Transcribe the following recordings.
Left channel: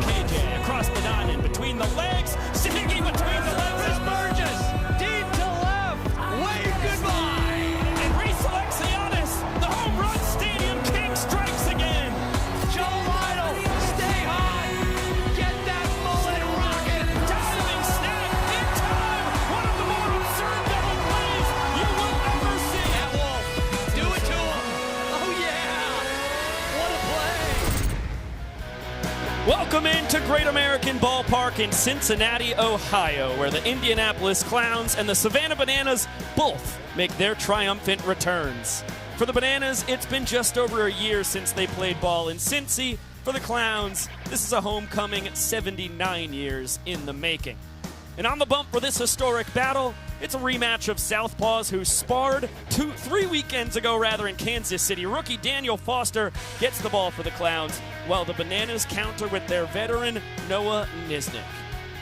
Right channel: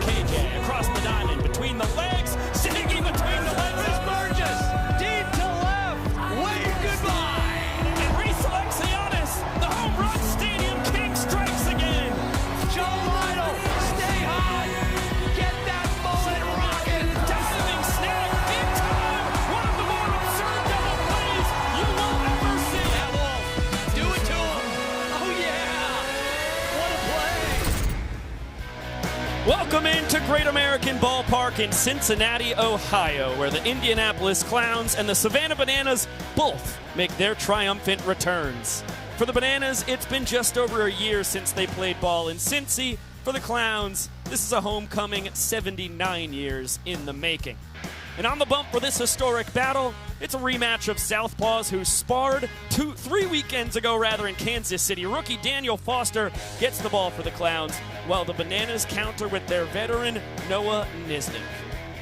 KJ across the diamond between the legs. Siggy between the legs is Burgess. Deep to left. Wave goodbye. And reselects Giannis. The home run stadium king strikes again. Joe Lytle, stay high. Get that bullet rocket. Dazzling snap in time. One of the more absurd double plays you will ever see. That wall. Do it to him. Oh yeah. What a play. Welcome into Great American Ballpark in Cincinnati, Ohio, where the Indianapolis Clowns and the Savannah Bananas both make their triumphant returns. For the Bananas, it's been just over a year since they played ball in Cincy. For the Clowns, this is a homecoming 79 years in the making. And on the bump for this historic battle, it's a rematch of Southpaws who sparred 3 weekends ago in Kansas City. Rookie Daniel Foster gets the ball for the Clowns, while the Bananas counter with their veteran Noah Nisnik.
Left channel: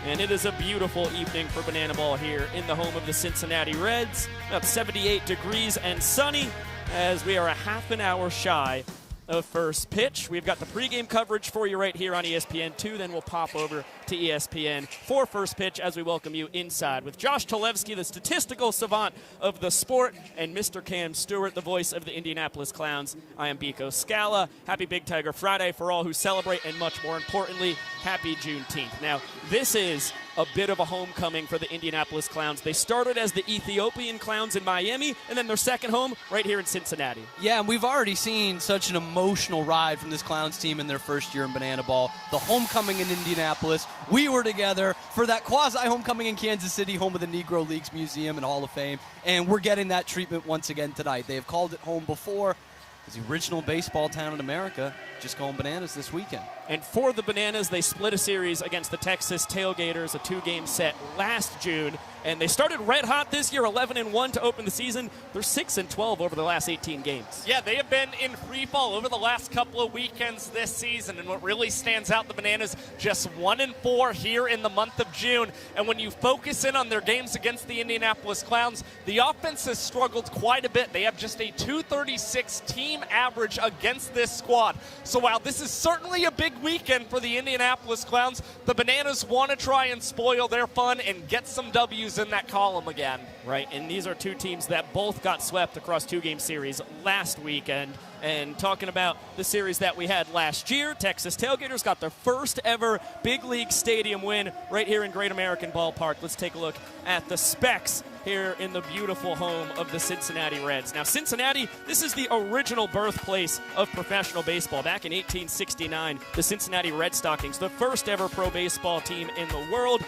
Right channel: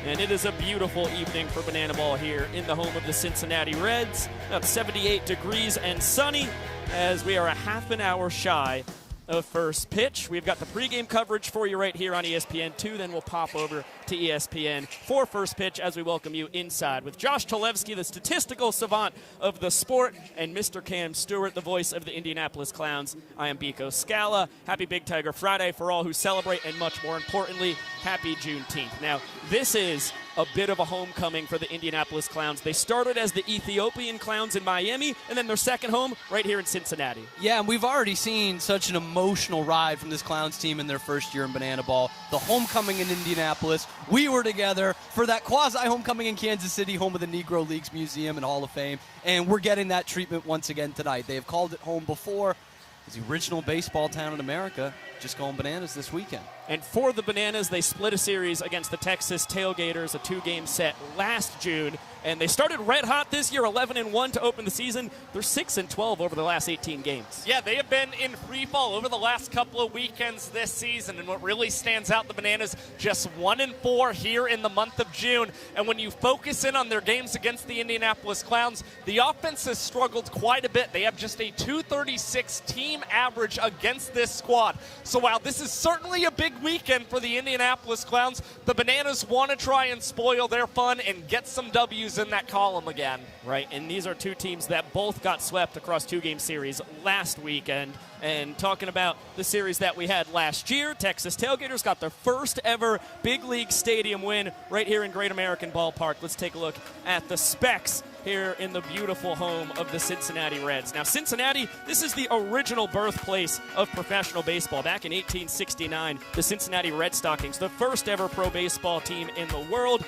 And it is a beautiful evening for banana ball here in the home of the Cincinnati Reds. About 78 degrees and sunny as we are a half an hour shy of first pitch. We've got the pregame coverage for you right here on ESPN2. Then we'll pop over to ESPN for first pitch as we welcome you inside with Josh Talevsky, the statistical savant of the sport, and Mr. Cam Stewart, the voice of the Indianapolis Clowns. I am Biko Scala. Happy Big Tiger Friday for all who celebrate, and much more importantly, happy Juneteenth. Now, this is a bit of a homecoming for the Indianapolis Clowns. They started as the Ethiopian Clowns in Miami, and then their second home right here in Cincinnati. Yeah, and we've already seen such an emotional ride from this Clowns team in their first year in banana ball. The homecoming in Indianapolis. We were together for that quasi-homecoming in Kansas City, home of the Negro Leagues Museum and Hall of Fame, and we're getting that treatment once again tonight. They have called it home before. It's the original baseball town in America, just going bananas this weekend. And for the Bananas, they split a series against the Texas Tailgaters, a 2-game set last June. And they started red hot this year, 11-1 to open the season. They're 6-12 over the last 18 games. Yeah, they have been in free fall over the last couple of weekends this season. And what really stands out, the Bananas just 1-4 here in the month of June. And when you focus in on their games against the Indianapolis Clowns, the offense has struggled quite a bit. They have just a .236 team average against this squad. So while this is certainly a big weekend for the Indianapolis Clowns, the Bananas want to try and spoil their fun and get some W's in that column again. Right, and these are two teams that both got swept across 2-game series last weekend. And talking about the series that we had last year, Texas Tailgaters got their first ever big league stadium win right here in Great American Ballpark. Let's take a look at the specs here in the beautiful home of the Cincinnati Reds. Now, Cincinnati, this is the original birthplace of professional baseball. Back in 1869, the Cincinnati Red Stockings, the first ever pro baseball team in the world.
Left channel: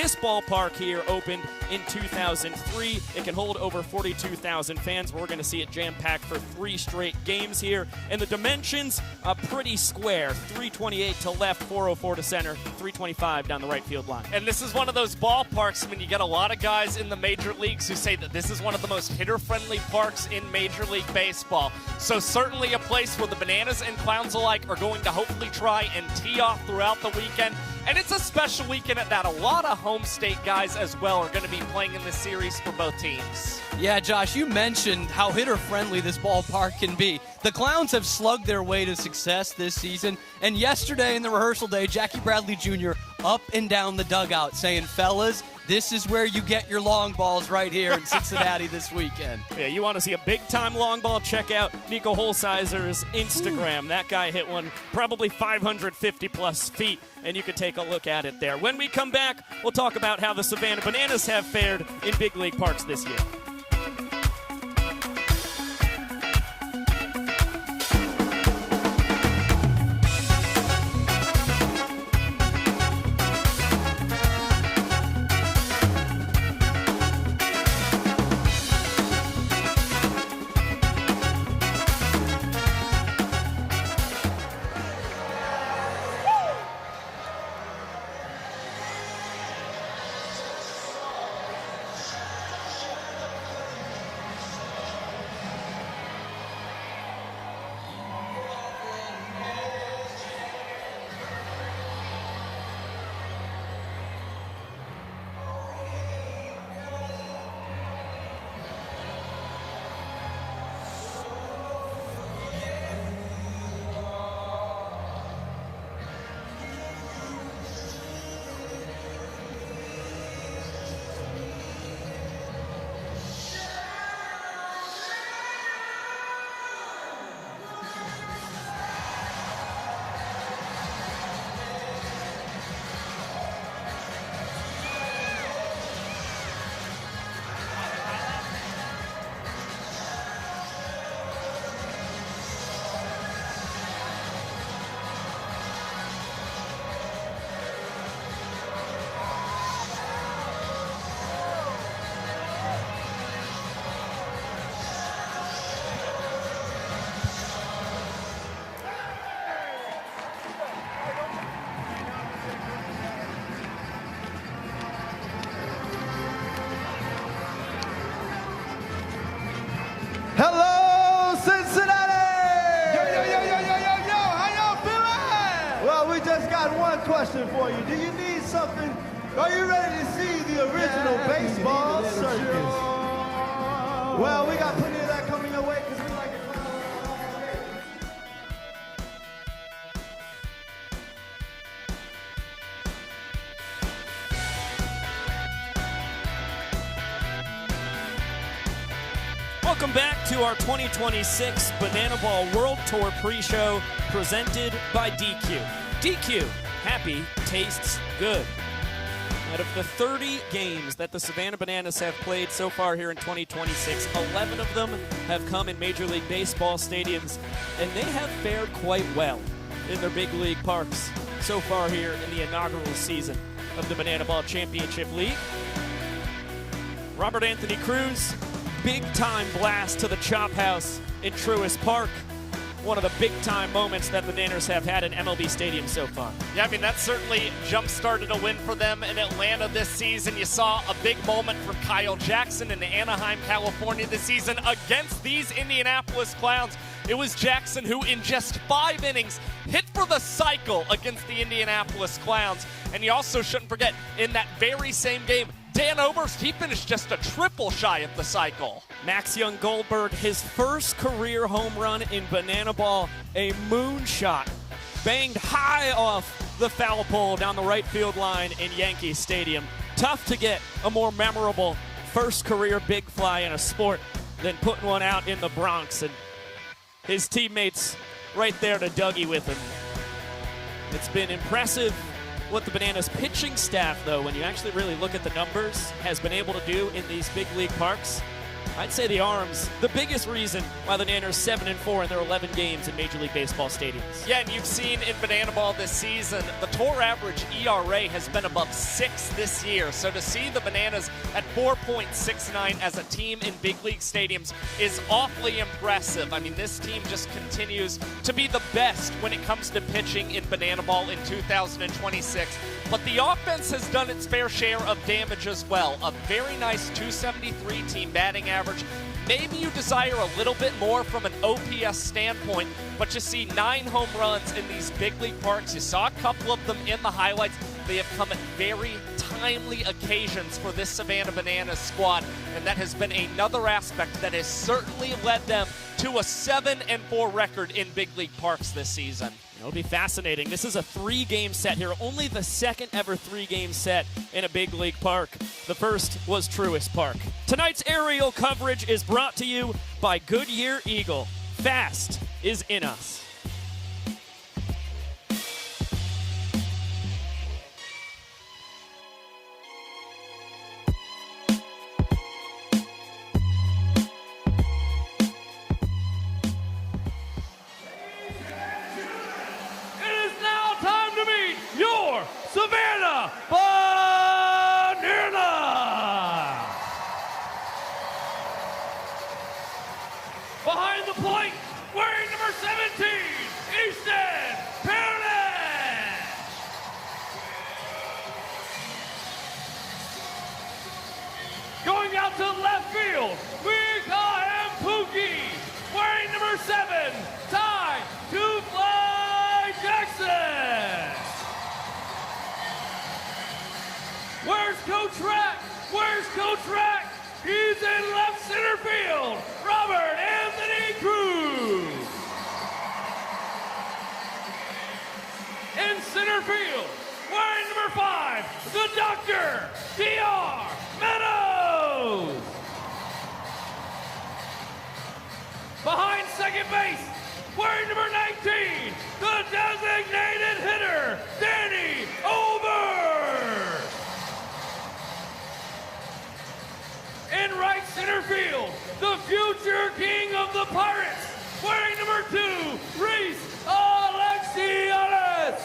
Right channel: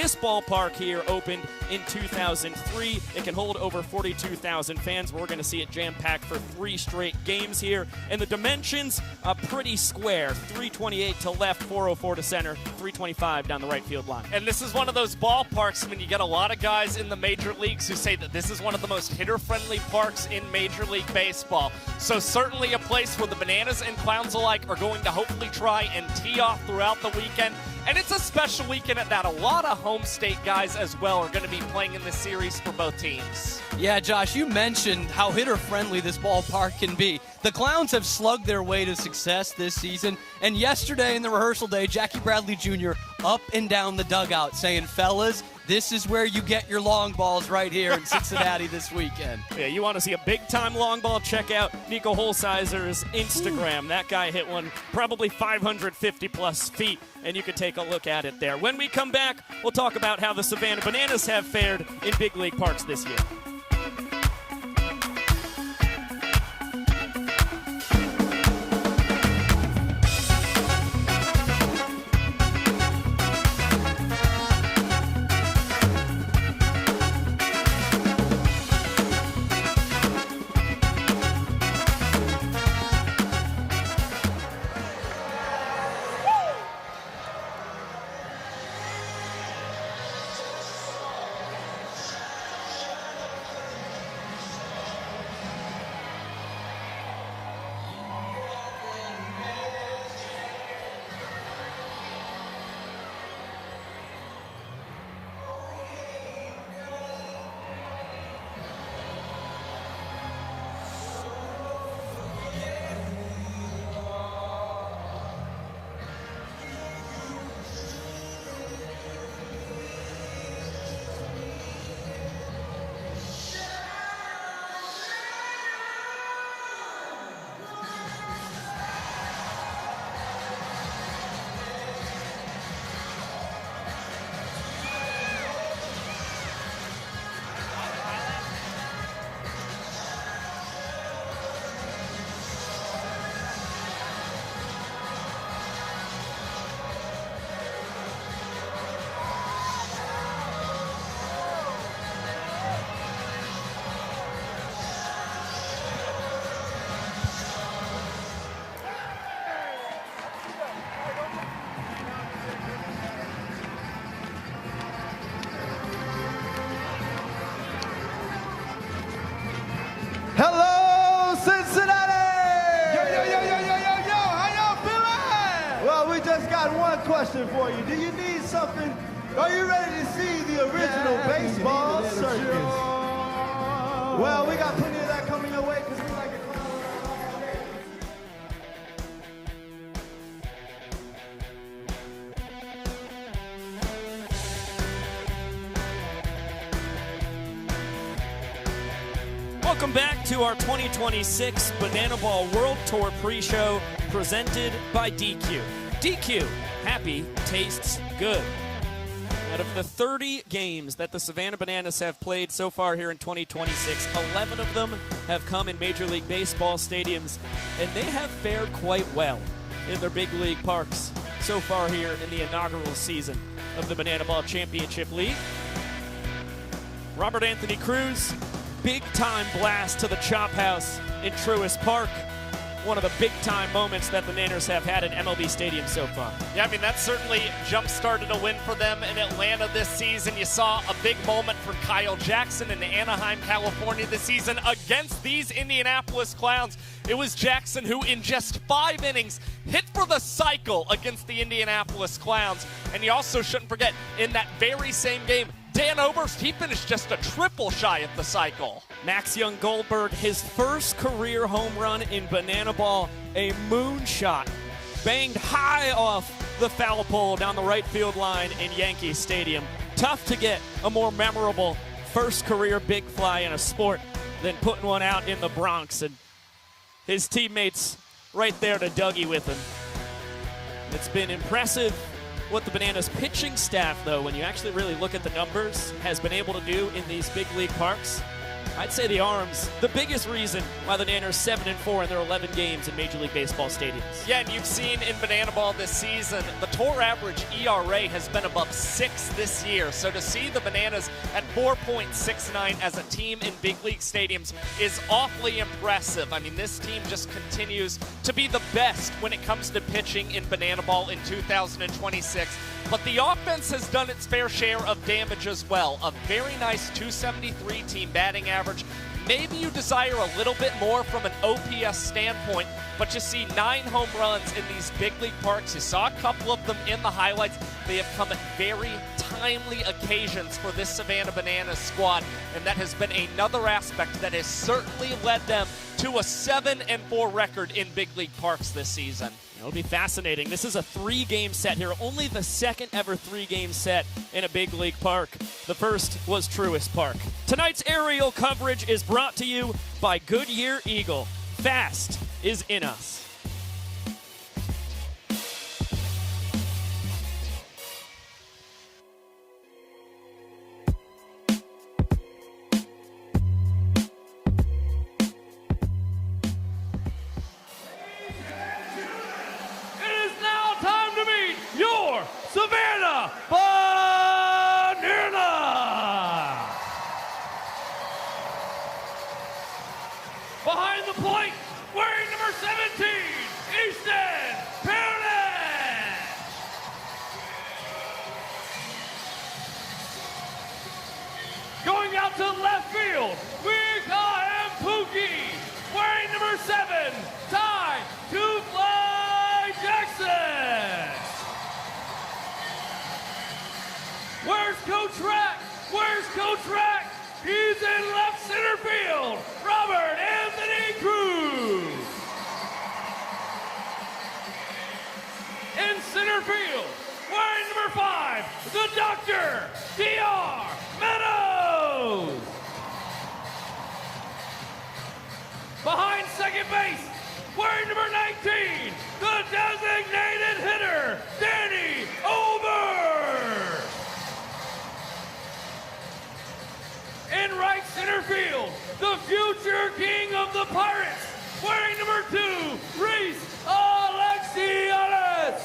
This ballpark here opened in 2003. It can hold over 42,000 fans. We're going to see it jam-packed for 3 straight games here. And the dimensions are pretty square. 328 to left, 404 to center, 325 down the right field line. And this is one of those ballparks when you get a lot of guys in the major leagues who say that this is one of the most hitter-friendly parks in Major League Baseball. So certainly a place where the Bananas and Clowns alike are going to hopefully try and tee off throughout the weekend. And it's a special weekend at that. A lot of home state guys as well are going to be playing in this series for both teams. Yeah, Josh, you mentioned how hitter-friendly this ballpark can be. The Clowns have slugged their way to success this season, and yesterday in the rehearsal day, Jackie Bradley Jr. up and down the dugout saying, fellas, this is where you get your long balls right here in Cincinnati this weekend. Yeah, you want to see a big-time long ball? Check out Nico Holzheiser's Instagram. That guy hit one probably 550-plus feet, and you can take a look at it there. When we come back, we'll talk about how the Savannah Bananas have fared in big league parks this year. got one question for you. Do you need something? Are you ready to see the original baseball circus? Well, we got plenty of that coming your way because we like it. Welcome back to our 2026 Banana Ball World Tour pre-show presented by DQ. DQ, happy tastes good. Out of the 30 games that the Savannah Bananas have played so far here in 2026, 11 of them have come in Major League Baseball stadiums, and they have fared quite well in their big league parks so far here in the inaugural season of the Banana Ball Championship League. Robert Anthony Cruz, big-time blast to the Chop House in Truist Park. One of the big-time moments that the Bananas have had in MLB Stadium so far. Yeah, I mean, that certainly jump-started a win for them in Atlanta this season. You saw a big moment for Kyle Jackson in Anaheim, California this season against these Indianapolis Clowns. It was Jackson who, in just 5 innings, hit for the cycle against the Indianapolis Clowns. And you also shouldn't forget, in that very same game, Dan Oberst, he finished just a triple shy of the cycle. Max Young Goldberg, his first career home run in Banana Ball, a moonshot, banged high off the foul pole down the right field line in Yankee Stadium. Tough to get a more memorable first career big fly in a sport than putting one out in the Bronx, and his teammates right there to Dougie with him. It's been impressive what the Bananas pitching staff, though, when you actually really look at the numbers, has been able to do in these big league parks. I'd say the arms, the biggest reason why the Bananas 7-4 in their 11 games in Major League Baseball stadiums. Yeah, and you've seen in Banana Ball this season, the tour average ERA has been above 6 this year. So to see the Bananas at 4.69 as a team in big league stadiums is awfully impressive. I mean, this team just continues to be the best when it comes to pitching in Banana Ball in 2026. But the offense has done its fair share of damage as well. A very nice 273 team batting average. Maybe you desire a little bit more from an OPS standpoint, but you see 9 home runs in these big league parks. You saw a couple of them in the highlights. They have come at very timely occasions for this Savannah Bananas squad, and that has been another aspect that has certainly led them to a 7-4 record in big league parks this season. It'll be fascinating. This is a 3-game set here, only the second ever 3-game set in a big league park. The first was Truist Park. Tonight's aerial coverage is brought to you by Goodyear Eagle. Fast is in us. Savannah Banana! Behind the plate, wearing number 17, Easton Paradise! Going out to left field, we got M. Pookie, wearing number 7, Ty Two-Fly Jackson! Where's Coach Rack? Where's Coach Rack? He's in left center field. Robert Anthony Cruz. In center field, wearing number 5, the Doctor, D.R. Meadows. Behind second base, wearing number 19, the designated hitter, Danny Ober. In right center field, the future king of the Pirates, wearing number 2, Reese Alexianis.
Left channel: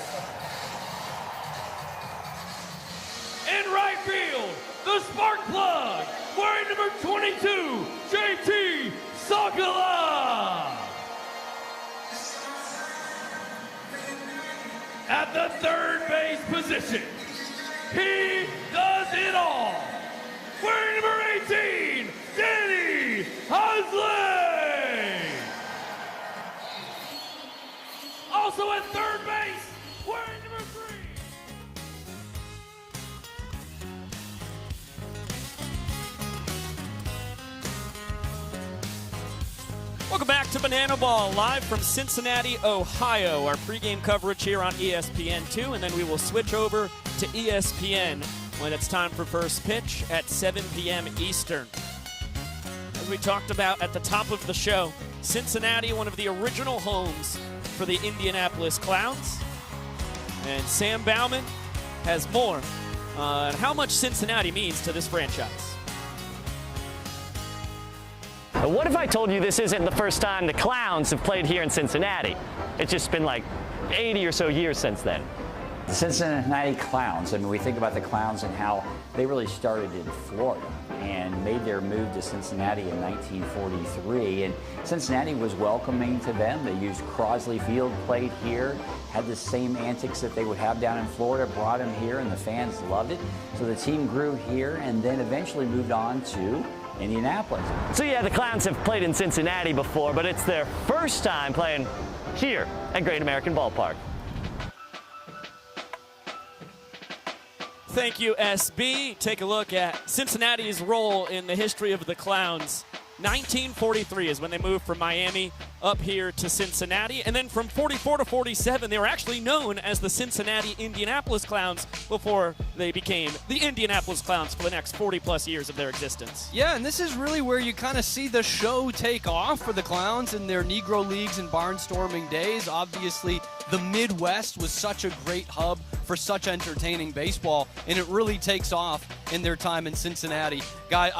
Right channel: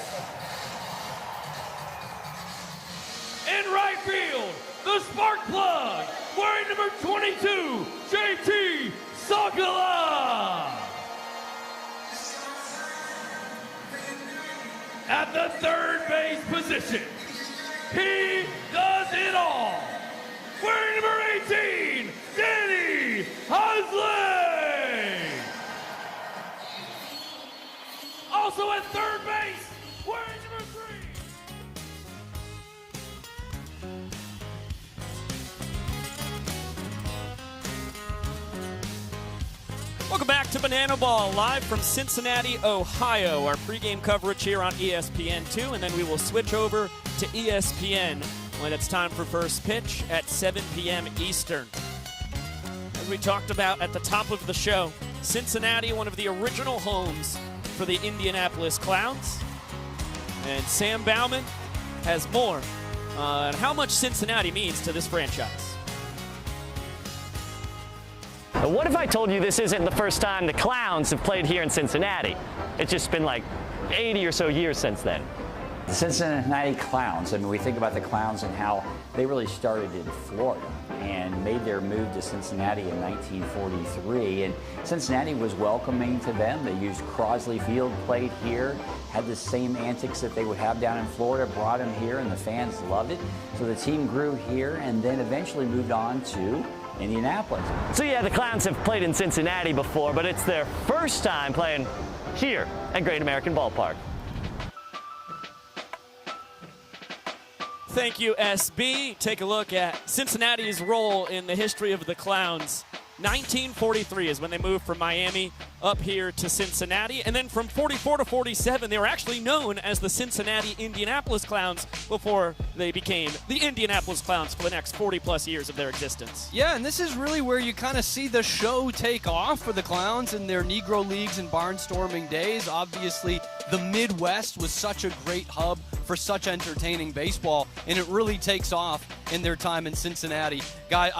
In right field, the spark plug, wearing number 22, JT Sokola. At the third base position, he does it all. Wearing number 18, Danny Husley. Also at third base, wearing number 3. Welcome back to Banana Ball, live from Cincinnati, Ohio. Our pregame coverage here on ESPN2, and then we will switch over to ESPN when it's time for first pitch at 7 p.m. Eastern. As we talked about at the top of the show, Cincinnati, one of the original homes for the Indianapolis Clowns. And Sam Bauman has more on how much Cincinnati means to this franchise. What if I told you this isn't the first time the Clowns have played here in Cincinnati? It's just been like 80 or so years since then. The Cincinnati Clowns, I mean, we think about the Clowns and how they really started in Florida and made their move to Cincinnati in 1943. And Cincinnati was welcoming to them. They used Crosley Field, played here, had the same antics that they would have down in Florida, brought them here, and the fans loved it. So the team grew here and then eventually moved on to Indianapolis. So yeah, the Clowns have played in Cincinnati before, but it's their first time playing here at Great American Ballpark. Thank you, SB. Take a look at Cincinnati's role in the history of the Clowns. 1943 is when they moved from Miami up here to Cincinnati. And then from 44 to 47, they were actually known as the Cincinnati Indianapolis Clowns before they became the Indianapolis Clowns for the next 40-plus years of their existence. Yeah, and this is really where you kind of see the show take off for the Clowns in their Negro Leagues and barnstorming days. Obviously, the Midwest was such a great hub for such entertaining baseball, and it really takes off in their time in Cincinnati. Guys,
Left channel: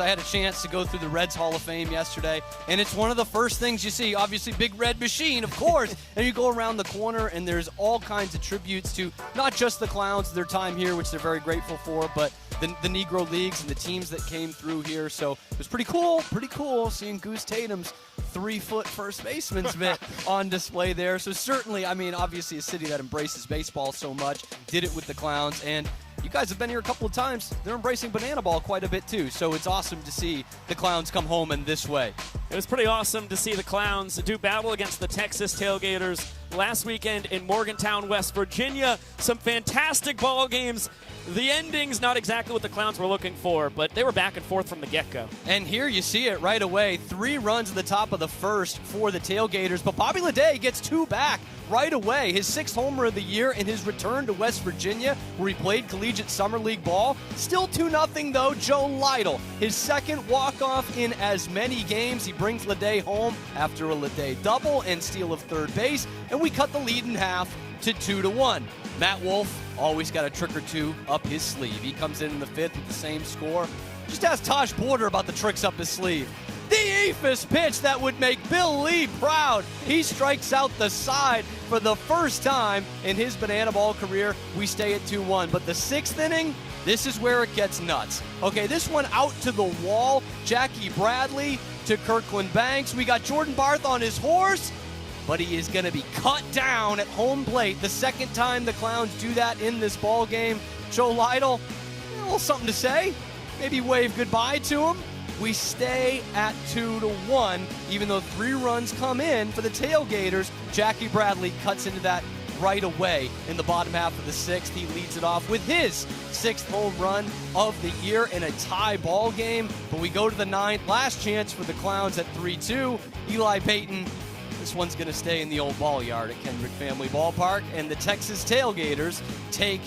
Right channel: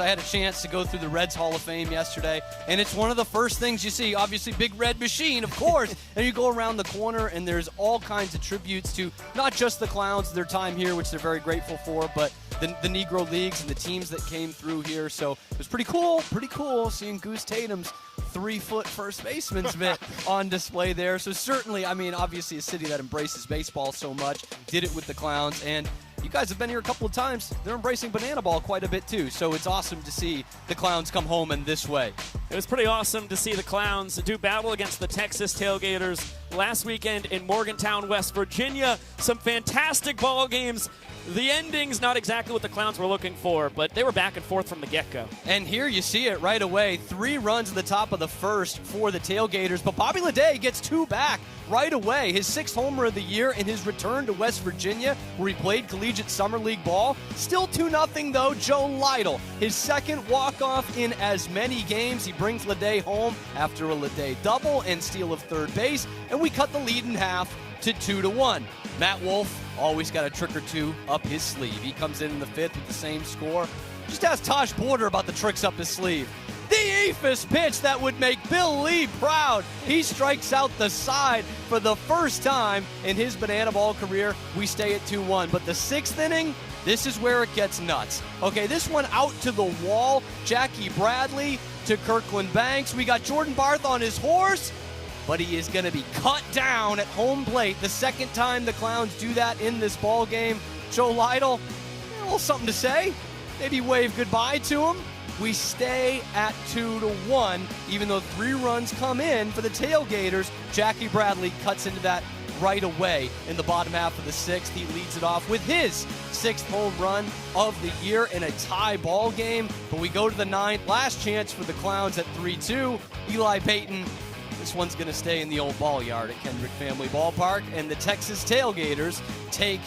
I had a chance to go through the Reds Hall of Fame yesterday, and it's one of the first things you see. Obviously, big red machine, of course, and you go around the corner, and there's all kinds of tributes to not just the Clowns, their time here, which they're very grateful for, but the Negro Leagues and the teams that came through here. So it was pretty cool seeing Goose Tatum's 3-foot first baseman's mitt on display there. So certainly, I mean, obviously a city that embraces baseball so much, did it with the Clowns, and you guys have been here a couple of times. They're embracing banana ball quite a bit too, so it's awesome to see the Clowns come home in this way. It was pretty awesome to see the Clowns do battle against the Texas Tailgaters last weekend in Morgantown, West Virginia. Some fantastic ball games. The ending's not exactly what the Clowns were looking for, but they were back and forth from the get-go. And here you see it right away. 3 runs at the top of the first for the Tailgaters, but Bobby Leday gets 2 back right away. His 6th homer of the year in his return to West Virginia, where he played collegiate summer league ball. Still 2-0 though, Joe Lytle. His 2nd walk-off in as many games. He brings Leday home after a Leday double and steal of third base, and we cut the lead in half to 2-1. Matt Wolf always got a trick or two up his sleeve. He comes in the 5th with the same score. Just ask Taj Porter about the tricks up his sleeve. The Ephus pitch that would make Bill Lee proud. He strikes out the side for the first time in his banana ball career. We stay at 2-1. But the 6th inning, this is where it gets nuts. Okay, this one out to the wall. Jackie Bradley to Kirkland Banks. We got Jordan Barth on his horse, but he is going to be cut down at home plate. The 2nd time the Clowns do that in this ball game. Joe Lytle, a little something to say. Maybe wave goodbye to him. We stay at 2-1, even though 3 runs come in for the Tailgaters. Jackie Bradley cuts into that right away in the bottom half of the 6th. He leads it off with his 6th home run of the year in a tie ball game. But we go to the 9th. Last chance for the Clowns at 3-2. Eli Payton. This one's going to stay in the old ball yard at Kendrick Family Ballpark. And the Texas Tailgaters take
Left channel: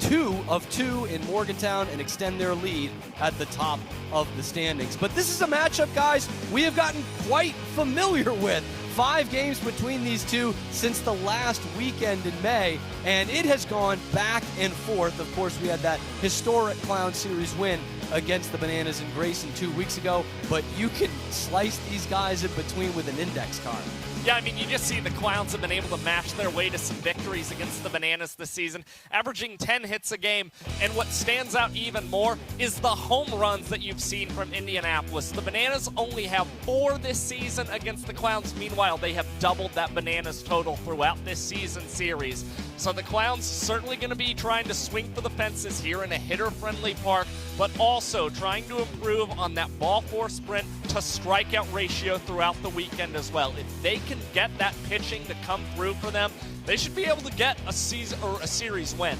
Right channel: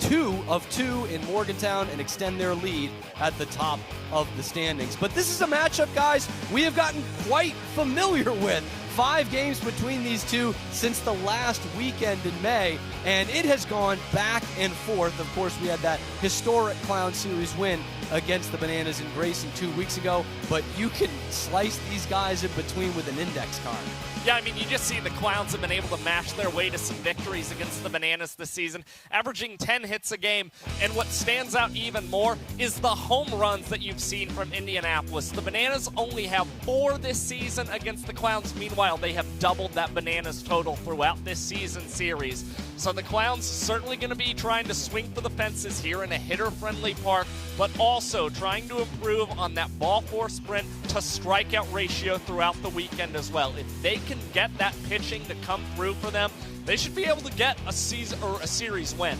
2 of 2 in Morgantown and extend their lead at the top of the standings. But this is a matchup, guys, we have gotten quite familiar with. 5 games between these two since the last weekend in May, and it has gone back and forth. Of course, we had that historic Clown Series win against the Bananas in Grayson 2 weeks ago, but you can slice these guys in between with an index card. Yeah, I mean, you just see the Clowns have been able to mash their way to some victories against the Bananas this season, averaging 10 hits a game. And what stands out even more is the home runs that you've seen from Indianapolis. The Bananas only have 4 this season against the Clowns. Meanwhile, they have doubled that Bananas total throughout this season series. So the Clowns certainly going to be trying to swing for the fences here in a hitter-friendly park, but also trying to improve on that ball-four sprint to strikeout ratio throughout the weekend as well. If they can get that pitching to come through for them, they should be able to get a season or a series win.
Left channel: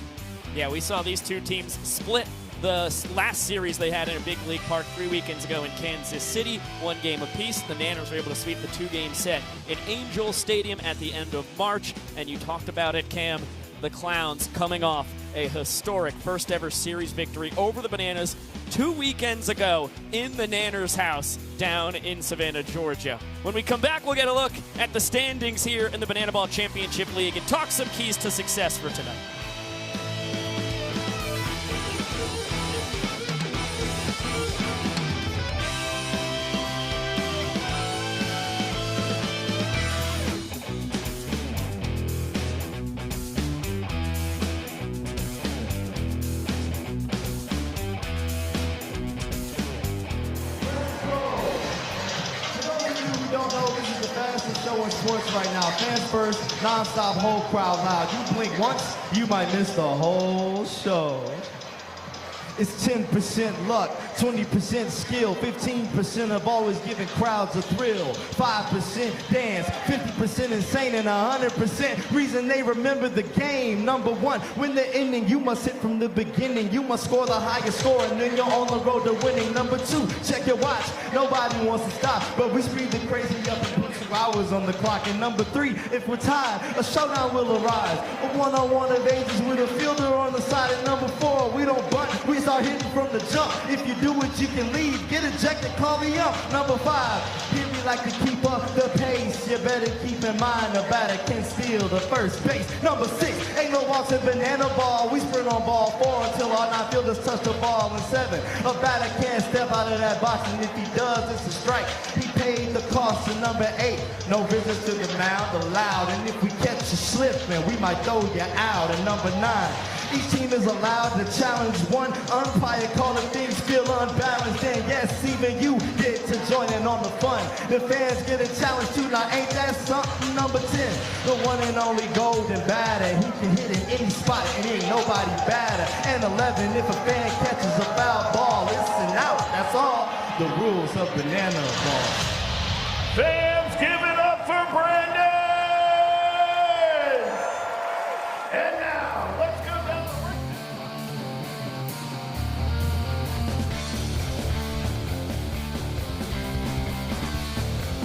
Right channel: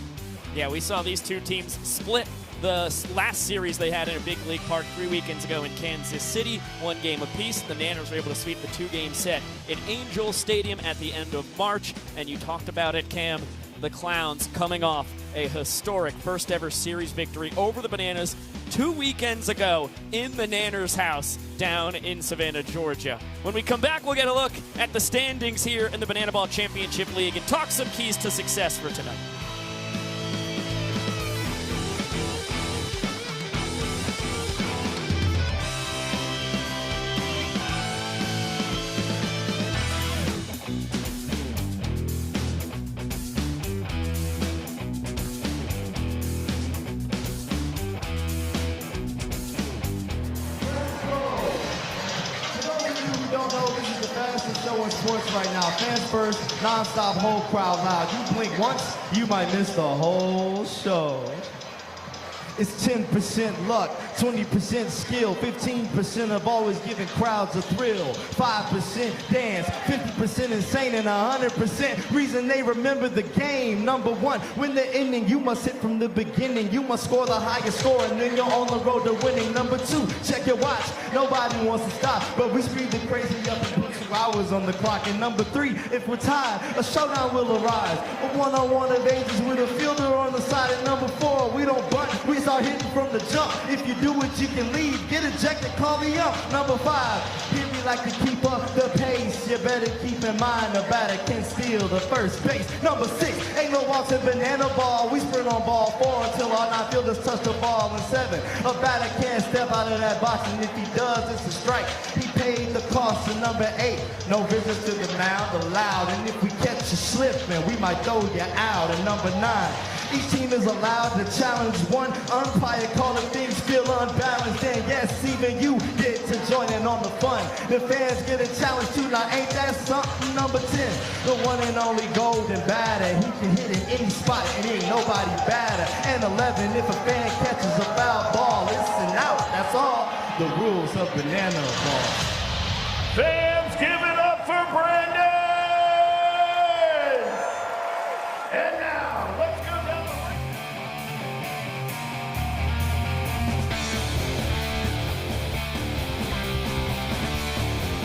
Yeah, we saw these two teams split the last series they had in a big league park 3 weekends ago in Kansas City, 1 game apiece. The Nanners were able to sweep the 2-game set in Angel Stadium at the end of March, and you talked about it, Cam. The Clowns coming off a historic first-ever series victory over the Bananas 2 weekends ago in the Nanners' house down in Savannah, Georgia. When we come back, we'll get a look at the standings here in the Banana Ball Championship League and talk some keys to success for tonight. Non-stop, whole crowd live. You blink once, you might miss the whole show. It's 10% luck, 20% skill, 15% of always giving crowds a thrill, 5% dance, 50% insane, and 100% reason they remember the game. Number 1, win the inning, you must hit from the beginning. You must score the highest score, and then you're on the road to winning. Number 2, check your watch. Nobody wants to stop, but we speed the crazy up and put 2 hours on the clock. And number 3, if we're tired, a showdown will arise. A one-on-one engages with a fielder on the side. And number 4, we don't bunt, we start hitting from the jump. If you do it, you can leave. Get ejected, call the ump. Number 5, here we like to keep up the pace. You better keep in mind the batter can steal the first base. Number 6, ain't no walks in banana ball. We sprint on ball 4 until all 9 fielders touch the ball. And 7, a batter can't step out of that box, and if he does, it's a strike. He paid the cost. And number 8, no visits to the mound allowed. And if we catch you slipping, we might throw you out. And number 9, each team is allowed to challenge one umpire, calling things feel unbalanced. And yes, even you get to join in on the fun. The fans get a challenge too. Now ain't that something? Number 10, the one and only golden batter. He can hit in any spot and ain't nobody batter. And 11, if a fan catches a foul ball, it's an out. That's all the rules of banana ball. Fans, give it up for Brandon! And now, let's go down the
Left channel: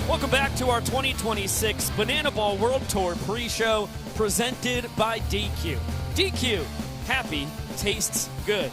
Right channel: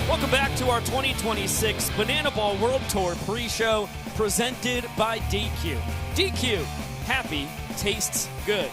Welcome back to our 2026 Banana Ball World Tour pre-show presented by DQ. DQ, happy tastes good.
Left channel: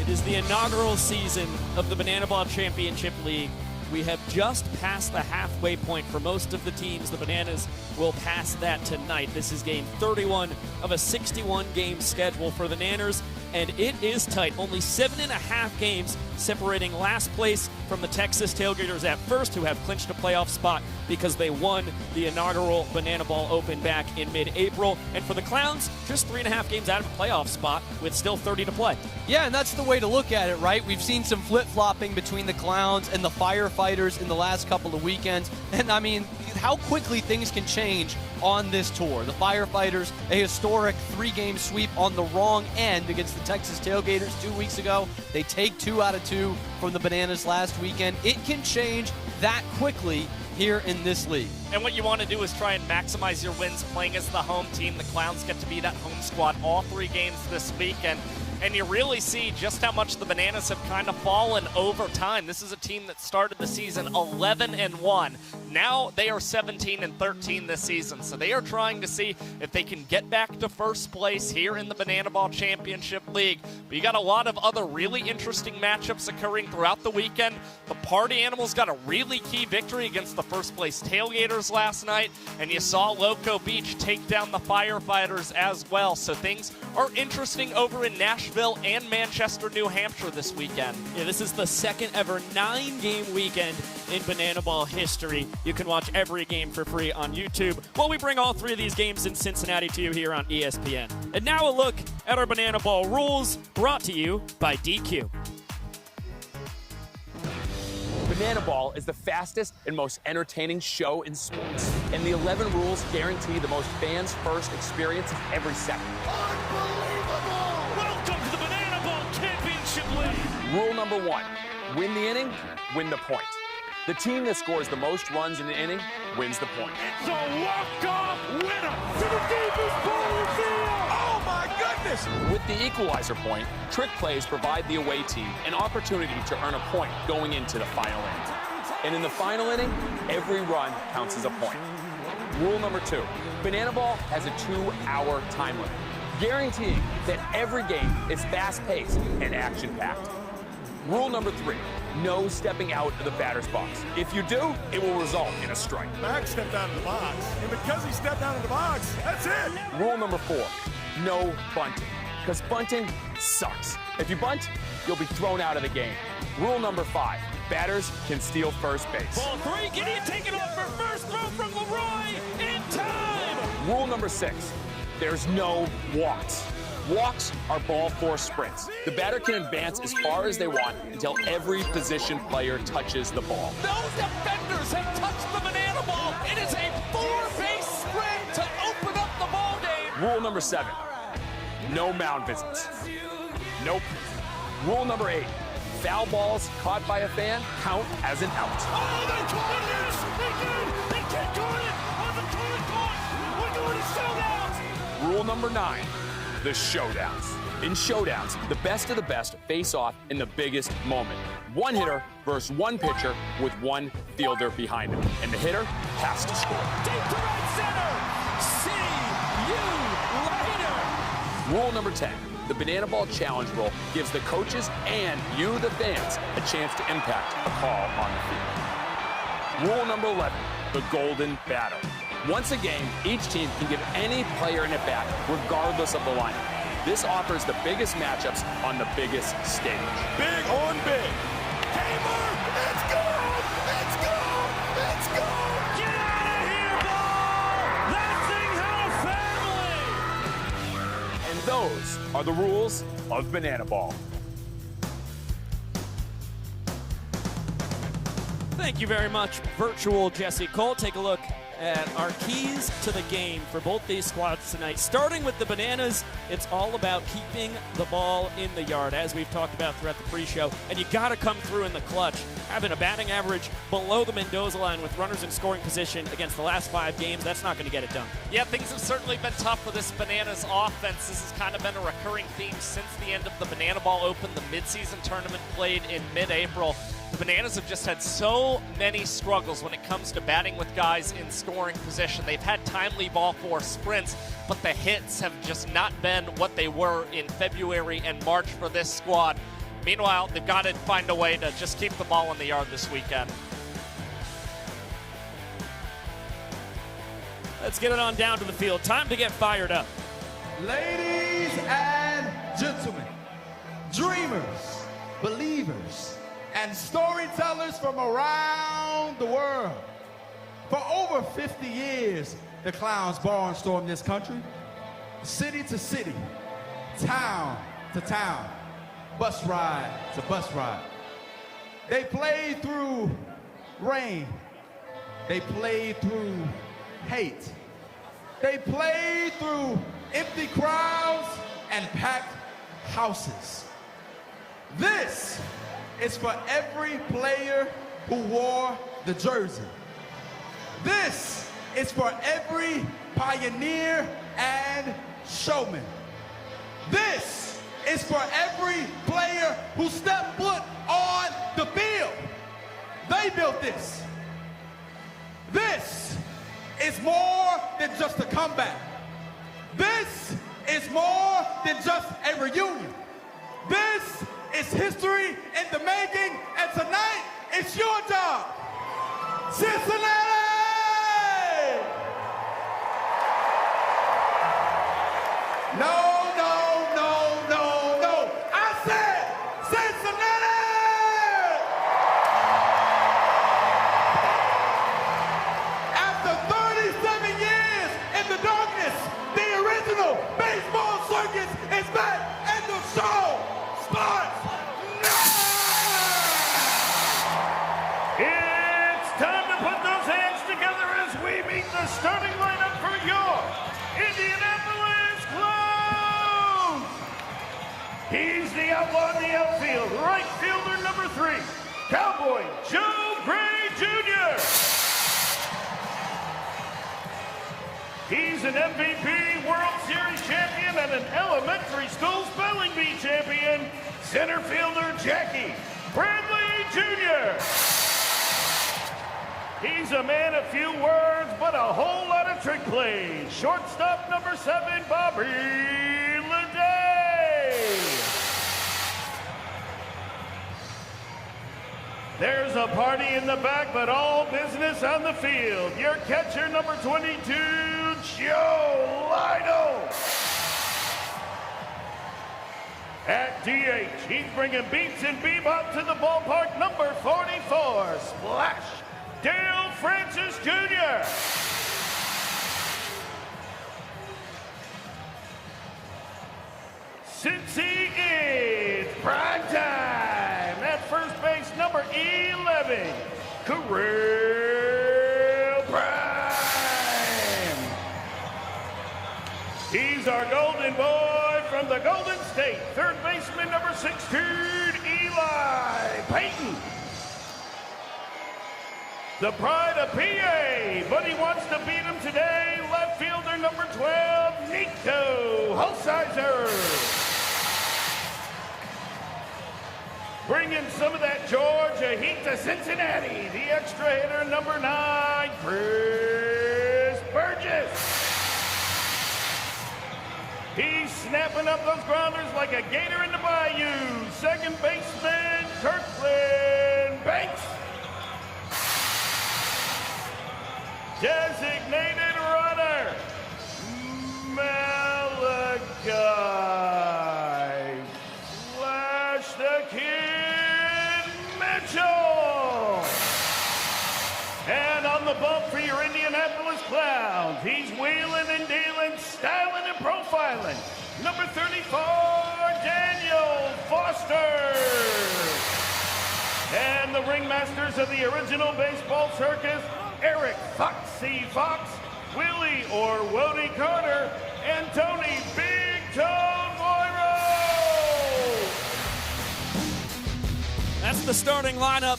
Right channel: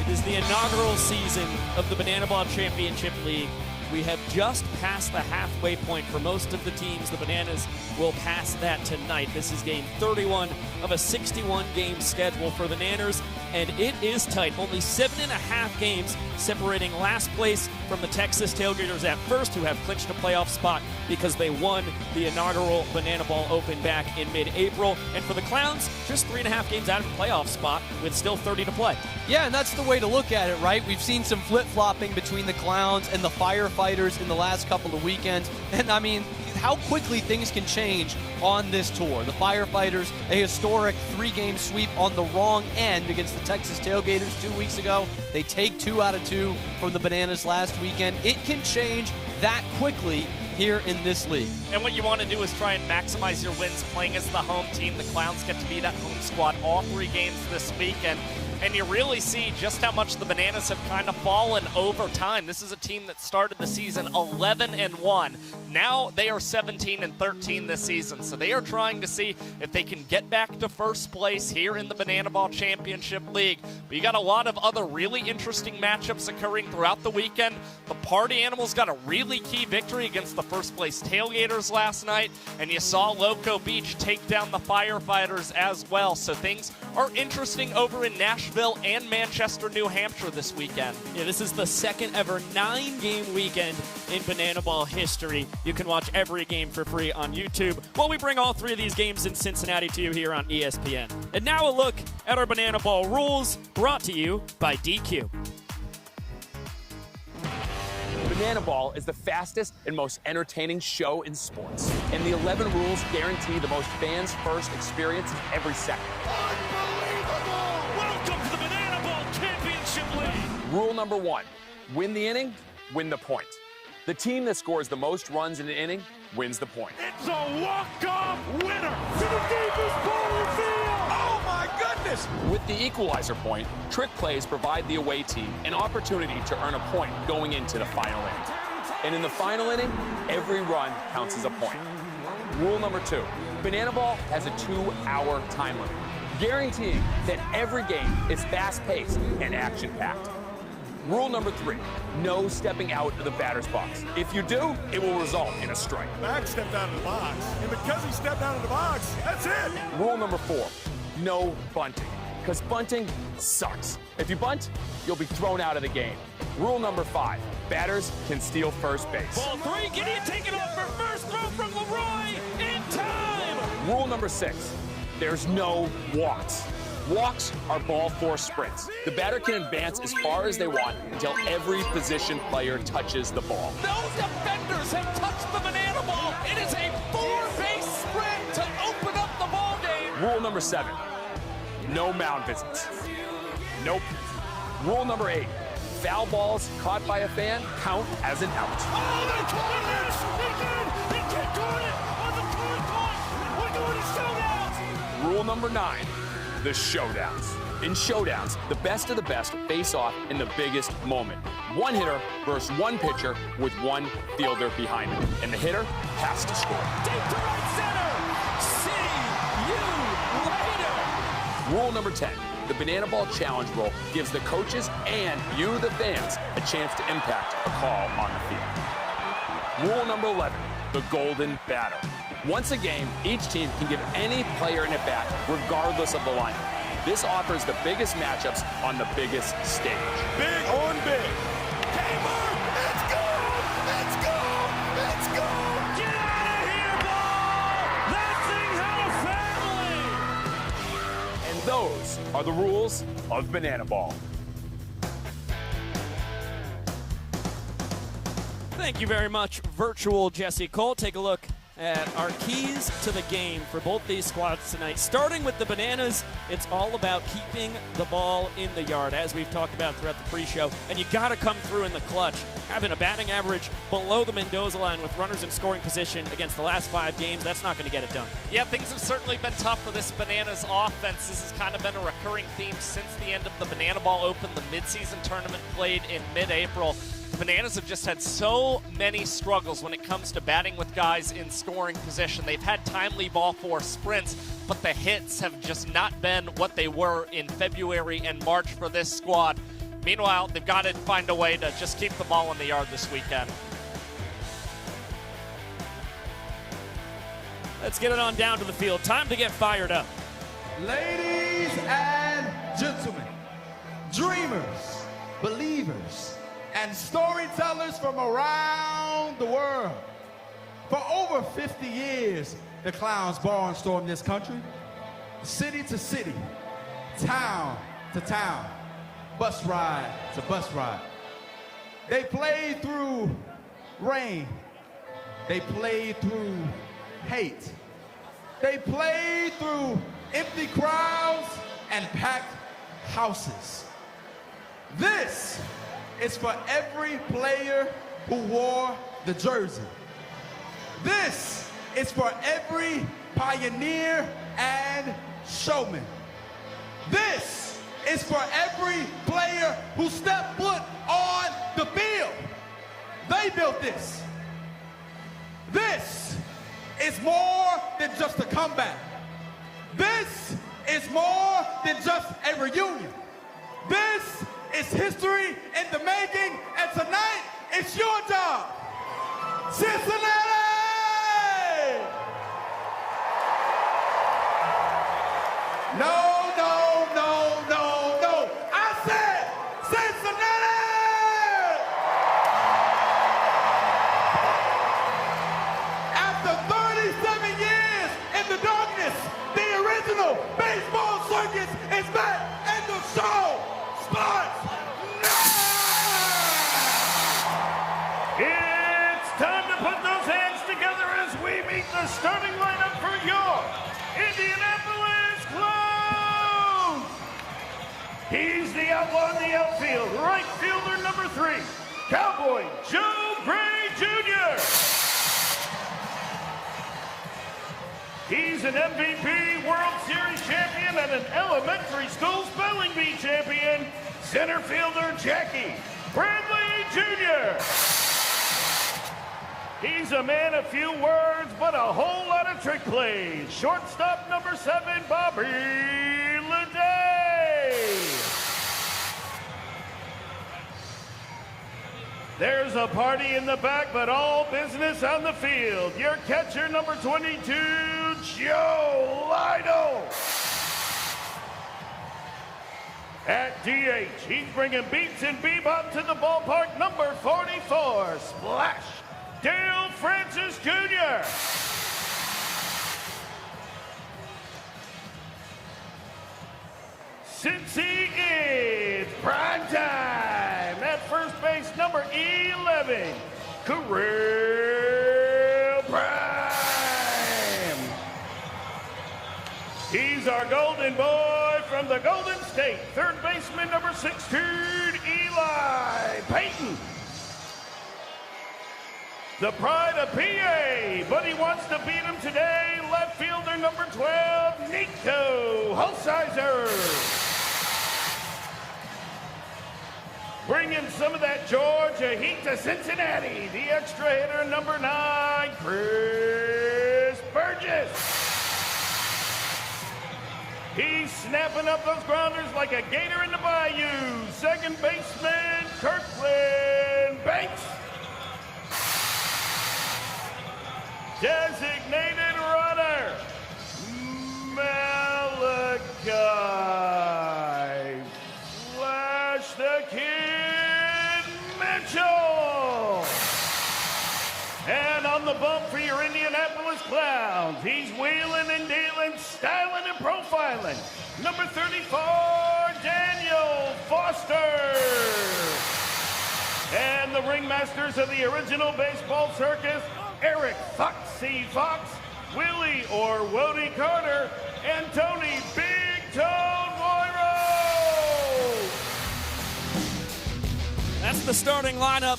It is the inaugural season of the Banana Ball Championship League. We have just passed the halfway point for most of the teams. The Bananas will pass that tonight. This is game 31 of a 61-game schedule for the Nanners, and it is tight. Only 7.5 games separating last place from the Texas Tailgaters at first, who have clinched a playoff spot because they won the inaugural Banana Ball Open back in mid-April. And for the Clowns, just 3.5 games out of the playoff spot with still 30 to play. Yeah, and that's the way to look at it, right? We've seen some flip-flopping between the Clowns and the Firefighters in the last couple of weekends. And, I mean, how quickly things can change on this tour. The Firefighters, a historic 3-game sweep on the wrong end against the Texas Tailgaters 2 weeks ago. They take 2 out of 2 from the Bananas last weekend. It can change that quickly here in this league. And what you want to do is try and maximize your wins playing as the home team. The Clowns get to be that home squad all 3 games this weekend. And you really see just how much the Bananas have kind of fallen over time. This is a team that started the season 11-1. Now they are 17-13 this season. So they are trying to see if they can get back to first place here in the Banana Ball Championship League. But you got a lot of other really interesting matchups occurring throughout the weekend. The Party Animals got a really key victory against the first place Tailgaters last night. And you saw Loco Beach take down the Firefighters as well. So things are interesting over in Nashville and Manchester, New Hampshire this weekend. Yeah, this is the second ever 9-game weekend in Banana Ball history. You can watch every game for free on YouTube while we bring all 3 of these games in Cincinnati to you here on ESPN. And now a look at our Banana Ball rules brought to you by DQ. Banana Ball is the fastest and most entertaining show in sports, and the 11 rules guarantee the most fans-first experience of every second. Welcome to the Banana Ball Championship League! Rule number 1, win the inning, win the point. The team that scores the most runs in the inning wins the point. It's a walk-off winner! Oh my goodness! With the equalizer, extra point, trick plays provide the away team an opportunity to earn a point going into the final inning. And in the final inning, every run counts as a point. Rule number 2, Banana Ball has a 2-hour time limit, guaranteeing that every game is fast-paced and action-packed. Rule number 3, no stepping out of the batter's box. If you do, it will result in a strike. Mark stepped out of the box, and because he stepped out of the box, that's it. Rule number 4, no bunting, because bunting sucks. If you bunt, you'll be thrown out of the game. Rule number 5, batters can steal first base. Ball 3, Gideon taking off for first throw from Leroy in time. Rule number 6, there's no walks. Walks are ball 4 sprints. The batter can advance as far as they want until every position player touches the ball. Those defenders have touched the banana ball. It is a 4-base sprint to open up the ball game. Rule number 7, no mound visits. Nope. Rule number 8, foul balls caught by a fan count as an out. Rule number 9, the showdowns. In showdowns, the best of the best face off in the biggest moment. One hitter versus one pitcher with one fielder behind him. And the hitter has to score. Rule number 10, the Banana Ball Challenge rule gives the coaches and you, the fans, a chance to impact a call on the field. Rule number 11, the golden batter. Once a game, each team can give any player an at-bat, regardless of the lineup. This offers the biggest matchups on the biggest stage. Big on big. Let's go! Let's go! Let's go! Get out of here, ball! That thing's a family! And those are the rules of Banana Ball. Thank you very much, virtual Jesse Cole. Take a look at our keys to the game for both these squads tonight. Starting with the Bananas, it's all about keeping the ball in the yard, as we've talked about throughout the pre-show. And you got to come through in the clutch. Having a batting average below the Mendoza line with runners in scoring position against the last 5 games, that's not going to get it done. Yeah, things have certainly been tough for this Bananas offense. This has kind of been a recurring theme since the end of the Banana Ball Open, the midseason tournament played in mid-April. The Bananas have just had so many struggles when it comes to batting with guys in scoring position. They've had timely ball 4 sprints, but the hits have just not been what they were in February and March for this squad. Meanwhile, they've got to find a way to just keep the ball in the yard this weekend. Let's get it on down to the field. Time to get fired up. Ladies and gentlemen, dreamers, believers, and storytellers from around the world. For over 50 years, the Clowns barnstormed this country, city to city, town to town, bus ride to bus ride. They played through rain. They played through hate. They played through empty crowds and packed houses. This is for every player who wore the jersey. This is for every pioneer and showman. This is for every player who stepped foot on the field. They built this. This is more than just a comeback. This is more than just a reunion. This is history in the making, and tonight it's your job. Cincinnati! No. I said Cincinnati! After 37 years in the darkness, the original baseball circus is back, and the show starts now! It's time to put those hands together as we meet the starting lineup for your Indianapolis Clowns. He's the outlaw in the outfield, right fielder number 3, Cowboy Joe Gray Jr. He's an MVP, World Series champion, and an elementary school spelling bee Center fielder Jackie Bradley Jr. He's a man of few words, but a whole lot of trick plays. Shortstop number 7, Bobby Leday. There's a party in the back, but all business on the field. Your catcher number 22, Joe Lido. At DH, he's bringing beats and bebop to the ballpark, number 44, Splash Dale Francis Jr. Cincy is prime time. At first base, number 11, Kirill Prime. He's our golden boy from the Golden State. Third baseman, number 16, Eli Payton. The pride of PA, but he wants to beat him today. Left fielder, number 12, Nico Holsizer. Bringing some of that Georgia heat to Cincinnati. The extra hitter, number 9, Chris Burgess. He's snapping up those grounders like a gator in the bayou. Second baseman, Kirkland Banks. Designated runner, Malachi Flash the Kid Mitchell. And on the bump for your Indianapolis Clowns, he's wheeling and dealing, styling and profiling. Number 34, Daniel Foster. And the ringmasters of the original baseball circus, Eric Foxy Fox, Willie or Wody Carter, and Tony Big Toe Moiro. That's the starting lineup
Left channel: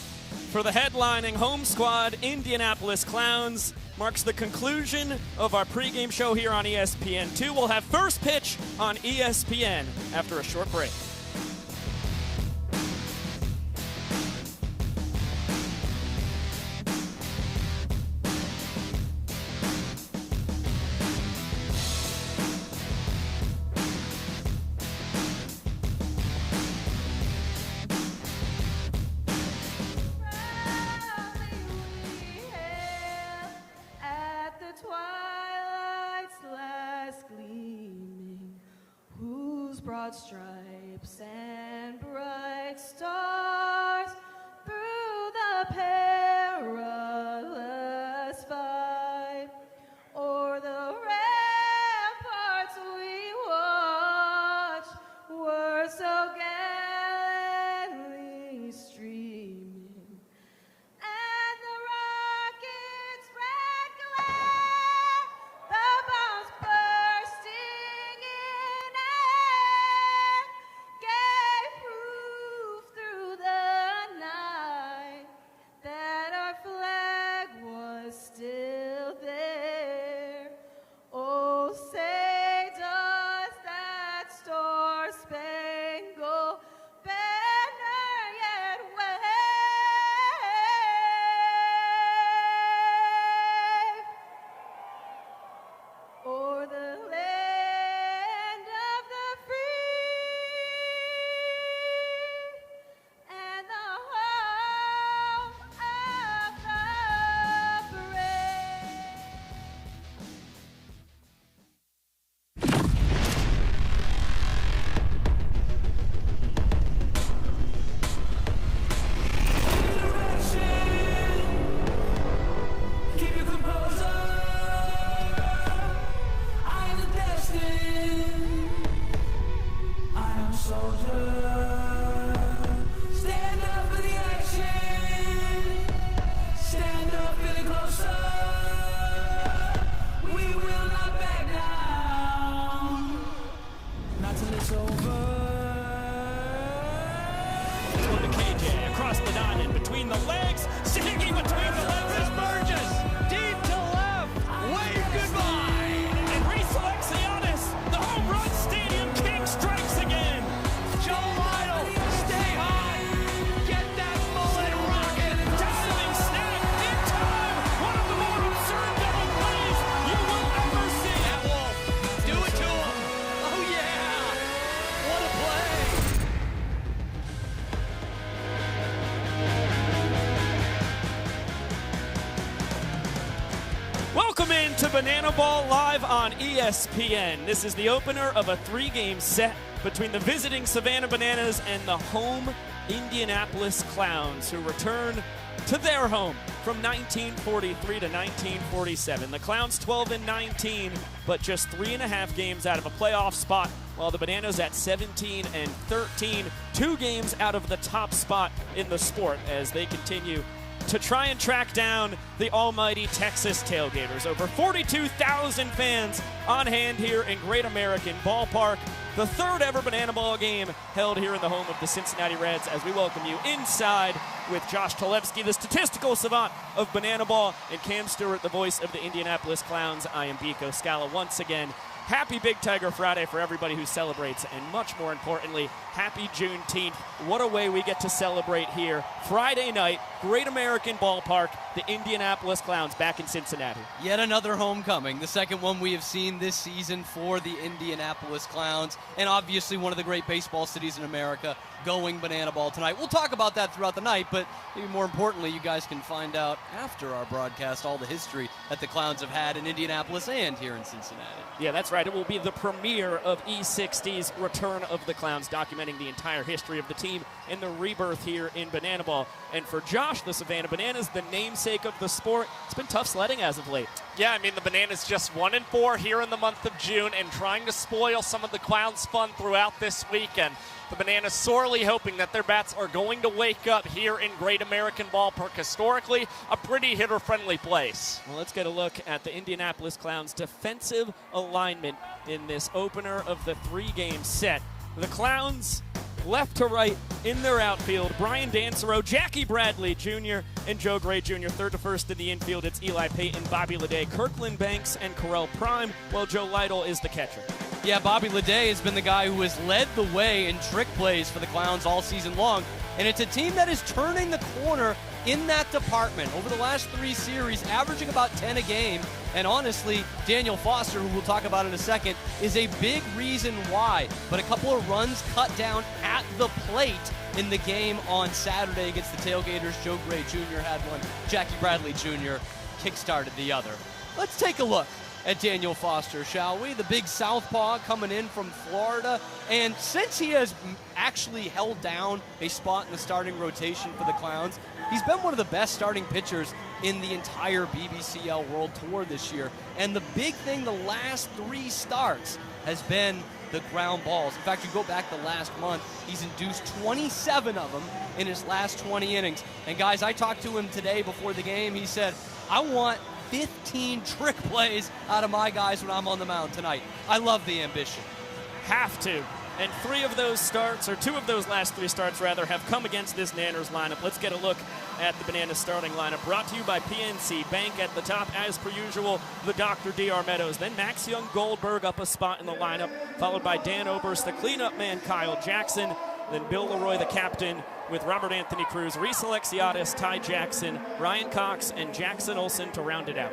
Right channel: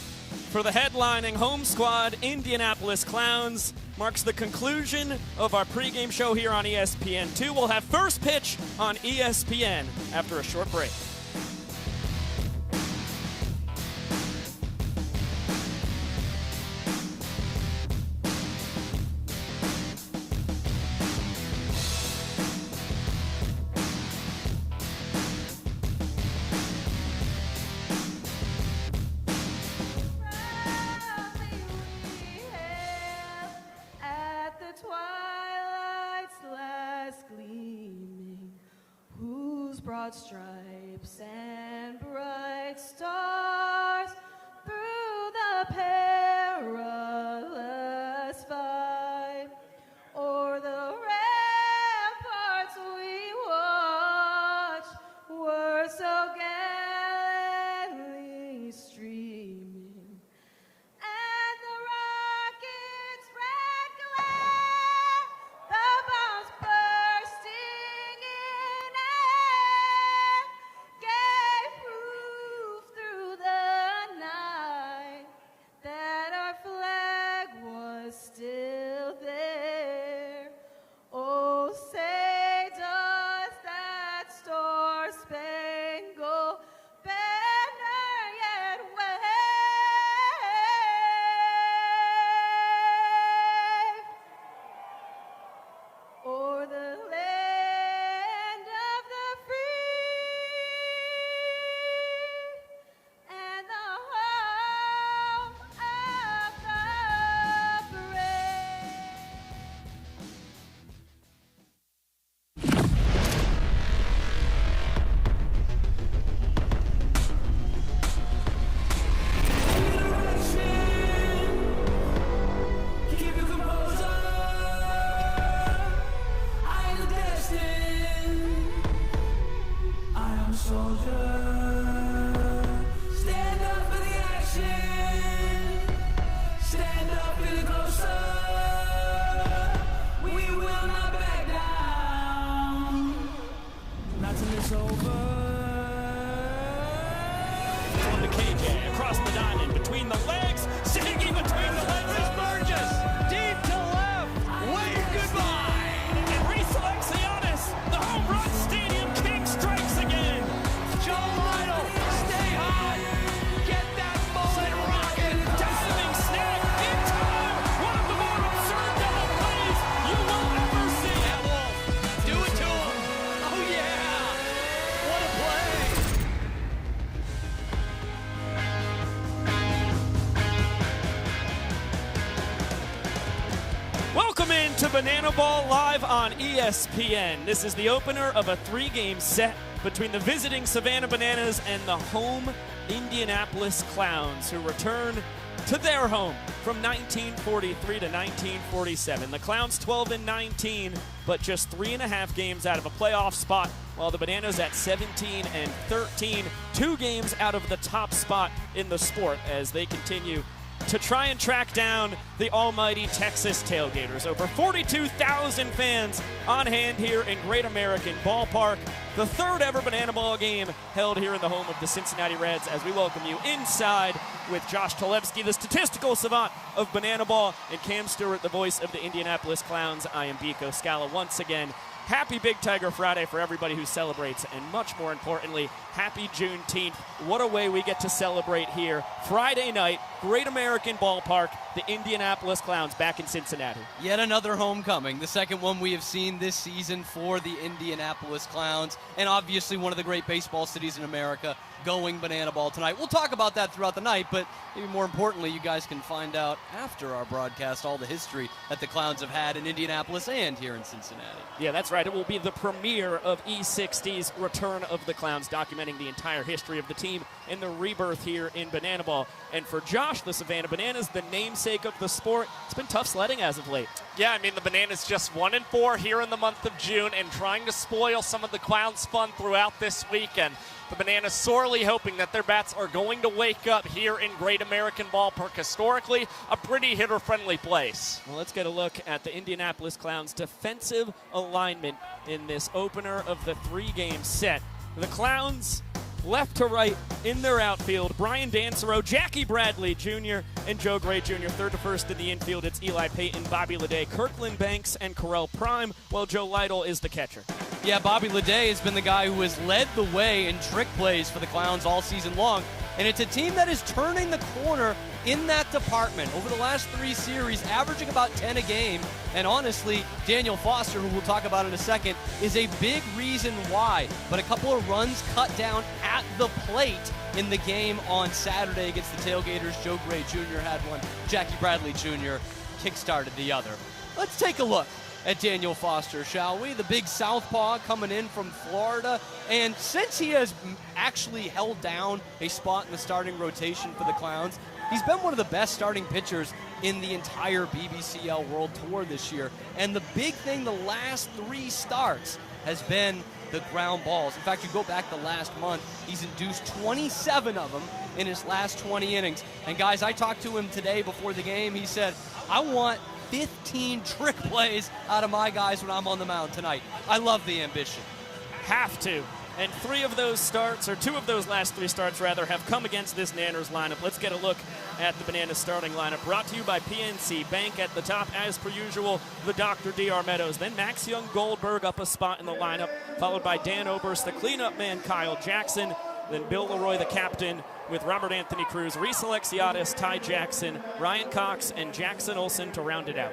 for the headlining home squad, Indianapolis Clowns. Marks the conclusion of our pregame show here on ESPN2. We'll have first pitch on ESPN after a short break. Stripes and bright stars through the perilous fight, o'er the ramparts we watch were so gallantly streaming, and the rocket's red glare, the bombs bursting in air, gave proof through ESPN. This is the opener of a 3-game set between the visiting Savannah Bananas and the home Indianapolis Clowns, who return to their home from 1943 to 1947. The Clowns 12-19, but just 3.5 games out of a playoff spot, while the Bananas at 17-13, 2 games out of the top spot in the sport as they continue to try and track down the almighty Texas Tailgaters. Over 42,000 fans on hand here in Great American Ballpark. The third ever Banana Ball game held here in the home of the Cincinnati Reds as we welcome you inside with Josh Talevsky, the statistical savant of Banana Ball, and Cam Stewart, the voice of the Indianapolis Clowns. I am Vico Scala once again. Happy Big Tiger Friday for everybody who celebrates, and much more importantly, happy Juneteenth. What a way we get to celebrate here. Friday night, Great American Ballpark, the Indianapolis Clowns back in Cincinnati. Yet another homecoming, the second one we have seen this season for the Indianapolis Clowns, and obviously one of the great baseball cities in America, going Banana Ball tonight. We'll talk about that throughout the night, but even more importantly, you guys can find out after our broadcast all the history that the Clowns have had in Indianapolis and here in Cincinnati. Yeah, that's right. It will be the premiere of E60's Return of the Clowns, documenting the entire history of the team and the rebirth here in Banana Ball. And for Josh, the Savannah Bananas, the namesake of the sport, it's been tough sledding as of late. Yeah, I mean, the Bananas just 1-4 here in the month of June and trying to spoil some of the Clowns' fun throughout this weekend. The Bananas sorely hoping that their bats are going to wake up here in Great American Ballpark, historically a pretty hitter-friendly place. Well, let's get a look at the Indianapolis Clowns' defensive alignment in this opener of the 3-game set. The Clowns, left to right in their outfield, Brian Dancero, Jackie Bradley Jr., and Joe Gray Jr. Third to first in the infield, it's Eli Payton, Bobby Leday, Kirkland Banks, and Correll Prime, while Joe Lytle is the catcher. Yeah, Bobby Leday has been the guy who has led the way in trick plays for the Clowns all season long, and it's a team that is turning the corner in that department. Over the last 3 series, averaging about 10 a game, and honestly, Daniel Foster, who we'll talk about in a second, is a big reason why. But a couple of runs cut down at the plate in the game on Saturday against the Tailgaters. Joe Gray Jr. had one. Jackie Bradley Jr. kickstarted the other. Let's take a look at Daniel Foster, shall we? The big southpaw coming in from Florida. And since he has actually held down a spot in the starting rotation for the Clowns, he's been one of the best starting pitchers in the entire BBCL World Tour this year. And the big thing the last 3 starts has been the ground balls. In fact, you go back to last month, he's induced 27 of them in his last 20 innings. And guys, I talked to him today before the game. He said, I want 15 trick plays out of my guys when I'm on the mound tonight. I love the ambition. Have to. And 3 of those starts, or 2 of those last 3 starts rather, have come against this Nanners lineup. Let's get a look at the Bananas starting lineup. Brought to you by PNC Bank at the top, as per usual, the Dr. D.R. Meadows. Then Max Young Goldberg up a spot in the lineup, followed by Dan Oberst, the cleanup man, Kyle Jackson. Then Bill Leroy, the captain, with Robert Anthony Cruz, Reese Alexiadis, Ty Jackson, Ryan Cox, and Jackson Olsen to round it out.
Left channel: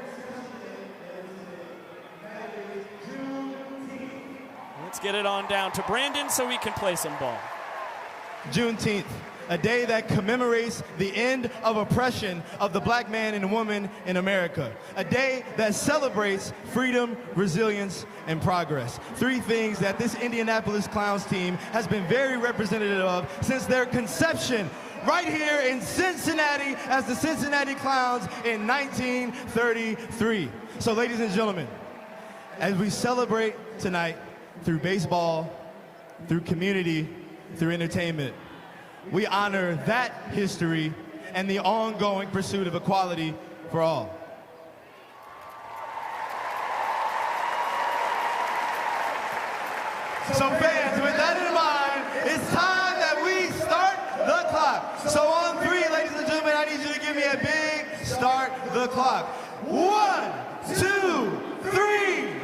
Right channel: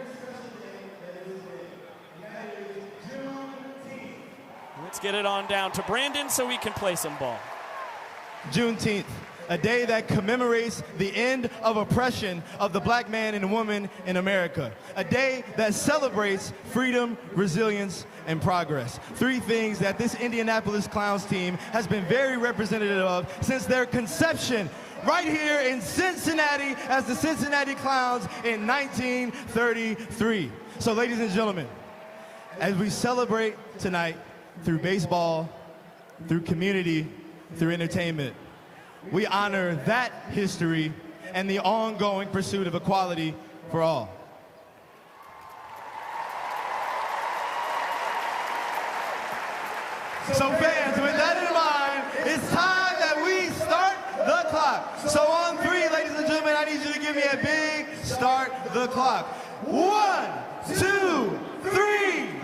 Let's get it on down to Brandon so we can play some ball. Juneteenth, a day that commemorates the end of oppression of the black man and woman in America. A day that celebrates freedom, resilience, and progress. 3 things that this Indianapolis Clowns team has been very representative of since their conception right here in Cincinnati as the Cincinnati Clowns in 1933. So, ladies and gentlemen, as we celebrate tonight through baseball, through community, through entertainment, we honor that history and the ongoing pursuit of equality for all. So fans, with that in mind, it's time that we start the clock. So on 3, ladies and gentlemen, I need you to give me a big start the clock. 1, 2, 3.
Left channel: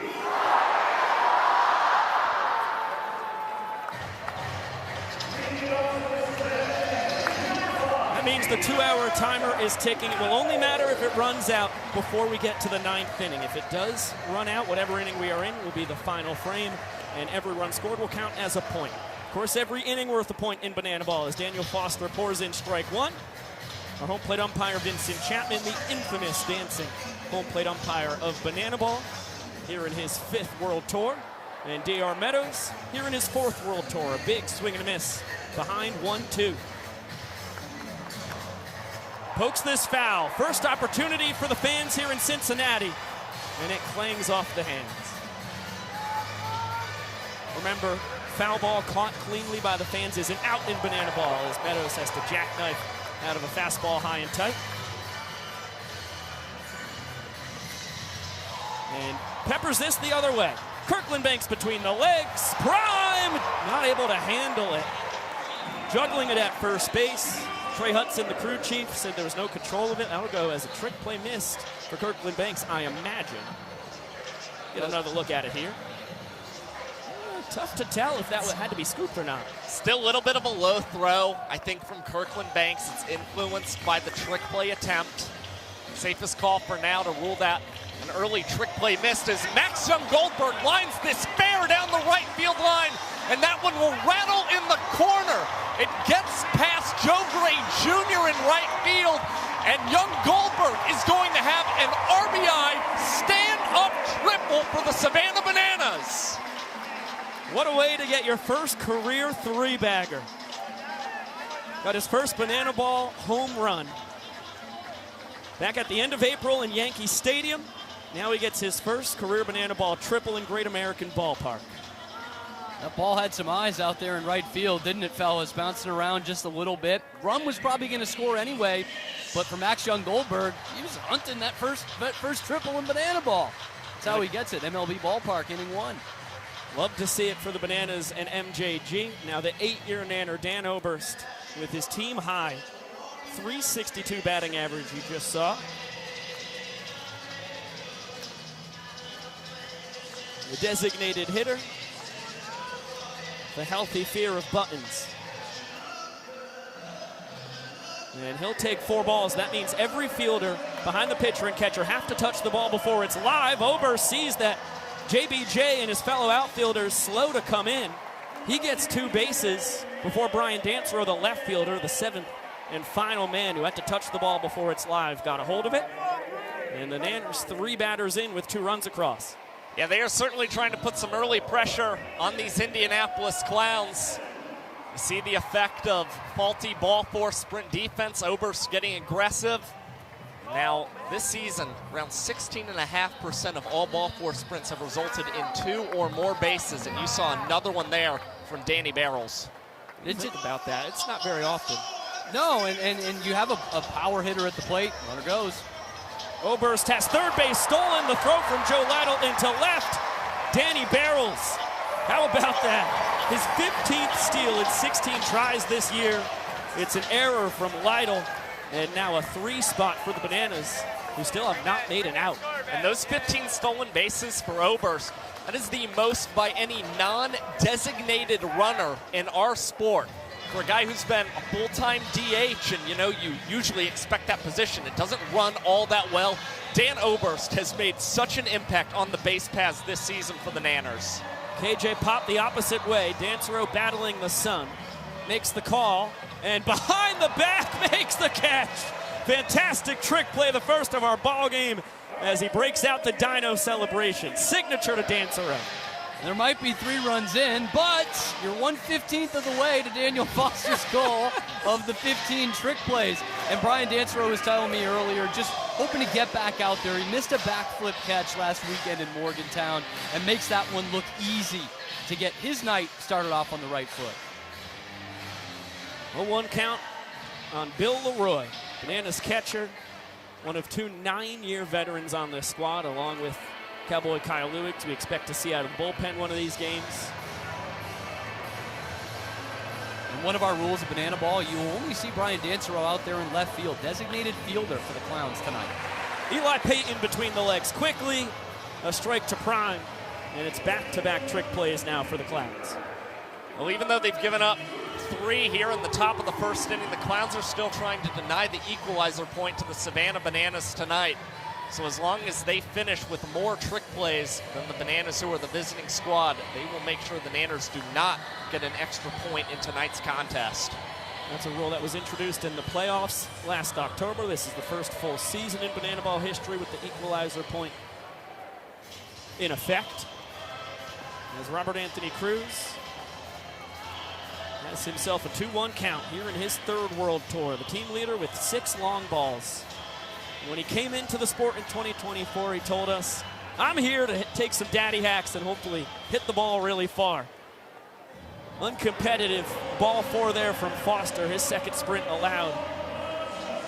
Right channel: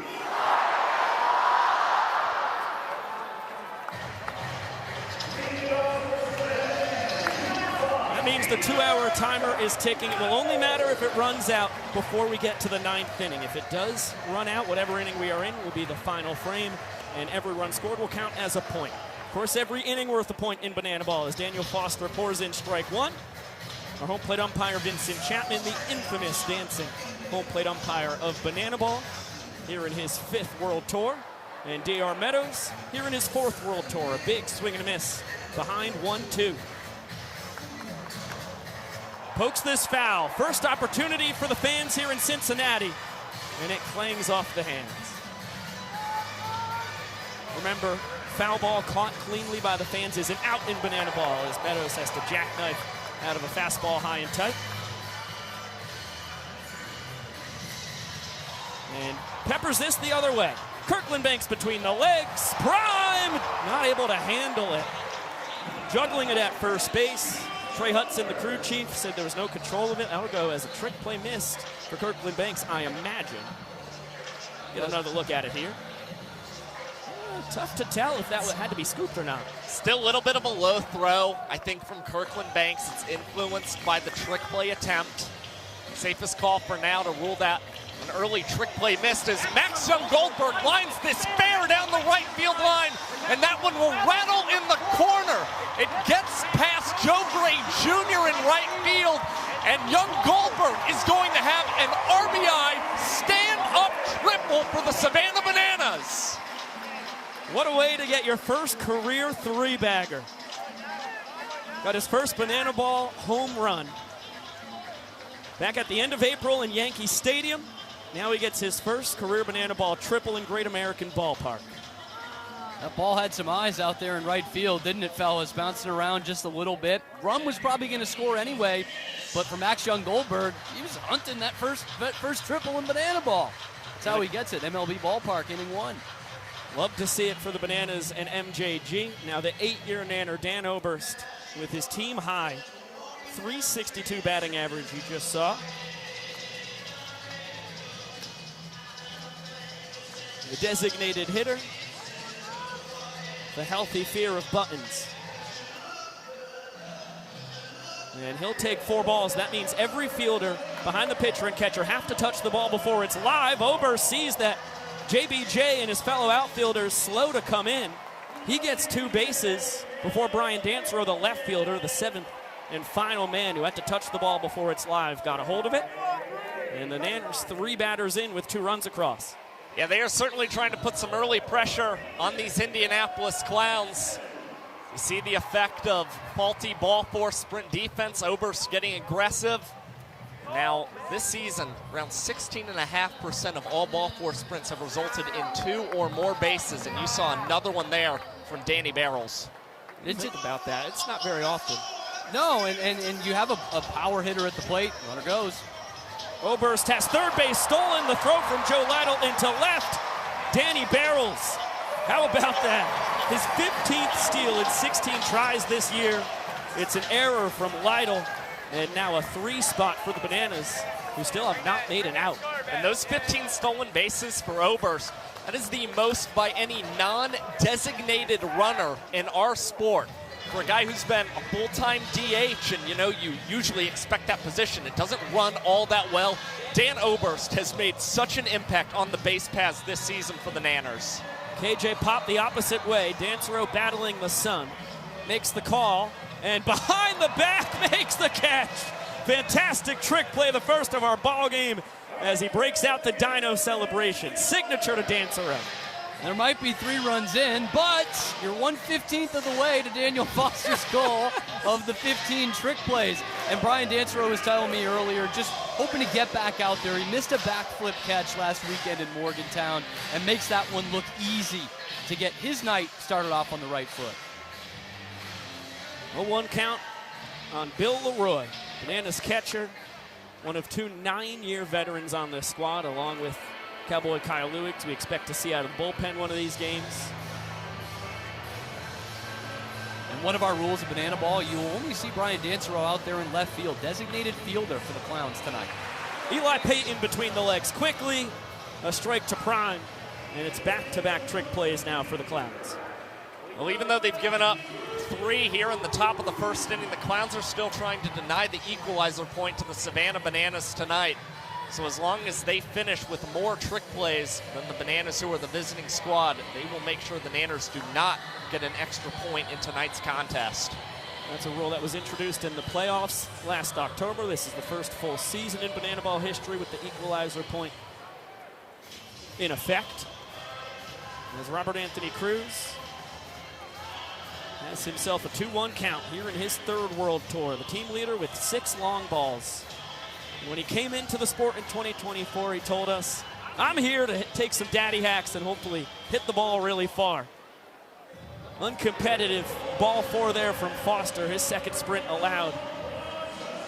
The 2-hour timer is ticking. It will only matter if it runs out before we get to the 9th inning. If it does run out, whatever inning we are in will be the final frame, and every run scored will count as a point. Of course, every inning worth a point in Banana Ball as Daniel Foster pours in strike 1. Our home plate umpire, Vincent Chapman, the infamous dancing home plate umpire of Banana Ball. here in his 5th World Tour. And D.R. Meadows here in his 4th World Tour. Big swing and a miss behind 1-2. Pokes this foul. First opportunity for the fans here in Cincinnati. And it clangs off the hands. Remember, foul ball caught cleanly by the fans is an out in banana ball as Meadows has to jackknife out of a fastball high and tight. And peppers this the other way. Kirkland Banks between the legs. Prime! Not able to handle it. Juggling it at first base. Trey Hudson, the crew chief, said there was no control of it. That'll go as a trick play missed for Kirkland Banks, I imagine. Get another look at it here. Tough to tell if that had to be scooped or not. Still a little bit of a low throw, I think, from Kirkland Banks. It's influenced by the trick play attempt. Safest call for now to rule that an early trick play missed as Max Young Goldberg lines this fair down the right field line, and that one will rattle in the corner. It gets past Joe Gray Jr. in right field, and Young Goldberg is going to have an RBI stand-up triple for the Savannah Bananas. What a way to get your first career 3-bagger. Got his first banana ball home run. Back at the end of April in Yankee Stadium, now he gets his first career banana ball triple in Great American Ballpark. That ball had some eyes out there in right field, didn't it, fellas? Bouncing around just a little bit. Rum was probably going to score anyway, but for Max Young Goldberg, he was hunting that first triple in banana ball. That's how he gets it. MLB Ballpark, inning 1. Love to see it for the Bananas and MJG. Now the 8-year Nanner, Dan Oberst, with his team high, .362 batting average you just saw. The designated hitter, the healthy fear of buttons. And he'll take 4 balls. That means every fielder behind the pitcher and catcher have to touch the ball before it's live. Oberst sees that JBJ and his fellow outfielders slow to come in. He gets 2 bases before Brian Dancer, the left fielder, the 7th and final man who had to touch the ball before it's live, got a hold of it. And the Nanners 3 batters in with 2 runs across. Yeah, they are certainly trying to put some early pressure on these Indianapolis Clowns. You see the effect of faulty ball force sprint defense. Oberst getting aggressive. Now, this season, around 16.5% of all ball force sprints have resulted in 2 or more bases, and you saw another one there from Danny Barrels. It's about that. It's not very often. No, and you have a power hitter at the plate. Runner goes. Oberst has third base stolen. The throw from Joe Lytle into left. Danny Barrels. How about that? His 15th steal in 16 tries this year. It's an error from Lytle. And now a 3 spot for the Bananas, who still have not made an out. And those 15 stolen bases for Oberst, that is the most by any non-designated runner in our sport. For a guy who's been a full-time DH, and you usually expect that position, it doesn't run all that well. Dan Oberst has made such an impact on the base paths this season for the Nanners. KJ popped the opposite way. Dancero battling the sun. Makes the call. And behind the back makes the catch. Fantastic trick play, the first of our ball game, as he breaks out the Dino celebration. Signature to Dancero. There might be 3 runs in, but you're 1/15th of the way to Daniel Foster's goal of the 15 trick plays. And Brian Dancero was telling me earlier, just hoping to get back out there. He missed a backflip catch last weekend in Morgantown and makes that one look easy to get his night started off on the right foot. A 1 count on Bill Leroy, Bananas catcher, one of 2 9-year veterans on this squad, along with Cowboy Kyle Lewick, we expect to see out of the bullpen one of these games. And one of our rules of banana ball, you will only see Brian Dancero out there in left field, designated fielder for the Clowns tonight. Eli Payton between the legs quickly, a strike to Prime, and it's back-to-back trick plays now for the Clowns. Well, even though they've given up 3 here in the top of the first inning, the Clowns are still trying to deny the equalizer point to the Savannah Bananas tonight. So as long as they finish with more trick plays than the Bananas, who are the visiting squad, they will make sure the Nanners do not get an extra point in tonight's contest. That's a rule that was introduced in the playoffs last October. This is the first full season in banana ball history with the equalizer point. in effect. As Robert Anthony Cruz has himself a 2-1 count here in his third World Tour. The team leader with 6 long balls. When he came into the sport in 2024, he told us, I'm here to take some daddy hacks and hopefully hit the ball really far. Uncompetitive ball 4 there from Foster, his second sprint allowed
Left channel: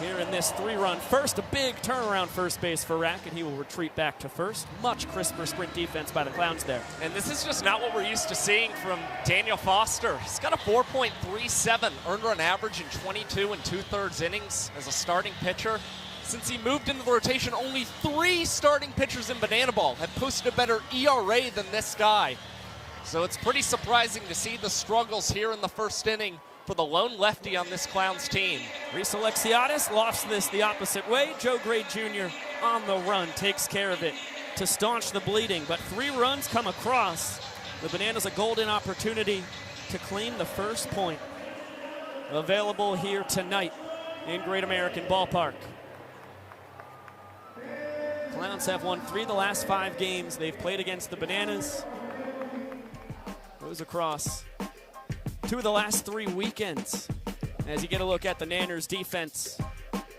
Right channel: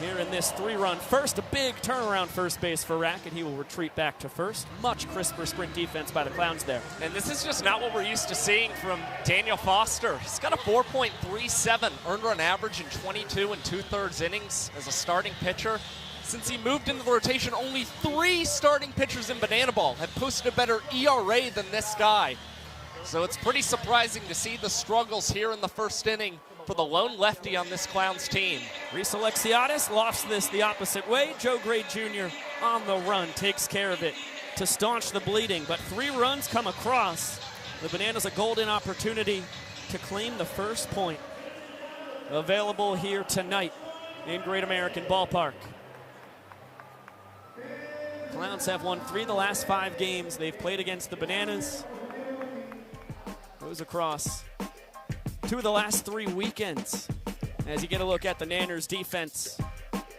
here in this 3-run first. A big turnaround first base for Rack, and he will retreat back to first. Much crisper sprint defense by the Clowns there. And this is just not what we're used to seeing from Daniel Foster. He's got a 4.37 earned run average in 22 2/3 innings as a starting pitcher. Since he moved into the rotation, only 3 starting pitchers in Banana Ball have posted a better ERA than this guy. So it's pretty surprising to see the struggles here in the first inning for the lone lefty on this Clowns team. Reese Alexiadis lost this the opposite way. Joe Gray Jr. on the run takes care of it to staunch the bleeding, but 3 runs come across. The Bananas a golden opportunity to claim the first point. Available here tonight in Great American Ballpark. Clowns have won 3 of the last 5 games they've played against the Bananas. Goes across 2 of the last 3 weekends. As you get a look at the Nanners defense.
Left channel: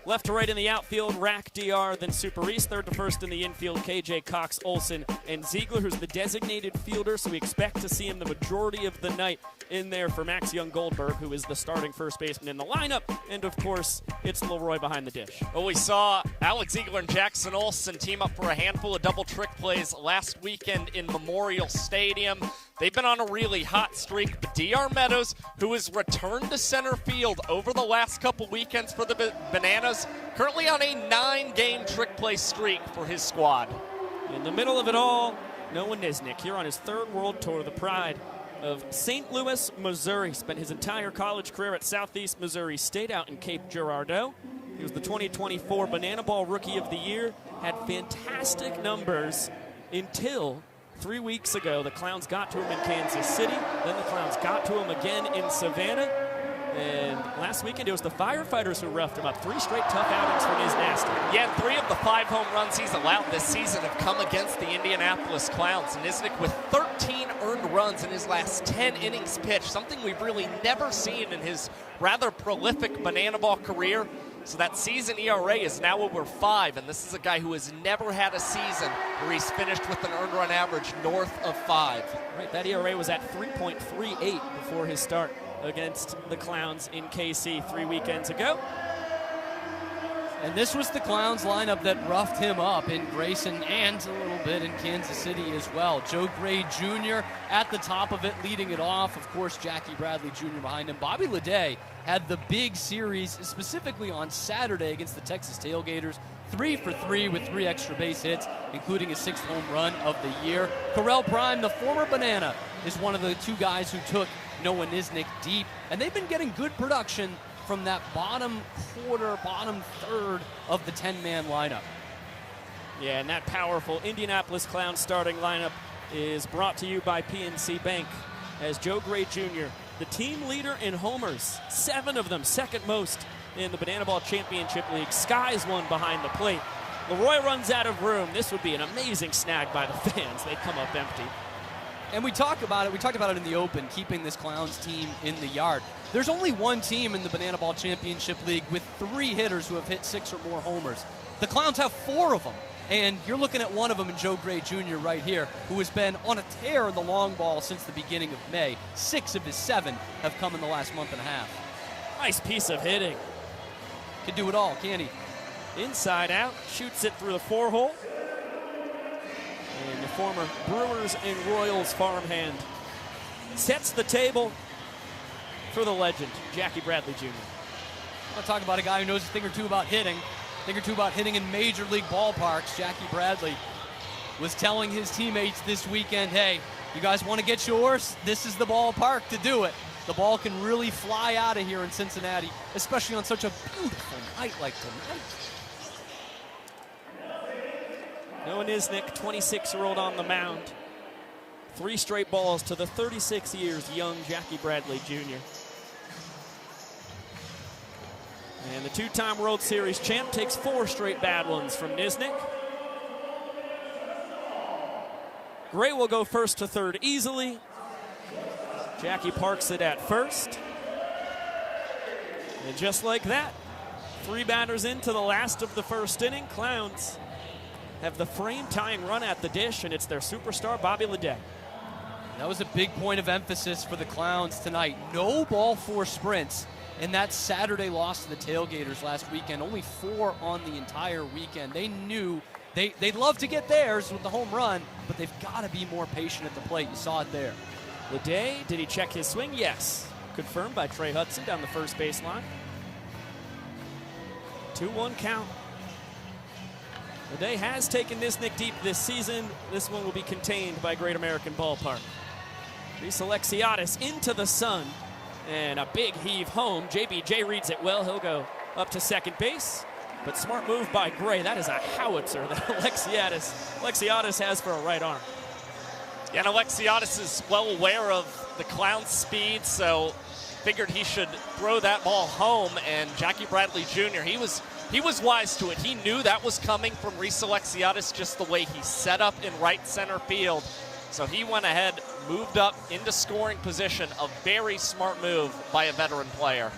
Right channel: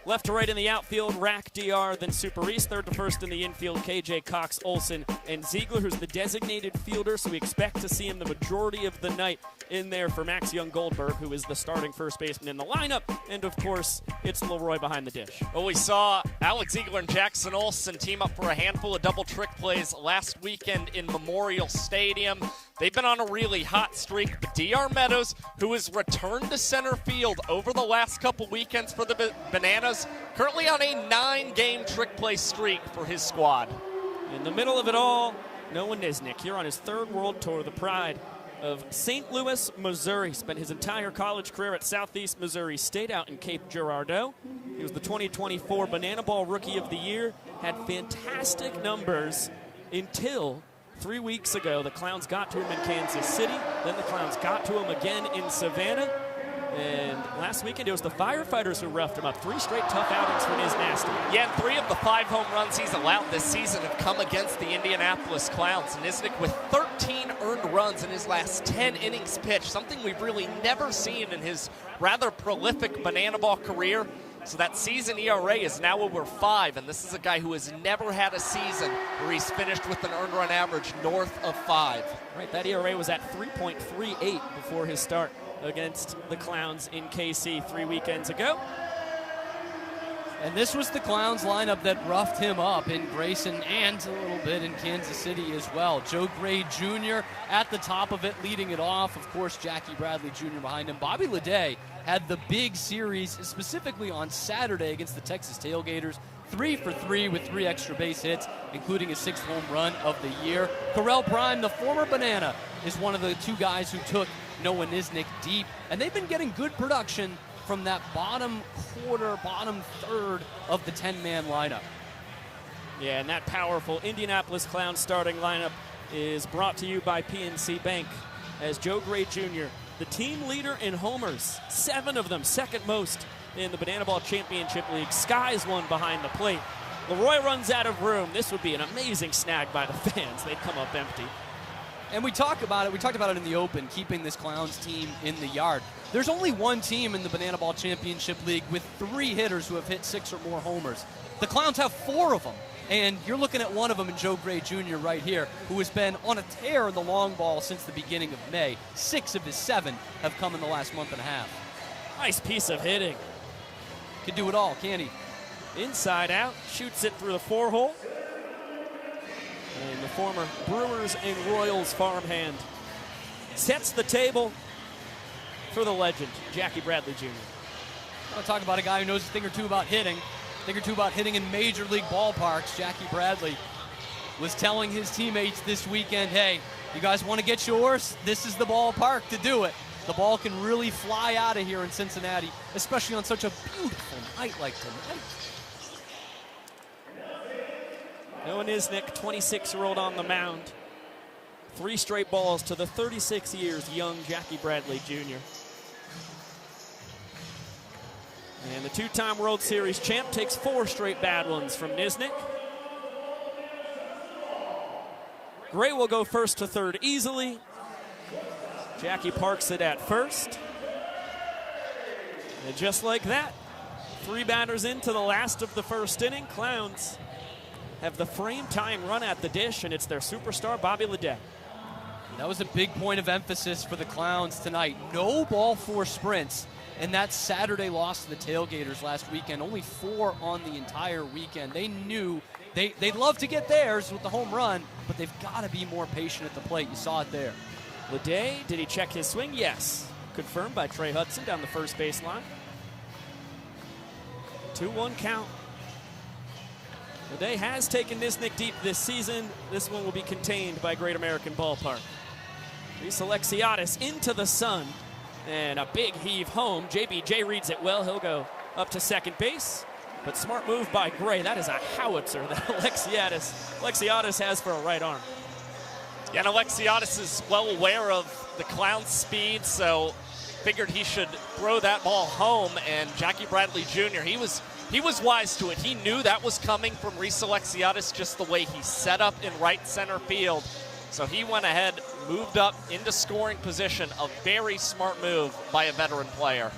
Left to right in the outfield, Rack, DR, then Super East. Third to first in the infield, KJ, Cox, Olsen, and Ziegler, who's the designated fielder, so we expect to see him the majority of the night in there for Max Young-Goldberg, who is the starting first baseman in the lineup. And, of course, it's Leroy behind the dish. Well, we saw Alex Ziegler and Jackson Olsen team up for a handful of double trick plays last weekend in Memorial Stadium. They've been on a really hot streak. DR Meadows, who has returned to center field over the last couple weekends for the Bananas, currently on a 9-game trick play streak for his squad. In the middle of it all, Noah Nisnik here on his 3rd World Tour, the pride of St. Louis, Missouri. Spent his entire college career at Southeast Missouri State out in Cape Girardeau. He was the 2024 Banana Ball Rookie of the Year. Had fantastic numbers until 3 weeks ago. The Clowns got to him in Kansas City. Then the Clowns got to him again in Savannah. And last weekend, it was the Firefighters who roughed him up. 3 straight tough outings from his nasty. Yeah, 3 of the 5 home runs he's allowed this season have come against the Indianapolis Clowns. And Nisnik with 13 earned runs in his last 10 innings pitched, something we've really never seen in his rather prolific Banana Ball career. So that season ERA is now over 5, and this is a guy who has never had a season where he's finished with an earned run average north of 5. Right, that ERA was at 3.38 before his start against the Clowns in KC 3 weekends ago. And this was the Clowns lineup that roughed him up in Grayson and a little bit in Kansas City as well. Joe Gray Jr. at the top of it, leading it off. Of course, Jackie Bradley Jr. behind him. Bobby Leday had the big series, specifically on Saturday against the Texas Tailgaters. 3 for 3 with 3 extra base hits, including his 6th home run of the year. Correll Prime, the former Banana, is one of the 2 guys who took Noah Nisnik deep. And they've been getting good production from that bottom quarter, bottom third of the 10-man lineup. Yeah, and that powerful Indianapolis Clowns starting lineup is brought to you by PNC Bank as Joe Gray Jr., the team leader in homers, 7 of them, second most in the Banana Ball Championship League. Skies one behind the plate. Leroy runs out of room. This would be an amazing snag by the fans. They'd come up empty. And we talked about it in the open, keeping this Clowns team in the yard. There's only one team in the Banana Ball Championship League with 3 hitters who have hit 6 or more homers. The Clowns have 4 of them, and you're looking at one of them in Joe Gray Jr. right here, who has been on a tear in the long ball since the beginning of May. 6 of his 7 have come in the last month and a half. Nice piece of hitting. Can do it all, can he? Inside out, shoots it through the 4-hole. And the former Brewers and Royals farmhand sets the table for the legend, Jackie Bradley Jr. I'm talking about a guy who knows a thing or two about hitting, in major league ballparks. Jackie Bradley was telling his teammates this weekend, hey, you guys want to get yours? This is the ballpark to do it. The ball can really fly out of here in Cincinnati, especially on such a beautiful night like tonight. Noah Nisnik, 26-year-old on the mound. 3 straight balls to the 36 years young Jackie Bradley Jr. And the 2-time World Series champ takes 4 straight bad ones from Nisnik. Gray will go first to third easily. Jackie parks it at first. And just like that, 3 batters into the last of the first inning, Clowns have the frame-tying run at the dish, and it's their superstar, Bobby Ledet. That was a big point of emphasis for the Clowns tonight. No ball 4 sprints in that Saturday loss to the Tailgaters last weekend. Only 4 on the entire weekend. They knew they'd love to get theirs with the home run, but they've got to be more patient at the plate. You saw it there. Ledet, did he check his swing? Yes. Confirmed by Trey Hudson down the first baseline. 2-1 count. Ledet has taken Nisnik deep this season. This one will be contained by Great American Ballpark. Reese Alexiadis into the sun, and a big heave home. JBJ reads it well. He'll go up to second base, but smart move by Gray. That is a howitzer that Alexiadis has for a right arm. And Alexiadis is well aware of the Clowns' speed, so figured he should throw that ball home. And Jackie Bradley Jr., he was wise to it. He knew that was coming from Reese Alexiadis, just the way he set up in right center field. So he went ahead, moved up into scoring position. A very smart move by a veteran player.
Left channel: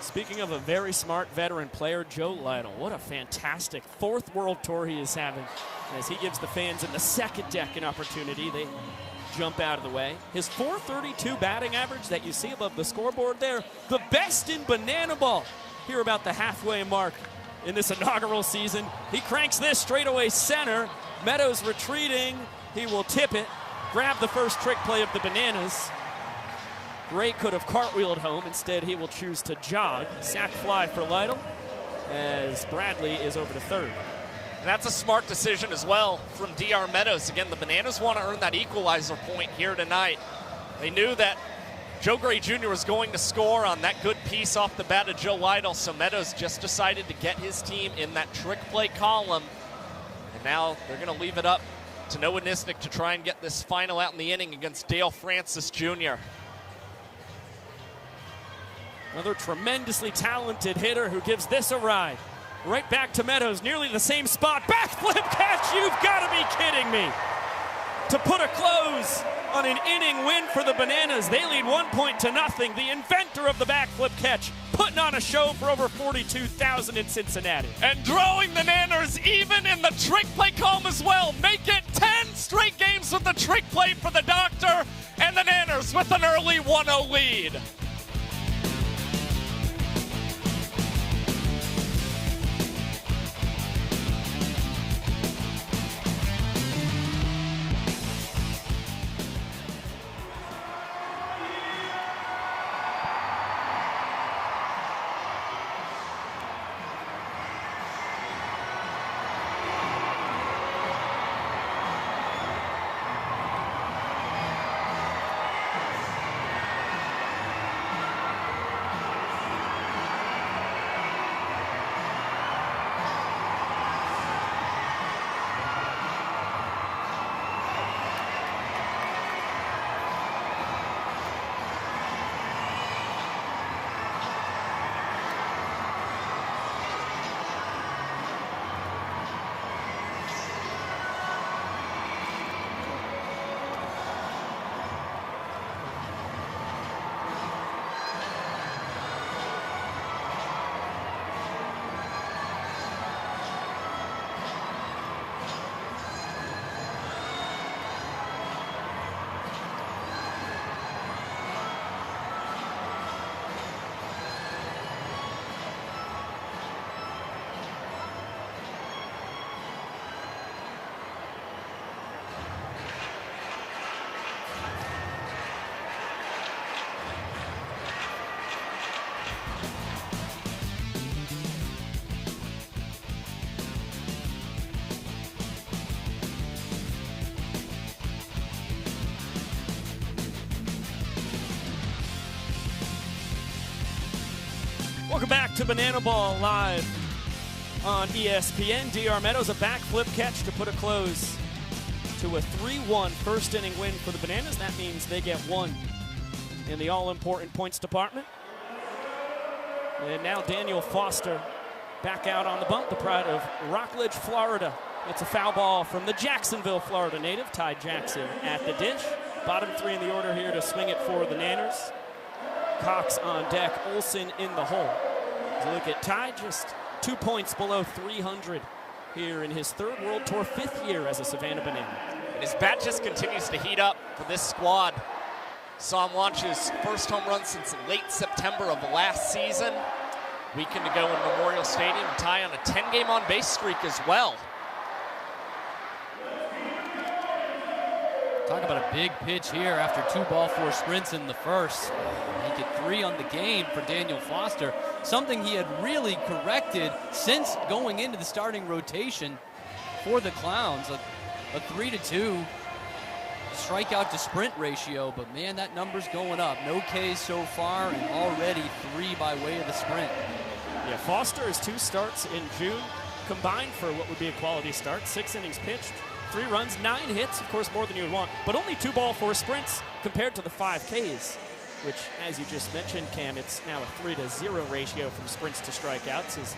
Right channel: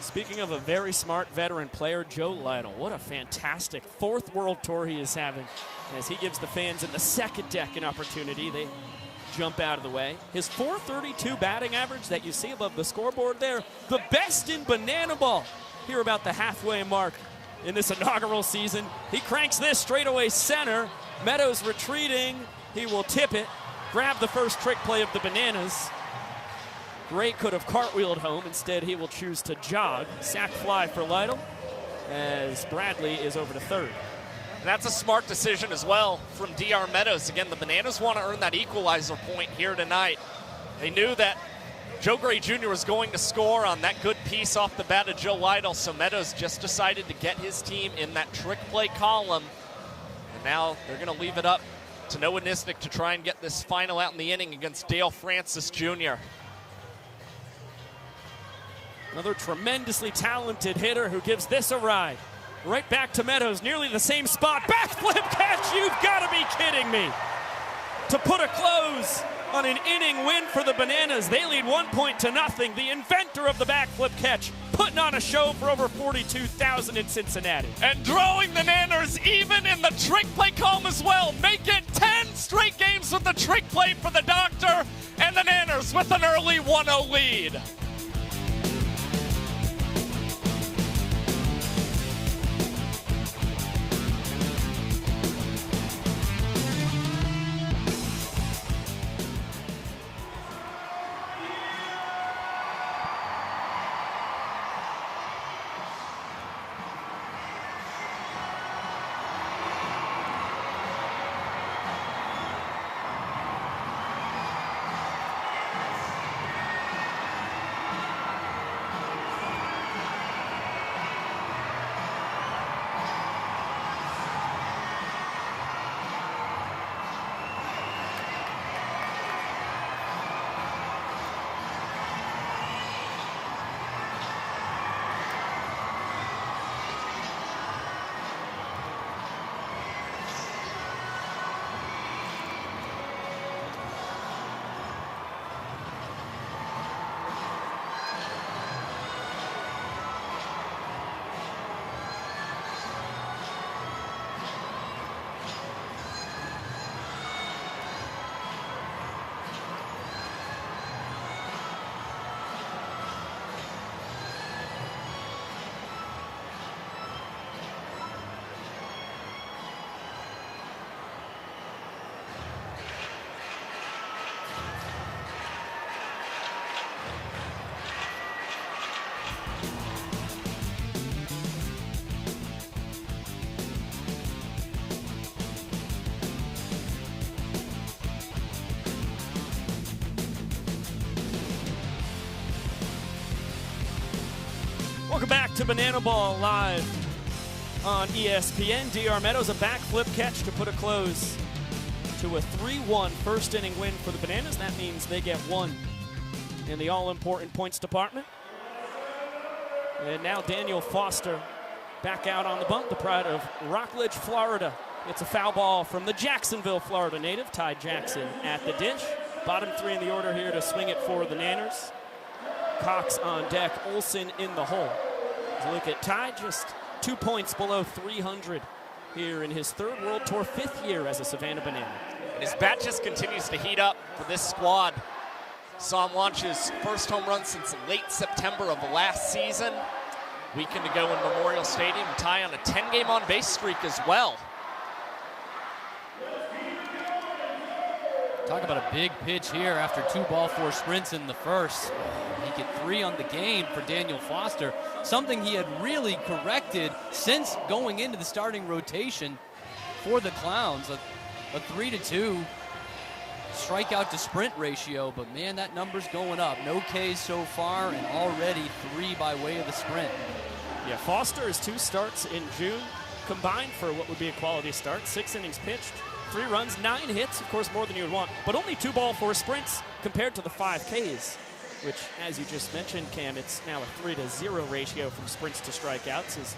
Speaking of a very smart veteran player, Joe Lytle. What a fantastic 4th World Tour he is having, as he gives the fans in the second deck an opportunity. They jump out of the way. His .432 batting average that you see above the scoreboard there, the best in banana ball. Here about the halfway mark in this inaugural season. He cranks this straightaway center. Meadows retreating. He will tip it, grab the first trick play of the Bananas. Gray could have cartwheeled home. Instead, he will choose to jog. Sac fly for Lytle as Bradley is over to third. That's a smart decision as well from D.R. Meadows. Again, the Bananas want to earn that equalizer point here tonight. They knew that Joe Gray Jr. was going to score on that good piece off the bat of Joe Lytle, so Meadows just decided to get his team in that trick play column. And now they're going to leave it up to Noah Nisnik to try and get this final out in the inning against Dale Francis Jr. Another tremendously talented hitter who gives this a ride. Right back to Meadows, nearly the same spot. Backflip catch, you've got to be kidding me. To put a close on an inning win for the Bananas. They lead 1-0. The inventor of the backflip catch, putting on a show for over 42,000 in Cincinnati. And drawing the Nanners even in the trick play column as well. Making 10 straight games with the trick play for the Doctor. And the Nanners with an early 1-0 lead. Welcome back to Banana Ball live on ESPN. D.R. Meadows, a backflip catch to put a close to a 3-1 first inning win for the Bananas. That means they get 1 in the all-important points department. And now Daniel Foster back out on the bump, the pride of Rockledge, Florida. It's a foul ball from the Jacksonville, Florida native, Ty Jackson at the dish. Bottom three in the order here to swing it for the Nanners. Cox on deck, Olsen in the hole. As you look at Ty, just 2 points below 300 here in his third World Tour, 5th year as a Savannah Banana. His bat just continues to heat up for this squad. Saw him launch his first home run since late September of last season. Weekend ago in Memorial Stadium, Ty on a 10-game on-base streak as well. Talk about a big pitch here after 2-ball-4 sprints in the first. He get 3 on the game for Daniel Foster, something he had really corrected since going into the starting rotation for the Clowns. A 3-2 strikeout to sprint ratio, but man, that number's going up. No Ks so far, and already 3 by way of the sprint. Yeah, Foster has 2 starts in June, combined for what would be a quality start. 6 innings pitched, 3 runs, 9 hits, of course more than you would want, but only 2-ball-4 sprints compared to the 5 Ks, which, as you just mentioned, Cam, it's now a 3-0 ratio from sprints to strikeouts, as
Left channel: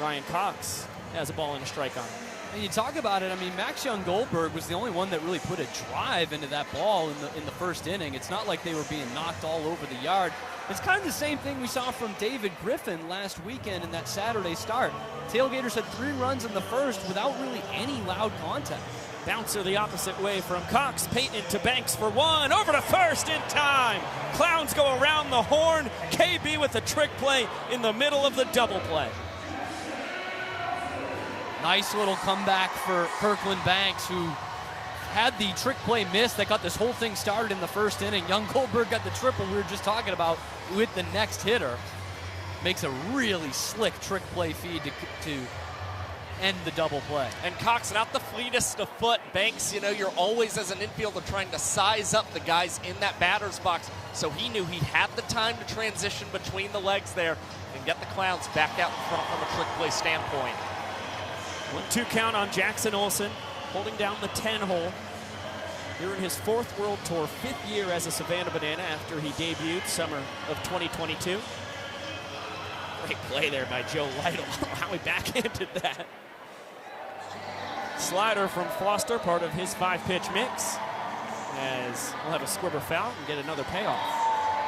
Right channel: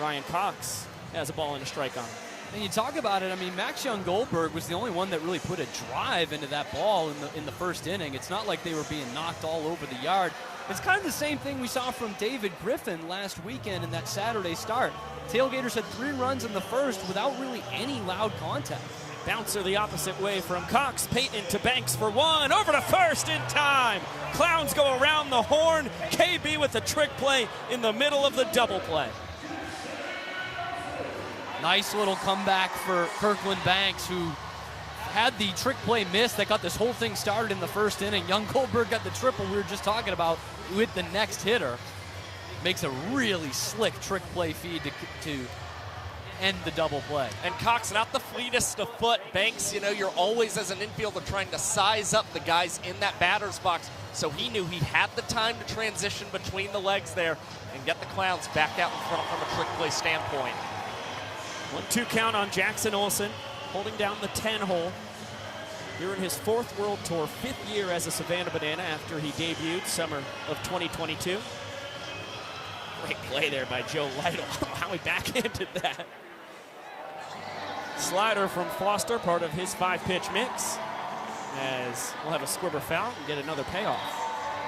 Ryan Cox has a ball and a strike on him. And you talk about it, I mean, Max Young-Goldberg was the only one that really put a drive into that ball in the first inning. It's not like they were being knocked all over the yard. It's kind of the same thing we saw from David Griffin last weekend in that Saturday start. Tailgaters had 3 runs in the first without really any loud contact. Bouncer the opposite way from Cox, painted to Banks for 1, over to first in time. Clowns go around the horn. KB with a trick play in the middle of the double play. Nice little comeback for Kirkland Banks, who had the trick play miss that got this whole thing started in the first inning. Young Goldberg got the triple we were just talking about with the next hitter. Makes a really slick trick play feed to end the double play. And Cox, not the fleetest of foot. Banks, you're always, as an infielder, trying to size up the guys in that batter's box. So he knew he had the time to transition between the legs there and get the Clowns back out in front from a trick play standpoint. 1-2 count on Jackson Olsen, holding down the 10-hole. Here in his 4th World Tour, 5th year as a Savannah Banana after he debuted summer of 2022. Great play there by Joe Lytle. How he backhanded that. Slider from Foster, part of his 5-pitch mix, as we'll have a squibber foul and get another payoff.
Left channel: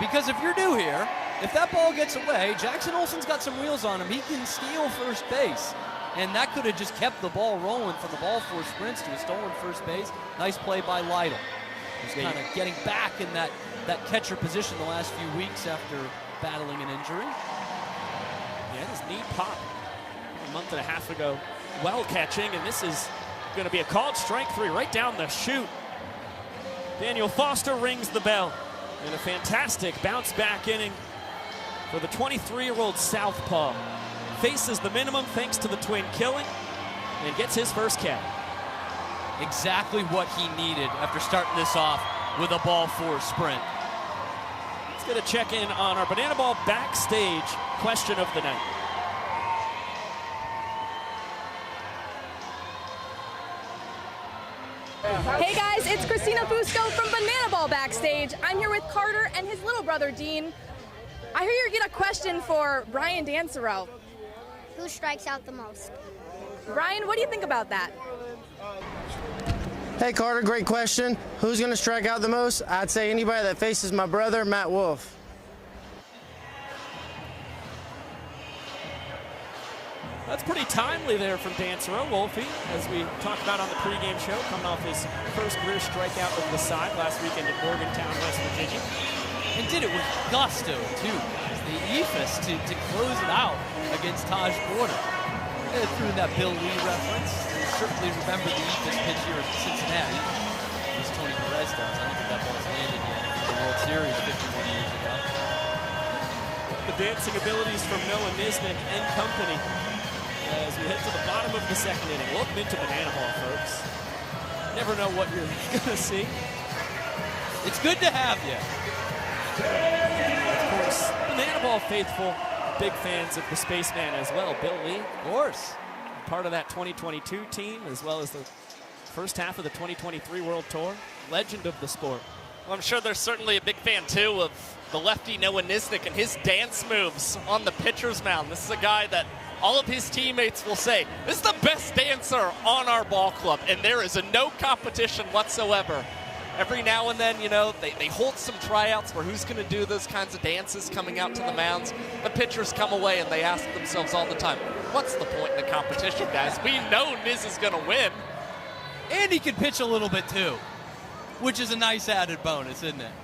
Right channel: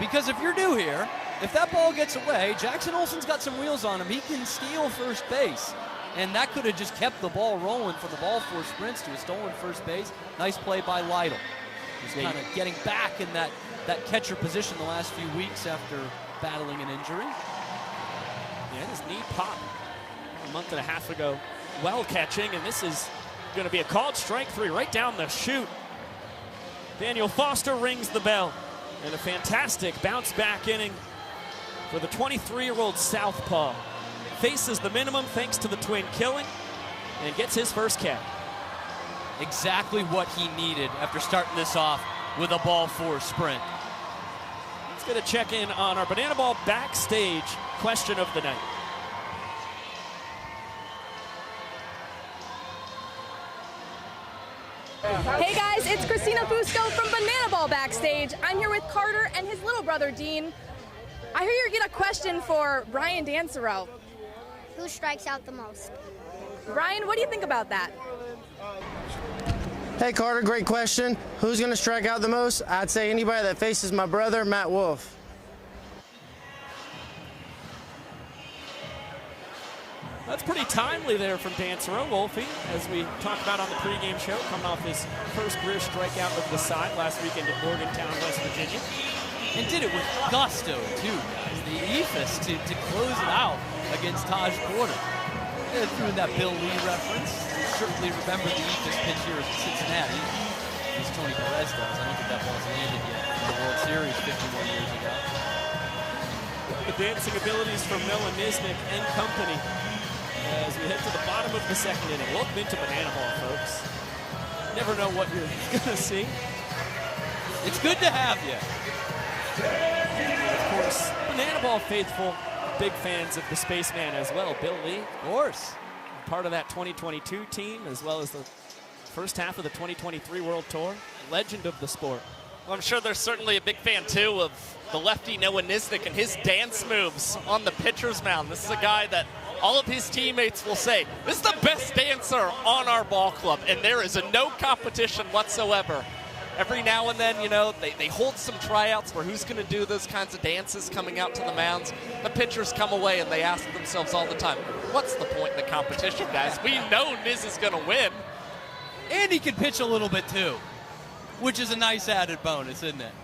Because if you're new here, if that ball gets away, Jackson Olsen's got some wheels on him. He can steal first base. And that could have just kept the ball rolling for the ball 4 sprints to a stolen first base. Nice play by Lytle. He's kind of getting back in that catcher position the last few weeks after battling an injury. Yeah, his knee popped a month and a half ago. Well catching, and this is going to be a called strike 3 right down the chute. Daniel Foster rings the bell. And a fantastic bounce-back inning for the 23-year-old Southpaw. Faces the minimum thanks to the twin killing and gets his first K. Exactly what he needed after starting this off with a ball 4 sprint. Let's get a check in on our Banana Ball backstage question of the night. Hey guys, it's Christina Fusco from Banana Ball Backstage. I'm here with Carter and his little brother Dean. I hear you get a question for Brian Dansereau. Who strikes out the most? Brian, what do you think about that? Hey Carter, great question. Who's going to strike out the most? I'd say anybody that faces my brother, Matt Wolf. That's pretty timely there from Dansereau, Wolfie, as we talked about on the pregame show, coming off his first career strikeout with the side last weekend at Morgantown, West Virginia. He did it with gusto, too. The ethos to close it out against Taj Porter. And through that Bill Lee reference, certainly remember the ethos pitch here in Cincinnati. It was Tony Perez. I don't think that was landed yet for the World Series 51. The dancing abilities from Noah Nisnik and company as we head to the bottom of the second inning. Welcome into Banana Ball, folks. Never know what you're going to see. It's good to have you. Of course, Banana Ball faithful, big fans of the Spaceman as well. Bill Lee, of course, part of that 2022 team, as well as the first half of the 2023 World Tour. Legend of the sport. Well, I'm sure there's certainly a big fan, too, of the lefty Noah Nisnik and his dance moves on the pitcher's mound. This is a guy that all of his teammates will say, this is the best dancer on our ball club, and there is no competition whatsoever. Every now and then, they hold some tryouts for who's going to do those kinds of dances coming out to the mounds. The pitchers come away and they ask themselves all the time, what's the point in the competition, guys? We know Niz is going to win. And he can pitch a little bit, too, which is a nice added bonus, isn't it?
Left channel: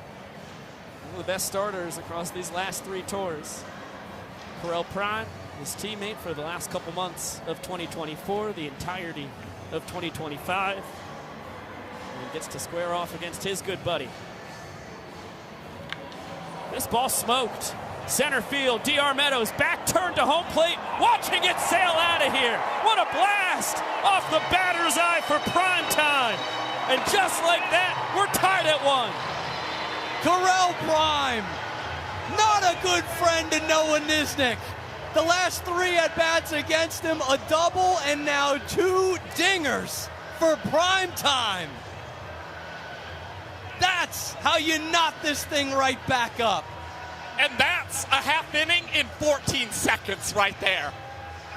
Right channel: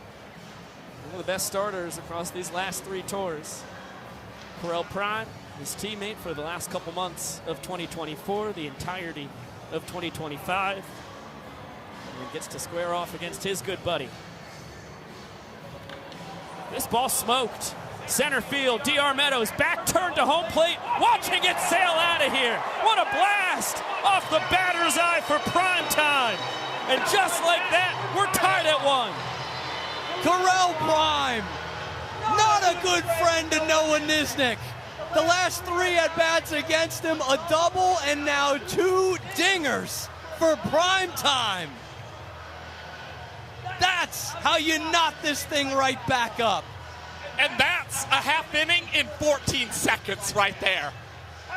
One of the best starters across these last 3 tours. Correll Prime, his teammate for the last couple months of 2024, the entirety of 2025. And gets to square off against his good buddy. This ball smoked. Center field, D.R. Meadows back turned to home plate, watching it sail out of here. What a blast off the batter's eye for prime time. And just like that, we're tied at 1. Correll Prime, not a good friend to Noah Nisnik. The last 3 at-bats against him, a double and now 2 dingers for prime time. That's how you knock this thing right back up. And that's a half inning in 14 seconds right there.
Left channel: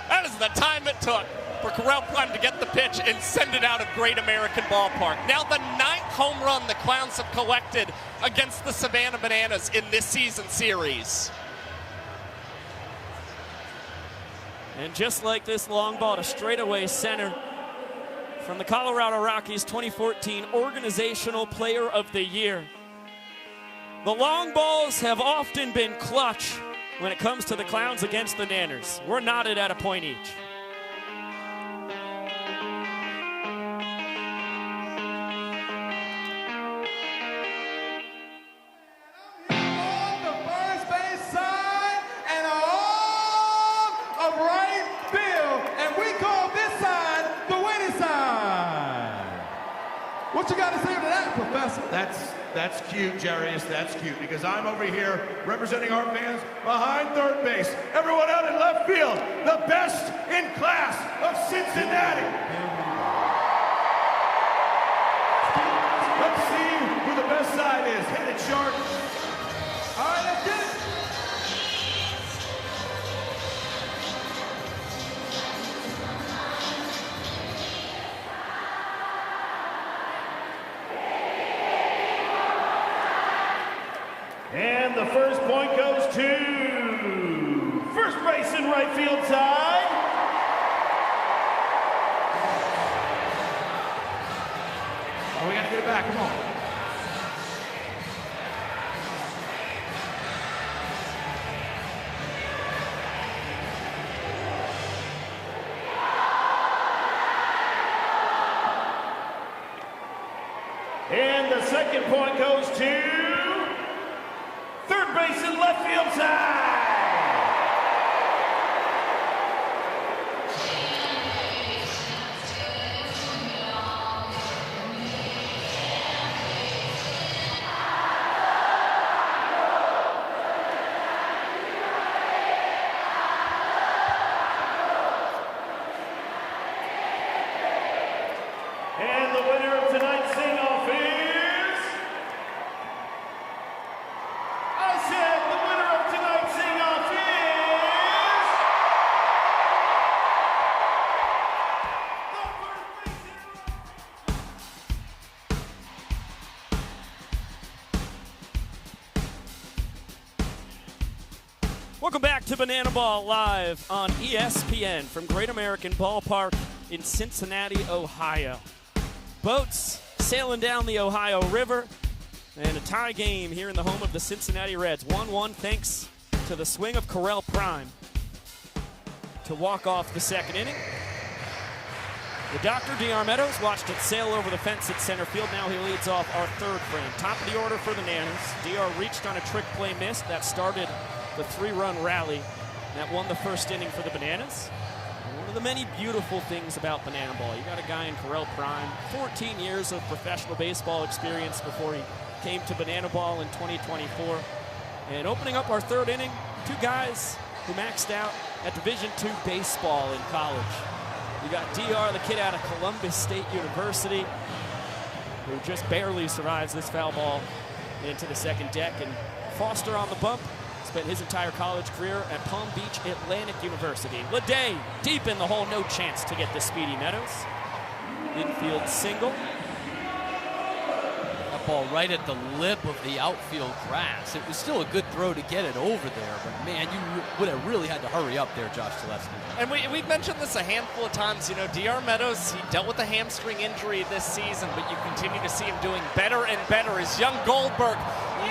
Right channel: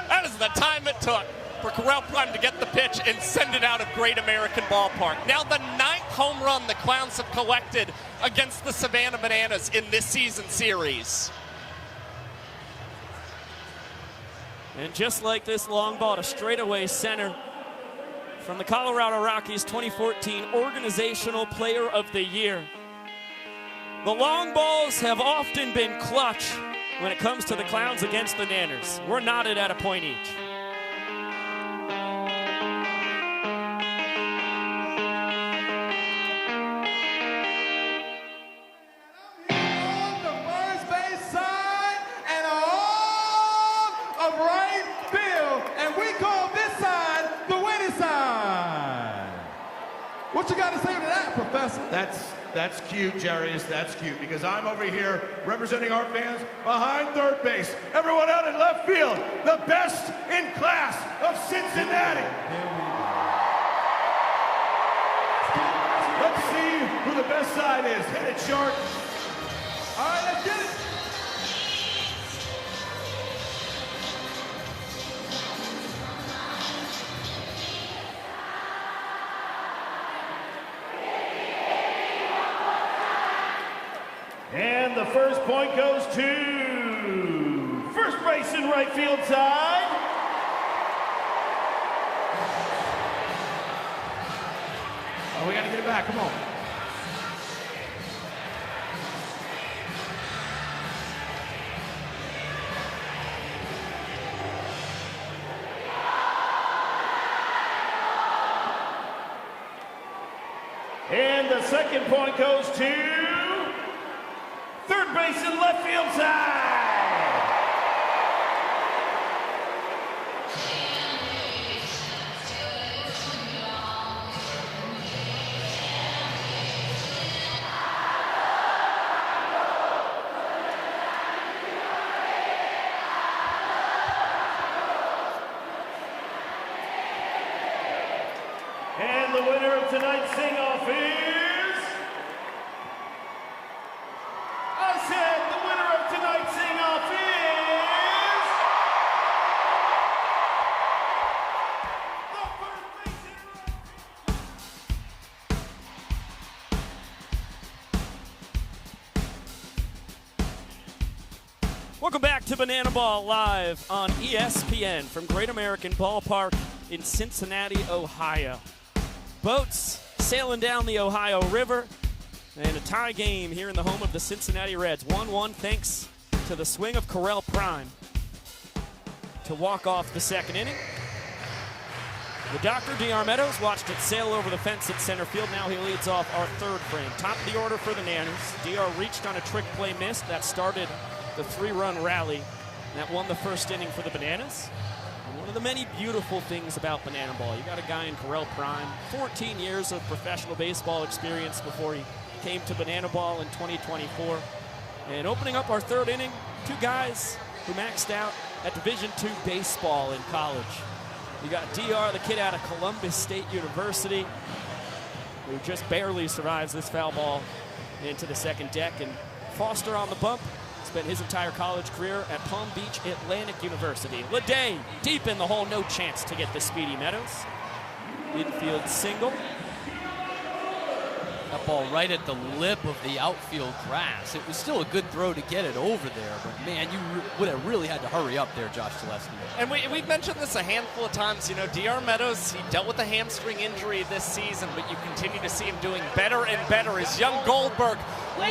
That is the time it took for Correll Prime to get the pitch and send it out at Great American Ballpark. Now the 9th home run the Clowns have collected against the Savannah Bananas in this season series. And just like this long ball to straightaway center from the Colorado Rockies 2014 Organizational Player of the Year. The long balls have often been clutch when it comes to the Clowns against the Nanners. We're knotted at a point each. What you got to say to that, Professor? That's cute, Jarius. That's cute, because I'm over here representing our fans behind third base. Everyone out in left field, the best in class of Cincinnati. Let's see who the best side is. Hit it, Short. All right, let's get it. And the first point goes to first base and right field side. Oh, we got to get it back. Come on. And the second point goes to third base and left field side. And the winner of tonight's sing-off is... I said the winner of tonight's sing-off is... Welcome back to Banana Ball Live on ESPN from Great American Ballpark in Cincinnati, Ohio. Boats sailing down the Ohio River, and a tie game here in the home of the Cincinnati Reds. 1-1 thanks to the swing of Correll Prime to walk off the second inning. The Dr. D.R. Meadows watched it sail over the fence at center field. Now he leads off our third frame. Top of the order for the Nanners. D.R. reached on a trick play miss that started the 3-run rally that won the first inning for the Bananas. One of the many beautiful things about Banana Ball, you got a guy in Correll Prime, 14 years of professional baseball experience before he came to Banana Ball in 2024. And opening up our third inning, 2 guys who maxed out at Division II baseball in college. You got D.R., the kid out of Columbus State University, who just barely survives this foul ball into the second deck, and Foster on the bump. Spent his entire college career at Palm Beach Atlantic University. Leday deep in the hole, no chance to get the Speedy Meadows. Infield single. A ball right at the lip of the outfield grass. It was still a good throw to get it over there, but man, you would have really had to hurry up there, Josh Gillespie. And we've mentioned this a handful of times. You know, DR Meadows, he dealt with a hamstring injury this season, but you continue to see him doing better and better as young Goldberg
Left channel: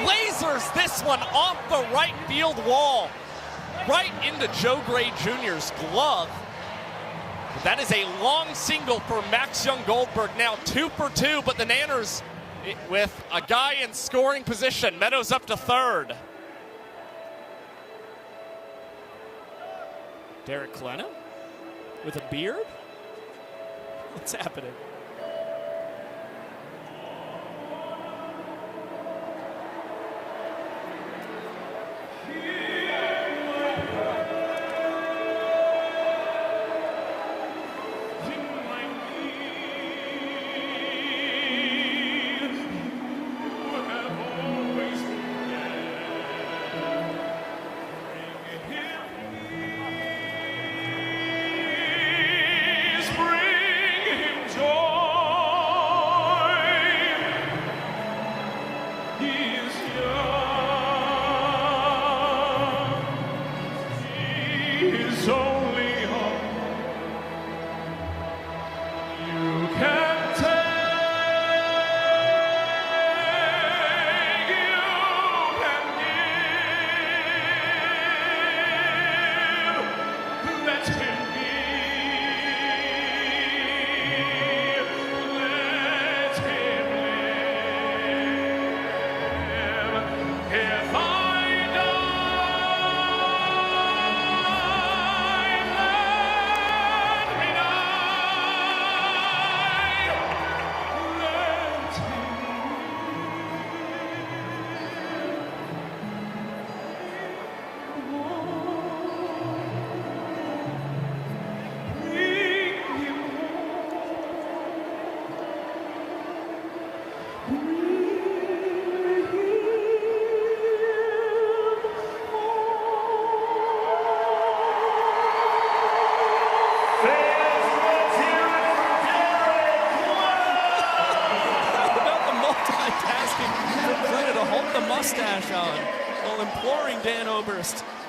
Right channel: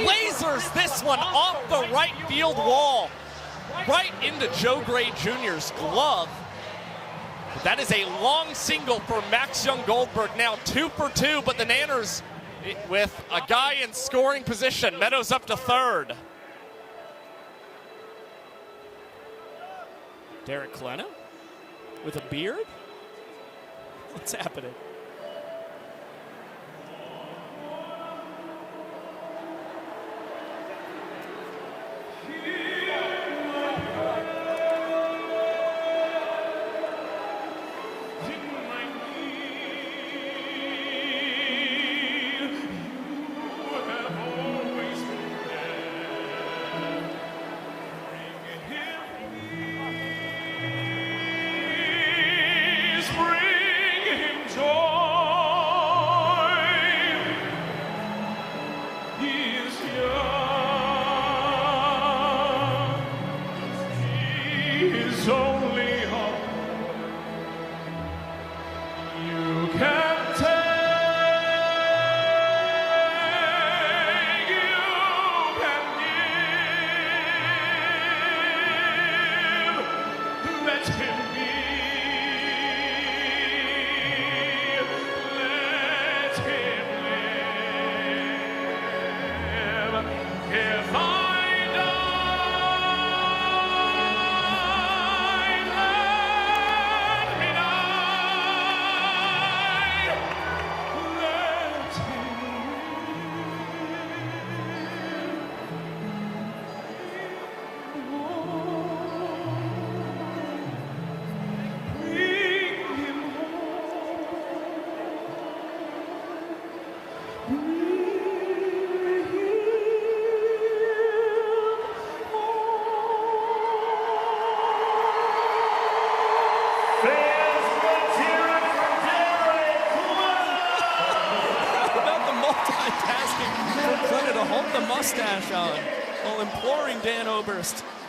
lasers this one off the right field wall, right into Joe Gray Jr.'s glove. That is a long single for Max Young Goldberg. Now 2 for 2, but the Nanners with a guy in scoring position. Meadows up to third. Derek Klena with a beard? What's happening?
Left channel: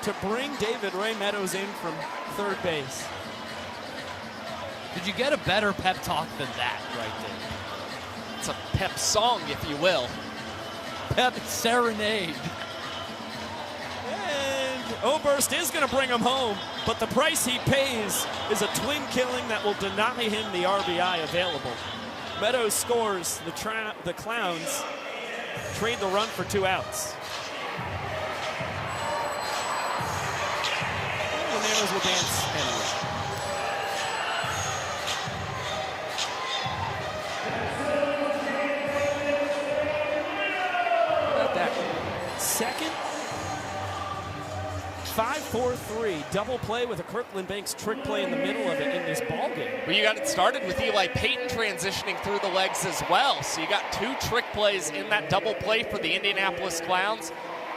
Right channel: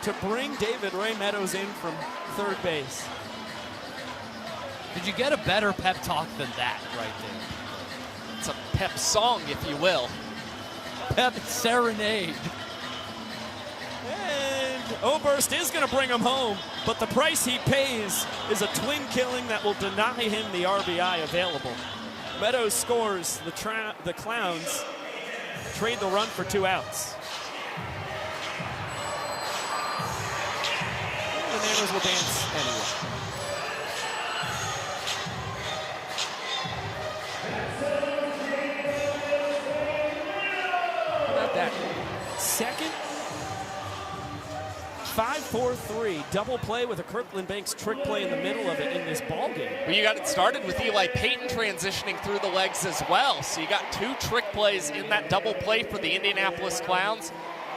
To bring David Ray Meadows in from third base. Did you get a better pep talk than that right there? It's a pep song, if you will. Pep serenade. And Oberst is going to bring him home, but the price he pays is a twin killing that will deny him the RBI available. Meadows scores, the Clowns trade the run for 2 outs. Will dance like that. Second, 5-4-3 double play with a Kirkland Banks trick play in the middle of it in this ball game. But you got it started with Eli Payton transitioning through the legs as well. So you got 2 trick plays in that double play for the Indianapolis Clowns.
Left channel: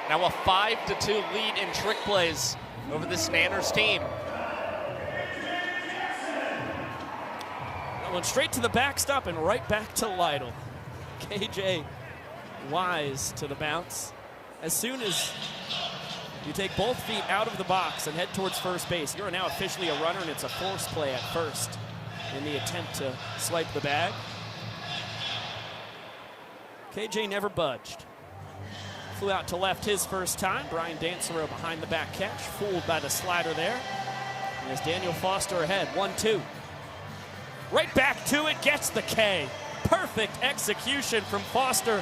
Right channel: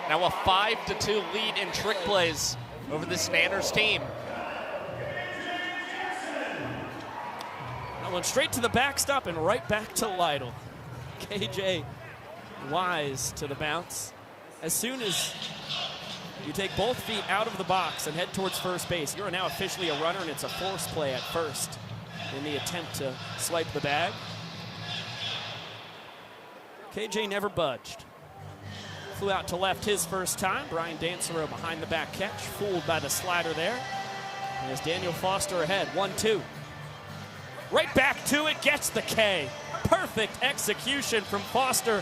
Now a 5-2 lead in trick plays over this Nanners team. Going straight to the backstop and right back to Lytle. KJ wise to the bounce. As soon as you take both feet out of the box and head towards first base, you're now officially a runner, and it's a force play at first in the attempt to swipe the bag. KJ never budged. Flew out to left his first time. Brian Dancero behind the back catch, fooled by the slider there. And as Daniel Foster ahead, 1-2. Right back to it, gets the K. Perfect execution from Foster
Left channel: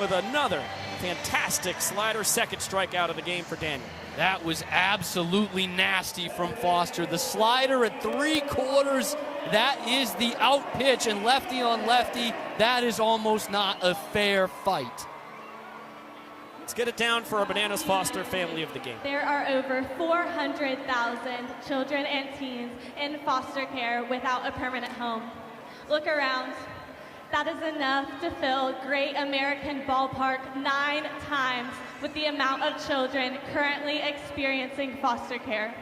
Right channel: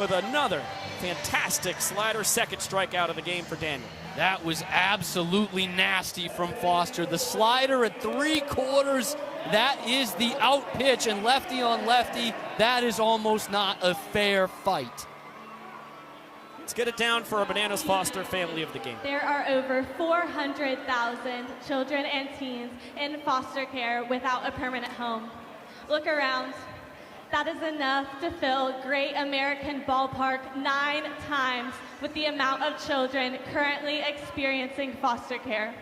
with another fantastic slider. Second strikeout of the game for Daniel. That was absolutely nasty from Foster. The slider at 3/4, that is the out pitch, and lefty on lefty, that is almost not a fair fight. Let's get it down for our Bananas Foster family of the game. There are over 400,000 children and teens in foster care without a permanent home. Look around. That is enough to fill Great American Ballpark 9 times with the amount of children currently experiencing foster care.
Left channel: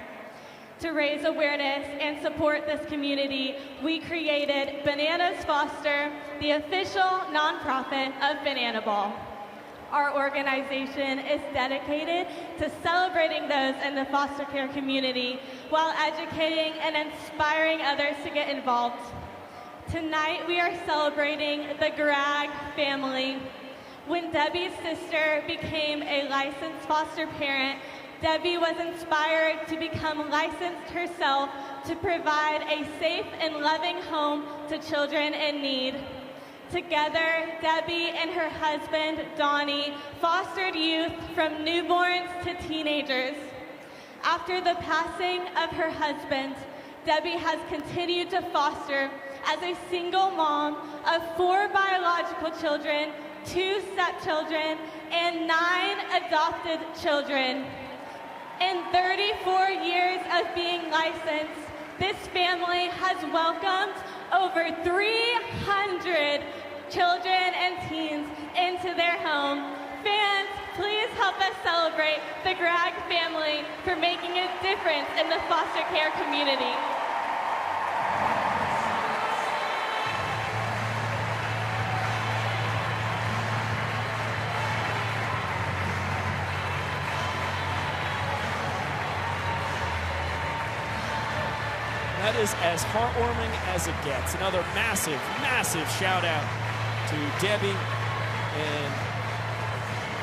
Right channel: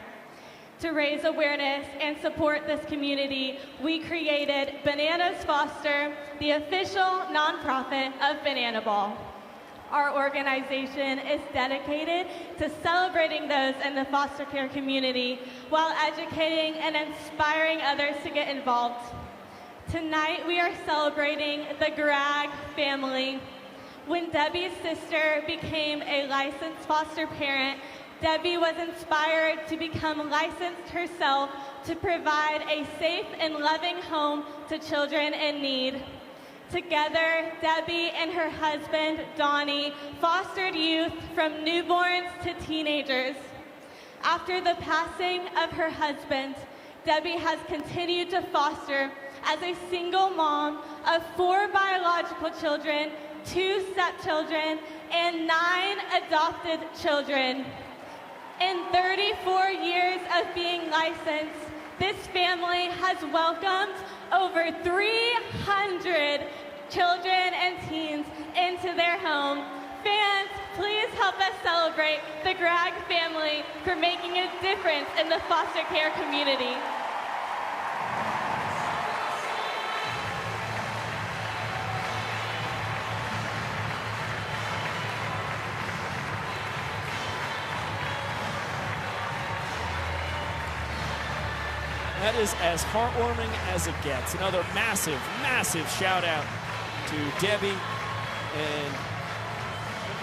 To raise awareness and support this community, we created Bananas Foster, the official nonprofit of Banana Ball. Our organization is dedicated to celebrating those in the foster care community while educating and inspiring others to get involved. Tonight we are celebrating the Gragg family. When Debbie's sister became a licensed foster parent, Debbie was inspired to become licensed herself to provide a safe and loving home to children in need. Together, Debbie and her husband, Donnie, fostered youth from newborns to teenagers. After the passing of her husband, Debbie has continued to foster as a single mom of 4 biological children, 2 stepchildren, and 9 adopted children. In 34 years of being licensed, this family has welcomed over 300 children and teens into their home. Fans, please help us celebrate the Gragg family for making a difference in the foster care community. That is as heartwarming as it gets. Another massive, massive shout out to Debbie and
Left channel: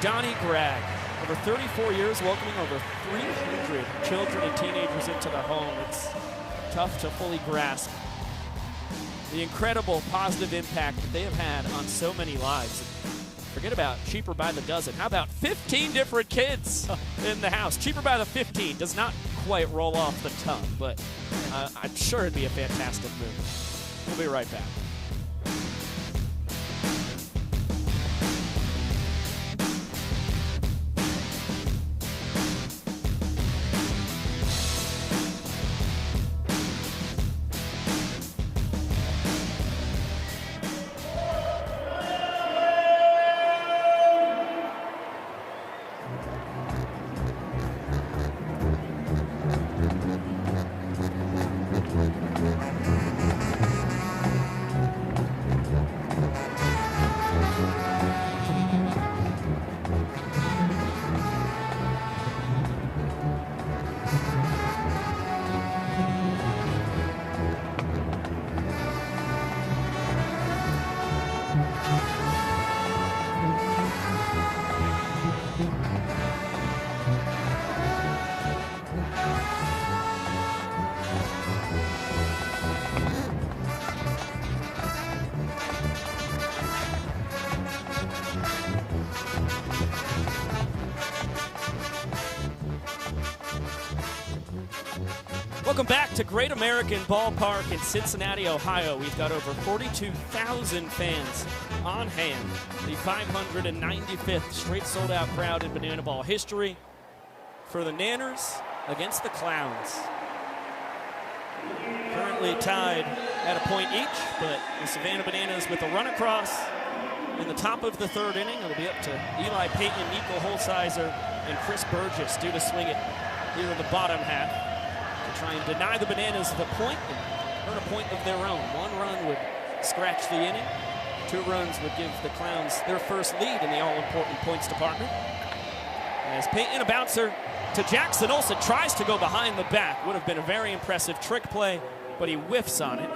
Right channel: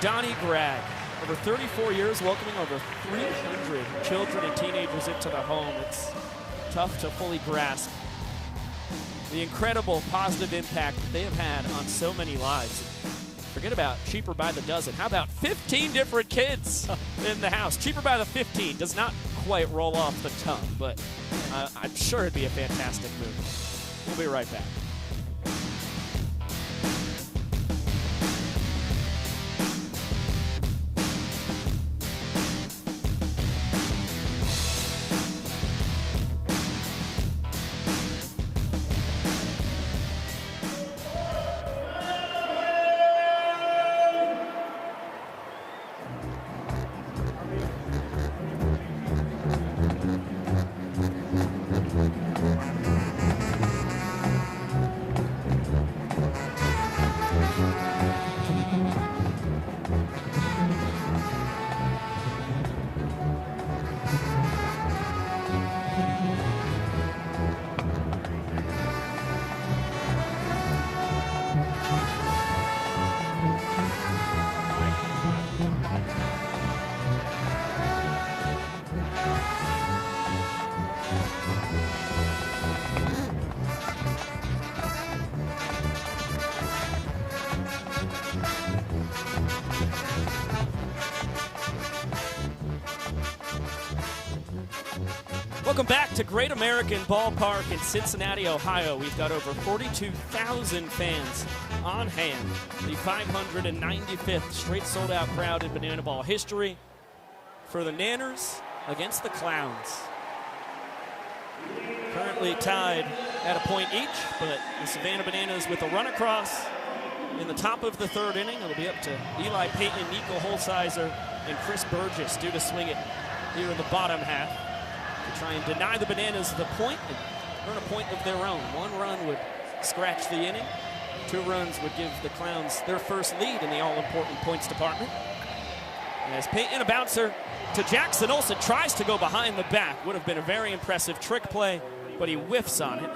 Donnie Gragg. For 34 years, welcoming over 300 children and teenagers into the home. It's tough to fully grasp the incredible positive impact that they have had on so many lives. Forget about cheaper by the dozen. How about 15 different kids in the house? Cheaper by the 15 does not quite roll off the tongue, but I'm sure it'd be a fantastic movie. We'll be right back. Welcome back to Great American Ballpark in Cincinnati, Ohio. We've got over 42,000 fans on hand. The 595th straight sold-out crowd in Banana Ball history for the Nanners against the Clowns. Currently tied at a point each, but the Savannah Bananas with a run across in the top of the third inning. It'll be up to Eli Payton, Nico Holsizer, and Chris Burgess due to swing it here in the bottom half. Try and deny the Bananas the point and earn a point of their own. 1 run would scratch the inning. 2 runs would give the Clowns their first lead in the all-important points department. As Payton, a bouncer to Jackson Olsen, tries to go behind the back. Would have been a very impressive trick play, but he whiffs on it.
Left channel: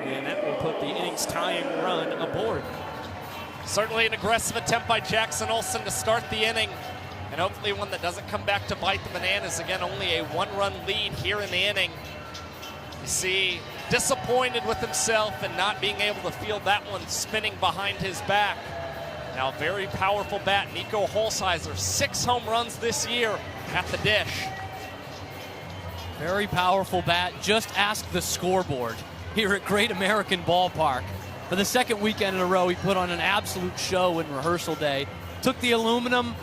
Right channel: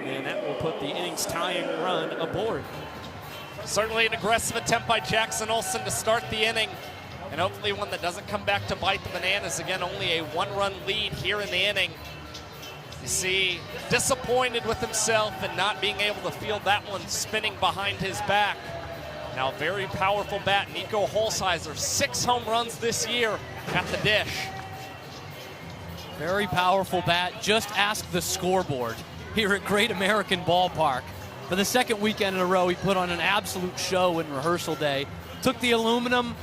And that will put the innings tying run aboard. Certainly an aggressive attempt by Jackson Olsen to start the inning. And hopefully one that doesn't come back to bite the Bananas. Again, only a 1-run lead here in the inning. You see, disappointed with himself and not being able to feel that one spinning behind his back. Now, very powerful bat, Nico Holsizer, 6 home runs this year at the dish. Very powerful bat. Just ask the scoreboard here at Great American Ballpark. For the second weekend in a row, he put on an absolute show in rehearsal day. Took the aluminum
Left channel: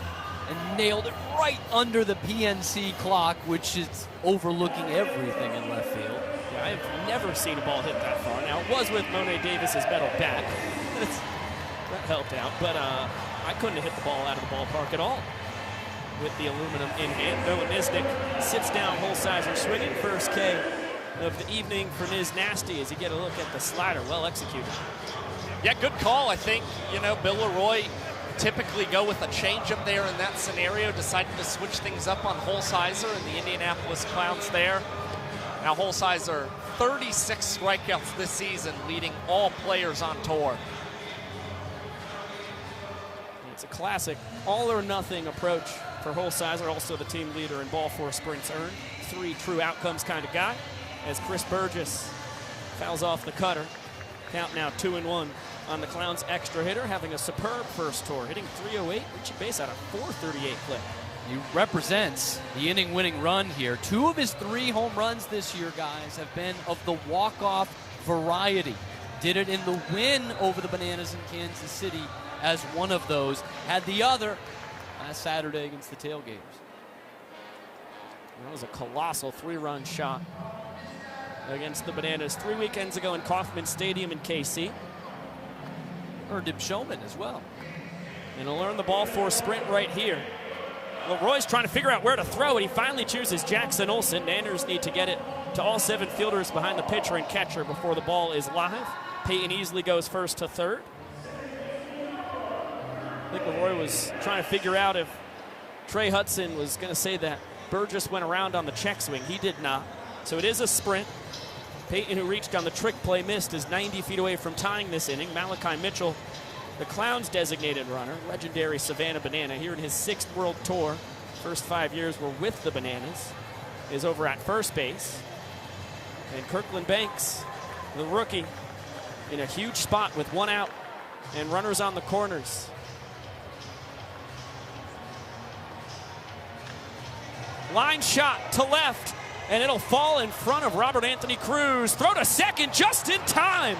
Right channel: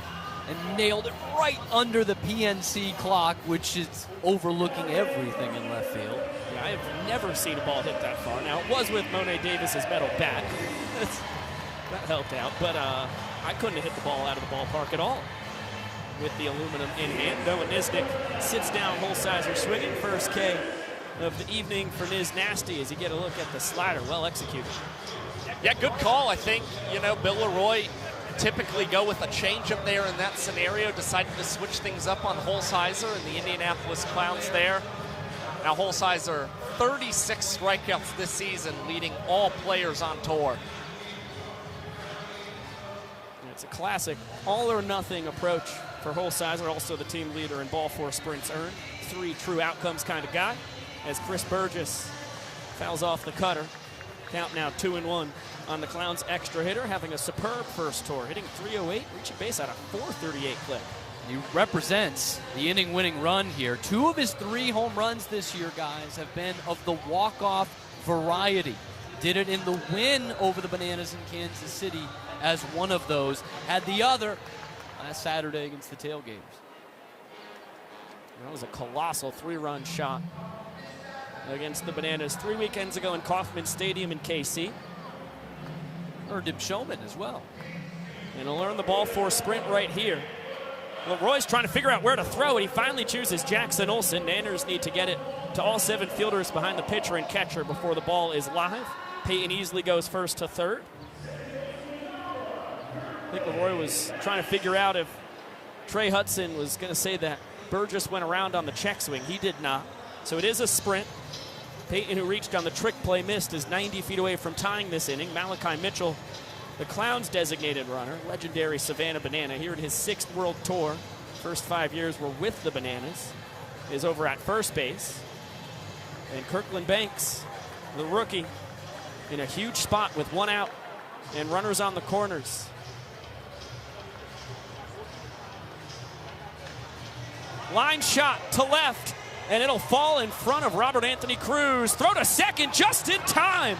and nailed it right under the PNC clock, which is overlooking everything in left field. I've never seen a ball hit that far. Now, it was with Monet Davis's metal bat. That helped out, but I couldn't have hit the ball out of the ballpark at all with the aluminum in hand. Noah Nisnik sits down, Holsizer swinging first K of the evening for Niz Nasty as he get a look at the slider. Well executed. Yeah, good call, I think. You know, Bill Leroy typically go with a change-up there in that scenario, decided to switch things up on Holsizer and the Indianapolis Clowns there. Now Holsizer, 36 strikeouts this season, leading all players on tour. It's a classic all-or-nothing approach for Holsizer, also the team leader in ball four sprints earned. 3 true outcomes kind of guy, as Chris Burgess fouls off the cutter. Count now 2-1 on the Clowns extra hitter, having a superb first tour, hitting 308, reaching base at a 438 clip. He represents the inning-winning run here. 2 of his 3 home runs this year, guys, have been of the walk-off variety. Did it in the win over the Bananas in Kansas City as one of those. Had the other last Saturday against the Tailgaters. That was a colossal 3-run shot against the Bananas 3 weekends ago in Kauffman Stadium in KC. Earned him showman as well. And he'll learn the ball four sprint right here. Well, Roy's trying to figure out where to throw it. He finally chooses Jackson Olsen. Nanners need to get it to all 7 fielders behind the pitcher and catcher before the ball is live. Peyton easily goes first to third. I think Roy was trying to figure out if Trey Hudson was going to say that Burgess went around on the check swing. He did not. So it is a sprint. Peyton, who reached on the trick play, missed, is 90 feet away from tying this inning. Malachi Mitchell, the Clowns' designated runner, legendary Savannah Banana, here in his 6th World Tour. First 5 years were with the Bananas, is over at first base. And Kirkland Banks, the rookie, in a huge spot with 1 out and runners on the corners. Line shot to left, and it'll fall in front of Robert Anthony Cruz. Throw to second just in time.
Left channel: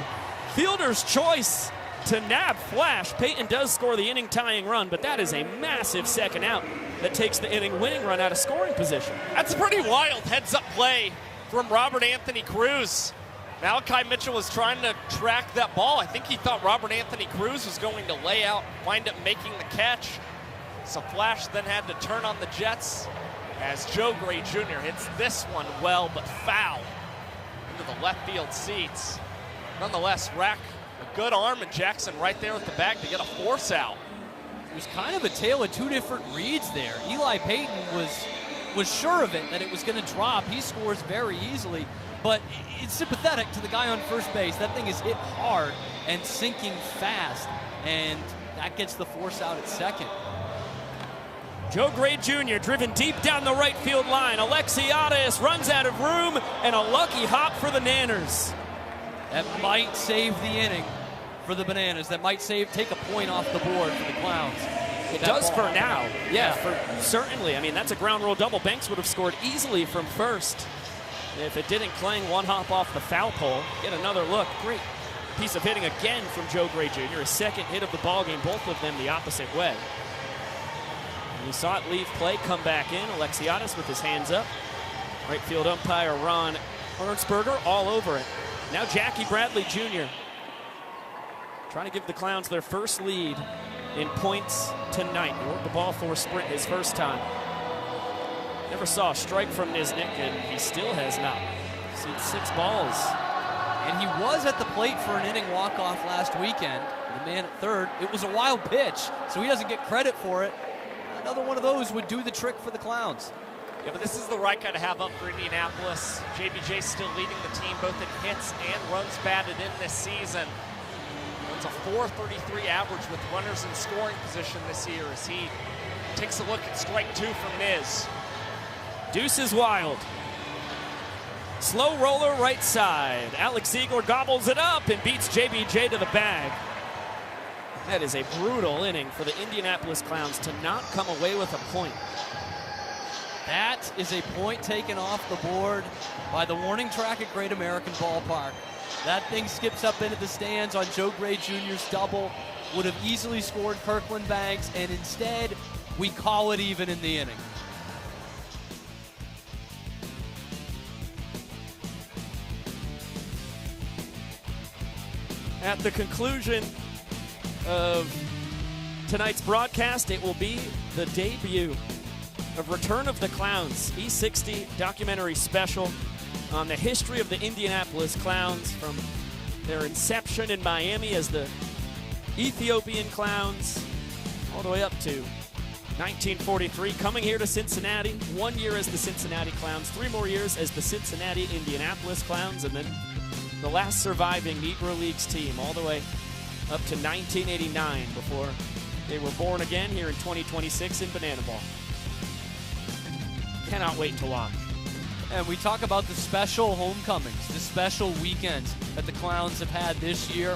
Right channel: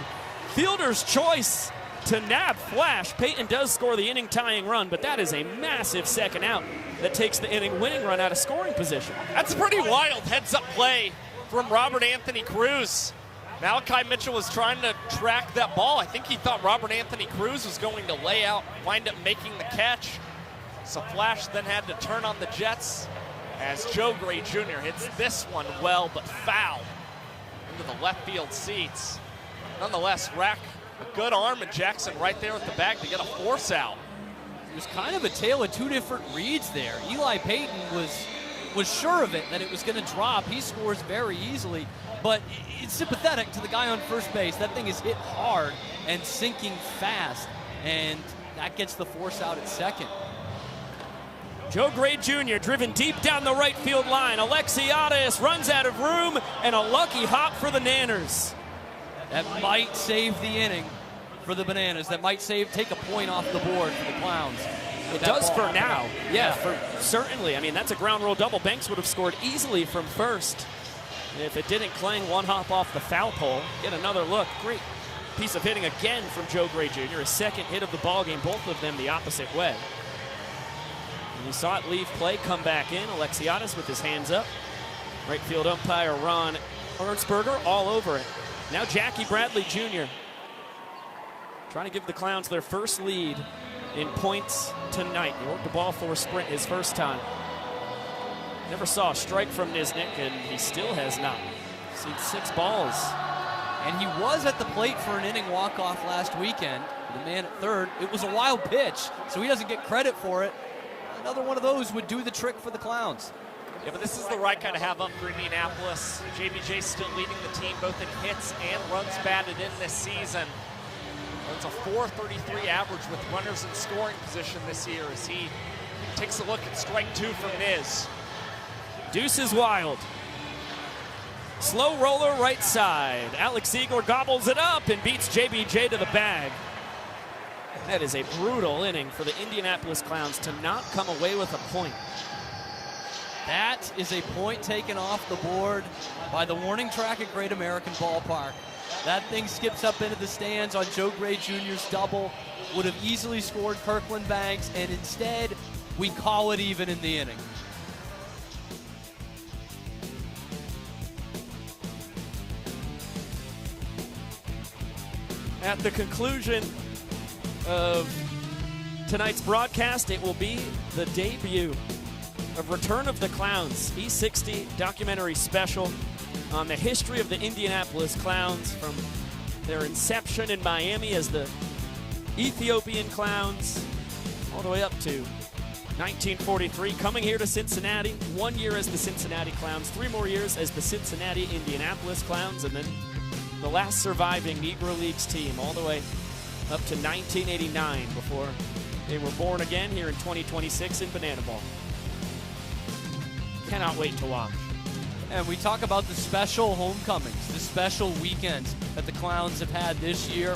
Fielder's choice to nab Flash. Peyton does score the inning-tying run, but that is a massive second out that takes the inning-winning run out of scoring position. That's a pretty wild heads-up play from Robert Anthony Cruz. Malachi Mitchell was trying to track that ball. I think he thought Robert Anthony Cruz was going to lay out, wind up making the catch. So Flash then had to turn on the Jets as Joe Gray Jr. hits this one well, but foul into the left field seats. Nonetheless, Rack, a good arm, and Jackson right there with the bag to get a force out. It was kind of a tale of 2 different reads there. Eli Payton was sure of it, that it was going to drop. He scores very easily, but it's sympathetic to the guy on first base. That thing is hit hard and sinking fast, and that gets the force out at second. Joe Gray Jr. driven deep down the right field line. Alexiades runs out of room, and a lucky hop for the Nanners. That might save the inning for the Bananas. That might take a point off the board for the Clowns. It does for now. Yeah, certainly. I mean, that's a ground rule double. Banks would have scored easily from first. And if it didn't, Klang 1 hop off the foul pole. Get another look. Great piece of hitting again from Joe Gray Jr. His second hit of the ballgame, both of them the opposite way. You saw it leave play, come back in. Alexiades with his hands up. Right field umpire Ron Ernstberger all over it. Now Jackie Bradley Jr. trying to give the Clowns their first lead in points tonight. He worked the ball four sprint his first time. Never saw a strike from Nisnik, and he still has not. Since 6 balls. And he was at the plate for an inning walk-off last weekend. The man at third. It was a wild pitch, so he doesn't get credit for it. Another one of those would do the trick for the Clowns. Yeah, but this is the right kind of have up for Indianapolis. JBJ still leading the team both in hits and runs batted in this season. It's a .433 average with runners in scoring position this year as he takes a look at strike 2 from Niz. Deuce is wild. Slow roller right side. Alex Ziegler gobbles it up and beats JBJ to the bag. That is a brutal inning for the Indianapolis Clowns to not come away with a point. That is a point taken off the board by the warning track at Great American Ballpark. That thing skips up into the stands on Joe Gray Jr.'s double. Would have easily scored Kirkland Banks, and instead we call it even in the inning. At the conclusion of tonight's broadcast, it will be the debut of Return of the Clowns, E60 documentary special on the history of the Indianapolis Clowns from their inception in Miami as the Ethiopian Clowns all the way up to 1943, coming here to Cincinnati. 1 year as the Cincinnati Clowns, 3 more years as the Cincinnati Indianapolis Clowns, and then the last surviving Negro Leagues team all the way up to 1989 before they were born again here in 2026 in Banana Ball. Cannot wait to watch. And we talk about the special homecomings, the special weekends that the Clowns have had this year.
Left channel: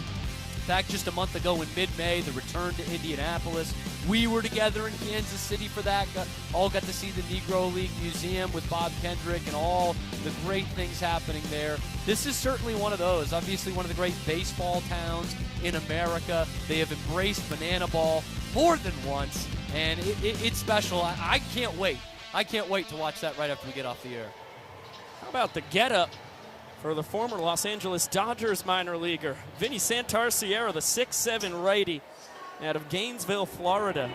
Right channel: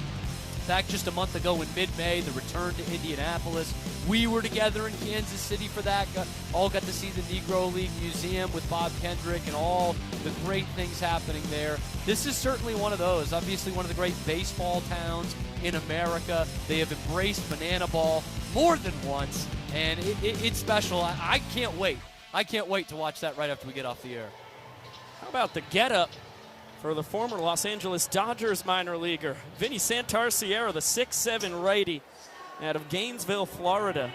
Back just a month ago in mid-May, the return to Indianapolis. We were together in Kansas City for that. All got to see the Negro League Museum with Bob Kendrick and all the great things happening there. This is certainly one of those. Obviously one of the great baseball towns in America. They have embraced Banana Ball more than once, and it's special. I can't wait. I can't wait to watch that right after we get off the air. How about the get-up for the former Los Angeles Dodgers minor leaguer, Vinny Santar-Sierra, the 6'7" righty out of Gainesville, Florida.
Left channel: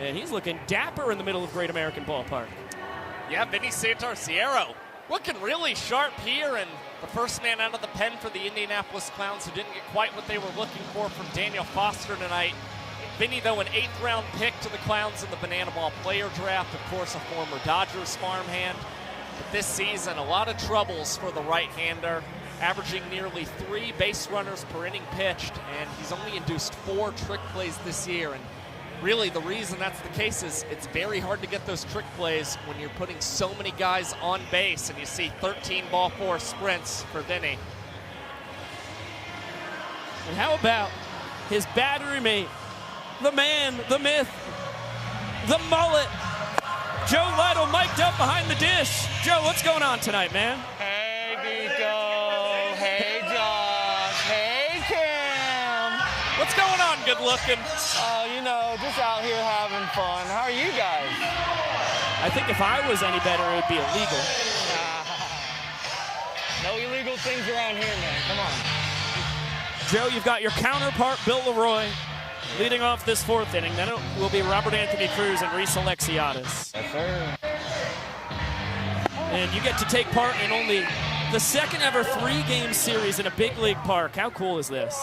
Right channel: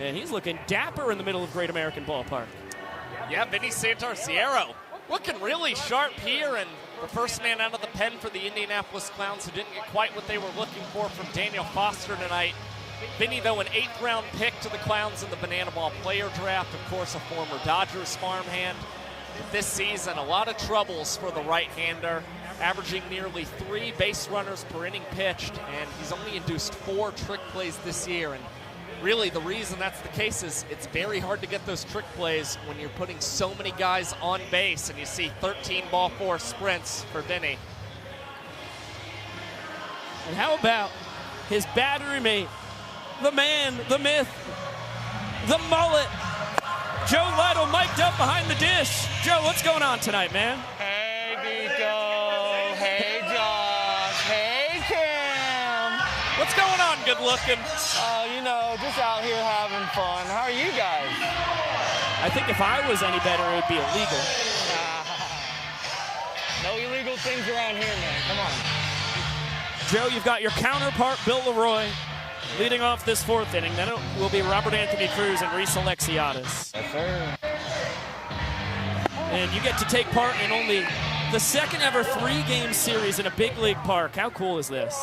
And he's looking dapper in the middle of Great American Ballpark. Yeah, Vinny Santar-Sierra looking really sharp here, and the first man out of the pen for the Indianapolis Clowns who didn't get quite what they were looking for from Daniel Foster tonight. Vinny, though, an 8th-round pick to the Clowns in the Banana Ball player draft. Of course, a former Dodgers farmhand. This season, a lot of troubles for the right-hander, averaging nearly 3 base runners per inning pitched, and he's only induced 4 trick plays this year. And really, the reason that's the case is it's very hard to get those trick plays when you're putting so many guys on base, and you see 13 ball 4 sprints for Vinny. And how about his battery mate, the man, the myth, the mullet, Joe Lytle, mic'd up behind the dish. Joe, what's going on tonight, man? Hey, Nico. Hey, Josh. Hey, Kim. What's going on, good looking? You know, just out here having fun. How are you guys? I think if I was any better, it would be illegal. No illegal things around here, man. Come on. Joe, you've got your counterpart, Bill Leroy, leading off this 4th inning. Then it will be Robert Anthony Cruz and Reese Alexiadis. Yes, sir. And you get to take part in only the second ever 3-game series in a big league park. How cool is this?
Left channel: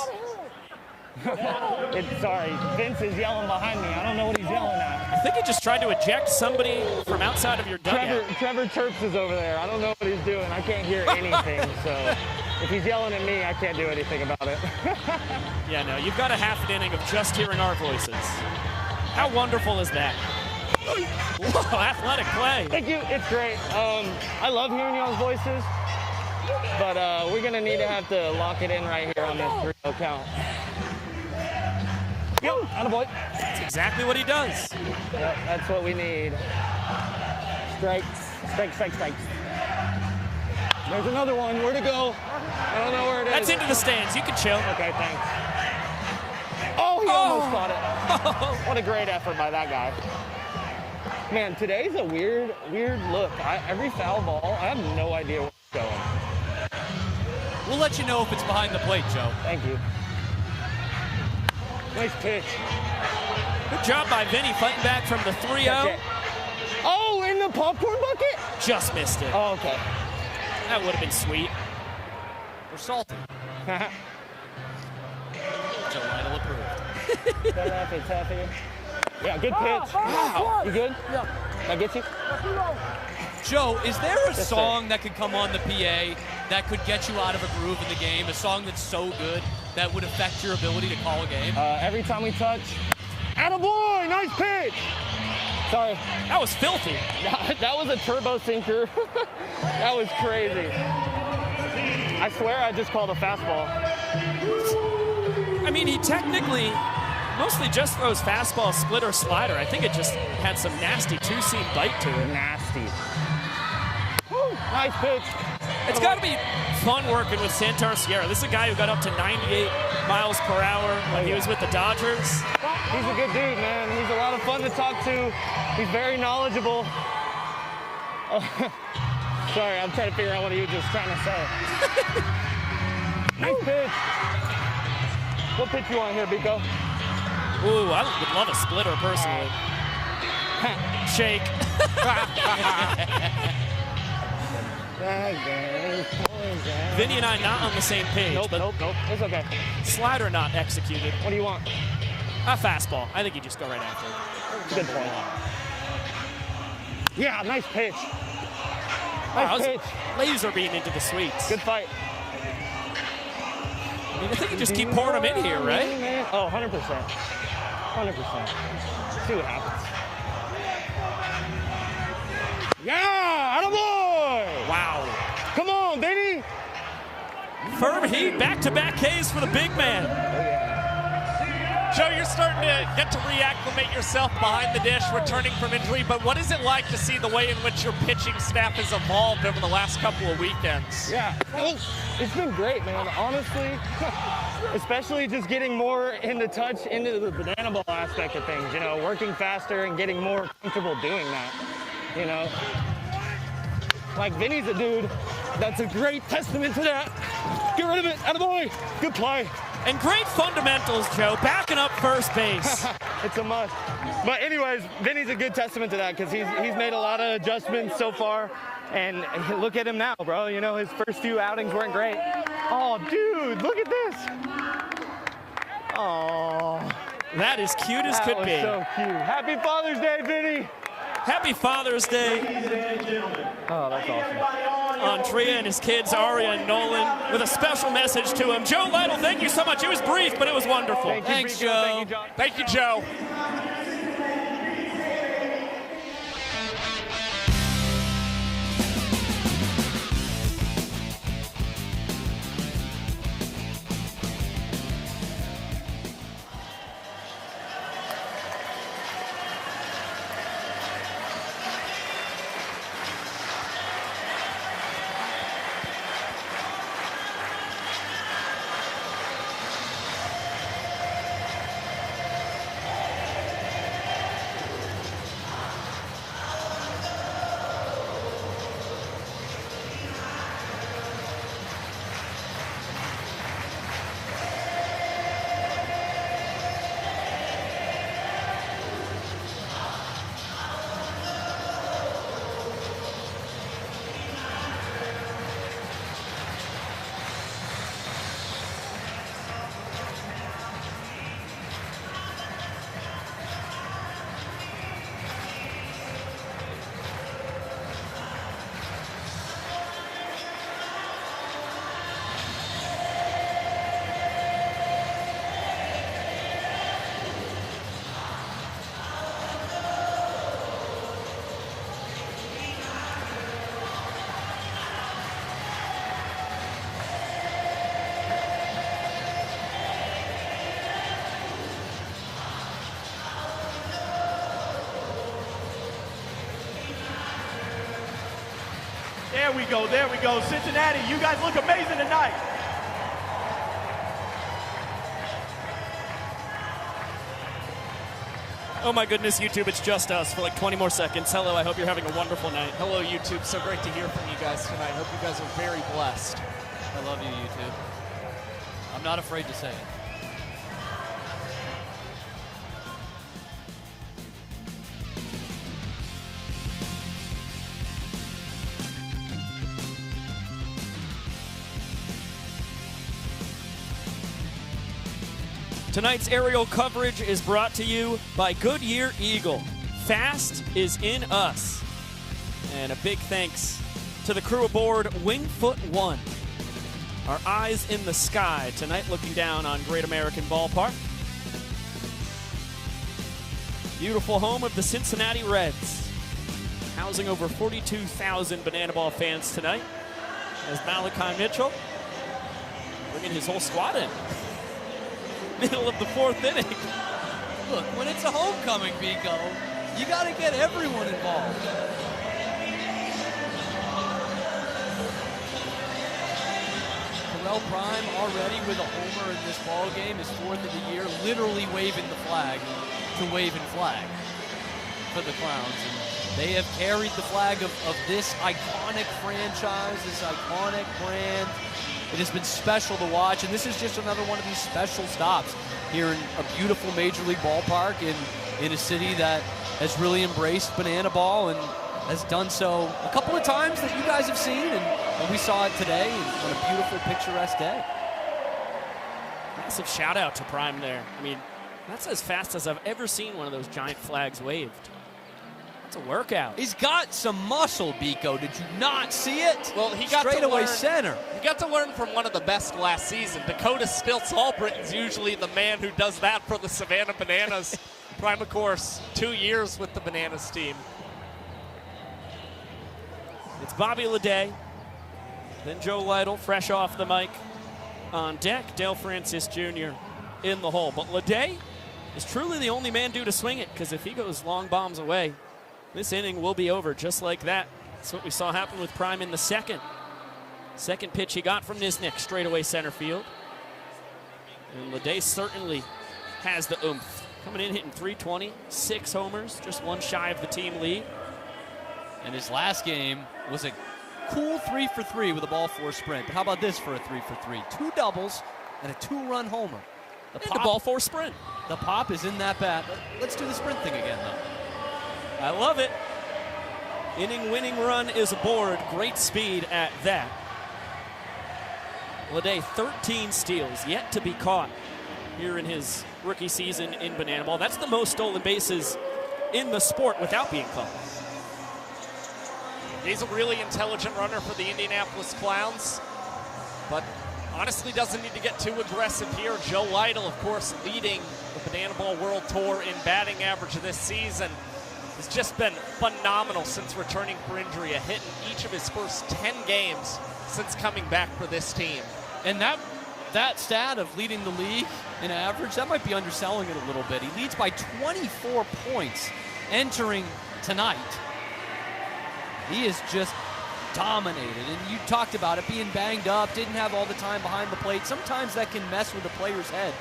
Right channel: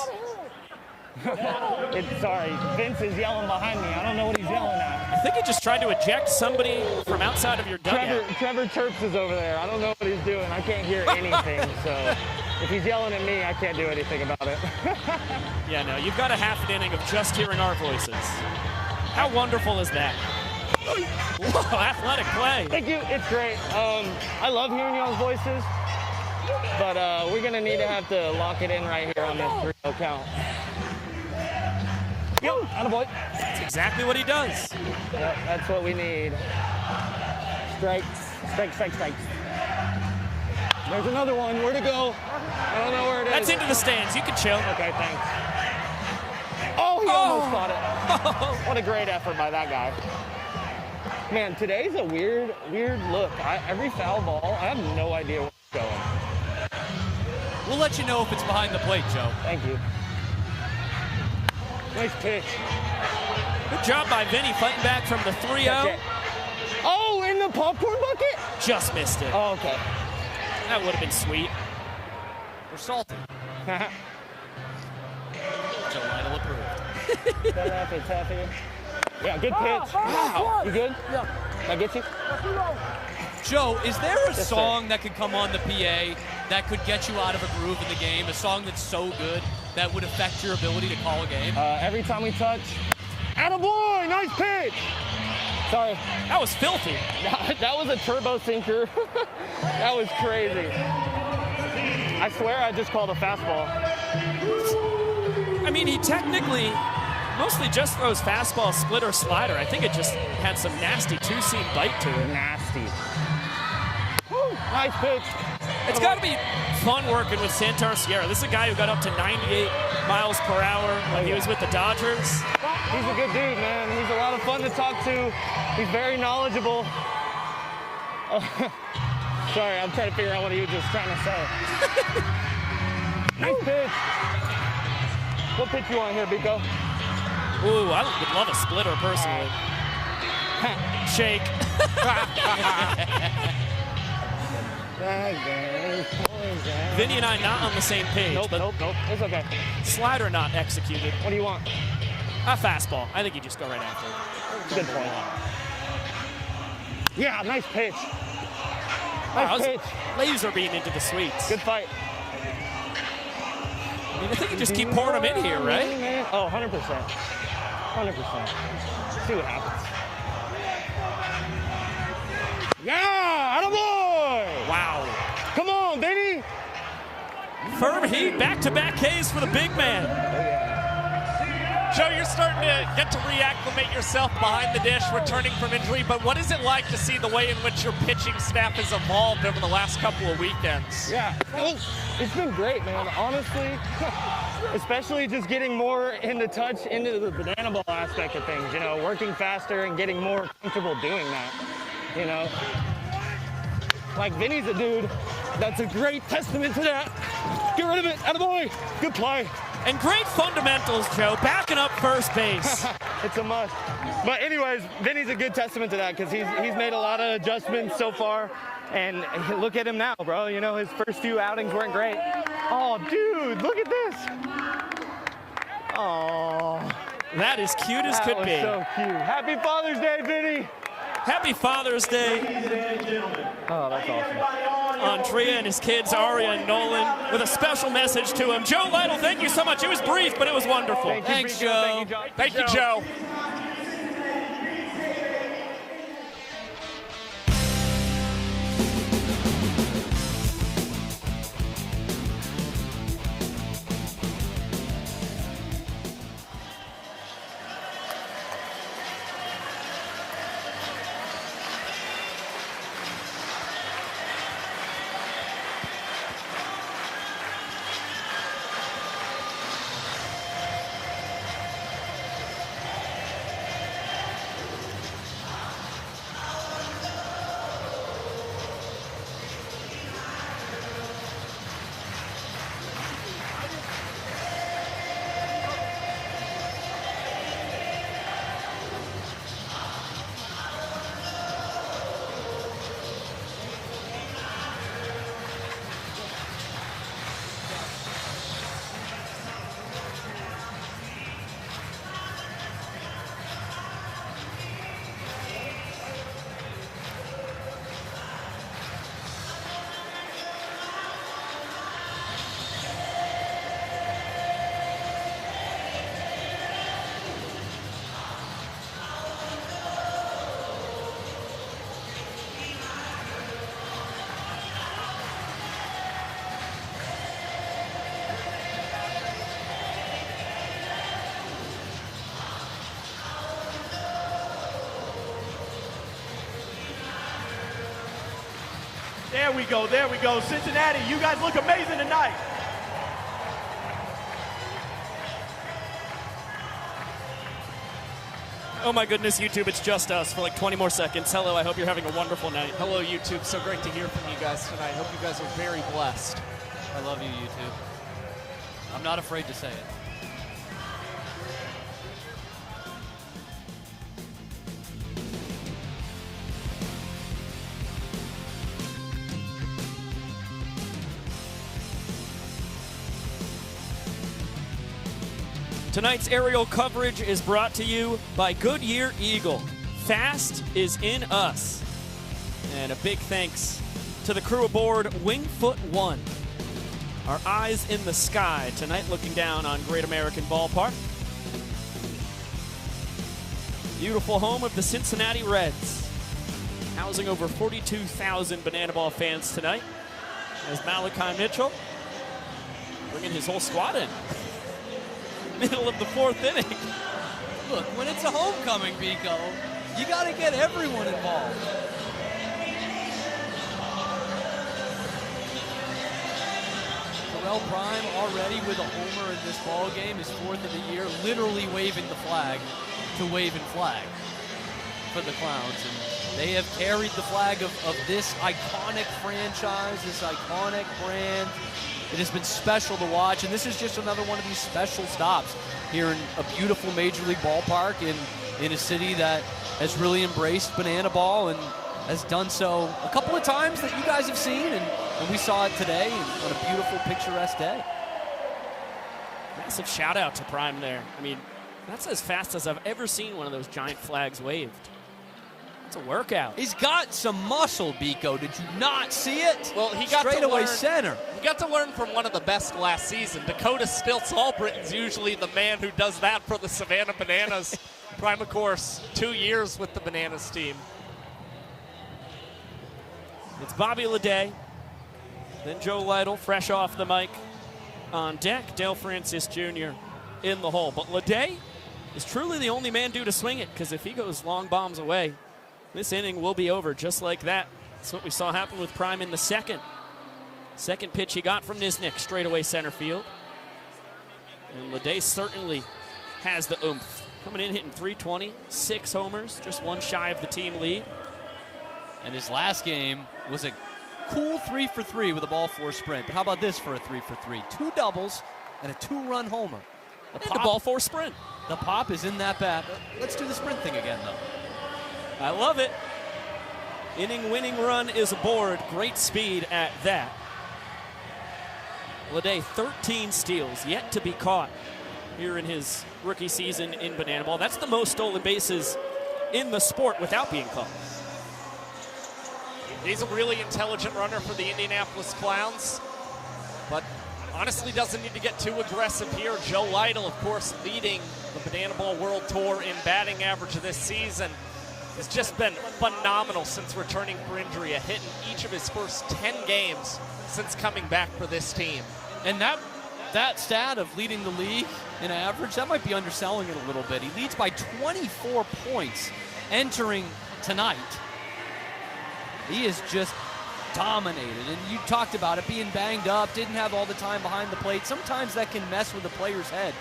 Sorry, Vince is yelling behind me. I don't know what he's yelling at. I think he just tried to eject somebody from outside of your dugout. Trevor Chirps is over there. I don't know what he's doing. I can't hear anything, so if he's yelling at me, I can't do anything about it. Yeah, no, you've got a half an inning of just hearing our voices. How wonderful is that? Whoa, athletic play. Thank you. It's great. I love hearing y'all's voices, but we're going to need to have to lock it in right here on this 3-0 count. Yep, attaboy. That's exactly what he does. Yep, that's what we need. Strikes. Strikes. There's another one. Where'd it go? I don't know where it is. That's into the stands. You can chill. Okay, thanks. Oh, he almost caught it. What a great effort by that guy. Man, today's a weird look. Every foul ball, I have no idea where it's going. We'll let you know if it's behind the plate, Joe. Thank you. Nice pitch. Good job by Vinny fighting back from the 3-0. Oh, in the popcorn bucket? Just missed it. Oh, okay. That would have been sweet. You're salty. Joe Lytle approved. Taffy. Yeah, good pitch. Wow. You good? Yeah. Can I get you? Joe, is there a song that could come on the PA that could get you out of a groove in the game? A song that's so good that would affect your ability to call a game? Every time we touch. Attaboy! Nice pitch! Sorry. That was filthy. That was a turbo sinker. That was crazy. I swear I just called a fastball. I mean, he technically mostly just throws fastball, split, or slider. I think it just had some nasty two-seam bite to it. Nasty. Nice pitch. It's got to be fun working with Santar-Sierra. This is a guy who got up to 98 miles per hour when he was with the Dodgers. He's a good dude, man. He's a lot of fun fun to talk to. He's very knowledgeable. Sorry, I'm trying to figure out what he was just trying to say. Nice pitch. What pitch you want here, Biko? Ooh, I would love a splitter personally. Shake. Vinny and I not on the same page. Nope. That's okay. Slider not executed. What do you want? A fastball. I think you just go right after it. Good point. Yeah, nice pitch. Nice pitch. Laser being into the sweets. Good fight. I mean, I think you just keep pouring them in here, right? Oh, 100%. 100%. See what happens. Yeah! Attaboy! Wow. Come on, baby! Firm heat, back-to-back Ks for the big man. Joe, you're starting to get to reacclimate yourself behind the dish, returning from injury, but what is it like to see the way in which your pitching staff has evolved over the last couple of weekends? Yeah, it's been great, man. Honestly, especially just getting more into the banana ball aspect of things, you know, working faster and getting more comfortable doing that, you know. Like Vinny's a dude that's a great testament to that. Get rid of it, attaboy. Good play. And great fundamentals, Joe, backing up first base. It's a must. But anyways, Vinny's a good testament to that because he's made a lot of adjustments so far. And look at him now, bro. You know, his first few outings weren't great. Oh, dude, look at this. Oh. That is cute as could be. So cute. Happy Father's Day, Vinny. Happy Father's Day. Oh, that's awesome. Andrea and his kids, Aria and Nolan, with a special message to him. Joe Lytle, thank you so much. It was brief, but it was wonderful. Thanks, Joe. Thank you, Joe. There we go. Cincinnati, you guys look amazing tonight. Oh my goodness, YouTube, it's just us for like 20 more seconds. Hello, I hope you're having a wonderful night. Hello, YouTube. So great to hear from you guys tonight. Hope you guys are very blessed. I love you, YouTube. I'm not afraid to say it. Tonight's aerial coverage is brought to you by Goodyear Eagle. Fast is in us. And a big thanks to the crew aboard Wingfoot One. Our eyes in the sky tonight, looking down on Great American Ballpark. Beautiful home of the Cincinnati Reds. Housing over 42,000 Banana Ball fans tonight. As Malachi Mitchell bringing his whole squad in. Middle of the fourth inning. Look, when it's a homecoming, Pico, you got to get everyone involved. Terrell Prime already with a homer in this ball game, his fourth of the year, literally waving the flag to wave and flag. for the Clowns. And they have carried the flag of this iconic franchise, this iconic brand. It has been special to watch, and this is just another one of these special stops here in a beautiful Major League ballpark in a city that has really embraced banana ball and has done so a couple of times that you guys have seen, and we saw it today on a beautiful, picturesque day. Massive shout out to Prime there. I mean, that's as fast as I've ever seen one of those giant flags waved. It's a workout. He's got some muscle, Biko. Did you not see it? Well, he got straight away center. He got to learn from one of the best last season. Dakota Stilts Albritton's usually the man who does that for the Savannah Bananas. Prime, of course, 2 years with the Bananas team. It's Bobby Leday, then Joe Lytle, fresh off the mic on deck. Dale Francis Jr. in the hole. But Leday is truly the only man due to swing it, because if he goes long bombs away, this inning will be over just like that. That's what we saw happen with Prime in the second. Second pitch he got from Nisnik, straightaway center field. And Leday certainly has the oomph. Coming in hitting .320, 6 homers, just one shy of the team lead. And his last game was a cool 3 for 3 with a ball 4 sprint. But how about this for a 3 for 3? 2 doubles and a 2-run homer. The ball 4 sprint. The pop is in that bat. Let's do the sprint thing again, though. I love it. Inning-winning run is aboard. Great speed at that. Leday, 13 steals, yet to be caught here in his rookie season in banana ball. That's the most stolen bases in the sport without being caught. He's a really intelligent runner for the Indianapolis Clowns, but honestly doesn't need to get too aggressive here. Joe Lytle, of course, leading the Banana Ball World Tour in batting average this season. He's just been phenomenal since returning for injury, a hit in each of his first 10 games since coming back for this team. And that stat of leading the league in average, that might be underselling it a little bit. He leads by 24 points entering tonight. He is just dominated, and you talked about it, being banged up, didn't have all the time behind the plate. Sometimes that can mess with a player's head.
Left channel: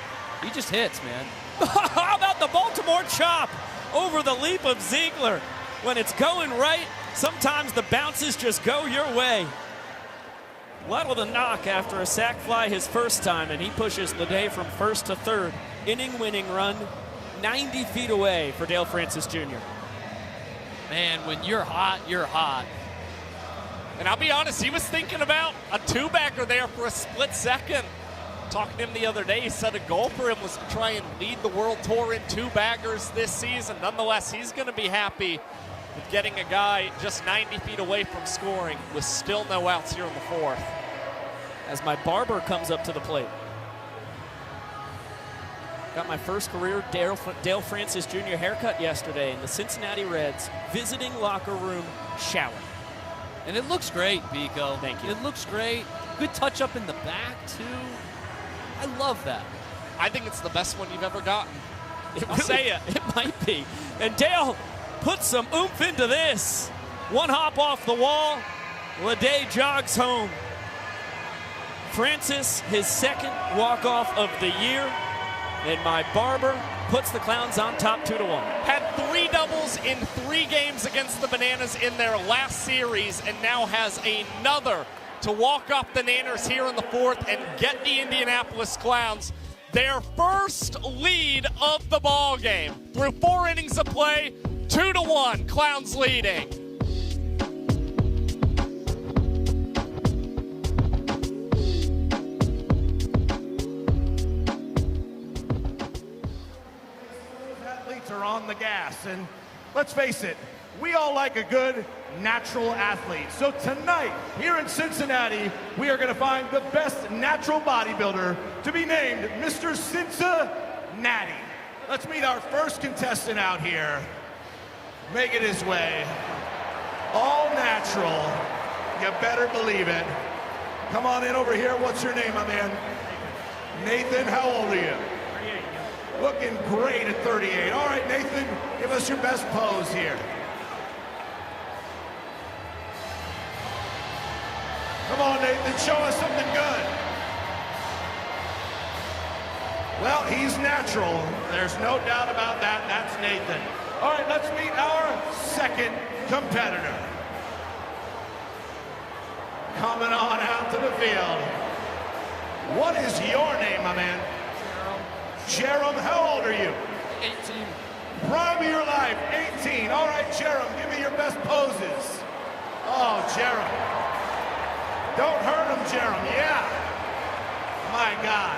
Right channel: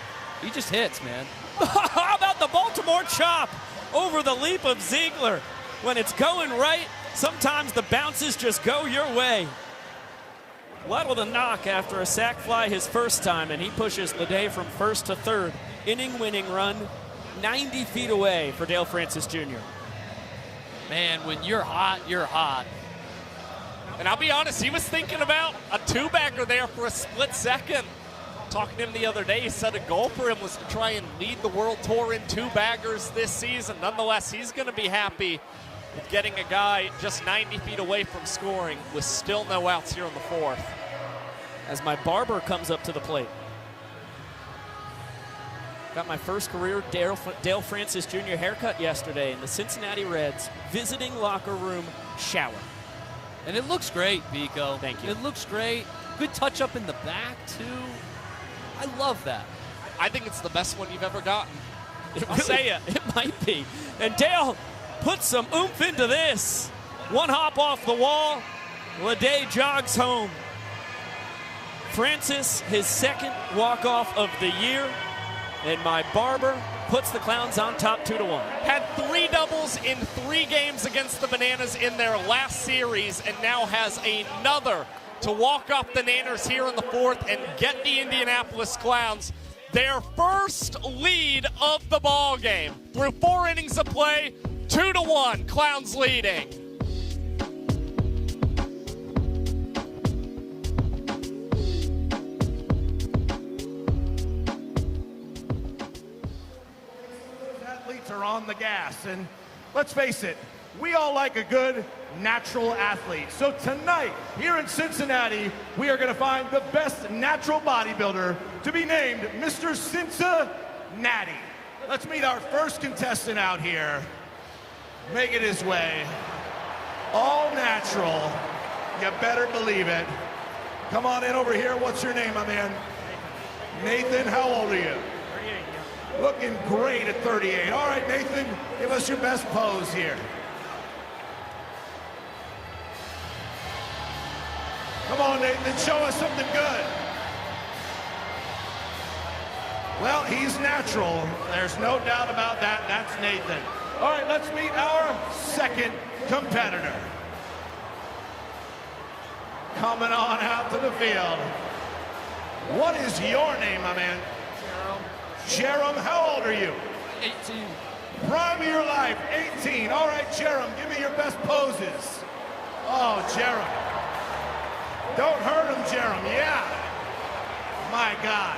He just hits, man. How about the Baltimore chop over the leap of Ziegler? When it's going right, sometimes the bounces just go your way. Lytle to knock after a sac fly his first time, and he pushes Leday from first to third. Inning-winning run, 90 feet away for Dale Francis Jr. Man, when you're hot, you're hot. And I'll be honest, he was thinking about a 2-bagger there for a split second. Talking to him the other day, he said a goal for him was to try and lead the World Tour in 2-baggers this season. Nonetheless, he's going to be happy with getting a guy just 90 feet away from scoring with still no outs here in the fourth. As my barber comes up to the plate. Got my first career Dale Francis Jr. haircut yesterday in the Cincinnati Reds visiting locker room shower. And it looks great, Biko. Thank you. It looks great. Good touch up in the back, too. I love that. I think it's the best one you've ever gotten. I'll say it. It might be. And Dale puts some oomph into this. One hop off the wall. Leday jogs home. Francis, his second walk-off of the year. And my barber puts the Clowns on top 2-1. Had 3 doubles in 3 games against the Bananas in their last series, and now has another to walk off the Nanners here in the fourth and get the Indianapolis Clowns their first lead of the ball game. Through 4 innings of play, 2-1, Clowns leading. Are on the gas, and let's face it, we all like a good natural athlete. So tonight here in Cincinnati, we are going to find the best natural bodybuilder to be named Mr. Cincinnati. Let's meet our first contestant out here. Making his way, all natural. You better believe it. Come on in over here. What's your name, my man? Nathan, how old are you? Looking great at 38. All right, Nathan, give us your best pose here. Come on, Nathan, show us something good. Well, he's natural. There's no doubt about that. That's Nathan. All right, let's meet our second competitor. Coming on out to the field. What is your name, my man? Jerem, how old are you? 18. Prime of your life, 18. All right, Jerem, give me your best poses. Oh, Jerem. Don't hurt him, Jerem. Yeah. My God.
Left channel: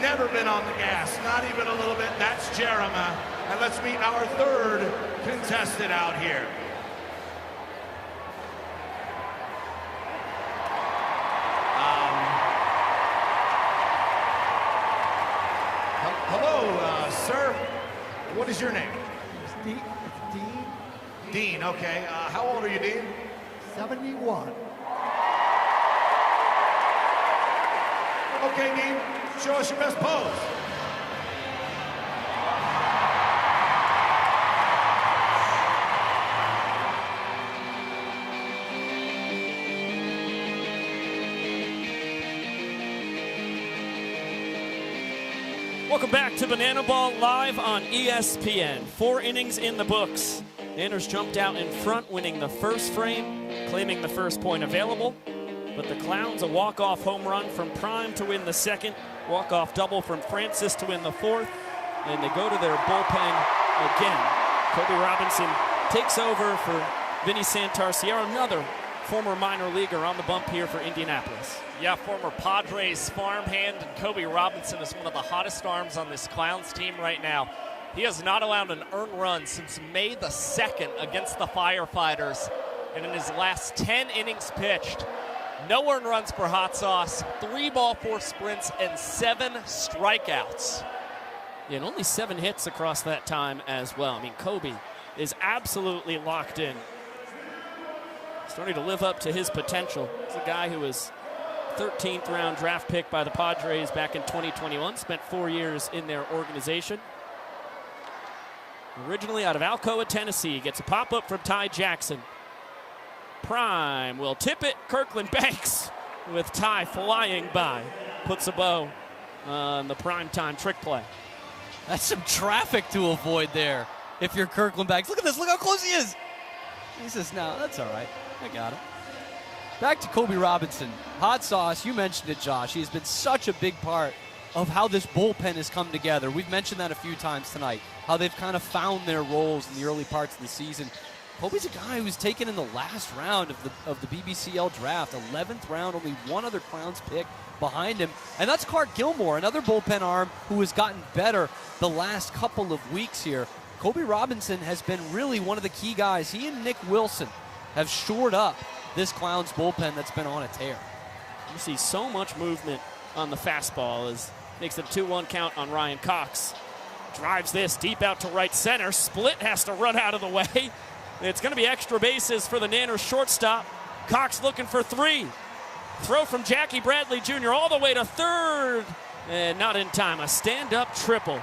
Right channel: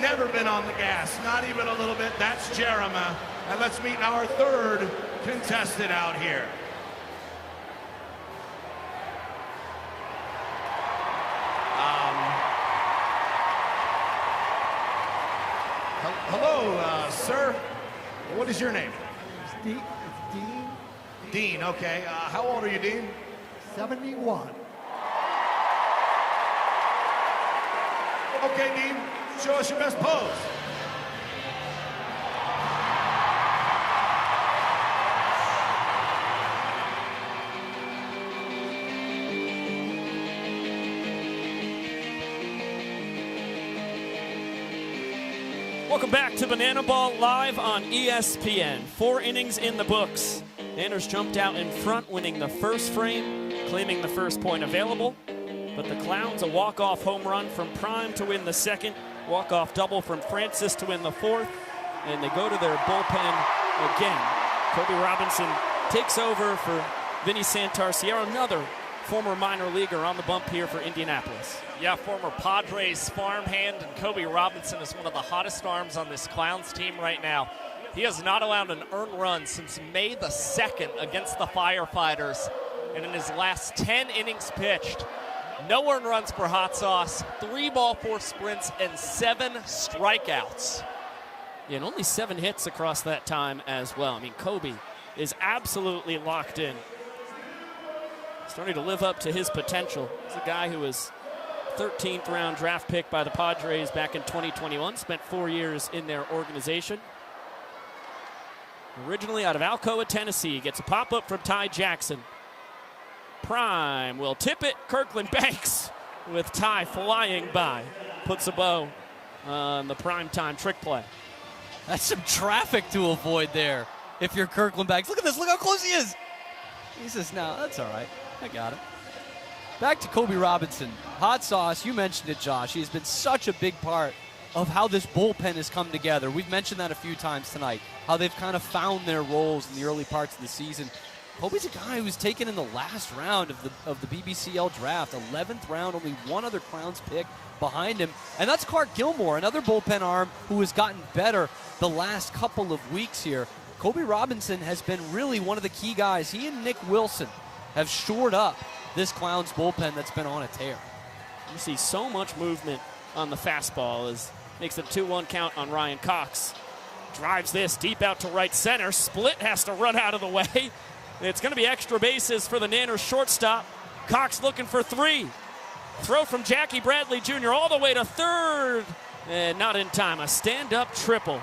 Never been on the gas, not even a little bit. That's Jerem. And let's meet our third contestant out here. Hello, sir. What is your name? Dean. Dean, okay. How old are you, Dean? 71. Okay, Dean, show us your best pose. Welcome back to Banana Ball live on ESPN. 4 innings in the books. Anders jumped out in front, winning the first frame, claiming the first point available. But the Clowns, a walk-off home run from Prime to win the second, walk-off double from Francis to win the fourth, and they go to their bullpen again. Kobe Robinson takes over for Vinny Santarciero, another former minor leaguer on the bump here for Indianapolis. Yeah, former Padres farmhand, and Kobe Robinson is one of the hottest arms on this Clowns team right now. He has not allowed an earned run since May the 2nd against the Firefighters, and in his last 10 innings pitched, no earned runs per hot sauce, 3 ball, 4 sprints, and 7 strikeouts. Yeah, and only 7 hits across that time as well. I mean, Kobe is absolutely locked in. Starting to live up to his potential. He's a guy who was 13th round draft pick by the Padres back in 2021. Spent 4 years in their organization. Originally out of Alcoa, Tennessee. Gets a pop-up from Ty Jackson. Prime will tip it. Kirkland Banks with Ty flying by. Puts a bow on the primetime trick play. That's some traffic to avoid there if you're Kirkland Banks. Look at this. Look how close he is. He says, no, that's all right. I got it. Back to Kobe Robinson. Hot sauce, you mentioned it, Josh. He has been such a big part of how this bullpen has come together. We've mentioned that a few times tonight, how they've kind of found their roles in the early parts of the season. Kobe's a guy who was taken in the last round of the BBCL draft, 11th round, only one other Clowns pick behind him. And that's Clark Gilmore, another bullpen arm who has gotten better the last couple of weeks here. Kobe Robinson has been really one of the key guys. He and Nick Wilson have shored up this Clowns bullpen that's been on a tear. You see so much movement on the fastball as makes it 2-1 count on Ryan Cox. Drives this deep out to right center. Split has to run out of the way. It's going to be extra bases for the Nanners shortstop. Cox looking for 3. Throw from Jackie Bradley Jr. all the way to third. And not in time. A stand-up triple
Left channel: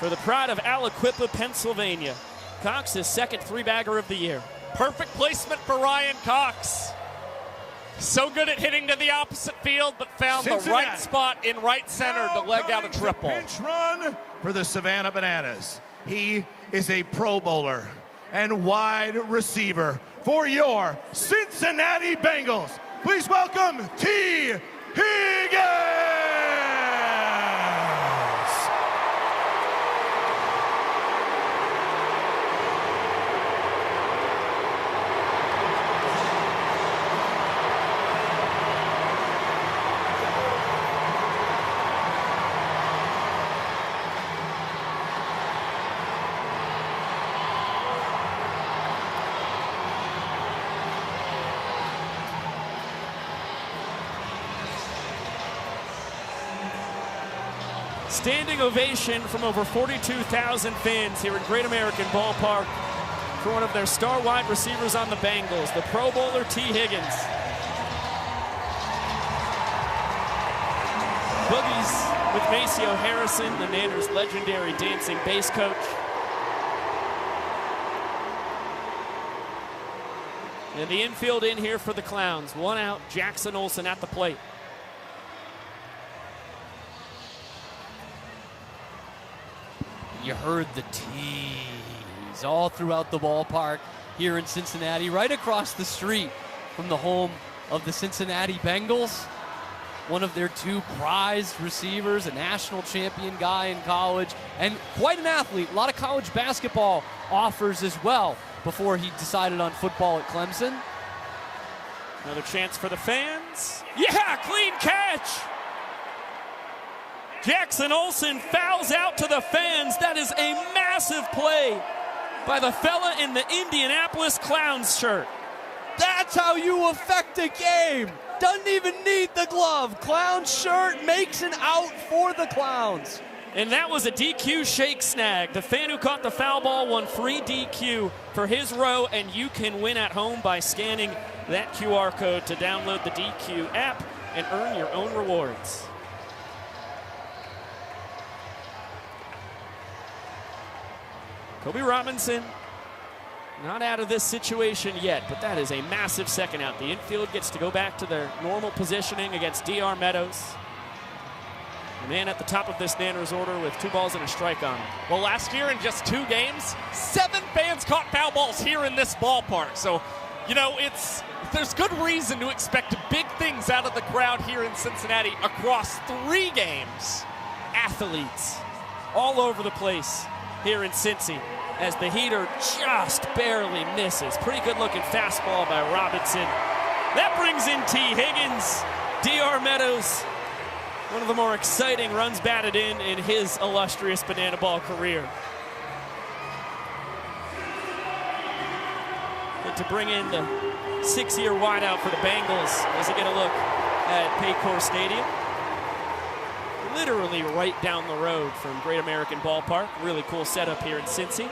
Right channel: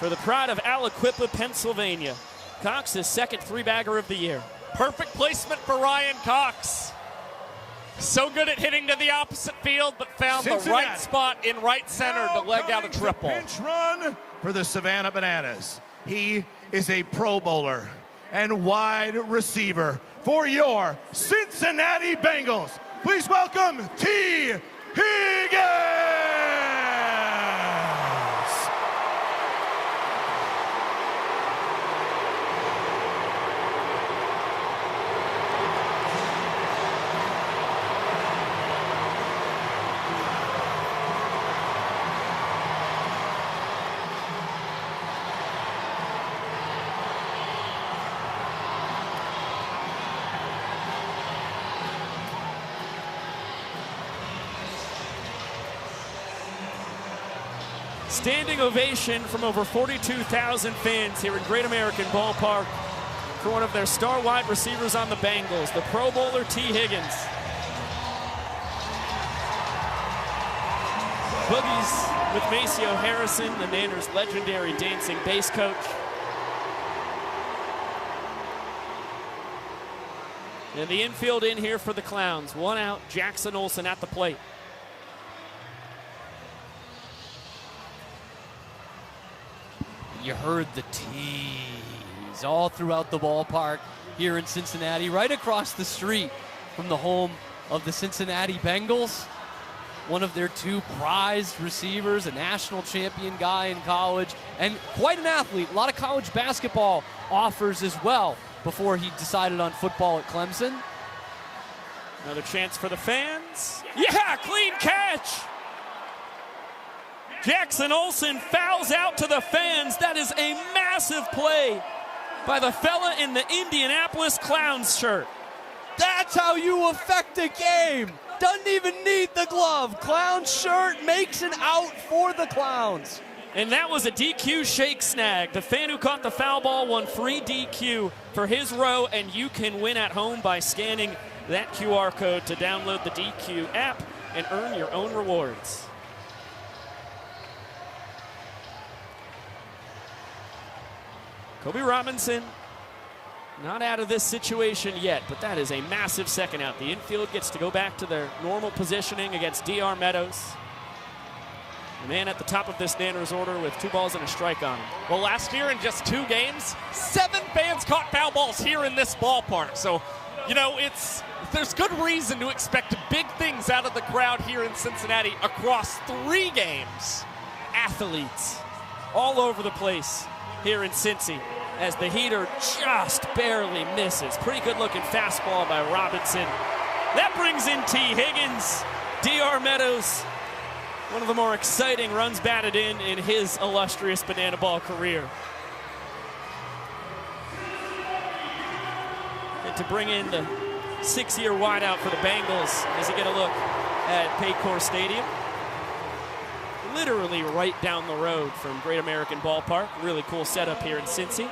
for the pride of Aliquippa, Pennsylvania. Cox, his second 3-bagger of the year. Perfect placement for Ryan Cox. So good at hitting to the opposite field, but found the right spot in right center to leg out a triple. Pinch run for the Savannah Bananas. He is a Pro Bowler and wide receiver for your Cincinnati Bengals. Please welcome T. Higgins. Standing ovation from over 42,000 fans here at Great American Ballpark for one of their star wide receivers on the Bengals, the Pro Bowler T. Higgins. Boogies with Maceo Harrison, the Nanners' legendary dancing bass coach. And the infield in here for the Clowns. 1 out, Jackson Olsen at the plate. You heard the tease all throughout the ballpark here in Cincinnati, right across the street from the home of the Cincinnati Bengals. One of their two prized receivers, a national champion guy in college, and quite an athlete. A lot of college basketball offers as well before he decided on football at Clemson. Another chance for the fans. Yeah, clean catch. Jackson Olsen fouls out to the fans. That is a massive play by the fella in the Indianapolis Clowns shirt. That's how you affect a game. Doesn't even need the glove. Clown shirt makes an out for the Clowns. And that was a DQ shake snag. The fan who caught the foul ball won free DQ for his row, and you can win at home by scanning that QR code to download the DQ app and earn your own rewards. Kobe Robinson, not out of this situation yet, but that is a massive second out. The infield gets to go back to their normal positioning against DR Meadows. The man at the top of this Nanners order with 2 balls and a strike on him. Well, last year in just 2 games, 7 fans caught foul balls here in this ballpark. So, you know, there's good reason to expect big things out of the crowd here in Cincinnati across 3 games. Athletes all over the place here in Cincy as the heater just barely misses. Pretty good looking fastball by Robinson. That brings in T. Higgins. DR Meadows, one of the more exciting runs batted in his illustrious banana ball career. And to bring in the 6-year wideout for the Bengals as they get a look at Paycor Stadium. Literally right down the road from Great American Ballpark. Really cool setup here in Cincy.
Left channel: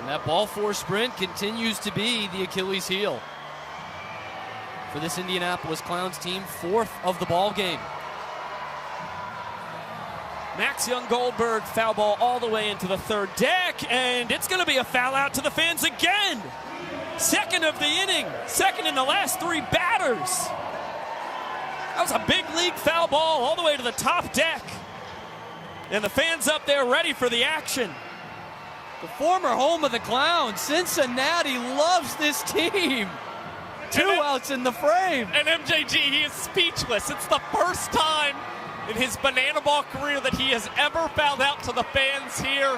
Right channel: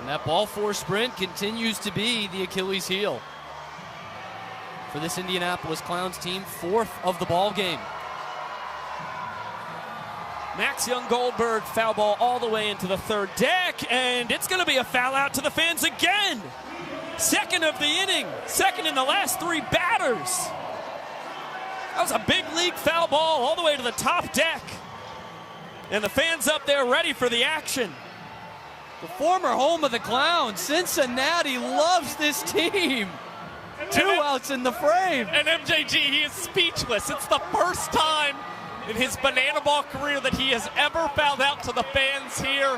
And that ball four sprint continues to be the Achilles heel for this Indianapolis Clowns team, 4th of the ball game. Max Young-Goldberg, foul ball all the way into the 3rd deck, and it's going to be a foul out to the fans again. 2nd of the inning, 2nd in the last 3 batters. That was a big league foul ball all the way to the top deck. And the fans up there ready for the action. The former home of the Clowns, Cincinnati loves this team. 2 outs in the frame. And MJG, he is speechless. It's the first time in his banana ball career that he has ever fouled out to the fans here.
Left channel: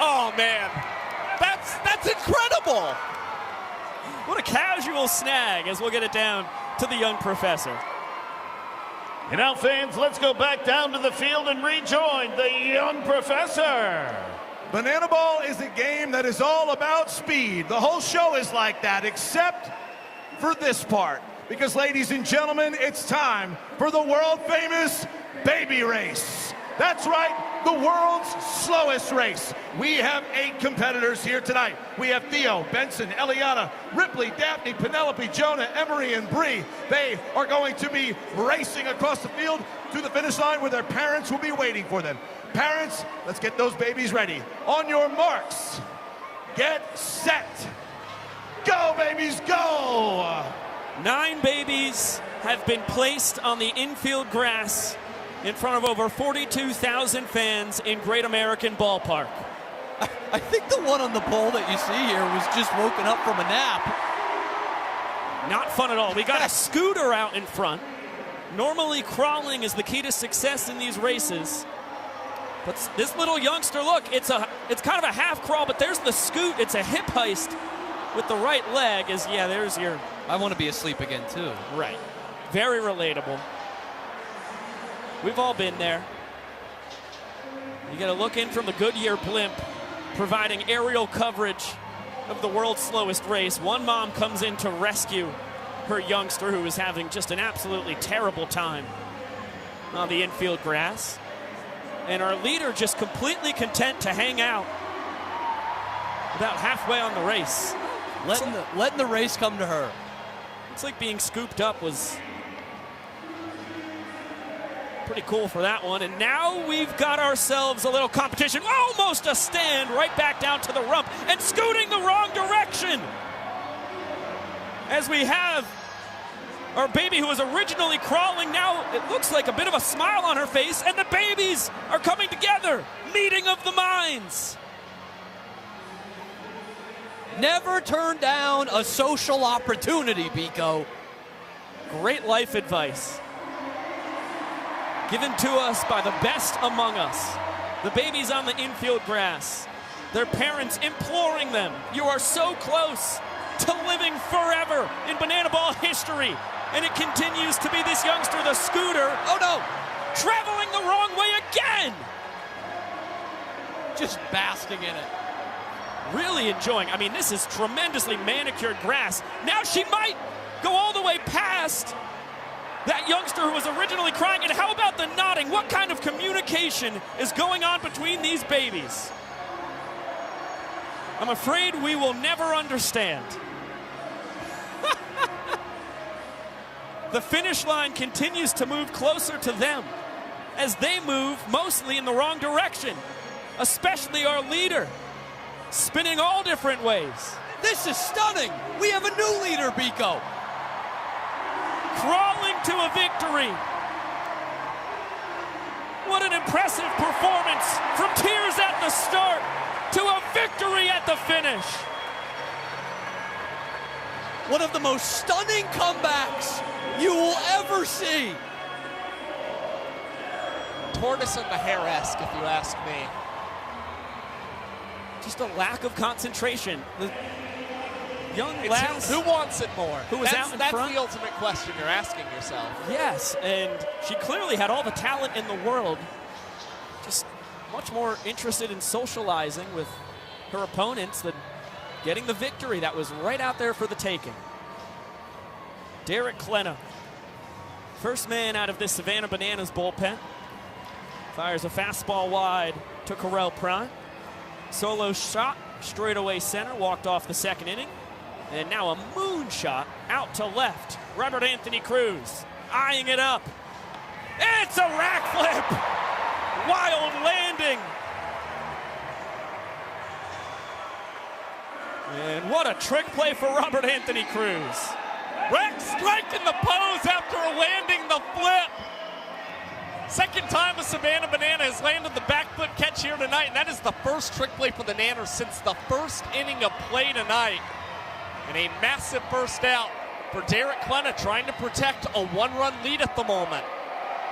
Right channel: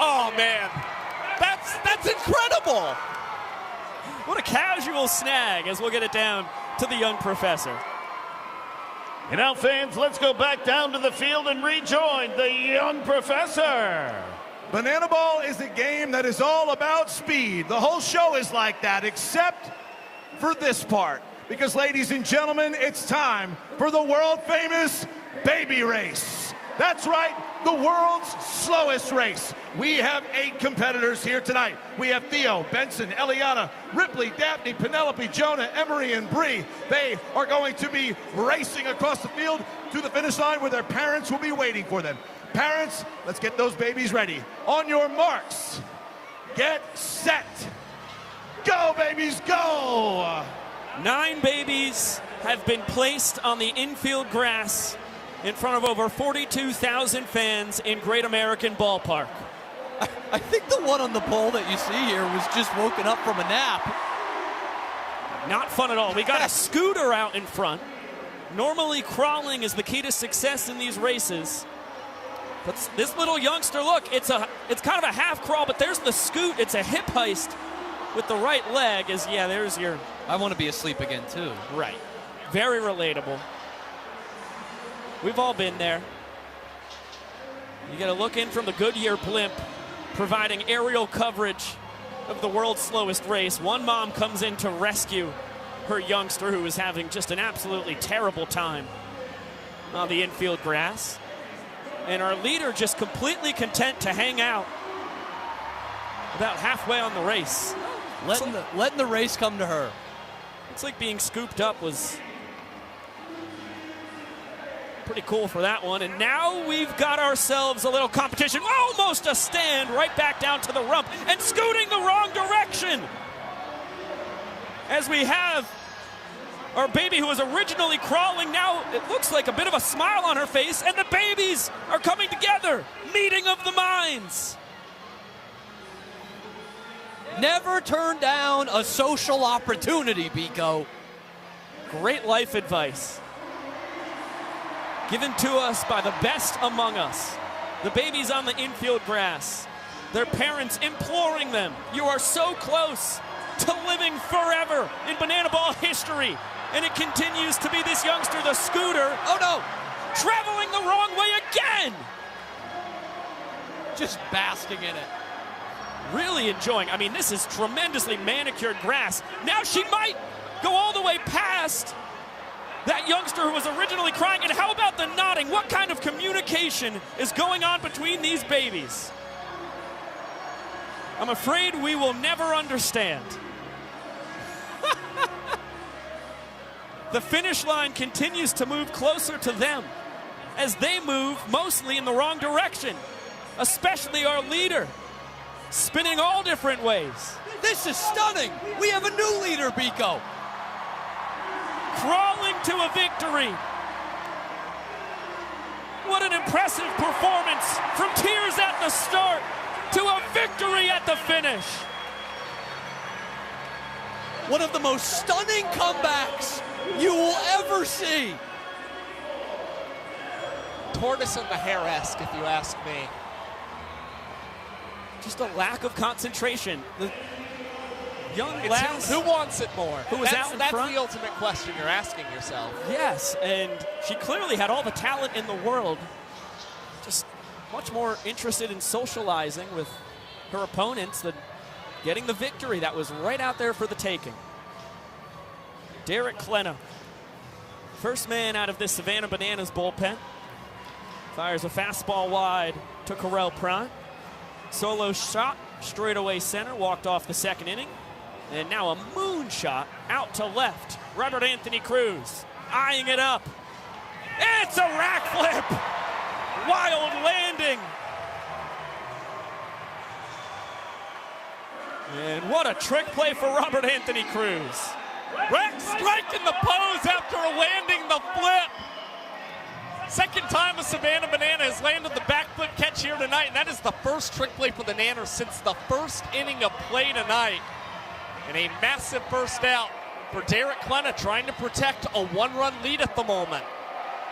Oh, man. That's incredible. What a casual snag as we'll get it down to the young professor. And now, fans, let's go back down to the field and rejoin the young professor. Banana ball is a game that is all about speed. The whole show is like that, except for this part. Because, ladies and gentlemen, it's time for the world-famous baby race. That's right, the world's slowest race. We have 8 competitors here tonight. We have Theo, Benson, Eliana, Ripley, Daphne, Penelope, Jonah, Emery, and Bree. They are going to be racing across the field to the finish line where their parents will be waiting for them. Parents, let's get those babies ready. On your marks, get set. Go, babies, go! 9 babies have been placed on the infield grass in front of over 42,000 fans in Great American Ballpark. I think the one on the pole that you see here was just woken up from a nap. Not fun at all. We got a scooter out in front. Normally crawling is the key to success in these races. But this little youngster, look, it's kind of a half crawl, but there's the scoot. It's a hip heist with the right leg. There's your... I want to be asleep again, too. Right. Very relatable. We've all been there. You got to look in from the Goodyear blimp, providing aerial coverage of the world's slowest race. One mom comes in to rescue her youngster who is having just an absolutely terrible time on the infield grass. And our leader just completely content to hang out about halfway on the race. Letting the race come to her. Looks like being scooped up was pretty cool for that one. And now we've got ourselves a little competition. Almost a stand right back down to the rump and scooting the wrong direction. As we have Our baby who was originally crawling, now it looks like a bit of a smile on her face, and the babies are coming together. Meeting of the minds. Never turn down a social opportunity, Biko. Great life advice. Given to us by the best among us. The babies on the infield grass. Their parents imploring them. You are so close to living forever in banana ball history. And it continues to be this youngster, the scooter. Oh no! Traveling the wrong way again! Just basking in it. Really enjoying. I mean, this is tremendously manicured grass. Now she might go all the way past that youngster who was originally crying. And how about the nodding? What kind of communication is going on between these babies? I'm afraid we will never understand. The finish line continues to move closer to them as they move mostly in the wrong direction, especially our leader, spinning all different ways. This is stunning. We have a new leader, Biko. Crawling to a victory. What an impressive performance from tears at the start to a victory at the finish. One of the most stunning comebacks you will ever see. Tortoise on the hair-esque, if you ask me. Just a lack of concentration. The young lass, who wants it more? That's the ultimate question you're asking yourself. Yes, and she clearly had all the talent in the world. Just much more interested in socializing with her opponents than getting the victory that was right out there for the taking. Derek Klena, first man out of this Savannah Bananas bullpen, fires a fastball wide to Correll Prime. Solo shot, straightaway center, walked off the second inning. And now a moonshot out to left. Robert Anthony Cruz eyeing it up. It's a rack flip. Wild landing. And what a trick play for Robert Anthony Cruz. Rex striking the pose after landing the flip. Second time a Savannah Banana has landed the backflip catch here tonight, and that is the first trick play for the Nanners since the first inning of play tonight. And a massive burst out for Derek Klena, trying to protect a one-run lead at the moment.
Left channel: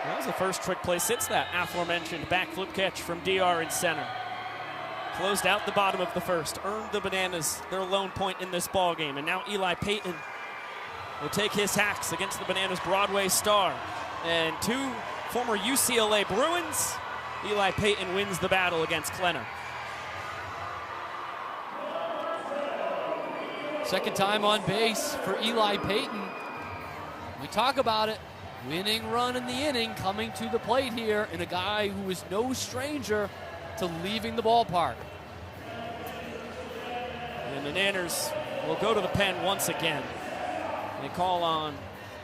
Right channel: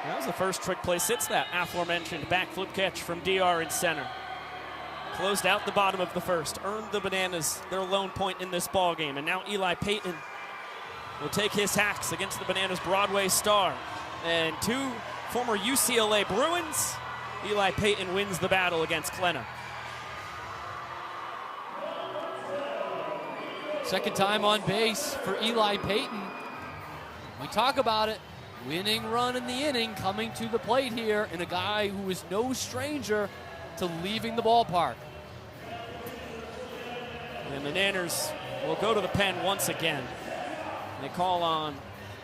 That was the first trick play since that aforementioned backflip catch from DR in center. Closed out the bottom of the first, earned the Bananas their lone point in this ballgame, and now Eli Payton will take his hacks against the Bananas Broadway star. And two former UCLA Bruins, Eli Payton wins the battle against Klena. Second time on base for Eli Payton. We talk about it. Winning run in the inning coming to the plate here, and a guy who is no stranger to leaving the ballpark. And the Nanners will go to the pen once again. They call on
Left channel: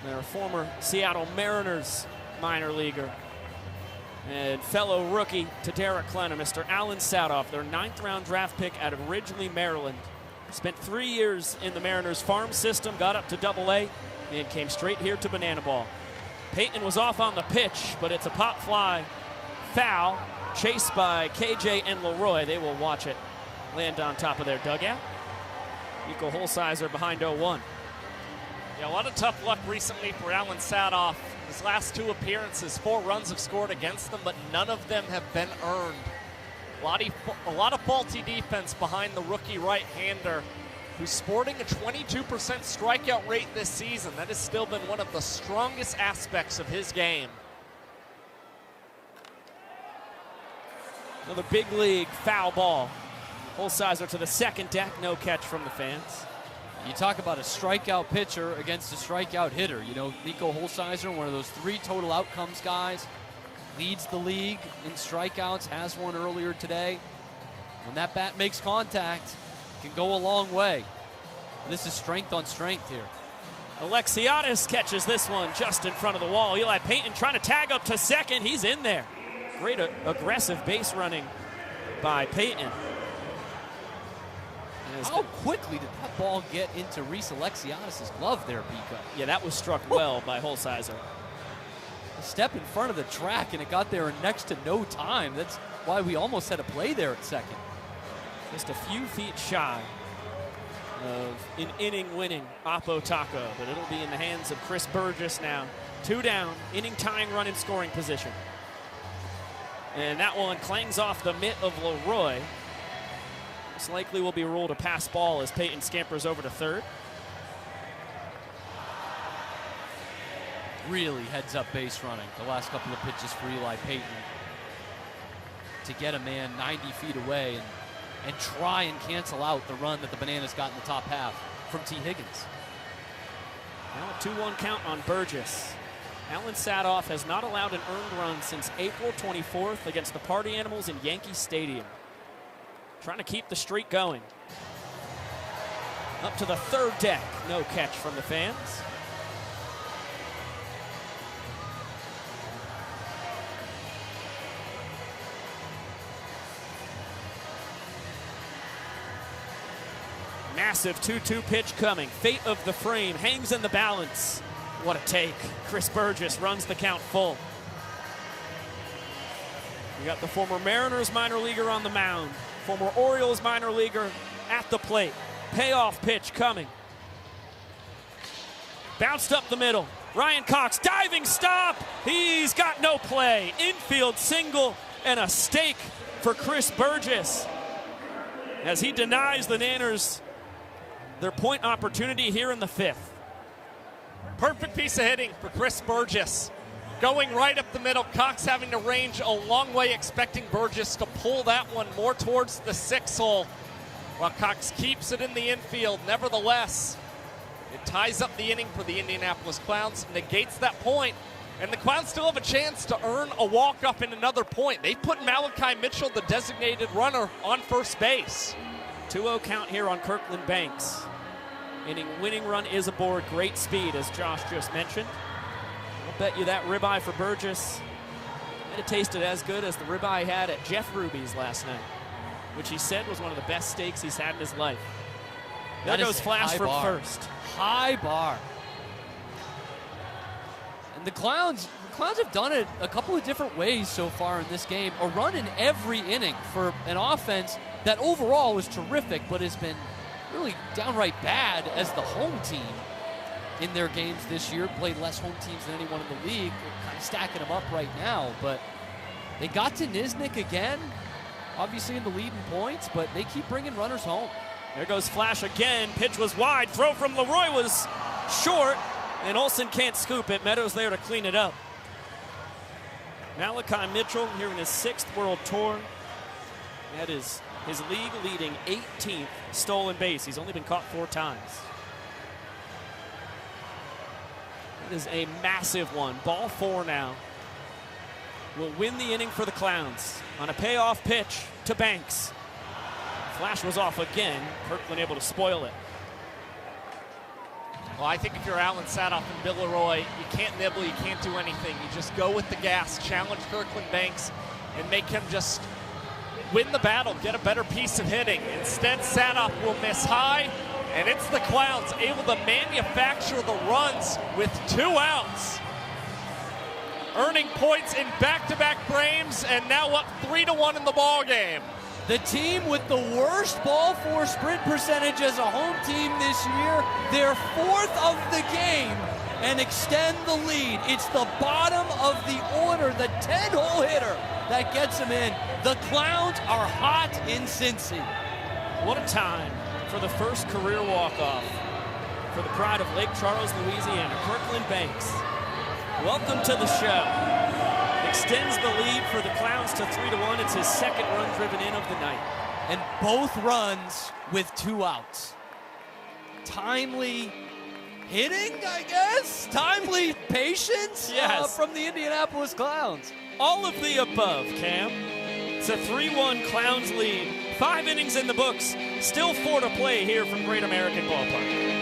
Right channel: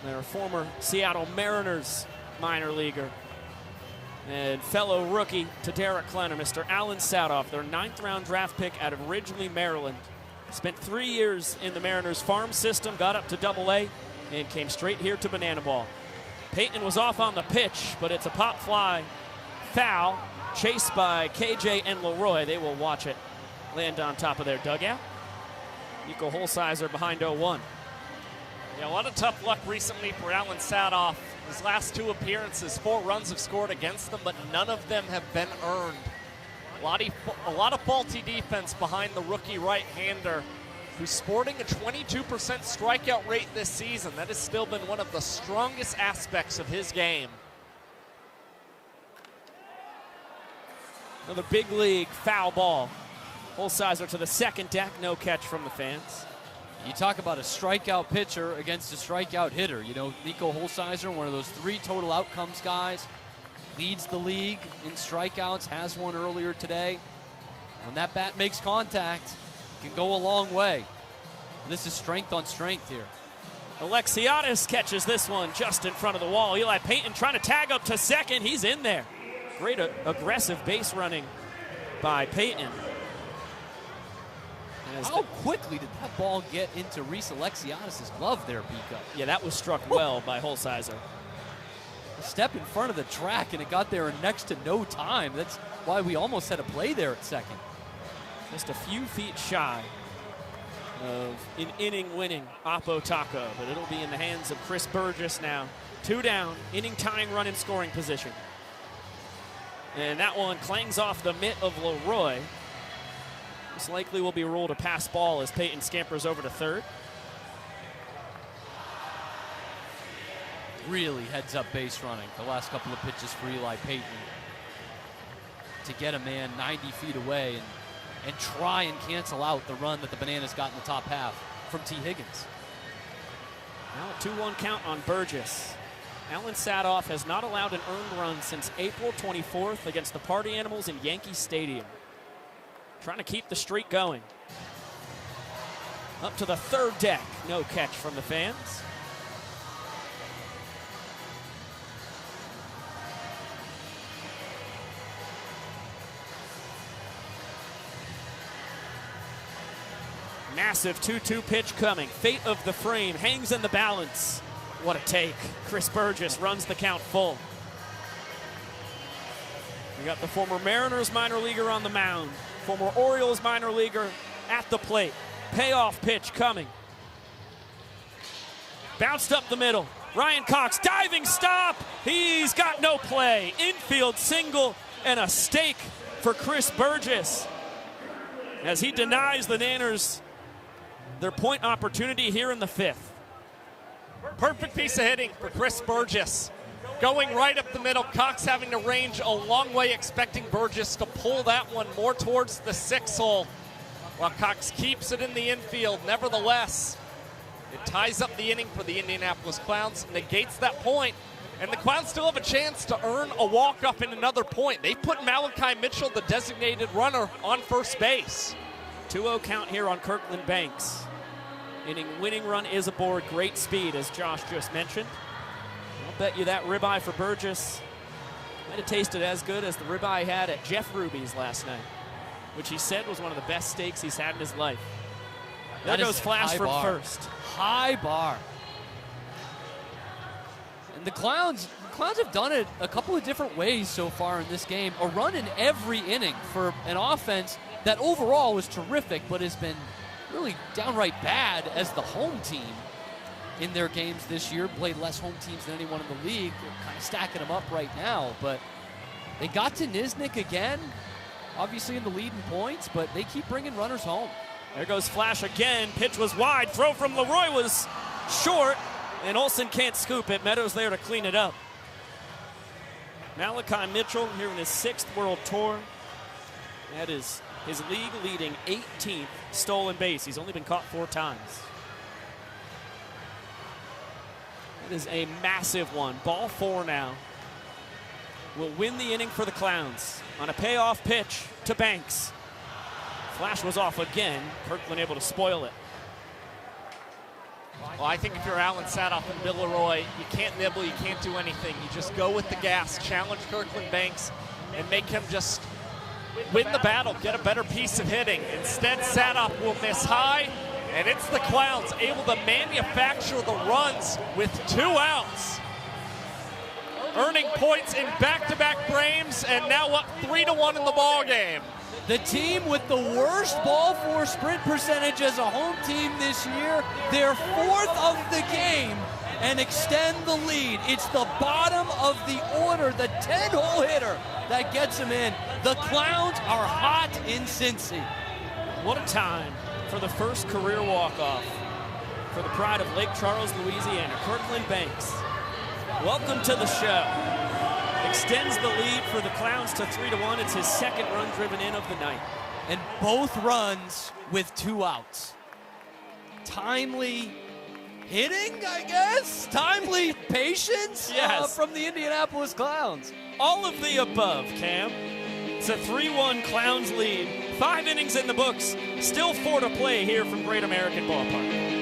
their former Seattle Mariners minor leaguer and fellow rookie to Derek Klena, Mr. Alan Sadoff, their 9th round draft pick out of Ridgely, Maryland. Spent 3 years in the Mariners farm system, got up to Double-A, and came straight here to Banana Ball. Payton was off on the pitch, but it's a pop fly foul, chased by KJ and Leroy. They will watch it land on top of their dugout. Nico Holsizer behind 0-1. Yeah, a lot of tough luck recently for Alan Sadoff. His last 2 appearances, 4 runs have scored against them, but none of them have been earned. A lot of faulty defense behind the rookie right-hander, who's sporting a 22% strikeout rate this season. That has still been one of the strongest aspects of his game. Another big league foul ball. Holsizer to the second deck, no catch from the fans. You talk about a strikeout pitcher against a strikeout hitter. You know, Nico Holsizer, one of those 3 total outcomes guys, leads the league in strikeouts, has one earlier today. When that bat makes contact, it can go a long way. This is strength on strength here. Alexiadis catches this one just in front of the wall. Eli Payton trying to tag up to second. He's in there. Great aggressive base running by Payton. How quickly did that ball get into Reese Alexianis' glove there, Pico? Yeah, that was struck well by Holsizer. Step in front of the track, and it got there in next to no time. That's why we almost had a play there at second. Just a few feet shy of an inning-winning Oppo Taco, but it'll be in the hands of Chris Burgess now. 2 down, inning-tying run in scoring position. And that one clangs off the mitt of Leroy. Most likely will be ruled a pass ball as Peyton scampers over to third. Really heads-up base running the last couple of pitches for Eli Peyton. To get a man 90 feet away and try and cancel out the run that the Bananas got in the top half from T. Higgins. Now 2-1 count on Burgess. Alan Sadoff has not allowed an earned run since April 24th against the Party Animals in Yankee Stadium. Trying to keep the streak going. Up to the third deck. No catch from the fans. Massive 2-2 pitch coming. Fate of the frame hangs in the balance. What a take. Chris Burgess runs the count full. We got the former Mariners minor leaguer on the mound. Former Orioles minor leaguer at the plate. Payoff pitch coming. Bounced up the middle. Ryan Cox, diving stop. He's got no play. Infield single and a stake for Chris Burgess as he denies the Nanners their point opportunity here in the 5th. Perfect piece of hitting for Chris Burgess. Going right up the middle, Cox having to range a long way, expecting Burgess to pull that one more towards the 6th hole, while Cox keeps it in the infield. Nevertheless, it ties up the inning for the Indianapolis Clowns, negates that point, and the Clowns still have a chance to earn a walk-up in another point. They put Malachi Mitchell, the designated runner, on first base. 2-0 count here on Kirkland Banks. Inning-winning run is aboard. Great speed, as Josh just mentioned. I'll bet you that ribeye for Burgess might have tasted as good as the ribeye he had at Jeff Ruby's last night, which he said was one of the best steaks he's had in his life. That goes Flash from bar. first. High bar. And the Clowns have done it a couple of different ways so far in this game. A run in every inning for an offense that overall was terrific, but has been really downright bad as the home team in their games this year. Played less home teams than anyone in the league. Kind of stacking them up right now, but they got to Nisnik again, obviously in the lead in points, but they keep bringing runners home. There goes Flash again. Pitch was wide. Throw from Leroy was short, and Olsen can't scoop it. Meadows there to clean it up. Malachi Mitchell here in his 6th World Tour. That is his league-leading 18th stolen base. He's only been caught 4 times. That is a massive one. Ball 4 now. Will win the inning for the Clowns on a payoff pitch to Banks. Flash was off again. Kirkland able to spoil it. Well, I think if you're Alan Sadoff and Bill Leroy, you can't nibble, you can't do anything. You just go with the gas, challenge Kirkland Banks, and make him just win the battle, get a better piece of hitting. Instead, Sadoff will miss high, and it's the Clowns able to manufacture the runs with 2 outs. Earning points in back-to-back frames, and now up 3-1 in the ball game. The team with the worst ball four sprint percentage as a home team this year, they're 4th of the game and extend the lead. It's the bottom of the order, the 10-hole hitter that gets them in. The Clowns are hot in Cincy. What a time for the first career walk-off for the pride of Lake Charles, Louisiana, Kirkland Banks. Welcome to the show. Extends the lead for the Clowns to 3-1. It's his 2nd run driven in of the night. And both runs with 2 outs. Timely hitting, I guess? Timely patience yes. From the Indianapolis Clowns. All of the above, Cam. It's a 3-1 Clowns lead. 5 innings in the books. Still 4 to play here from Great American Ballpark.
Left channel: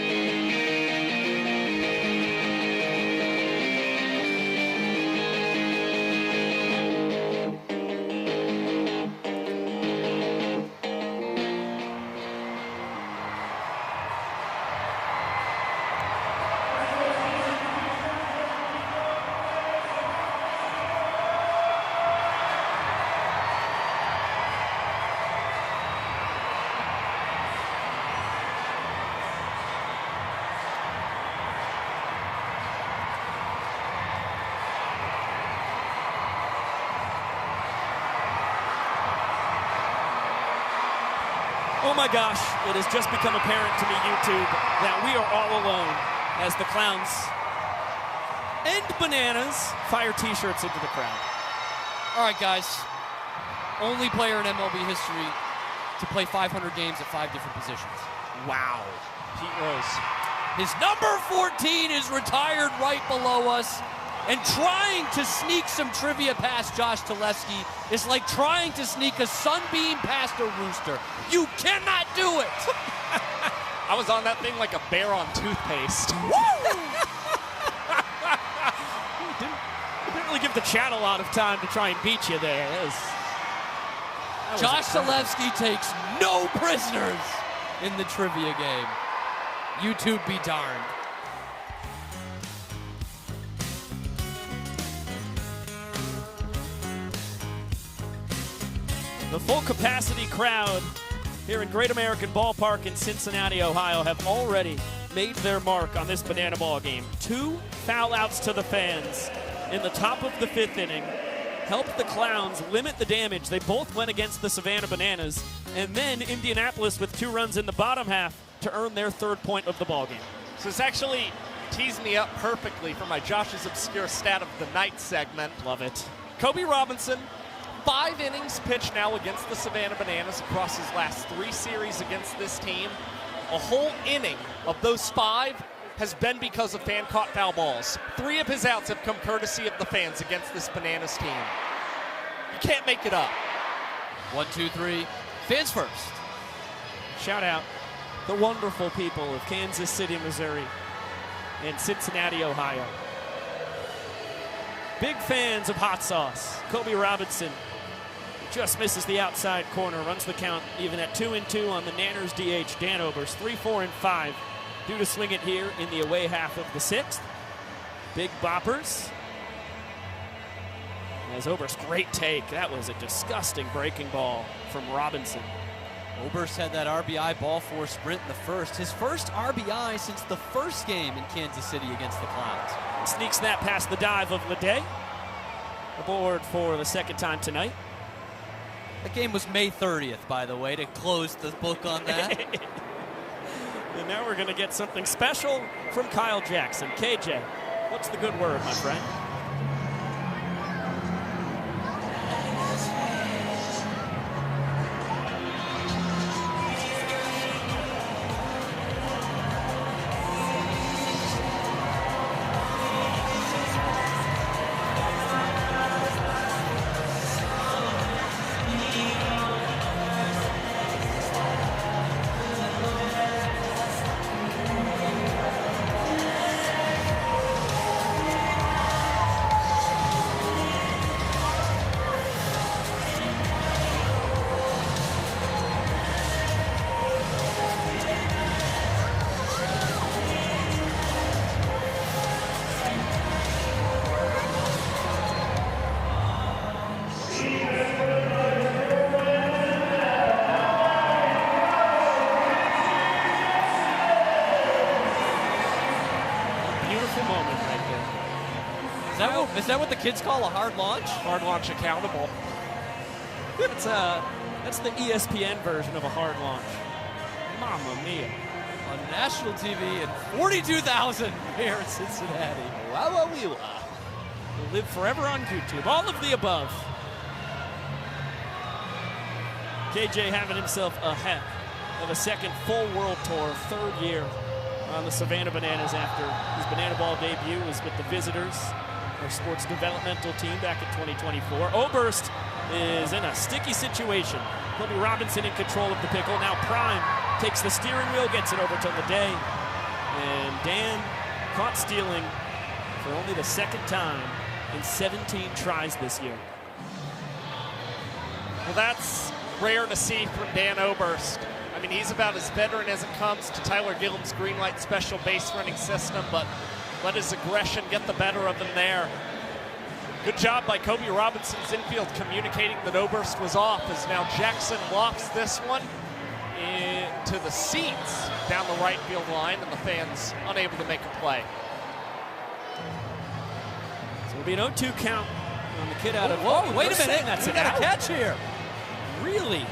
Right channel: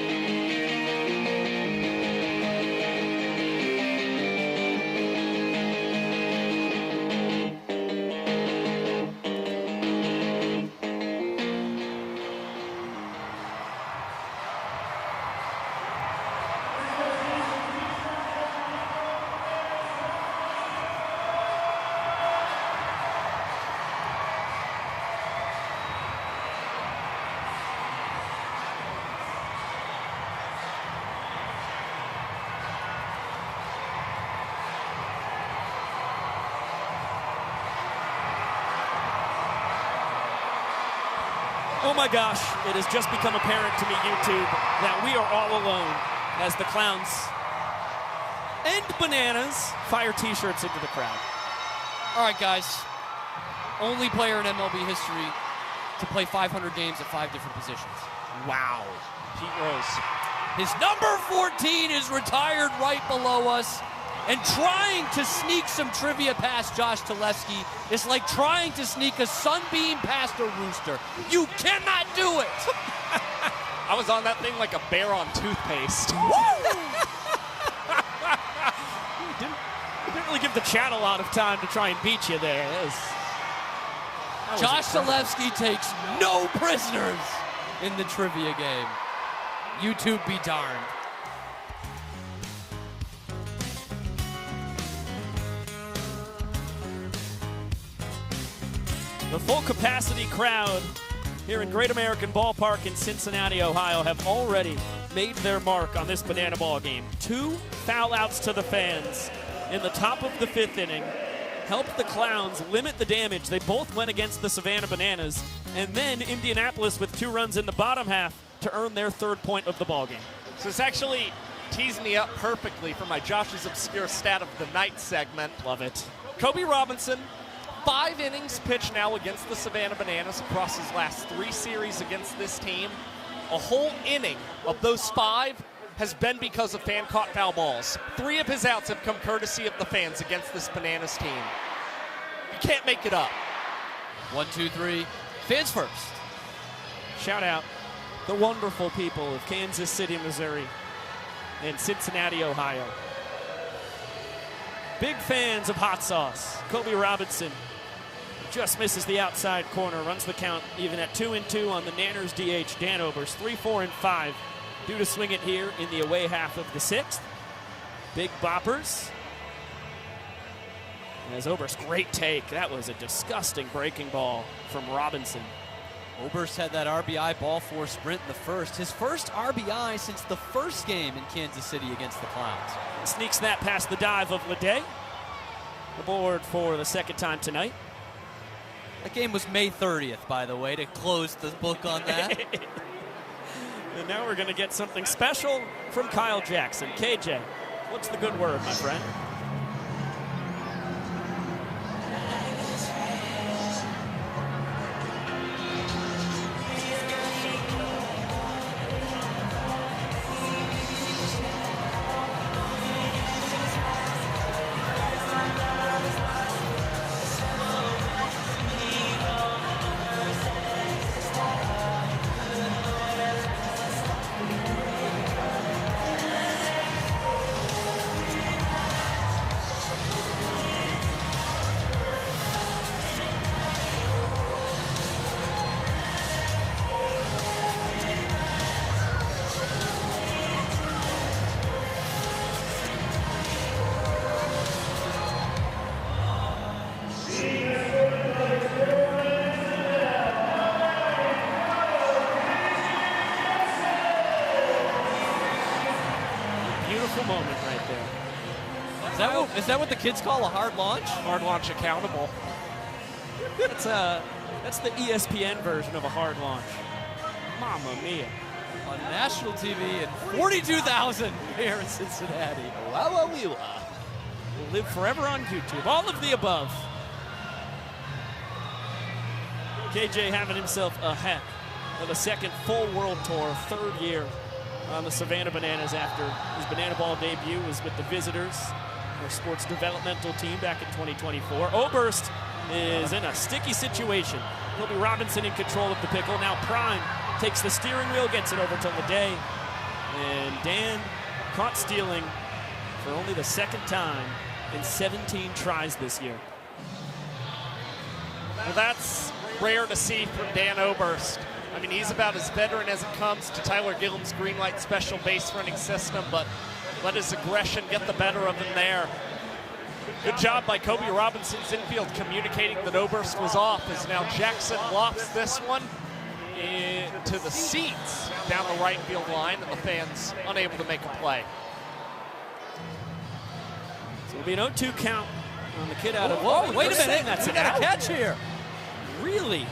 Oh my gosh, it has just become apparent to me, YouTube, that we are all alone as the Clowns and Bananas fire t-shirts into the crowd. All right, guys. Only player in MLB history to play 500 games at 5 different positions. Wow. Pete Rose. His number 14 is retired right below us. And trying to sneak some trivia past Josh Telefsky is like trying to sneak a sunbeam past a rooster. You cannot do it. I was on that thing like a bear on toothpaste. Didn't really give the chat a lot of time to try and beat you there. Josh Telefsky takes no prisoners in the trivia game. YouTube be darned. Full capacity crowd here in Great American Ballpark in Cincinnati, Ohio, have already made their mark on this Banana Ball game. 2 foul outs to the fans in the top of the 5th inning helped the Clowns limit the damage. They both went against the Savannah Bananas, and then Indianapolis with 2 runs in the bottom half to earn their 3rd point of the ball game. So it's actually teasing me up perfectly for my Josh's Obscure Stat of the Night segment. Love it. Kobe Robinson, 5 innings pitched now against the Savannah Bananas across his last 3 series against this team. A whole inning of those 5 has been because of fan-caught foul balls. 3 of his outs have come courtesy of the fans against this Bananas team. You can't make it up. 1, 2, 3. Fans first. Shout out the wonderful people of Kansas City, Missouri, and Cincinnati, Ohio. Big fans of hot sauce. Kobe Robinson just misses the outside corner, runs the count even at 2-2 on the Nanners DH. Dan Oberst, 3-4-5, due to swing it here in the away half of the 6th. Big boppers. As Oberst, great take. That was a disgusting breaking ball from Robinson. Oberst had that RBI ball 4 sprint in the first. His first RBI since the first game in Kansas City against the Clowns. Sneaks that past the dive of Ledet. Aboard for the 2nd time tonight. That game was May 30th, by the way, to close the book on that. And now we're going to get something special from Kyle Jackson. KJ, what's the good word, my friend? Is that what the kids call a hard launch? Hard launch accountable. That's the ESPN version of a hard launch. Mamma mia. On national TV and 42,000 here in Cincinnati. Live forever on YouTube. All of the above. KJ having himself a heck of a 2nd full world tour, 3rd year on the Savannah Bananas after his Banana Ball debut was with the Visitors, our sports developmental team back in 2024. Oberst is in a sticky situation. Kobe Robinson in control of the pickle. Now Prime takes the steering wheel, gets it over to Ledet. And Dan caught stealing for only the 2nd time in 17 tries this year. Well, that's rare to see from Dan Oberst. I mean, he's about as veteran as it comes to Tyler Gillum's green light special base running system, but let his aggression get the better of him there. Good job by Kobe Robinson's infield communicating that Oberst was off, as now Jackson lofts this one into the seats down the right field line, and the fans unable to make a play. So it'll be an 0-2 count on the kid out of... Whoa, wait a minute. That's we got a catch here. Really?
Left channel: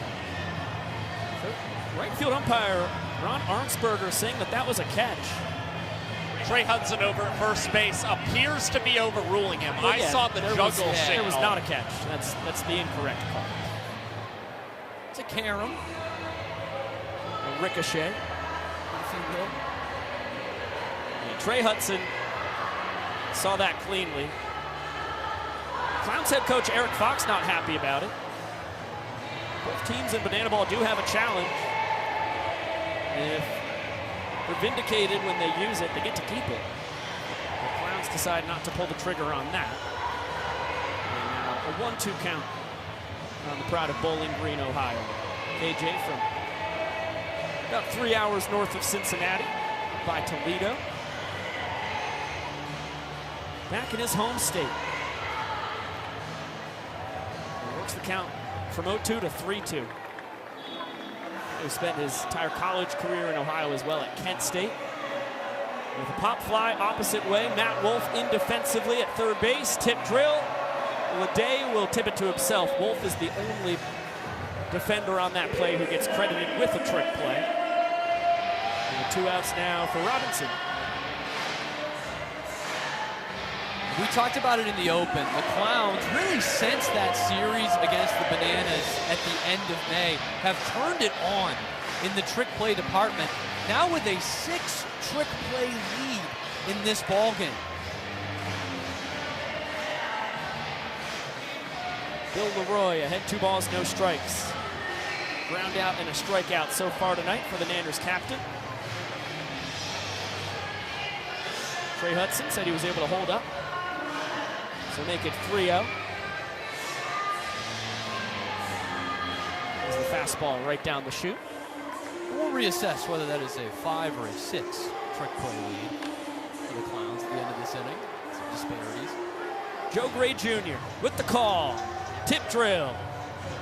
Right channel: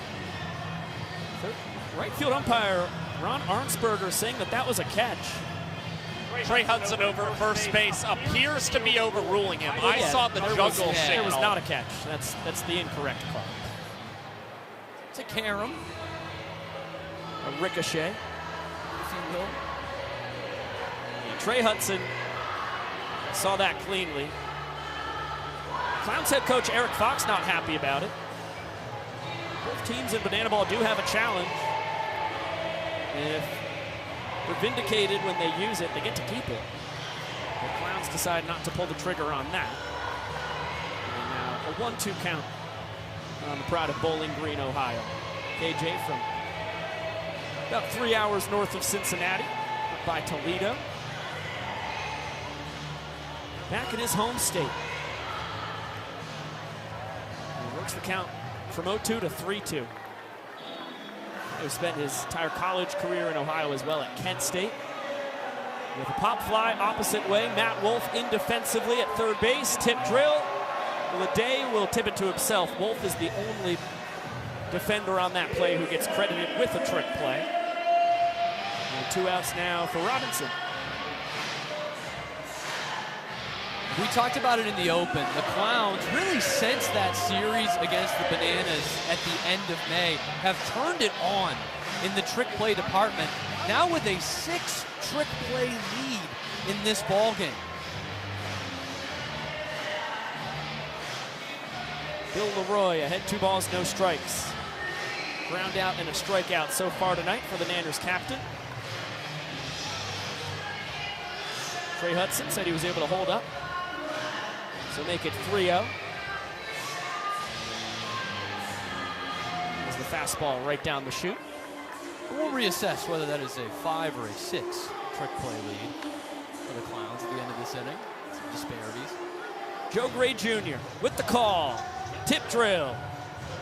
Right Infield umpire Ron Arnsberger saying that was a catch. Trey Hudson over at first base appears to be overruling him. I saw the juggle signal. It was not a catch. That's the incorrect call. It's a carom. A ricochet. Trey Hudson saw that cleanly. Clowns head coach Eric Fox not happy about it. Both teams in Banana Ball do have a challenge. And if they're vindicated when they use it, they get to keep it. The Clowns decide not to pull the trigger on that. And a 1-2 count on the pride of Bowling Green, Ohio. AJ from about 3 hours north of Cincinnati by Toledo. Back in his home state. He works the count from 0-2 to 3-2. He spent his entire college career in Ohio as well at Kent State. With a pop fly opposite way, Matt Wolf in defensively at third base. Tip drill. Leday will tip it to himself. Wolf is the only defender on that play who gets credited with a trick play. And 2 outs now for Robinson. We talked about it in the open. The Clowns, really since that series against the Bananas at the end of May, have turned it on in the trick play department. Now with a 6-trick play lead in this ballgame. Bill Leroy ahead 2 balls, no strikes. Ground out and a strikeout so far tonight for the Nanners captain. Trey Hudson said he was able to hold up. To make it 3-0. There's the fastball right down the chute. We'll reassess whether that is a 5 or a 6 trick play lead for the Clowns at the end of this inning. Some disparities. Joe Gray Jr. with the call. Tip drill.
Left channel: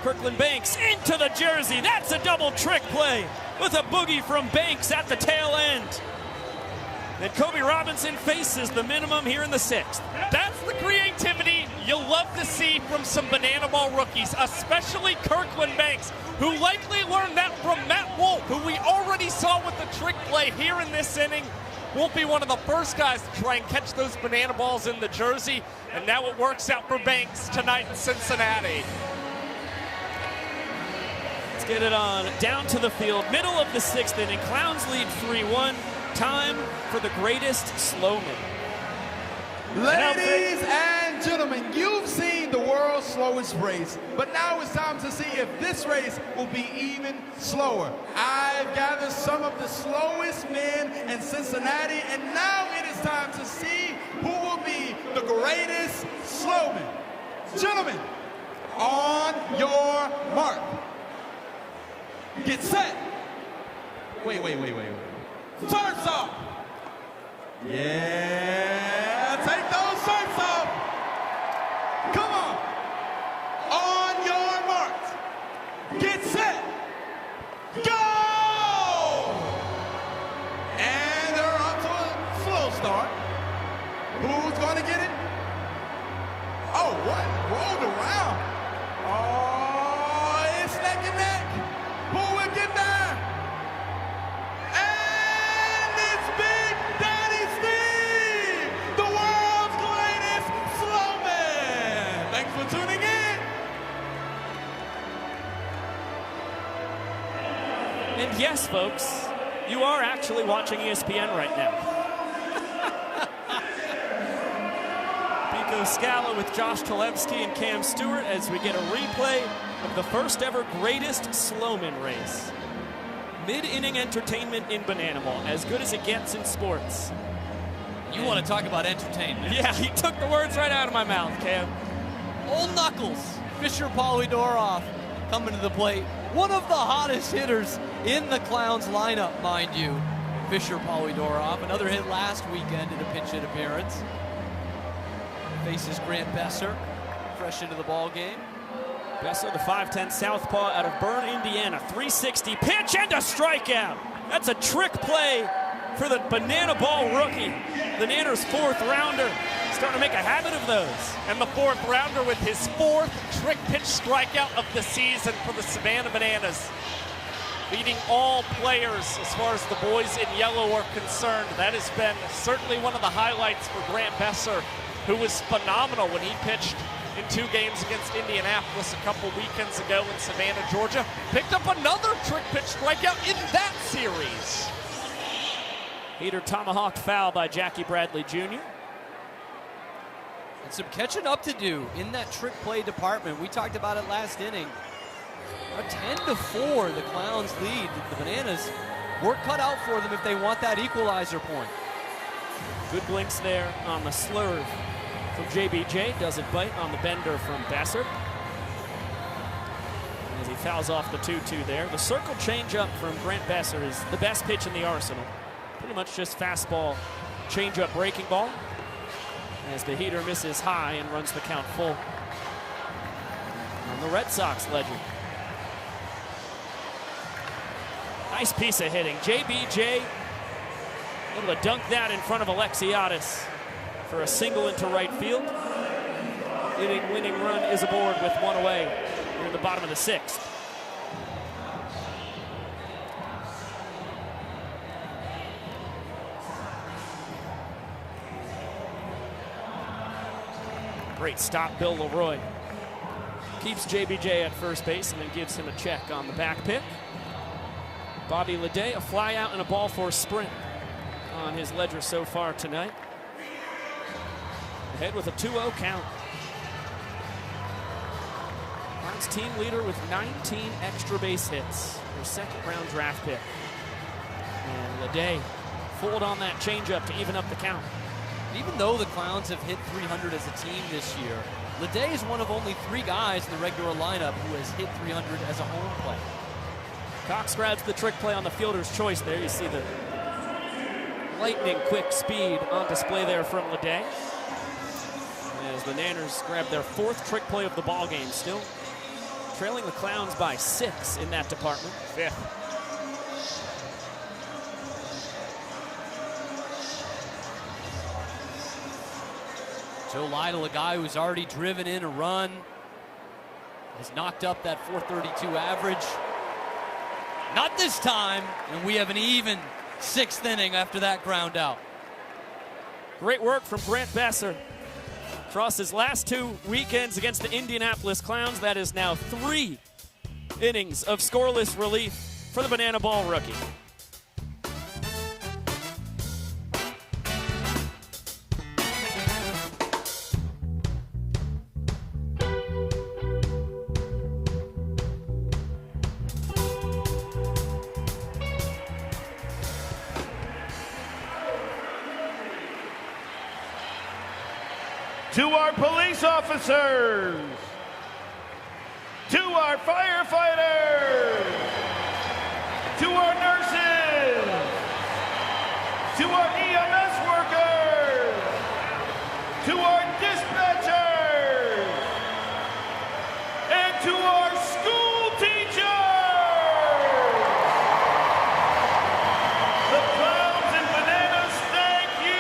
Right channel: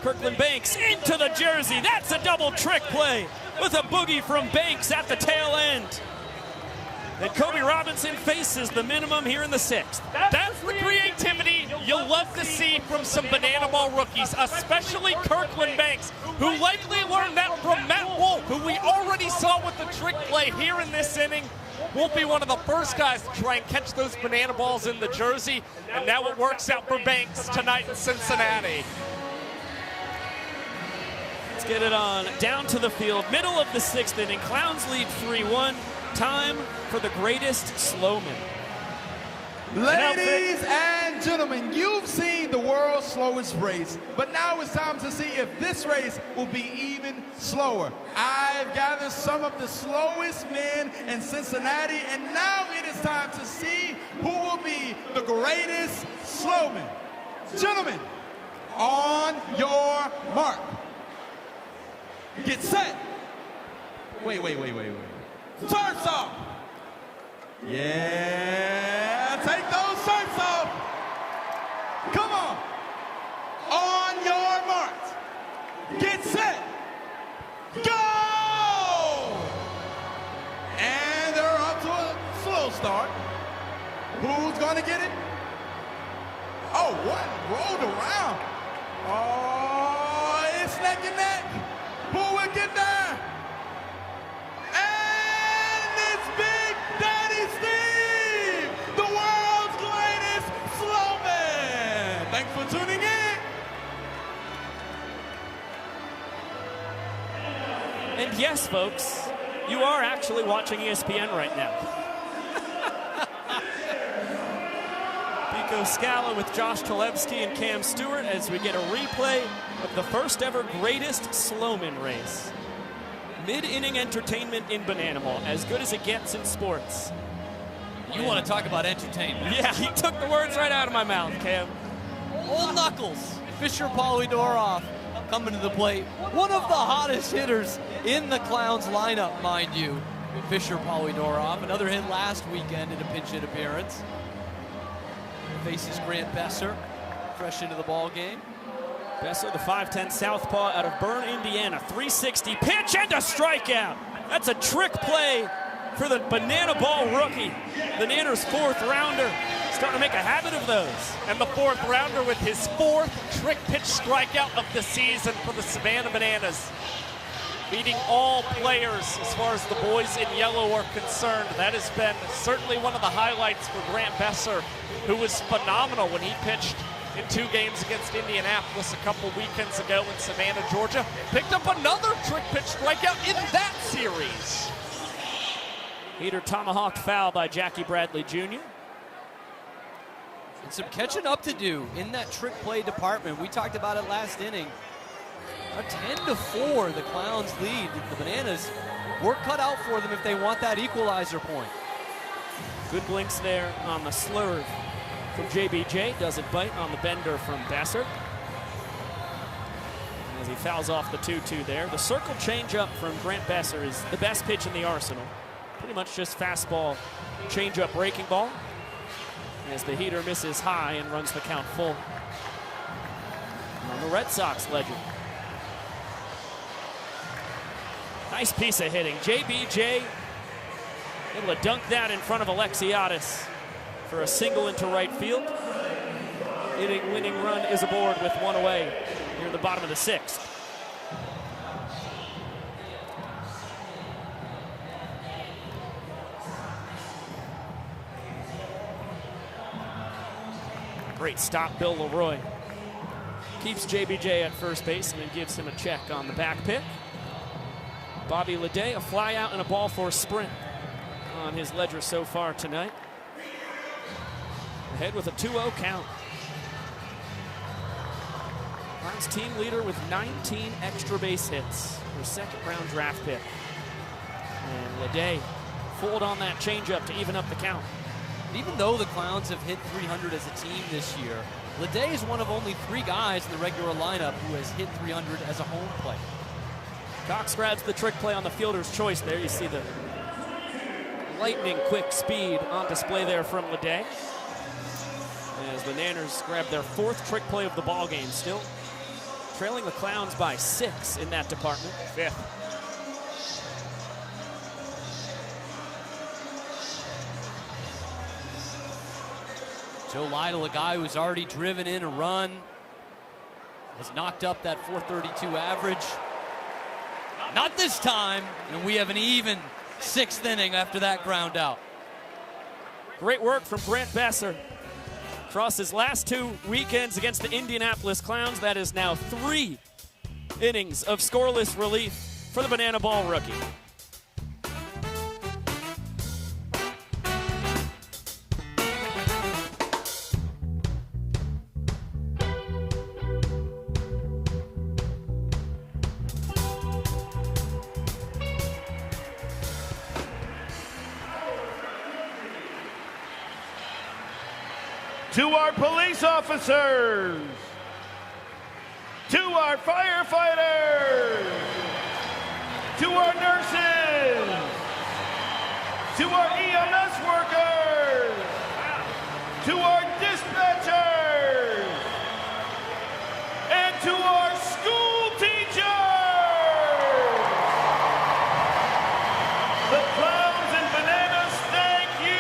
Kirkland Banks into the jersey. That's a double trick play with a boogie from Banks at the tail end. And Kobe Robinson faces the minimum here in the 6th. That's the creativity you'll love to see from some Banana Ball rookies, especially Kirkland Banks, who likely learned that from Matt Wolf, who we already saw with the trick play here in this inning. Will be one of the first guys to try and catch those banana balls in the jersey, and now it works out for Banks tonight in Cincinnati. Let's get it on down to the field. Middle of the 6th inning. Clowns lead 3-1. Time for the greatest slowman. Ladies and gentlemen, you've seen the world's slowest race, but now it's time to see if this race will be even slower. I've gathered some of the slowest men in Cincinnati, and now it is time to see who will be the greatest slowman. Gentlemen, on your mark. Get set. Wait. Shirts off. Yeah, take those shirts off. Come on. On your marks. Get set. Go! And they're off to a slow start. Who's going to get it? Oh, what? Rolled around. Oh, it's neck and neck. Who will get there? And it's Big Daddy Steve, the world's greatest slowman. Thanks for tuning in. And yes, folks, you are actually watching ESPN right now. Pico Scala with Josh Talevsky and Cam Stewart as we get a replay of the first ever greatest slowman race. Mid-inning entertainment in Banana Ball, as good as it gets in sports. You want to talk about entertainment? Yeah, he took the words right out of my mouth, Cam. All knuckles. Fisher Polydorov coming to the plate. One of the hottest hitters in the Clowns lineup, mind you. Fisher Polydorov, another hit last weekend in a pinch hit appearance. Faces Grant Besser, fresh into the ball game. Besser, the 5'10 southpaw out of Bern, Indiana. 360 pitch and a strikeout. That's a trick play for the Banana Ball rookie. The Nanners' 4th rounder. Starting to make a habit of those. And the 4th rounder with his 4th trick pitch strikeout of the season for the Savannah Bananas. Leading all players as far as the boys in yellow are concerned. That has been certainly one of the highlights for Grant Besser, who was phenomenal when he pitched in 2 games against Indianapolis a couple weekends ago in Savannah, Georgia. Picked up another trick pitch strikeout in that series. Heater tomahawked foul by Jackie Bradley Jr. And some catching up to do in that trick play department. We talked about it last inning. 10-4, the Clowns lead. The Bananas, work cut out for them if they want that equalizer point. Good blinks there on the slurve from JBJ. Doesn't bite on the bender from Besser. As he fouls off the 2-2 there. The circle changeup from Grant Besser is the best pitch in the arsenal. Pretty much just fastball, changeup, breaking ball. As the heater misses high and runs the count full. On the Red Sox legend. Nice piece of hitting. JBJ able to dunk that in front of Alexiadis for a single into right field. Winning run is aboard with 1 away in the bottom of the 6th. Great stop, Bill Leroy. Keeps JBJ at first base and then gives him a check on the back pick. Bobby Leday, a fly out and a ball four sprint on his ledger so far tonight. Ahead with a 2-0 count. Clowns team leader with 19 extra base hits. Their 2nd round draft pick. And Leday fooled on that changeup to even up the count. Even though the Clowns have hit 300 as a team this year, Leday is one of only 3 guys in the regular lineup who has hit 300 as a home play. Cox grabs the trick play on the fielder's choice there. You see the lightning quick speed on display there from Leday. As the Nanners grab their 4th trick play of the ball game, still trailing the Clowns by 6 in that department. 5th. Joe Lytle, a guy who's already driven in a run, has knocked up that .432 average. Not this time, and we have an even 6th inning after that ground out. Great work from Grant Besser. Across his last 2 weekends against the Indianapolis Clowns, that is now 3 innings of scoreless relief for the Banana Ball rookie. To our police officers, to our firefighters, to our nurses, to our EMS workers, to our dispatchers, and to our school teachers. The Clowns and Bananas, thank you.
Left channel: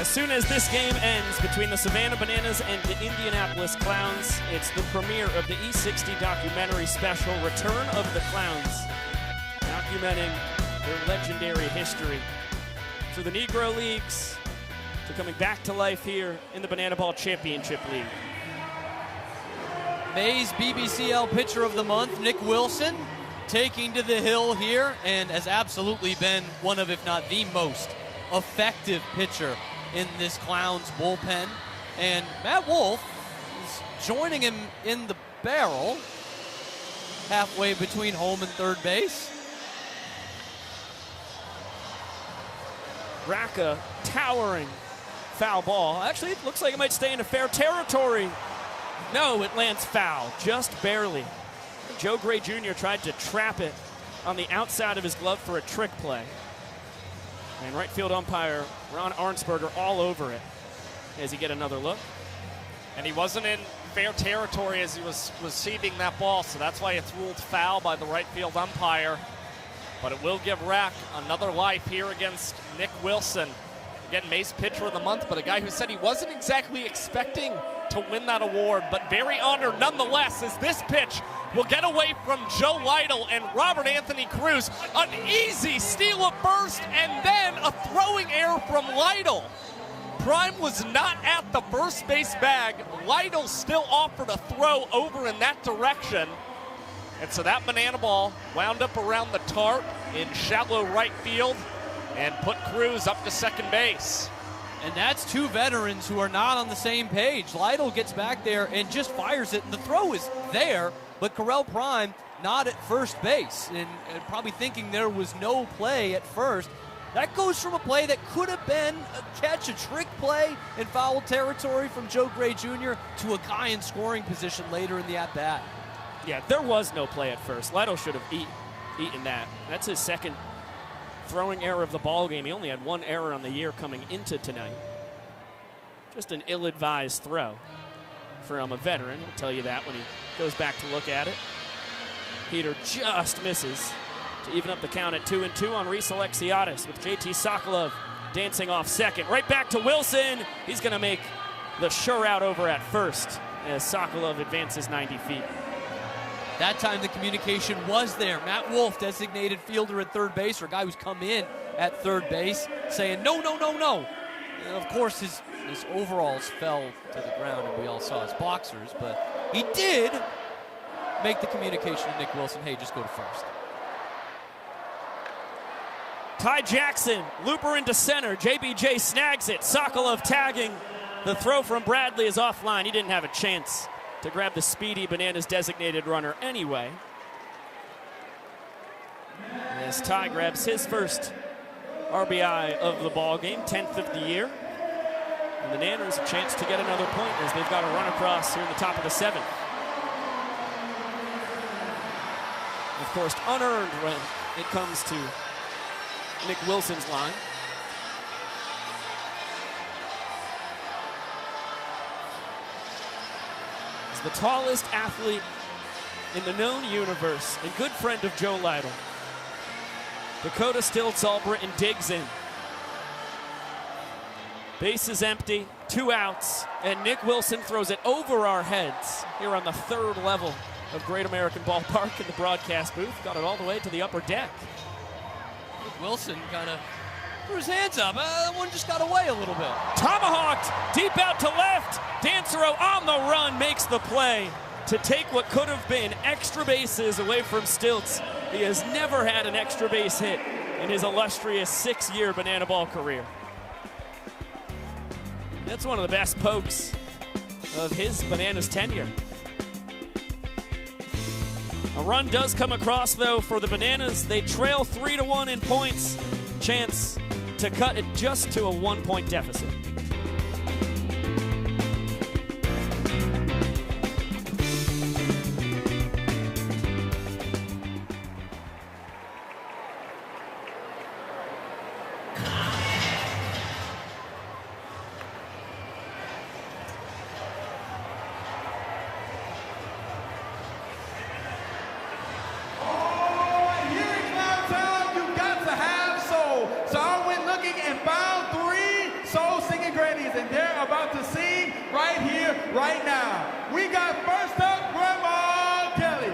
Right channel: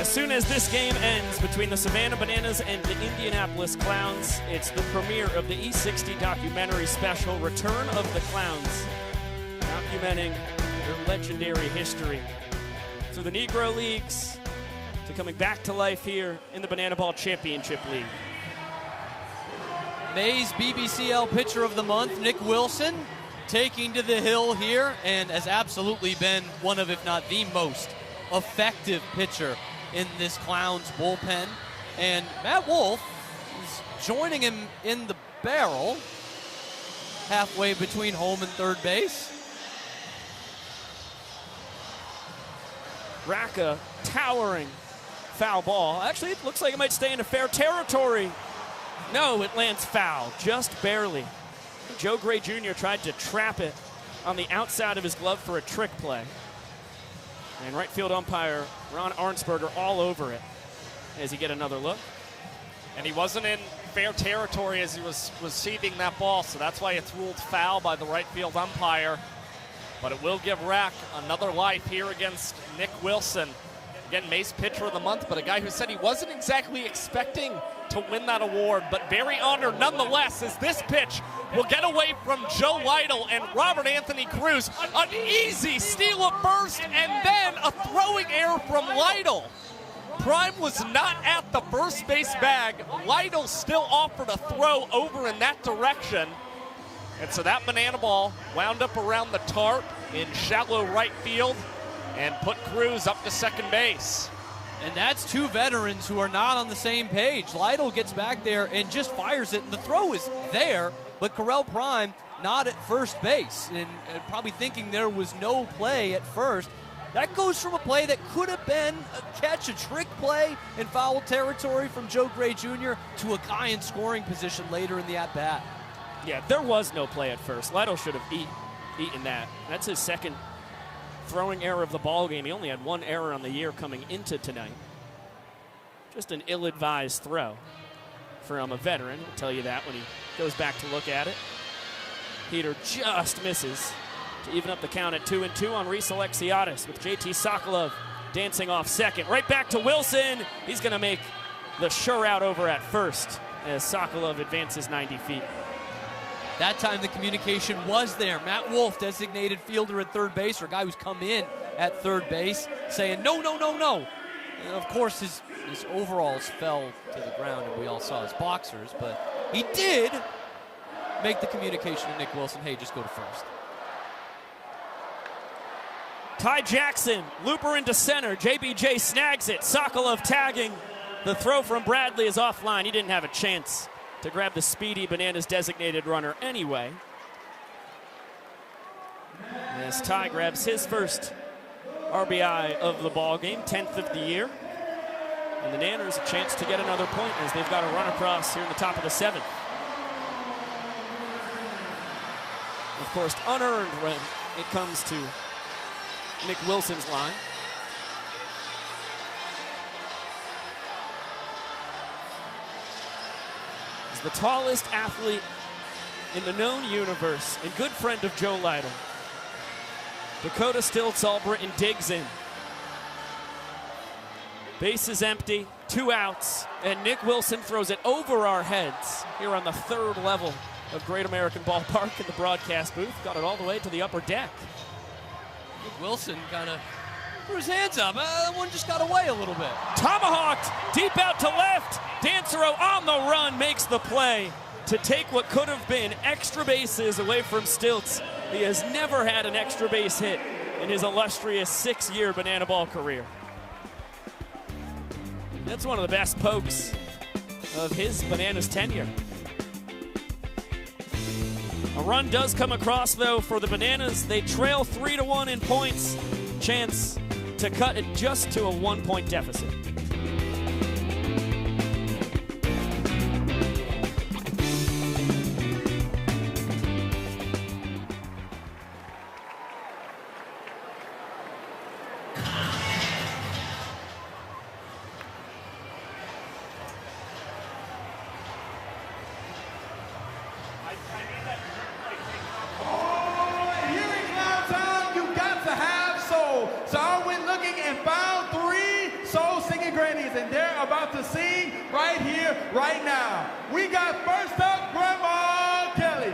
As soon as this game ends between the Savannah Bananas and the Indianapolis Clowns, it's the premiere of the E60 documentary special, Return of the Clowns, documenting legendary history. So the Negro Leagues are coming back to life here in the Banana Ball Championship League. May's BBCL Pitcher of the Month, Nick Wilson, taking to the hill here and has absolutely been one of, if not the most effective pitcher in this Clowns bullpen. And Matt Wolf is joining him in the barrel, halfway between home and third base. Racca towering foul ball. Actually, it looks like it might stay in a fair territory. No, it lands foul, just barely. Joe Gray Jr. tried to trap it on the outside of his glove for a trick play. And right field umpire Ron Arnsberger all over it. As he get another look. And he wasn't in fair territory as he was receiving that ball, so that's why it's ruled foul by the right field umpire. But it will give Rack another life here against Nick Wilson. Again, May's Pitcher of the Month, but a guy who said he wasn't exactly expecting to win that award, but very honored nonetheless, as this pitch will get away from Joe Lytle and Robert Anthony Cruz. An easy steal of first, and then a throwing error from Lytle. Prime was not at the first base bag. Lytle still offered a throw over in that direction. And so that banana ball wound up around the tarp in shallow right field and put Cruz up to second base. And that's two veterans who are not on the same page. Lytle gets back there and just fires it, and the throw is there, but Correll Prime not at first base, and probably thinking there was no play at first. That goes from a play that could have been a catch, a trick play in foul territory from Joe Gray Jr. to a guy in scoring position later in the at-bat. Yeah, there was no play at first. Lytle should have eaten that. That's his second throwing error of the ball game. He only had one error on the year coming into tonight. Just an ill-advised throw from a veteran. I'll tell you that when he goes back to look at it. Peter just misses to even up the count at 2-2 on Reese Alexiadis, with JT Sokolov dancing off second. Right back to Wilson. He's going to make the sure out over at first as Sokolov advances 90 feet. That time the communication was there. Matt Wolf, designated fielder at third base, or guy who's come in at third base, saying no, no, no, no. And of course, his overalls fell to the ground, and we all saw his boxers, but he did make the communication to Nick Wilson, hey, just go to first. Ty Jackson, looper into center. JBJ snags it. Sokolov tagging. The throw from Bradley is offline. He didn't have a chance to grab the speedy Bananas designated runner anyway. As Ty grabs his first RBI of the ball game, 10th of the year. And the Nanners a chance to get another point as they've got a run across here in the top of the 7th. Of course, unearned when it comes to Nick Wilson's line. He's the tallest athlete in the known universe and good friend of Joe Lytle. Dakota Stilts Albritton digs in. Base is empty, 2 outs, and Nick Wilson throws it over our heads here on the 3rd level of Great American Ballpark in the broadcast booth. Got it all the way to the upper deck. Wilson kind of threw his hands up. That one just got away a little bit. Tomahawked deep out to left. Dancero on the run makes the play to take what could have been extra bases away from Stilts. He has never had an extra base hit in his illustrious 6-year banana ball career. That's one of the best pokes of his Bananas tenure. A run does come across, though, for the Bananas. They trail 3-1 in points. Chance to cut it just to a 1-point deficit. Right now. We got first up Grandma Kelly.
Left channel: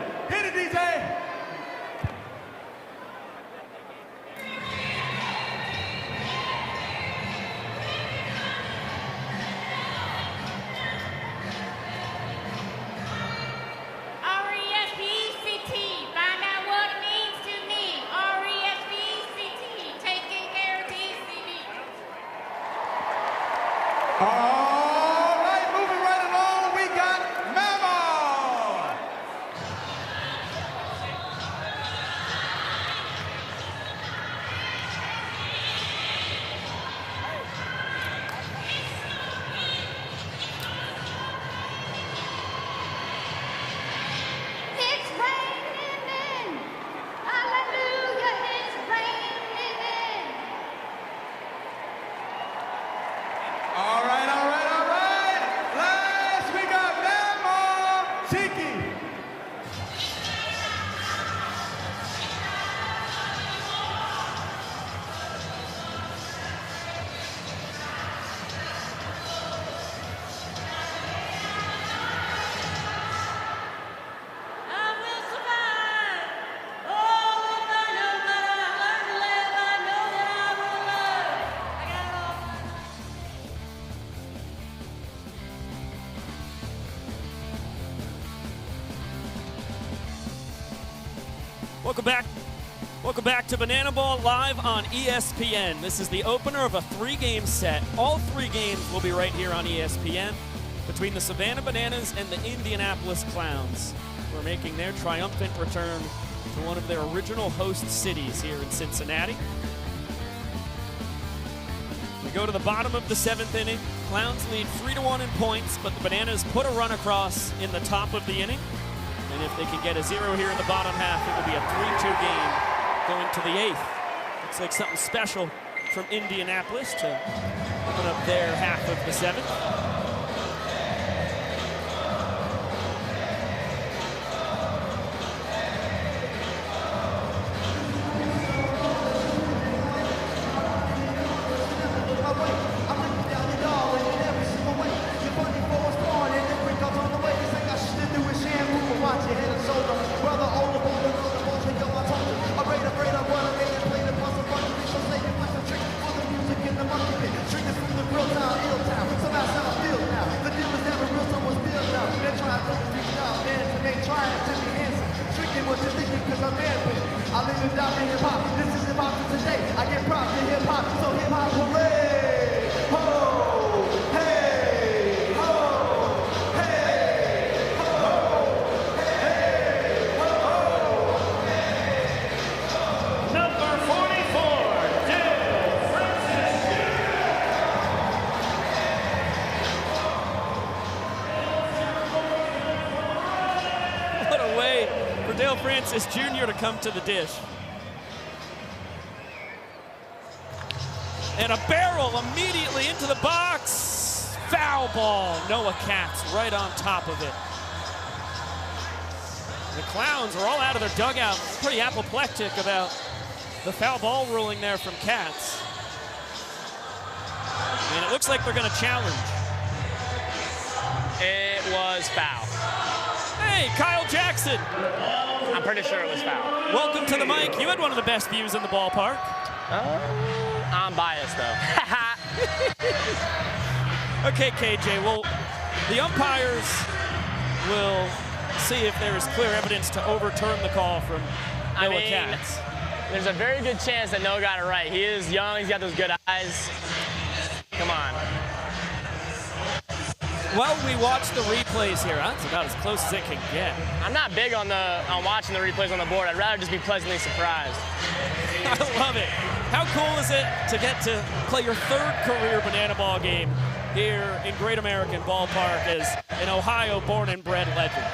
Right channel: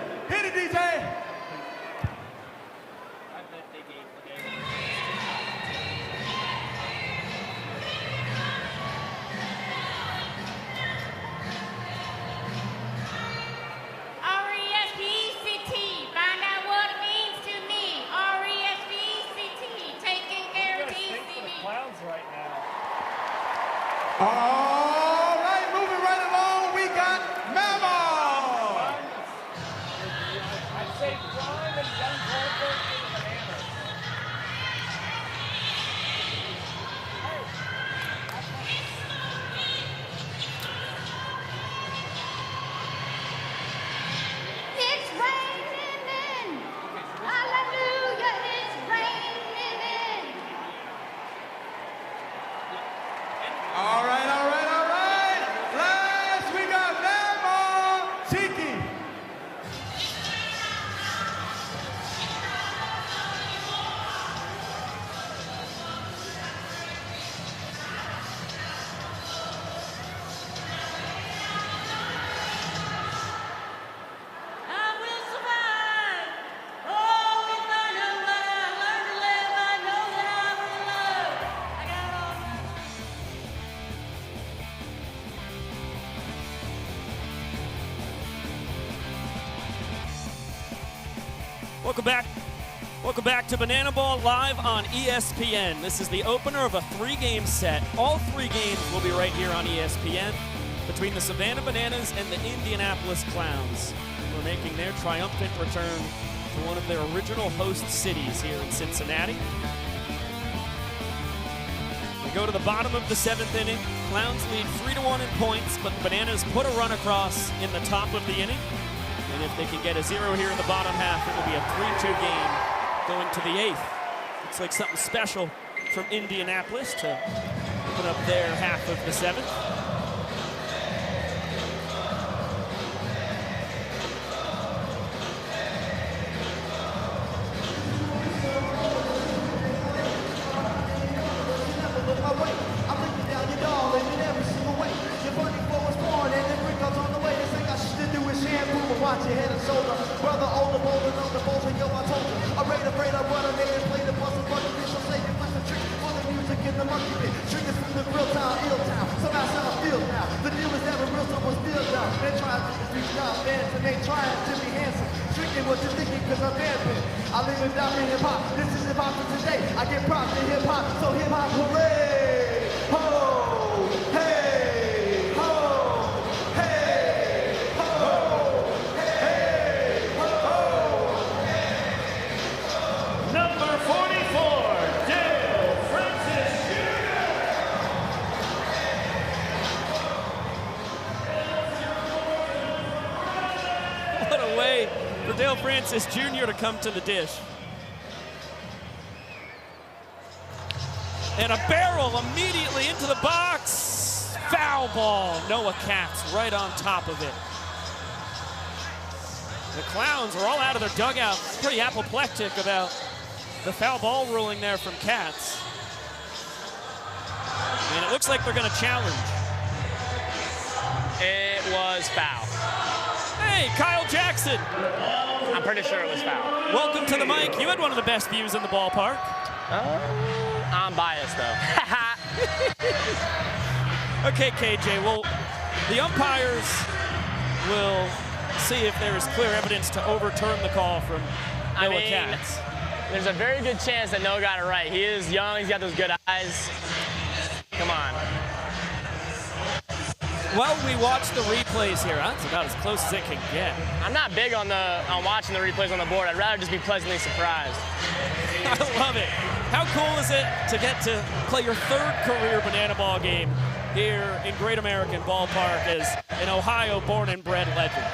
Welcome back to Banana Ball live on ESPN. This is the opener of a 3-game set. All 3 games will be right here on ESPN between the Savannah Bananas and the Indianapolis Clowns, who are making their triumphant return to one of their original host cities here in Cincinnati. We go to the bottom of the 7th inning. Clowns lead 3-1 in points, but the Bananas put a run across in the top of the inning. And if they can get a 0 here in the bottom half, it will be a 3-2 game going to the 8th. Looks like something special from Indianapolis to open up their half of the 7th. Watch your head and shoulder. Brother, older, bolder, older, bolder, yo, I told you. Afraid of what I made and played it, plus a bunch of me, so say you flex a trick for the music in the monkey pit. Triggers from the real town, ill town. Somehow sound feel now. The deal is never real, so was built now. They're trying to reach out, man, to make trying to be handsome. Drinking what you're thinking, cause I'm dancing. I live and die for hip hop. This is hip hop for today. I get props to hip hop, so hip hop hooray! Ho! Hey! Ho! Way for Dale Francis Jr. to come to the dish. And a barrel immediately into the box. Foul ball. Noah Katz right on top of it. The Clowns are all out of their dugout, pretty apoplectic about the foul ball ruling there from Katz. And it looks like they're going to challenge. It was foul. Hey, Kyle Jackson. I'm pretty sure it was foul. Welcome to the mic. You had one of the best views in the ballpark. I'm biased, though. Okay, KJ, well, the umpires will see if there is clear evidence to overturn the call from Noah Katz. There's a very good chance that Noah got it right. He is young. He's got those good eyes. Come on. Well, we watch the replays here. That's about as close as it can get. I'm not big on watching the replays on the board. I'd rather just be pleasantly surprised. I love it. How cool is it to get to play your 3rd career Banana Ball game here in Great American Ballpark as an Ohio born and bred legend?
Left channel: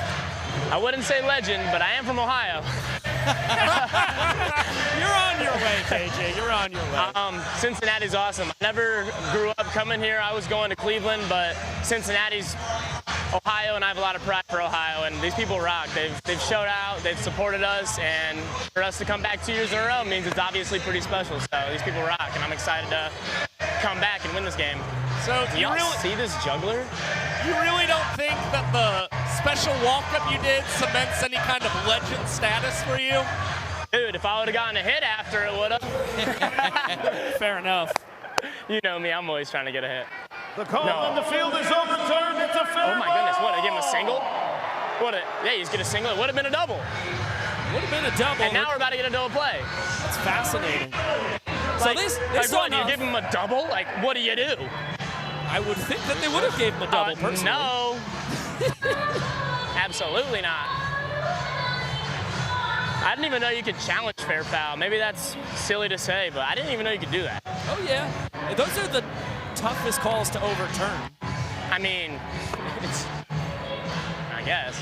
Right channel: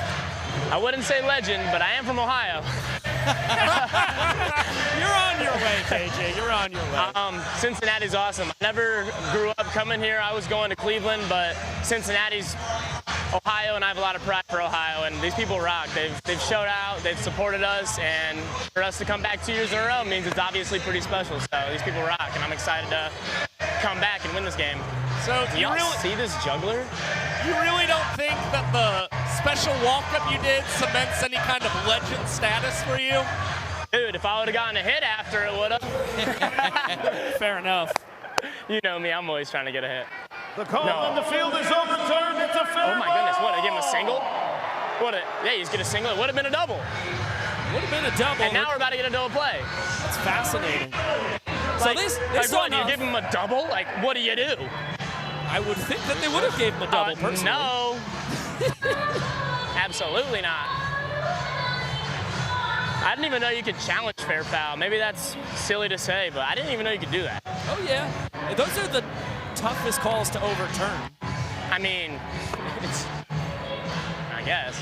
I wouldn't say legend, but I am from Ohio. You're on your way, KJ. You're on your way. Cincinnati's awesome. I never grew up coming here. I was going to Cleveland, but Cincinnati's Ohio, and I have a lot of pride for Ohio, and these people rock. They've showed out, they've supported us, and for us to come back 2 years in a row means it's obviously pretty special. So these people rock, and I'm excited to come back and win this game. So do y'all see this juggler? You really don't think that the special walk-up you did cements any kind of legend status for you? Dude, if I would have gotten a hit after, it would have. Fair enough. You know me, I'm always trying to get a hit. The call on the field is overturned. It's a fair ball. Oh my goodness, what, they give him a single? Yeah, he's getting a single. It would have been a double. Would have been a double. And now we're about to get a double play. That's fascinating. So this what, you give him a double? Like, what do you do? I would think that they would have gave him a double, personally. No. Absolutely not. I didn't even know you could challenge fair foul. Maybe that's silly to say, but I didn't even know you could do that. Oh, yeah. Those are the toughest calls to overturn. I mean, I guess.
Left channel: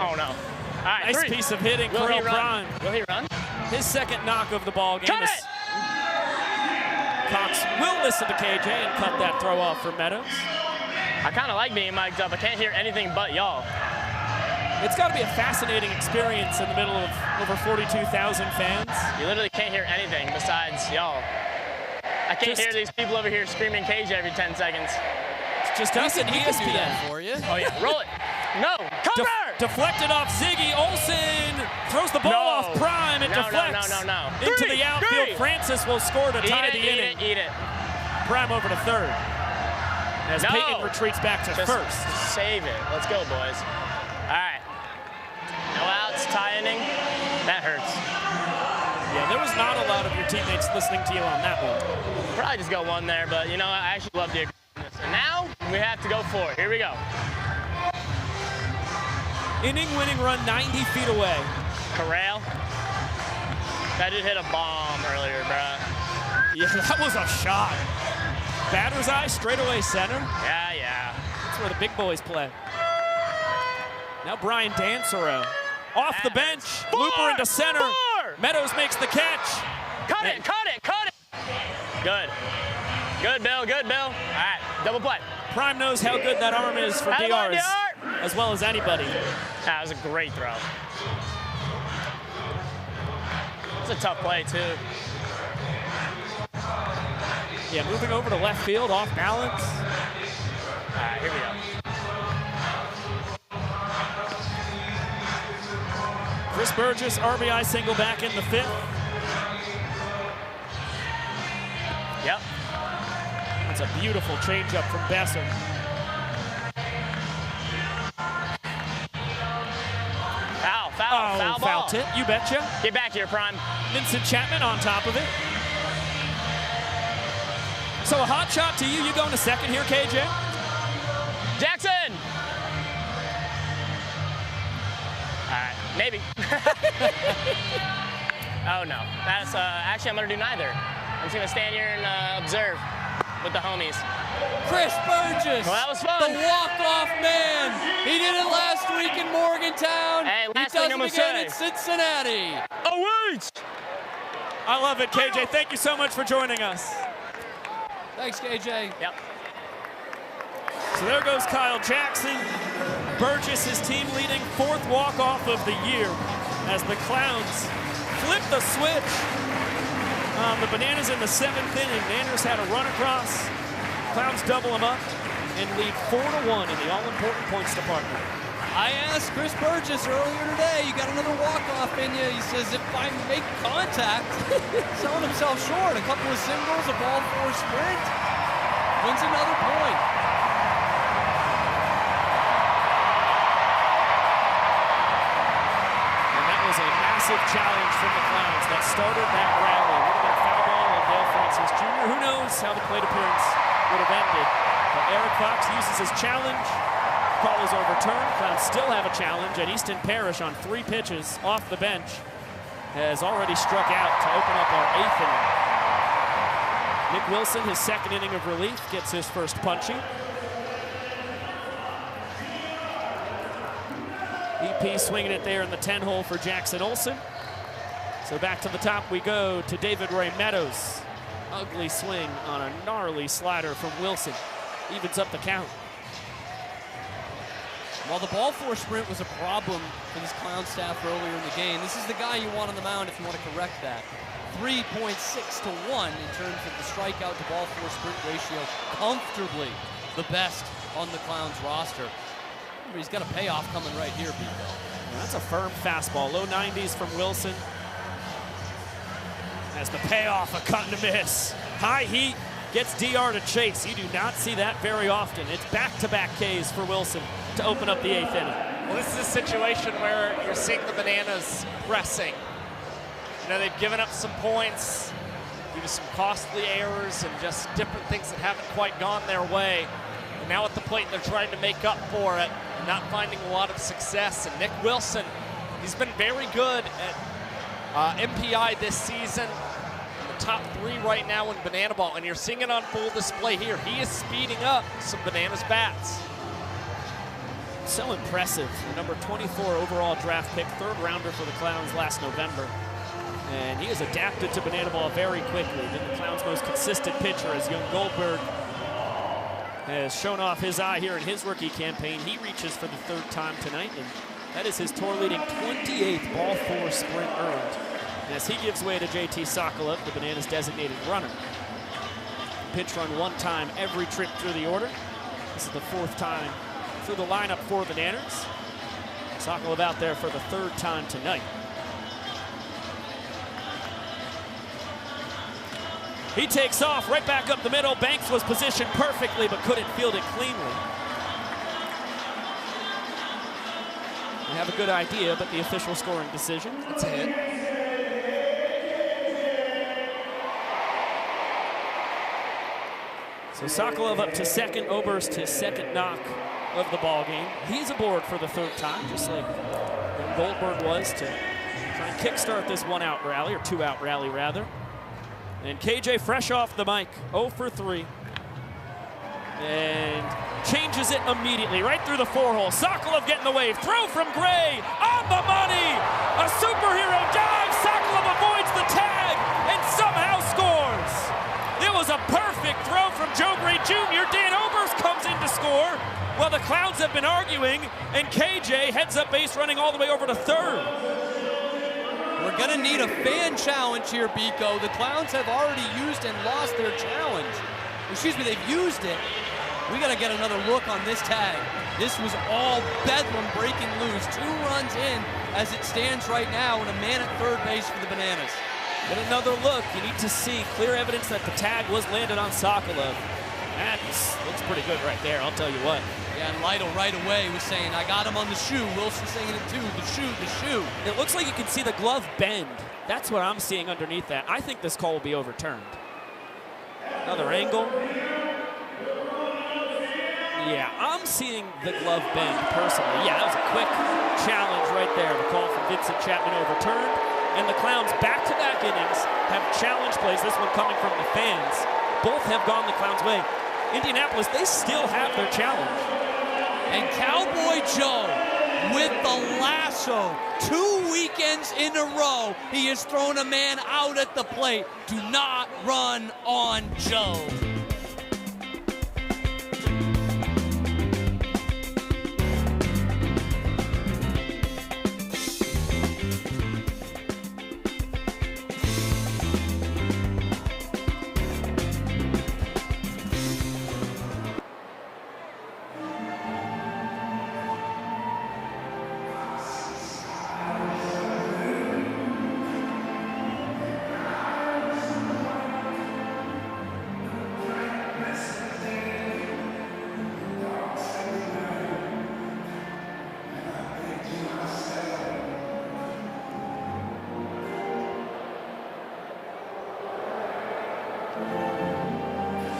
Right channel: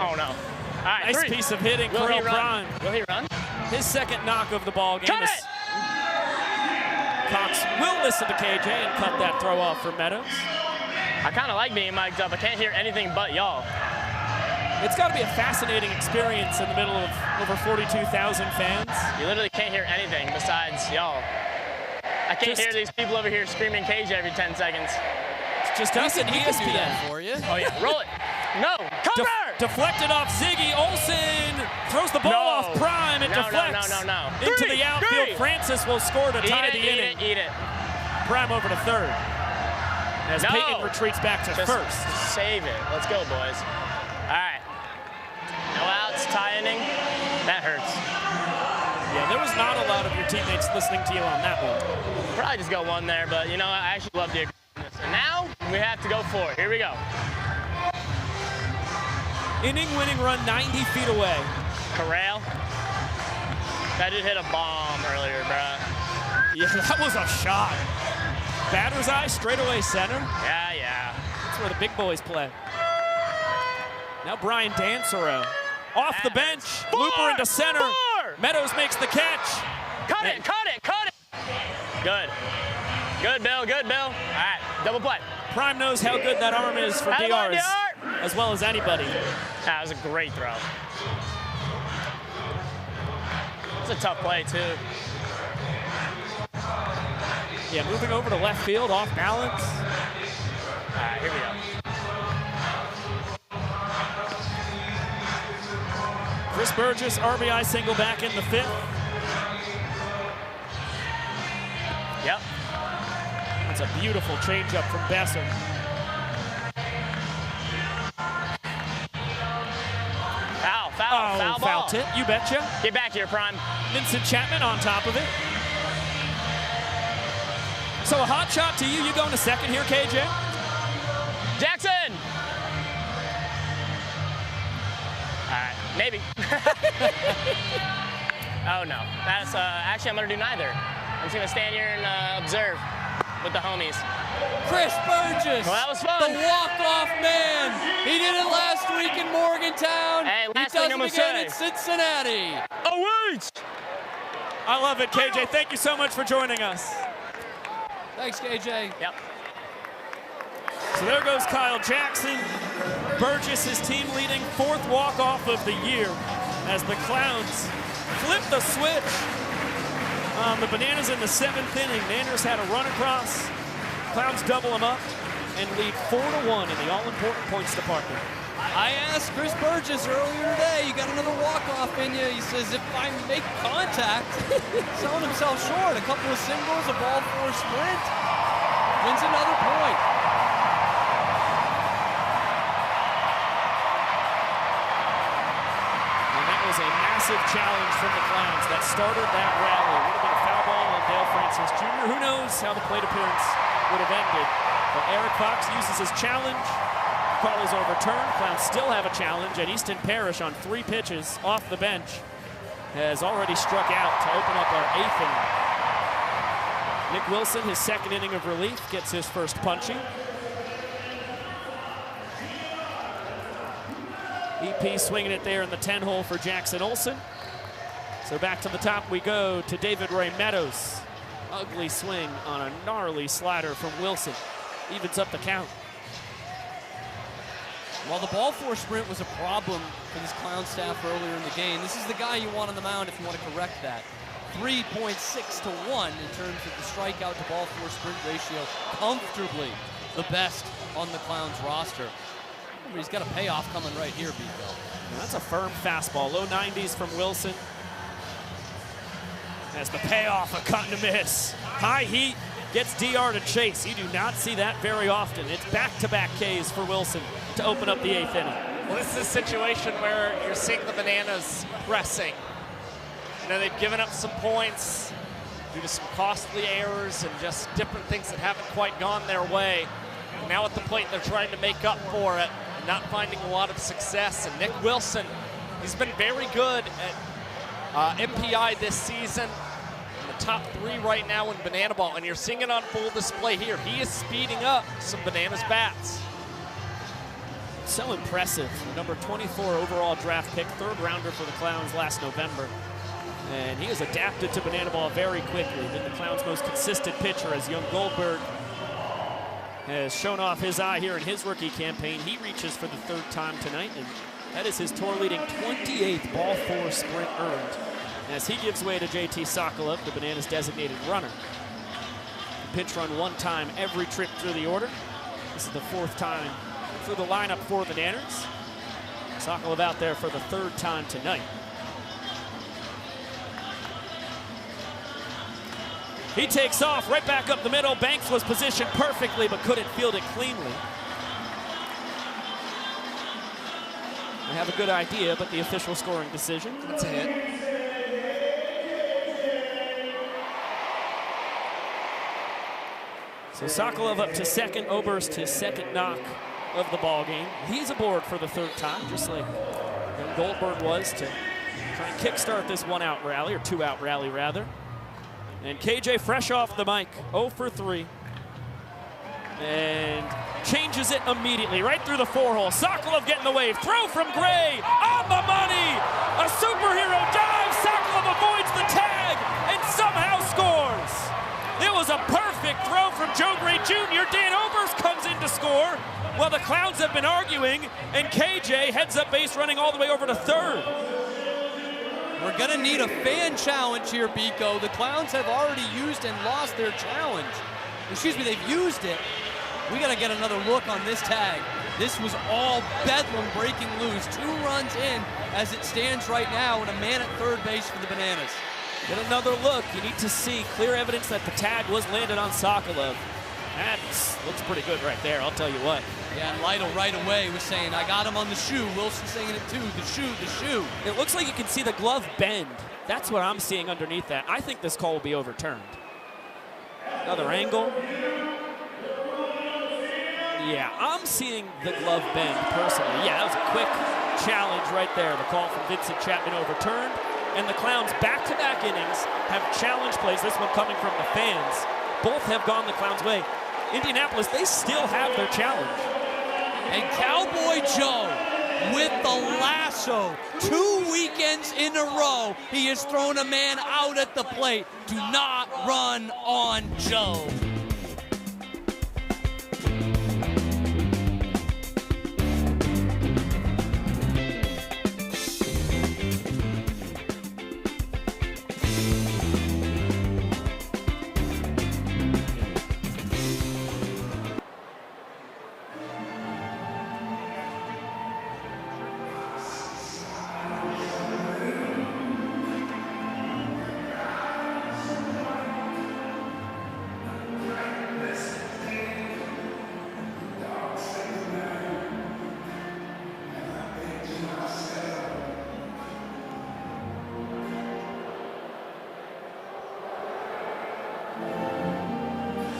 Oh, no. All right, nice piece of hitting, Correll Prime. Will he run? His 2nd knock of the ball game. Cut it! Cox will listen to KJ and cut that throw off for Meadows. I kind of like being mic'd up. I can't hear anything but y'all. It's got to be a fascinating experience in the middle of over 42,000 fans. You literally can't hear anything besides y'all. I can't hear these people over here screaming KJ every 10 seconds. It's just us and ESPN for you. Oh, yeah. Roll it. No. Cover! Deflected off Ziggy. Olsen throws the ball off Prime. It deflects no. into the outfield. Francis will score to tie the inning. Eat it. Prime over to 3rd. As Peyton retreats back to 1st. Save it. Let's go, boys. All right. No outs, tie inning. That hurts. Yeah, there was not a lot of your teammates listening to you on that one. Probably just go one there, but you know, I actually love the aggressiveness. And now we have to go for it. Here we go. Inning-winning run 90 feet away. Corral. That just hit a bomb earlier, bruh. Yeah, that was a shot. Batter's eye, straightaway center. Yeah. That's where the big boys play. Now Brian Dansero. Off the bench, looper into center. Meadows makes the catch. Cut it. Good. Good, Bill. All right, double play. Prime knows how good that arm is for DRs, as well as anybody. That was a great throw. It's a tough play, too. Yeah, moving over to left field, off balance. All right, here we go. Chris Burgess, RBI single back in the 5th. Yep. That's a beautiful changeup from Besser. Foul ball. Foul tip, you betcha. Get back here, Prime. Vincent Chapman on top of it. So a hot shot to you. You going to second here, KJ? Jackson! All right, maybe. Oh, no. That's actually, I'm going to do neither. I'm just going to stand here and observe with the homies. Chris Burgess, well, that was fun. The walk-off man. He did it last week in Morgantown. Hey, he does it again in Cincinnati. Oh, wait! I love it, KJ. Thank you so much for joining us. Thanks, KJ. Yep. So there goes Kyle Jackson. Burgess, his team leading 4th walk-off of the year as the Clowns flip the switch. The Bananas in the 7th inning. Nanners had a run across. Clowns double them up and lead 4-1 in the all-important points department. I asked Chris Burgess earlier today, you got another walk-off in you. He says, if I make contact, selling himself short. A couple of singles, a ball 4 sprint. Wins another point. And that was a massive challenge from the Clowns that started that rally. It would have been a foul ball on Dale Francis Jr. Who knows how the plate appearance would have ended. But Eric Fox uses his challenge. Call is overturned. Clowns still have a challenge, and Easton Parrish on 3 pitches off the bench has already struck out to open up our 8th inning. Nick Wilson, his 2nd inning of relief, gets his first punchy. EP swinging it there in the 10-hole for Jackson Olsen. So back to the top we go to David Ray Meadows. Ugly swing on a gnarly slider from Wilson. Evens up the count. While the ball 4 sprint was a problem for this Clown staff earlier in the game, this is the guy you want on the mound if you want to correct that. 3.6 to 1 in terms of the strikeout to ball 4 sprint ratio. Comfortably the best on the Clowns roster. Remember, he's got a payoff coming right here, Bico. Yeah, that's a firm fastball. Low 90s from Wilson. As the payoff, a cut and a miss. High heat gets DR to chase. You do not see that very often. It's back-to-back Ks for Wilson to open up the 8th inning. Well, this is a situation where you're seeing the Bananas pressing. You know, they've given up some points due to some costly errors and just different things that haven't quite gone their way. And now at the plate, they're trying to make up for it and not finding a lot of success. And Nick Wilson, he's been very good at MPI this season. In the top 3 right now in Banana Ball. And you're seeing it on full display here. He is speeding up some Bananas bats. So impressive. The number 24 overall draft pick, 3rd rounder for the Clowns last November. And he has adapted to Banana Ball very quickly. Been the Clowns' most consistent pitcher as young Goldberg has shown off his eye here in his rookie campaign. He reaches for the 3rd time tonight, and that is his tour-leading 28th ball 4 sprint earned. As he gives way to JT Sokolov, the Bananas' designated runner. Pitch run 1 time every trip through the order. This is the 4th time through the lineup for the Nanners. Sokolov out there for the 3rd time tonight. He takes off right back up the middle. Banks was positioned perfectly but couldn't field it cleanly. I have a good idea, but the official scoring decision. That's a hit. So Sokolov up to second, Oberst his second knock of the ball game. He's aboard for the third time, just like Goldberg was to try and kickstart this one-out rally, or two-out rally rather. And KJ fresh off the mic, 0 for 3. And changes it immediately, right through the four-hole. Sokolov getting the wave, throw from Gray, on the money! A superhero dive, Sokolov avoids the tag, and somehow scores! It was a perfect throw from Joe Gray Jr. Dan Oberst comes in to score. Well, the Clowns have been arguing, and KJ heads up base running all the way over to third. We're going to need a fan challenge here, Biko. The Clowns have already used and lost their challenge. Excuse me, they've used it. We got to get another look on this tag. This was all bedlam breaking loose. 2 runs in as it stands right now, and a man at third base for the Bananas. Get another look. You need to see clear evidence that the tag was landed on Sokolov. That looks pretty good right there, I'll tell you what. Yeah, and Lytle right away was saying, I got him on the shoe. Wilson saying it too, the shoe, the shoe. It looks like you can see the glove bend. That's what I'm seeing underneath that. I think this call will be overturned. Another angle. Yeah, I'm seeing the glove bend personally. Yeah, that was a quick challenge right there. The call from Vincent Chapman overturned. And the Clowns back-to-back innings have challenge plays, this one coming from the fans. Both have gone the Clowns' way. Indianapolis, they still have their challenge. And Cowboy Joe with the lasso. 2 weekends in a row, he has thrown a man out at the plate. Do not run on Joe.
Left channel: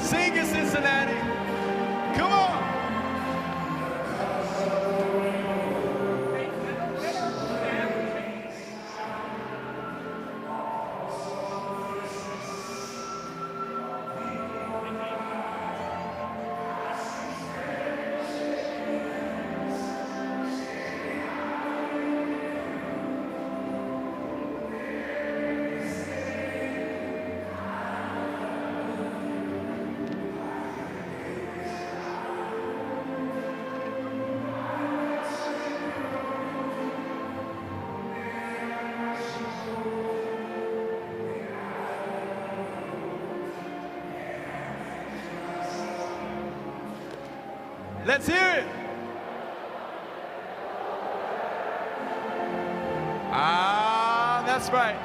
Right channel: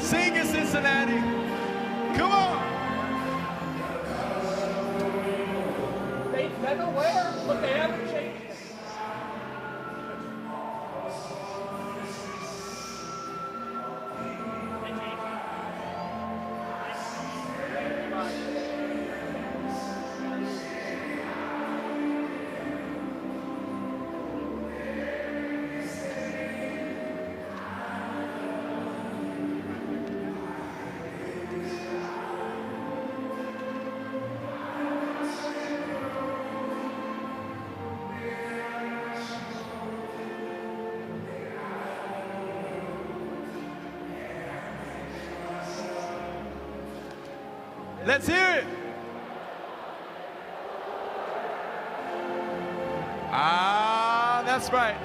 Sing it, Cincinnati. Come on. Let's hear it. Ah, that's right.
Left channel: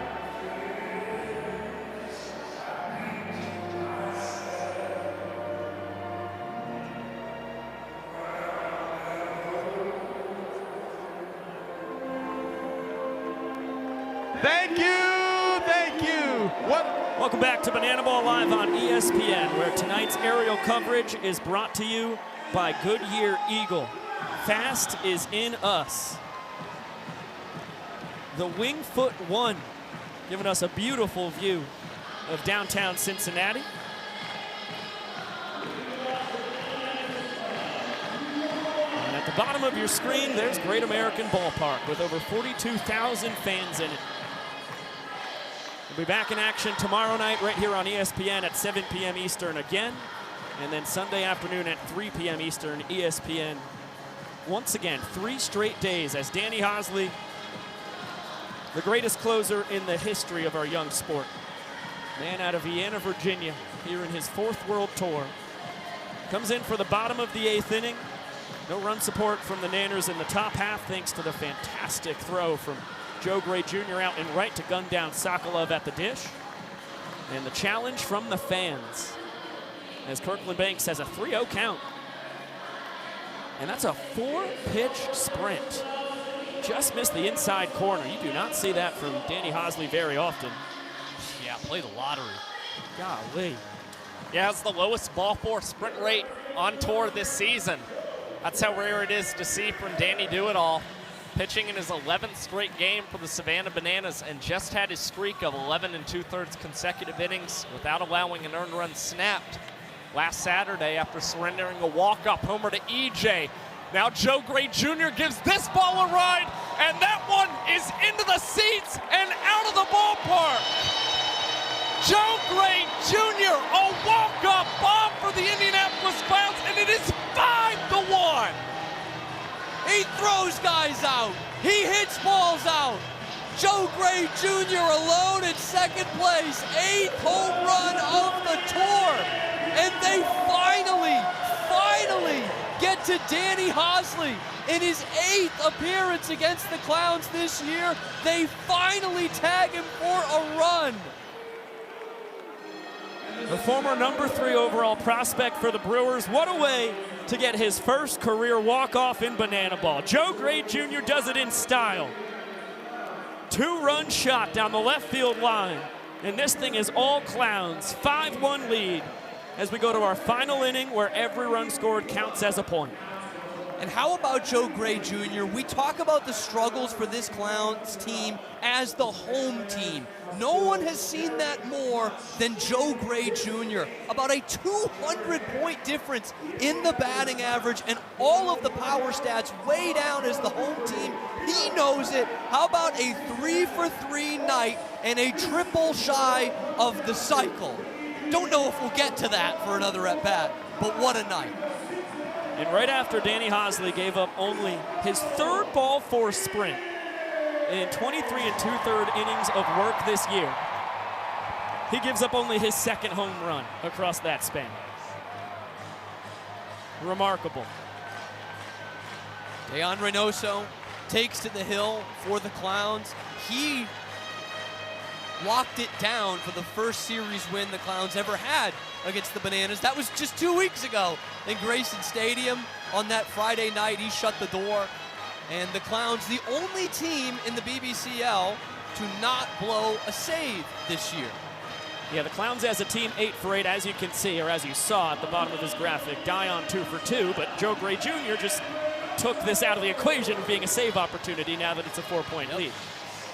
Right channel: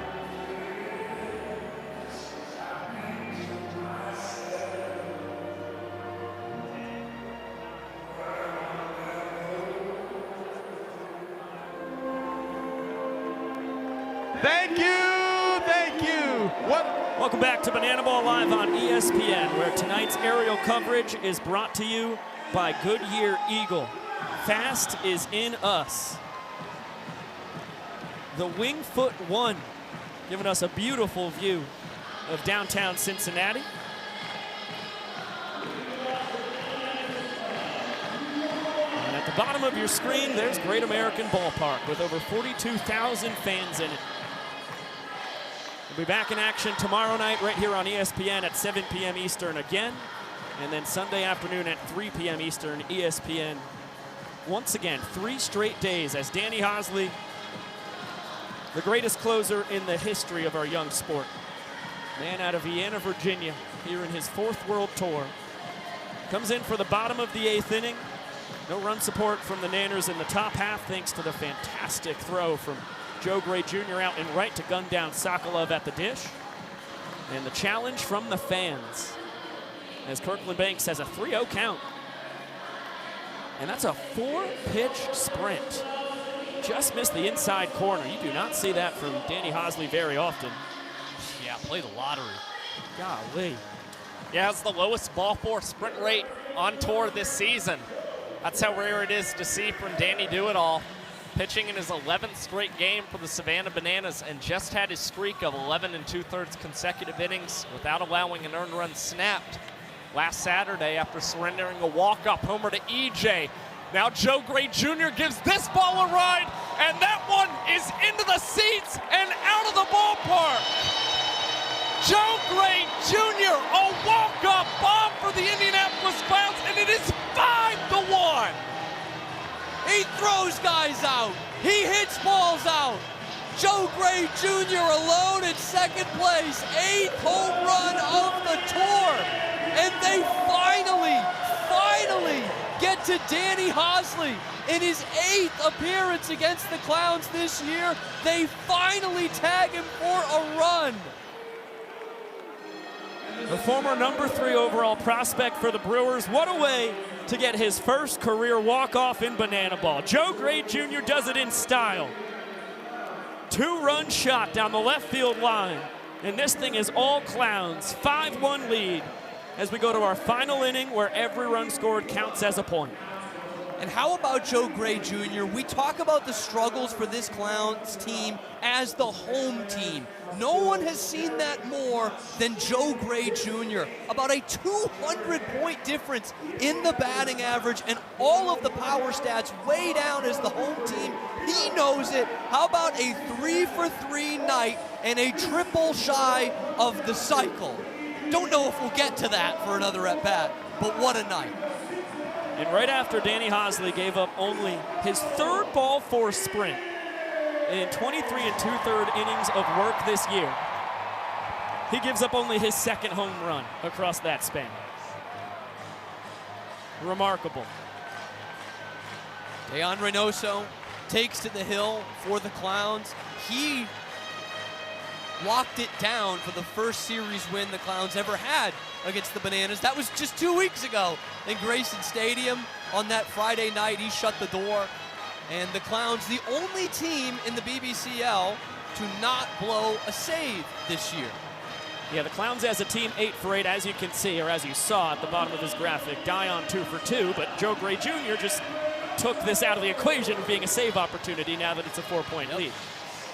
Thank you, thank you. Welcome back to Banana Ball Live on ESPN, where tonight's aerial coverage is brought to you by Goodyear Eagle. Fast is in us. The Wingfoot 1 giving us a beautiful view of downtown Cincinnati. And at the bottom of your screen, there's Great American Ballpark with over 42,000 fans in it. We'll be back in action tomorrow night right here on ESPN at 7 p.m. Eastern again. And then Sunday afternoon at 3 p.m. Eastern, ESPN. Once again, 3 straight days as Danny Hosley, the greatest closer in the history of our young sport. Man out of Vienna, Virginia, here in his 4th World Tour. Comes in for the bottom of the 8th inning. No run support from the Nanners in the top half, thanks to the fantastic throw from Joe Gray Jr. out and right to gun down Sokolov at the dish. And the challenge from the fans, as Kirkland Banks has a 3-0 count. And that's a 4-pitch sprint. just missed the inside corner. You do not see that from Danny Hosley very often. Yeah, play the lottery. Golly. Yeah, it's the lowest ball four sprint rate on tour this season. That's how rare it is to see from Danny Do-It-All. Pitching in his 11th straight game for the Savannah Bananas and just had his streak of 11 2/3 consecutive innings without allowing an earned run snapped last Saturday after surrendering a walk-up homer to EJ. Now Joe Gray Jr. gives this ball a ride, and that one is into the seats and out of the ballpark. Joe Gray Jr., a walk-up bomb for the Indianapolis Clowns, and it is 5-1. He throws guys out. He hits balls out. Joe Gray Jr. alone in second place. 8th home run of the tour. And they finally get to Danny Hosley in his 8th appearance against the Clowns this year. They finally tag him for a run. The former number 3 overall prospect for the Brewers. What a way to get his first career walk-off in banana ball. Joe Gray Jr. does it in style. 2-run shot down the left field line. And this thing is all Clowns. 5-1 lead as we go to our final inning where every run scored counts as a point. And how about Joe Gray Jr.? We talk about the struggles for this Clowns team as the home team. No one has seen that more than Joe Gray Jr. About a 200-point difference in the batting average and all of the power stats way down as the home team. He knows it. How about a 3-for-3 night and a triple shy of the cycle? Don't know if we'll get to that for another at-bat, but what a night. And right after Danny Hosley gave up only his 3rd ball 4 sprint in 23 2/3 innings of work this year, he gives up only his 2nd home run across that span. Remarkable. Dayan Reynoso takes to the hill for the Clowns. He locked it down for the first series win the Clowns ever had against the Bananas. That was just 2 weeks ago in Grayson Stadium on that Friday night. He shut the door. And the Clowns, the only team in the BBCL to not blow a save this year. Yeah, the Clowns as a team 8 for 8, as you can see, or as you saw at the bottom of this graphic. Dayan 2 for 2, but Joe Gray Jr. just took this out of the equation of being a save opportunity now that it's a 4-point lead.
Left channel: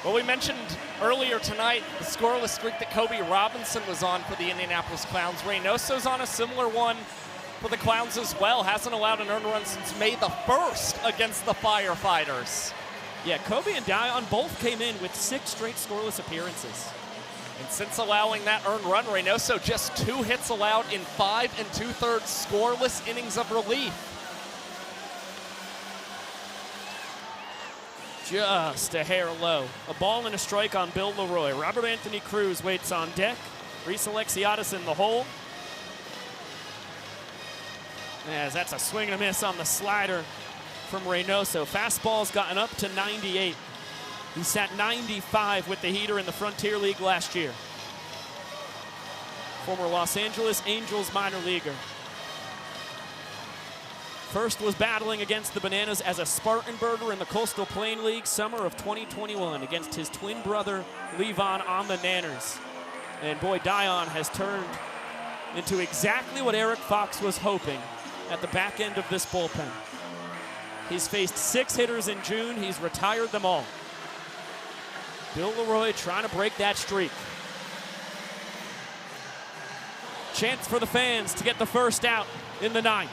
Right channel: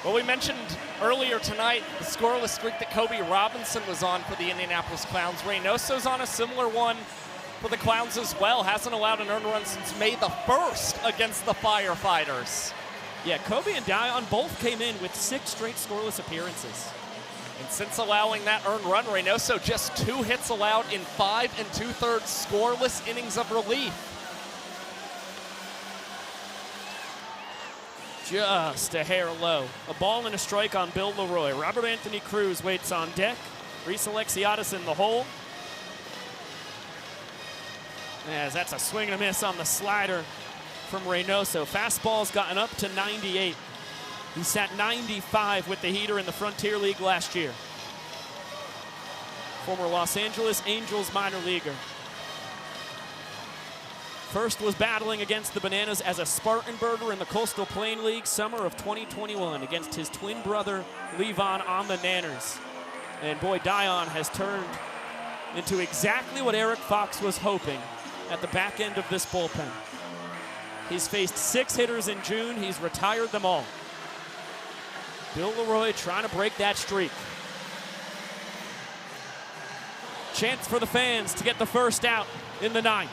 Well, we mentioned earlier tonight the scoreless streak that Kobe Robinson was on for the Indianapolis Clowns. Reynoso's on a similar one for the Clowns as well. Hasn't allowed an earned run since May the 1st against the Firefighters. Yeah, Kobe and Dayan both came in with 6 straight scoreless appearances. And since allowing that earned run, Reynoso just 2 hits allowed in 5 2/3 scoreless innings of relief. Just a hair low. A ball and a strike on Bill Leroy. Robert Anthony Cruz waits on deck. Reese Alexiadis in the hole. As that's a swing and a miss on the slider from Reynoso. Fastball's gotten up to 98. He sat 95 with the heater in the Frontier League last year. Former Los Angeles Angels minor leaguer. First was battling against the Bananas as a Spartanburger in the Coastal Plain League summer of 2021 against his twin brother, Levon, on the Nanners. And boy, Dayan has turned into exactly what Eric Fox was hoping at the back end of this bullpen. He's faced 6 hitters in June. He's retired them all. Bill Leroy trying to break that streak. Chance for the fans to get the first out in the 9th.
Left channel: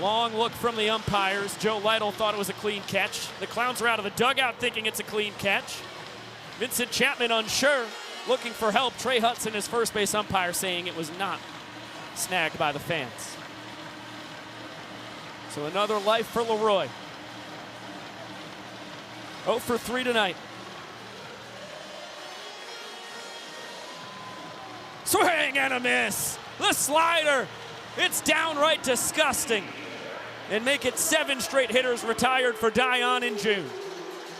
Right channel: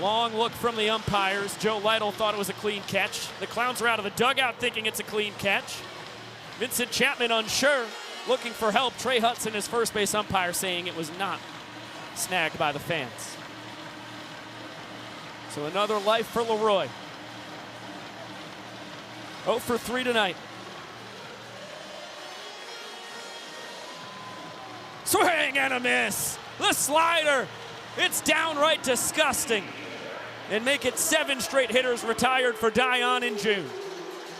Long look from the umpires. Joe Lytle thought it was a clean catch. The Clowns are out of the dugout thinking it's a clean catch. Vincent Chapman unsure, looking for help. Trey Hudson, his first base umpire, saying it was not snagged by the fans. So another life for Leroy. 0 for 3 tonight. Swing and a miss. The slider. It's downright disgusting. And make it 7 straight hitters retired for Dayan in June.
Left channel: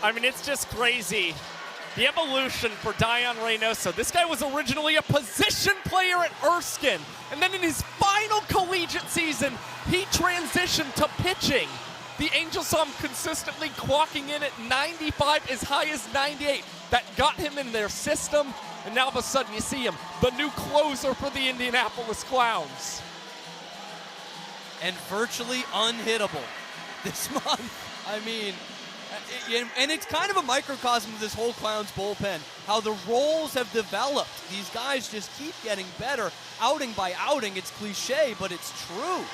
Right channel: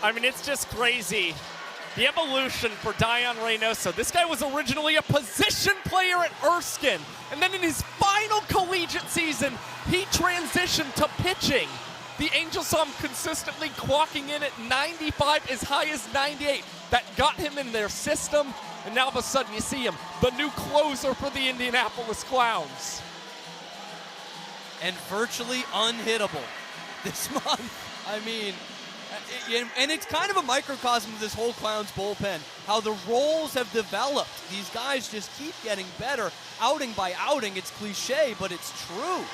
I mean, it's just crazy. The evolution for Dayan Reynoso. This guy was originally a position player at Erskine. And then in his final collegiate season, he transitioned to pitching The Angels saw him consistently clocking in at 95, as high as 98. That got him in their system, and now all of a sudden you see him, the new closer for the Indianapolis Clowns. And virtually unhittable this month. I mean, and it's kind of a microcosm of this whole Clowns bullpen, how the roles have developed. These guys just keep getting better, outing by outing. It's cliche, but it's true.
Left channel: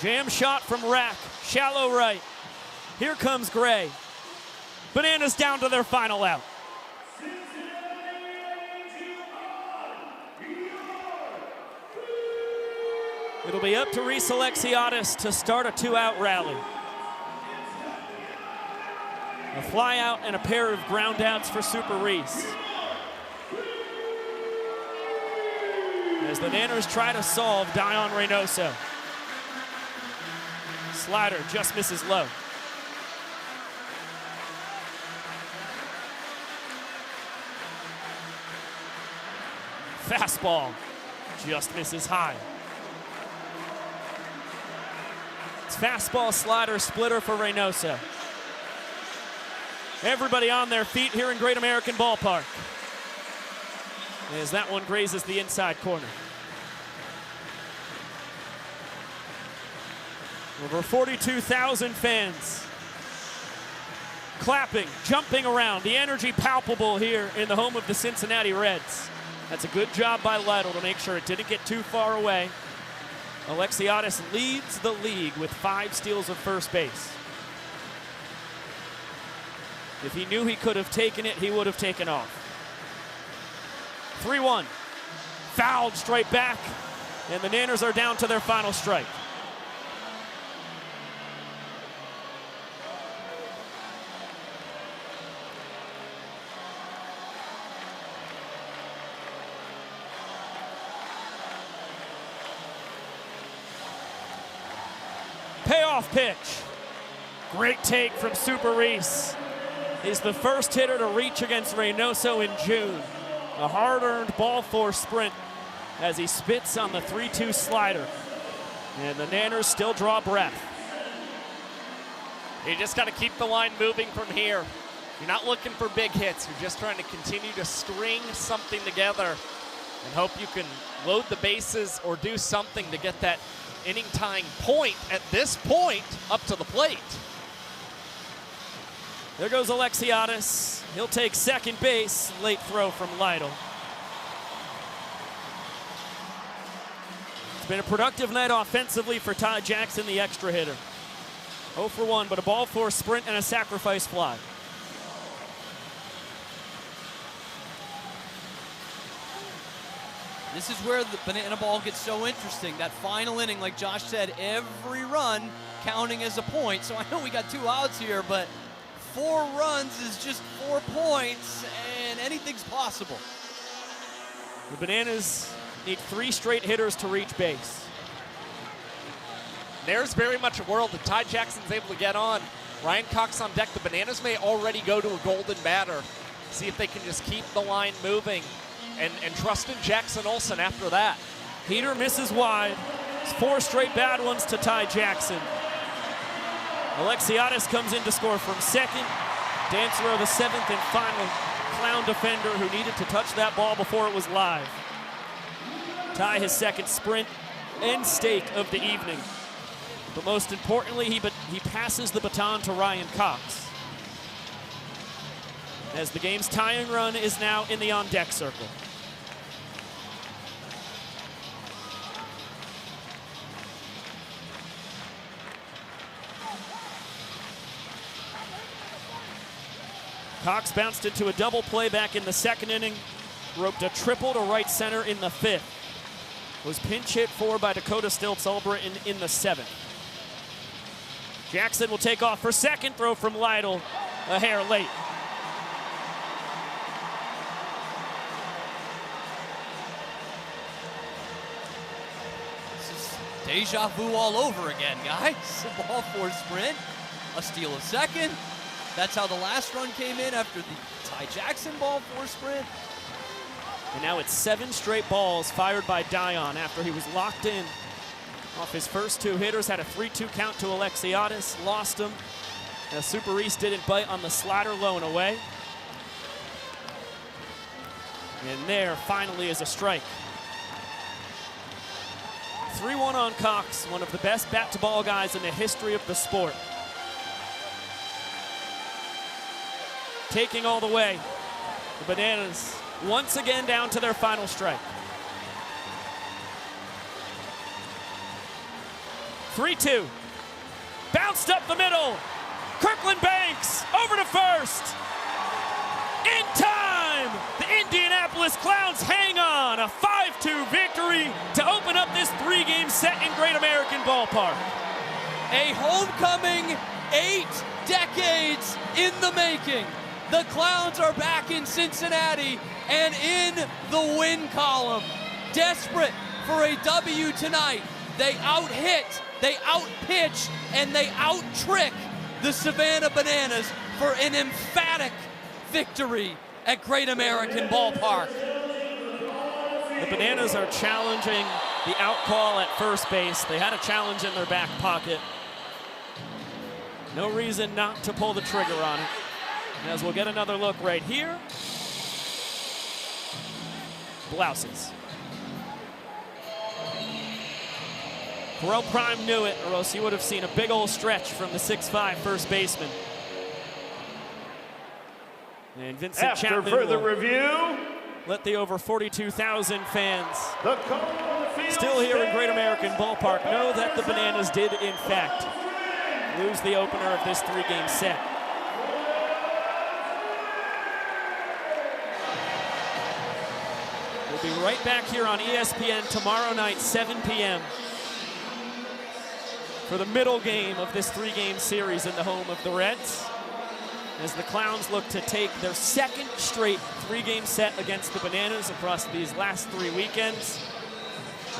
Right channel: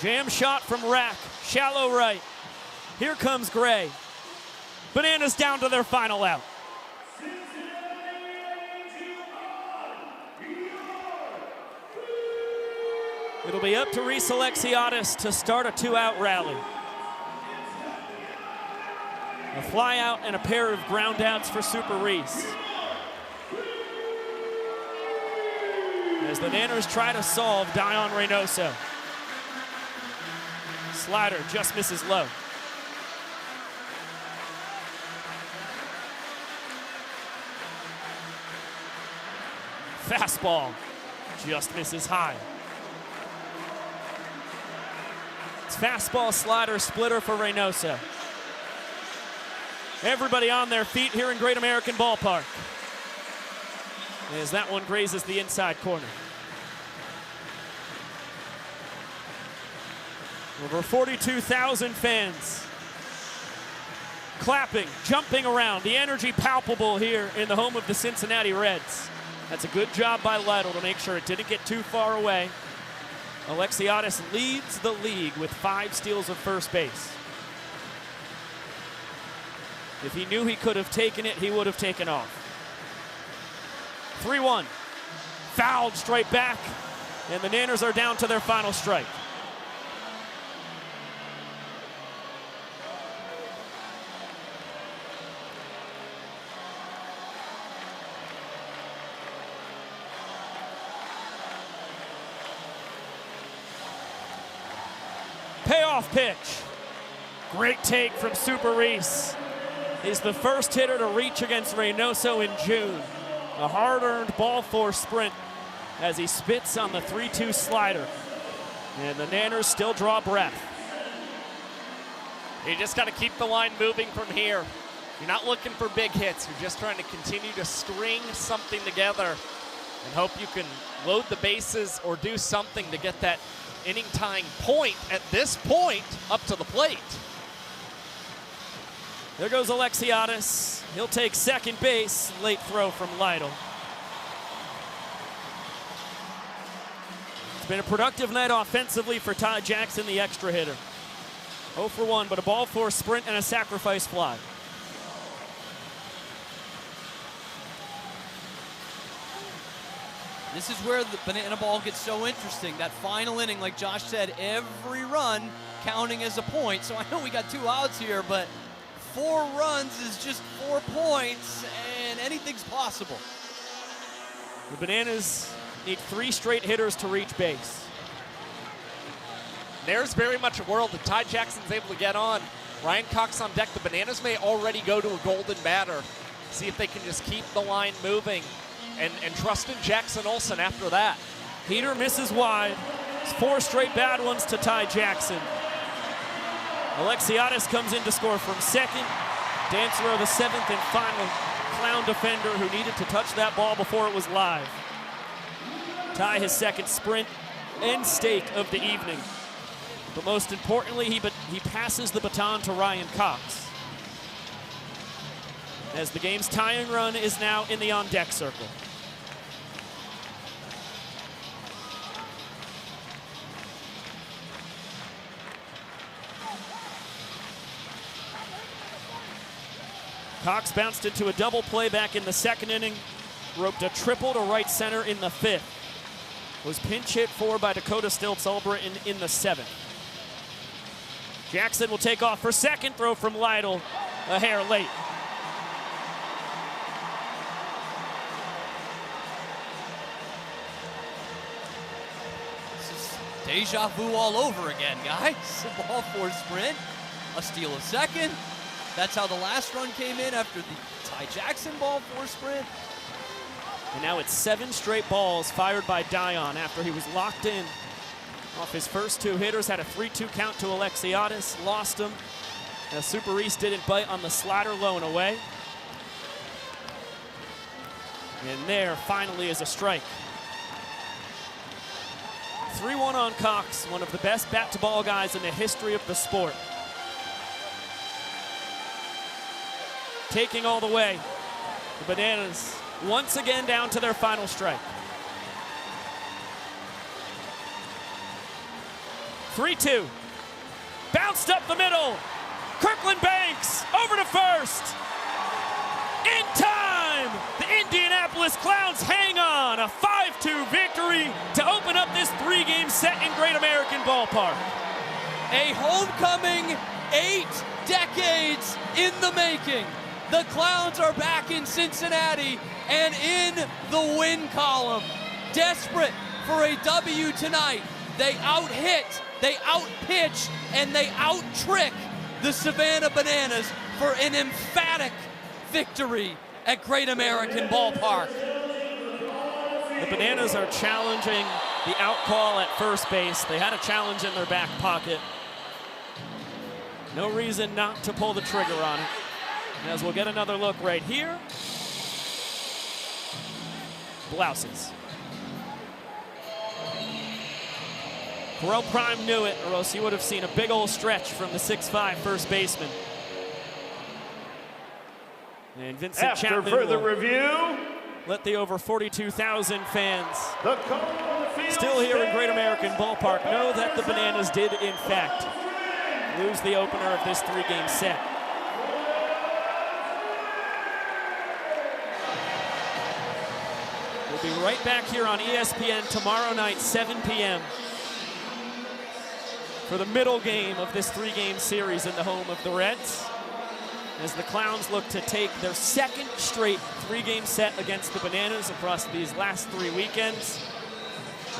Jam shot from Rack, shallow right. Here comes Gray. Bananas down to their final out. It'll be up to Reese Alexiadis to start a 2-out rally. A fly out and a pair of ground outs for Super Reese. As the Nanners try to solve Dion Reynoso. Slider just misses low. Fastball just misses high. It's fastball, slider, splitter for Reynoso. Everybody on their feet here in Great American Ballpark, as that one grazes the inside corner. Over 42,000 fans clapping, jumping around. The energy palpable here in the home of the Cincinnati Reds. That's a good job by Lytle to make sure it didn't get too far away. Alexiadis leads the league with 5 steals of first base. If he knew he could have taken it, he would have taken off. 3-1. Fouled straight back, and the Nanners are down to their final strike. Payoff pitch. Great take from Super Reese. He's the first hitter to reach against Reynoso in June. A hard-earned ball four sprint as he spits on the 3-2 slider. And the Nanners still draw breath. You just got to keep the line moving from here. You're not looking for big hits. You're just trying to continue to string something together and hope you can load the bases or do something to get that inning-tying point at this point up to the plate. There goes Alexiadis. He'll take second base. Late throw from Lytle. It's been a productive night offensively for Ty Jackson, the extra hitter. 0 for 1, but a ball four sprint and a sacrifice fly. This is where the banana ball gets so interesting. That final inning, like Josh said, every run counting as a point. So I know we got 2 outs here, but 4 runs is just 4 points, and anything's possible. The Bananas need 3 straight hitters to reach base. There's very much a world that Ty Jackson's able to get on. Ryan Cox on deck. The Bananas may already go to a golden batter. See if they can just keep the line moving and trust in Jackson Olsen after that. Heater misses wide. It's 4 straight bad ones to Ty Jackson. Alexiadis comes in to score from second. Dancer, the 7th and final Clown defender who needed to touch that ball before it was live. Ty his second sprint and stake of the evening. But most importantly, he passes the baton to Ryan Cox, as the game's tying run is now in the on-deck circle. Cox bounced into a double play back in the second inning, roped a triple to right center in the 5th. Was pinch hit for by Dakota Stiltz-Ulbrich in the 7th. Jackson will take off for second, throw from Lytle, a hair late. This is deja vu all over again, guys. A ball four sprint, a steal of second. That's how the last run came in after the Ty Jackson ball four sprint. And now it's 7 straight balls fired by Dion after he was locked in Off his first 2 hitters, had a 3-2 count to Alexiadis, lost him. Super Reese didn't bite on the slider low and away. And there finally is a strike. 3-1 on Cox, one of the best bat-to-ball guys in the history of the sport. Taking all the way. The Bananas once again down to their final strike. 3-2. Bounced up the middle. Kirkland Banks over to first. In time, the Indianapolis Clowns hang on. A 5-2 victory to open up this 3-game set in Great American Ballpark. A homecoming 8 decades in the making. The Clowns are back in Cincinnati and in the win column. Desperate for a W tonight. They out-hit, they out-pitch, and they out-trick the Savannah Bananas for an emphatic victory at Great American Ballpark. The Bananas are challenging the out call at first base. They had a challenge in their back pocket. No reason not to pull the trigger on it. As we'll get another look right here. Blouses. Correll Prime knew it, or else you would have seen a big old stretch from the 6'5" first baseman. And Vincent After Chapman further will review, let the over 42,000 fans still here in Great American Ballpark know that the Bananas did, in fact, lose the opener of this 3-game set. We'll be right back here on ESPN tomorrow night, 7 p.m. for the middle game of this 3-game series in the home of the Reds, as the Clowns look to take their second straight 3-game set against the Bananas across these last 3 weekends.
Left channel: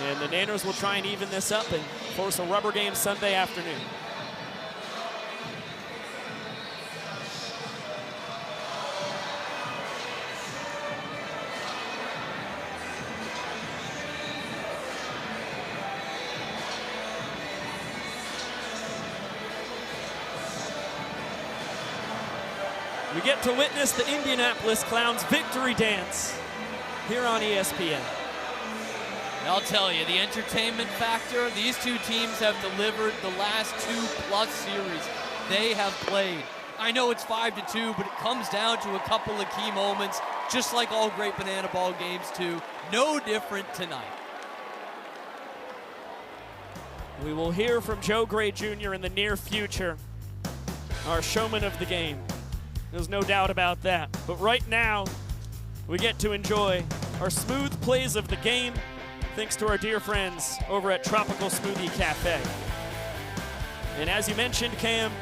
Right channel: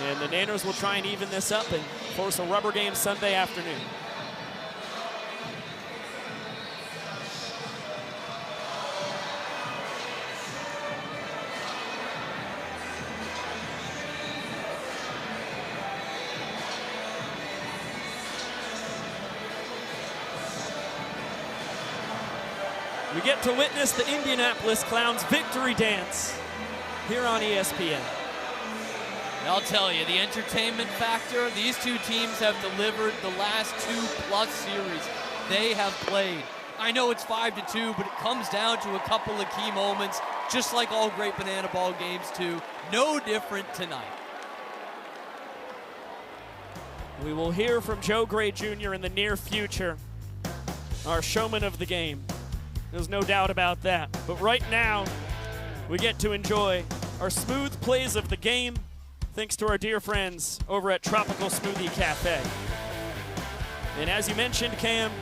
And the Nanners will try and even this up and force a rubber game Sunday afternoon. We get to witness the Indianapolis Clowns victory dance here on ESPN. I'll tell you, the entertainment factor, these two teams have delivered the last 2+ series they have played. I know it's 5-2, but it comes down to a couple of key moments, just like all great Banana Ball games too. No different tonight. We will hear from Joe Gray Jr. in the near future, our showman of the game. There's no doubt about that. But right now, we get to enjoy our smooth plays of the game, thanks to our dear friends over at Tropical Smoothie Cafe. And as you mentioned, Cam,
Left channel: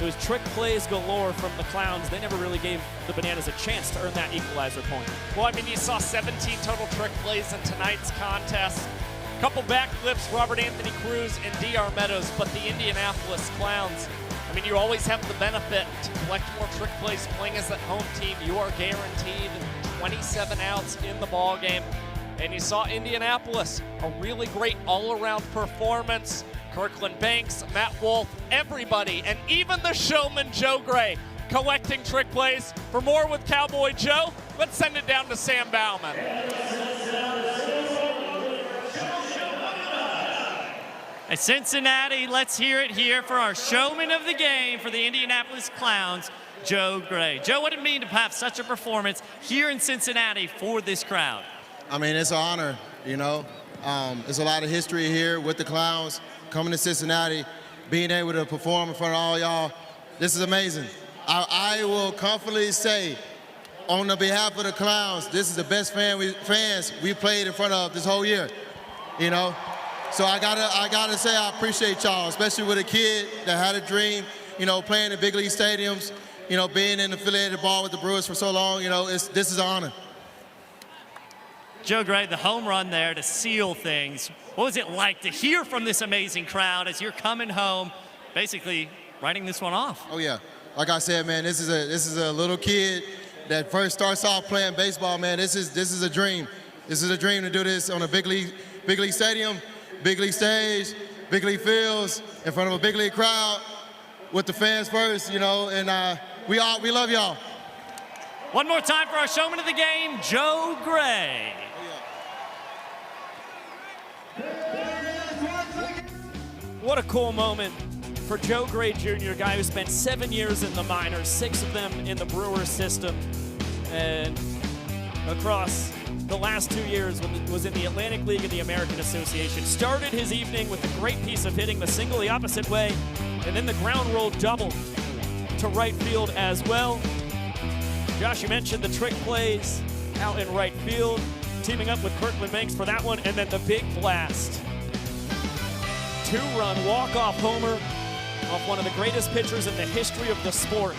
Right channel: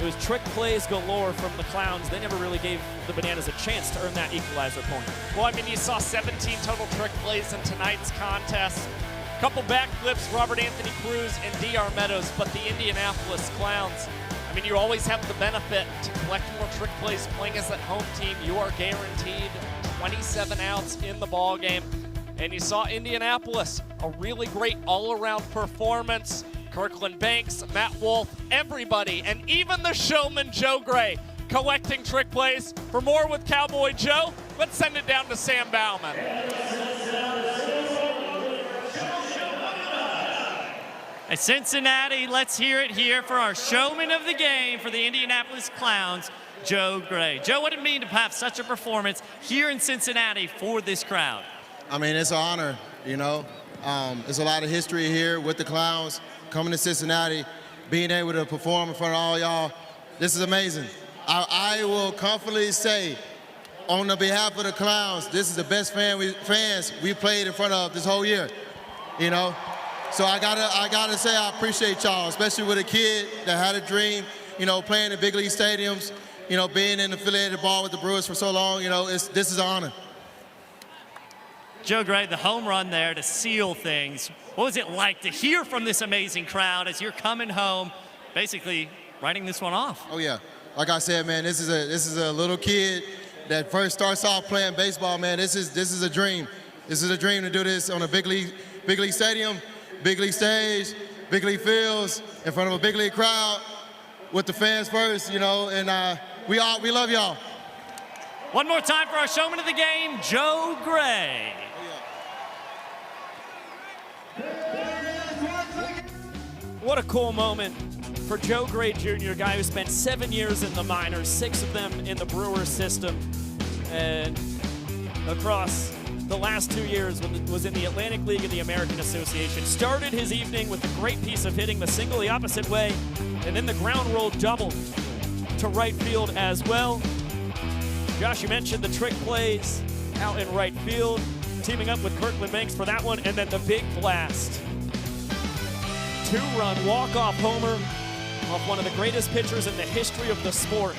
it was trick plays galore from the Clowns. They never really gave the Bananas a chance to earn that equalizer point. Well, I mean, you saw 17 total trick plays in tonight's contest. Couple backflips, Robert Anthony Cruz and D.R. Meadows, but the Indianapolis Clowns, I mean, you always have the benefit to collect more trick plays playing as that home team. You are guaranteed 27 outs in the ball game. And you saw Indianapolis, a really great all-around performance. Kirkland Banks, Matt Wolf, everybody, and even the showman Joe Gray collecting trick plays. For more with Cowboy Joe, let's send it down to Sam Bauman. At Cincinnati, let's hear it here for our showman of the game for the Indianapolis Clowns, Joe Gray. Joe, what did it mean to have such a performance here in Cincinnati for this crowd? I mean, it's an honor, you know. There's a lot of history here with the Clowns. Coming to Cincinnati, being able to perform in front of all y'all, this is amazing. I will confidently say, on the behalf of the Clowns, this is the best fans we played in front of this whole year, you know. So I gotta say I appreciate y'all, especially with a kid that had a dream, you know, playing in big league stadiums, you know, being in affiliated ball with the Brewers for so long, you know, this is an honor. Joe Gray, the home run there to seal things. What was it like to hear from this amazing crowd as you're coming home, basically writing this one off? Oh yeah, like I said, man, this is a little kid that first starts off playing baseball, man. This is a dream. This is a dream to do this on a big league stadium, big league stage, big league fields, in front of a big league crowd, with the fans first, you know, and we love y'all. One more time for our showman of the game, Joe Gray. What a cool moment for Joe Gray Jr., a guy who spent 7 years in the minors, 6 of them in the Brewers system, and across the last 2 years was in the Atlantic League and the American Association. Started his evening with a great piece of hitting the single the opposite way, and then the ground roll double to right field as well. Josh, you mentioned the trick plays out in right field, teaming up with Kirkland Banks for that one, and then the big blast. 2-run walk-off homer off one of the greatest pitchers in the history of the sport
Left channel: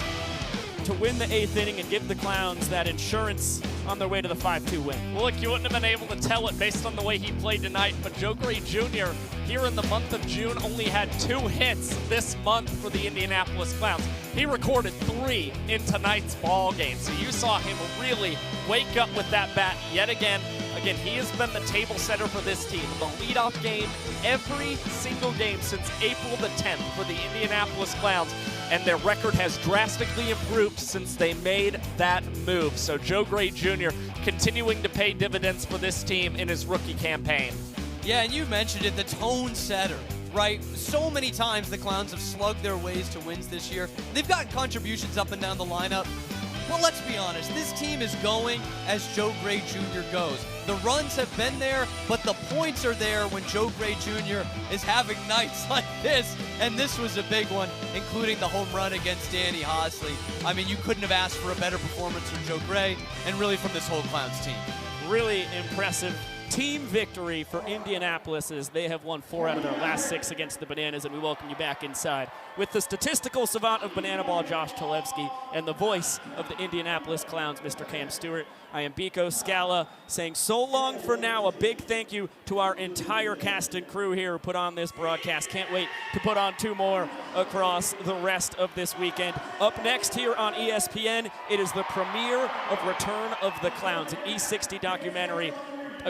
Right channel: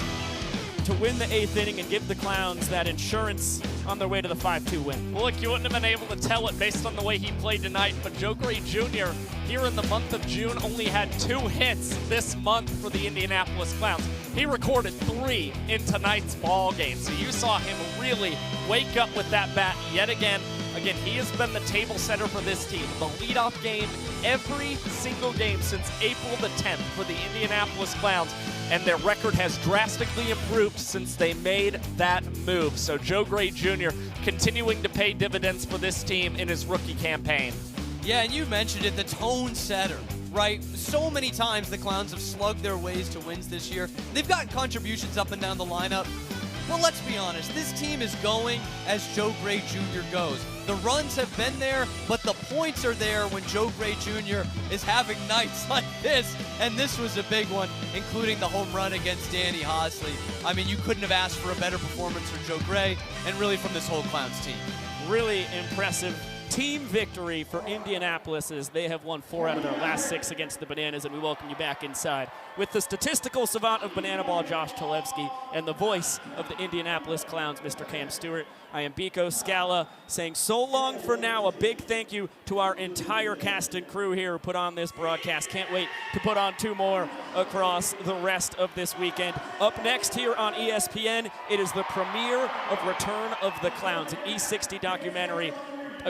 to win the 8th inning and give the Clowns that insurance on their way to the 5-2 win. Well, look, you wouldn't have been able to tell it based on the way he played tonight, but Joe Gray Jr. here in the month of June only had 2 hits this month for the Indianapolis Clowns. He recorded 3 in tonight's ball game, so you saw him really wake up with that bat yet again. Again, he has been the table setter for this team. The leadoff game every single game since April the 10th for the Indianapolis Clowns, and their record has drastically improved since they made that move. So Joe Gray Jr. continuing to pay dividends for this team in his rookie campaign. Yeah, and you mentioned it, the tone setter, right? So many times the Clowns have slugged their ways to wins this year. They've gotten contributions up and down the lineup. Well, let's be honest, this team is going as Joe Gray Jr. goes. The runs have been there, but the points are there when Joe Gray Jr. is having nights like this, and this was a big one, including the home run against Danny Hosley. I mean, you couldn't have asked for a better performance from Joe Gray, and really from this whole Clowns team. Really impressive team victory for Indianapolis as they have won 4 out of their last 6 against the Bananas, and we welcome you back inside with the statistical savant of Banana Ball, Josh Talevsky, and the voice of the Indianapolis Clowns, Mr. Cam Stewart. I am Biko Scala saying so long for now. A big thank you to our entire cast and crew here who put on this broadcast. Can't wait to put on 2 more across the rest of this weekend. Up next here on ESPN, it is the premiere of Return of the Clowns, an E60 documentary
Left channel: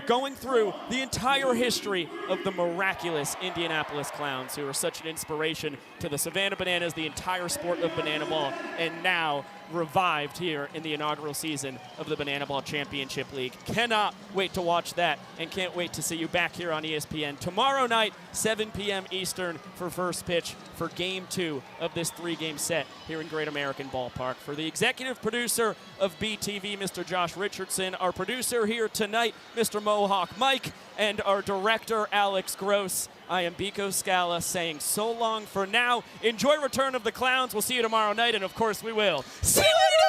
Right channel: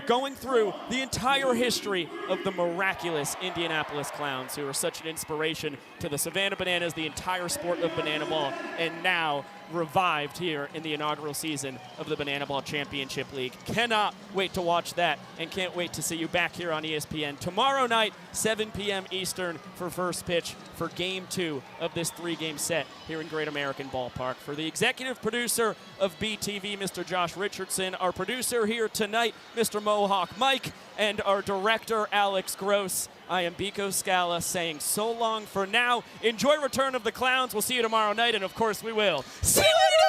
going through the entire history of the miraculous Indianapolis Clowns, who are such an inspiration to the Savannah Bananas, the entire sport of banana ball, and now revived here in the inaugural season of the Banana Ball Championship League. Cannot wait to watch that, and can't wait to see you back here on ESPN tomorrow night, 7 p.m. Eastern, for first pitch for Game 2 of this 3-game set here in Great American Ballpark. For the executive producer of BTV, Mr. Josh Richardson, our producer here tonight, Mr. Mohawk Mike, and our director, Alex Gross, I am Biko Scala saying so long for now. Enjoy Return of the Clowns. We'll see you tomorrow night, and of course we will. See you later!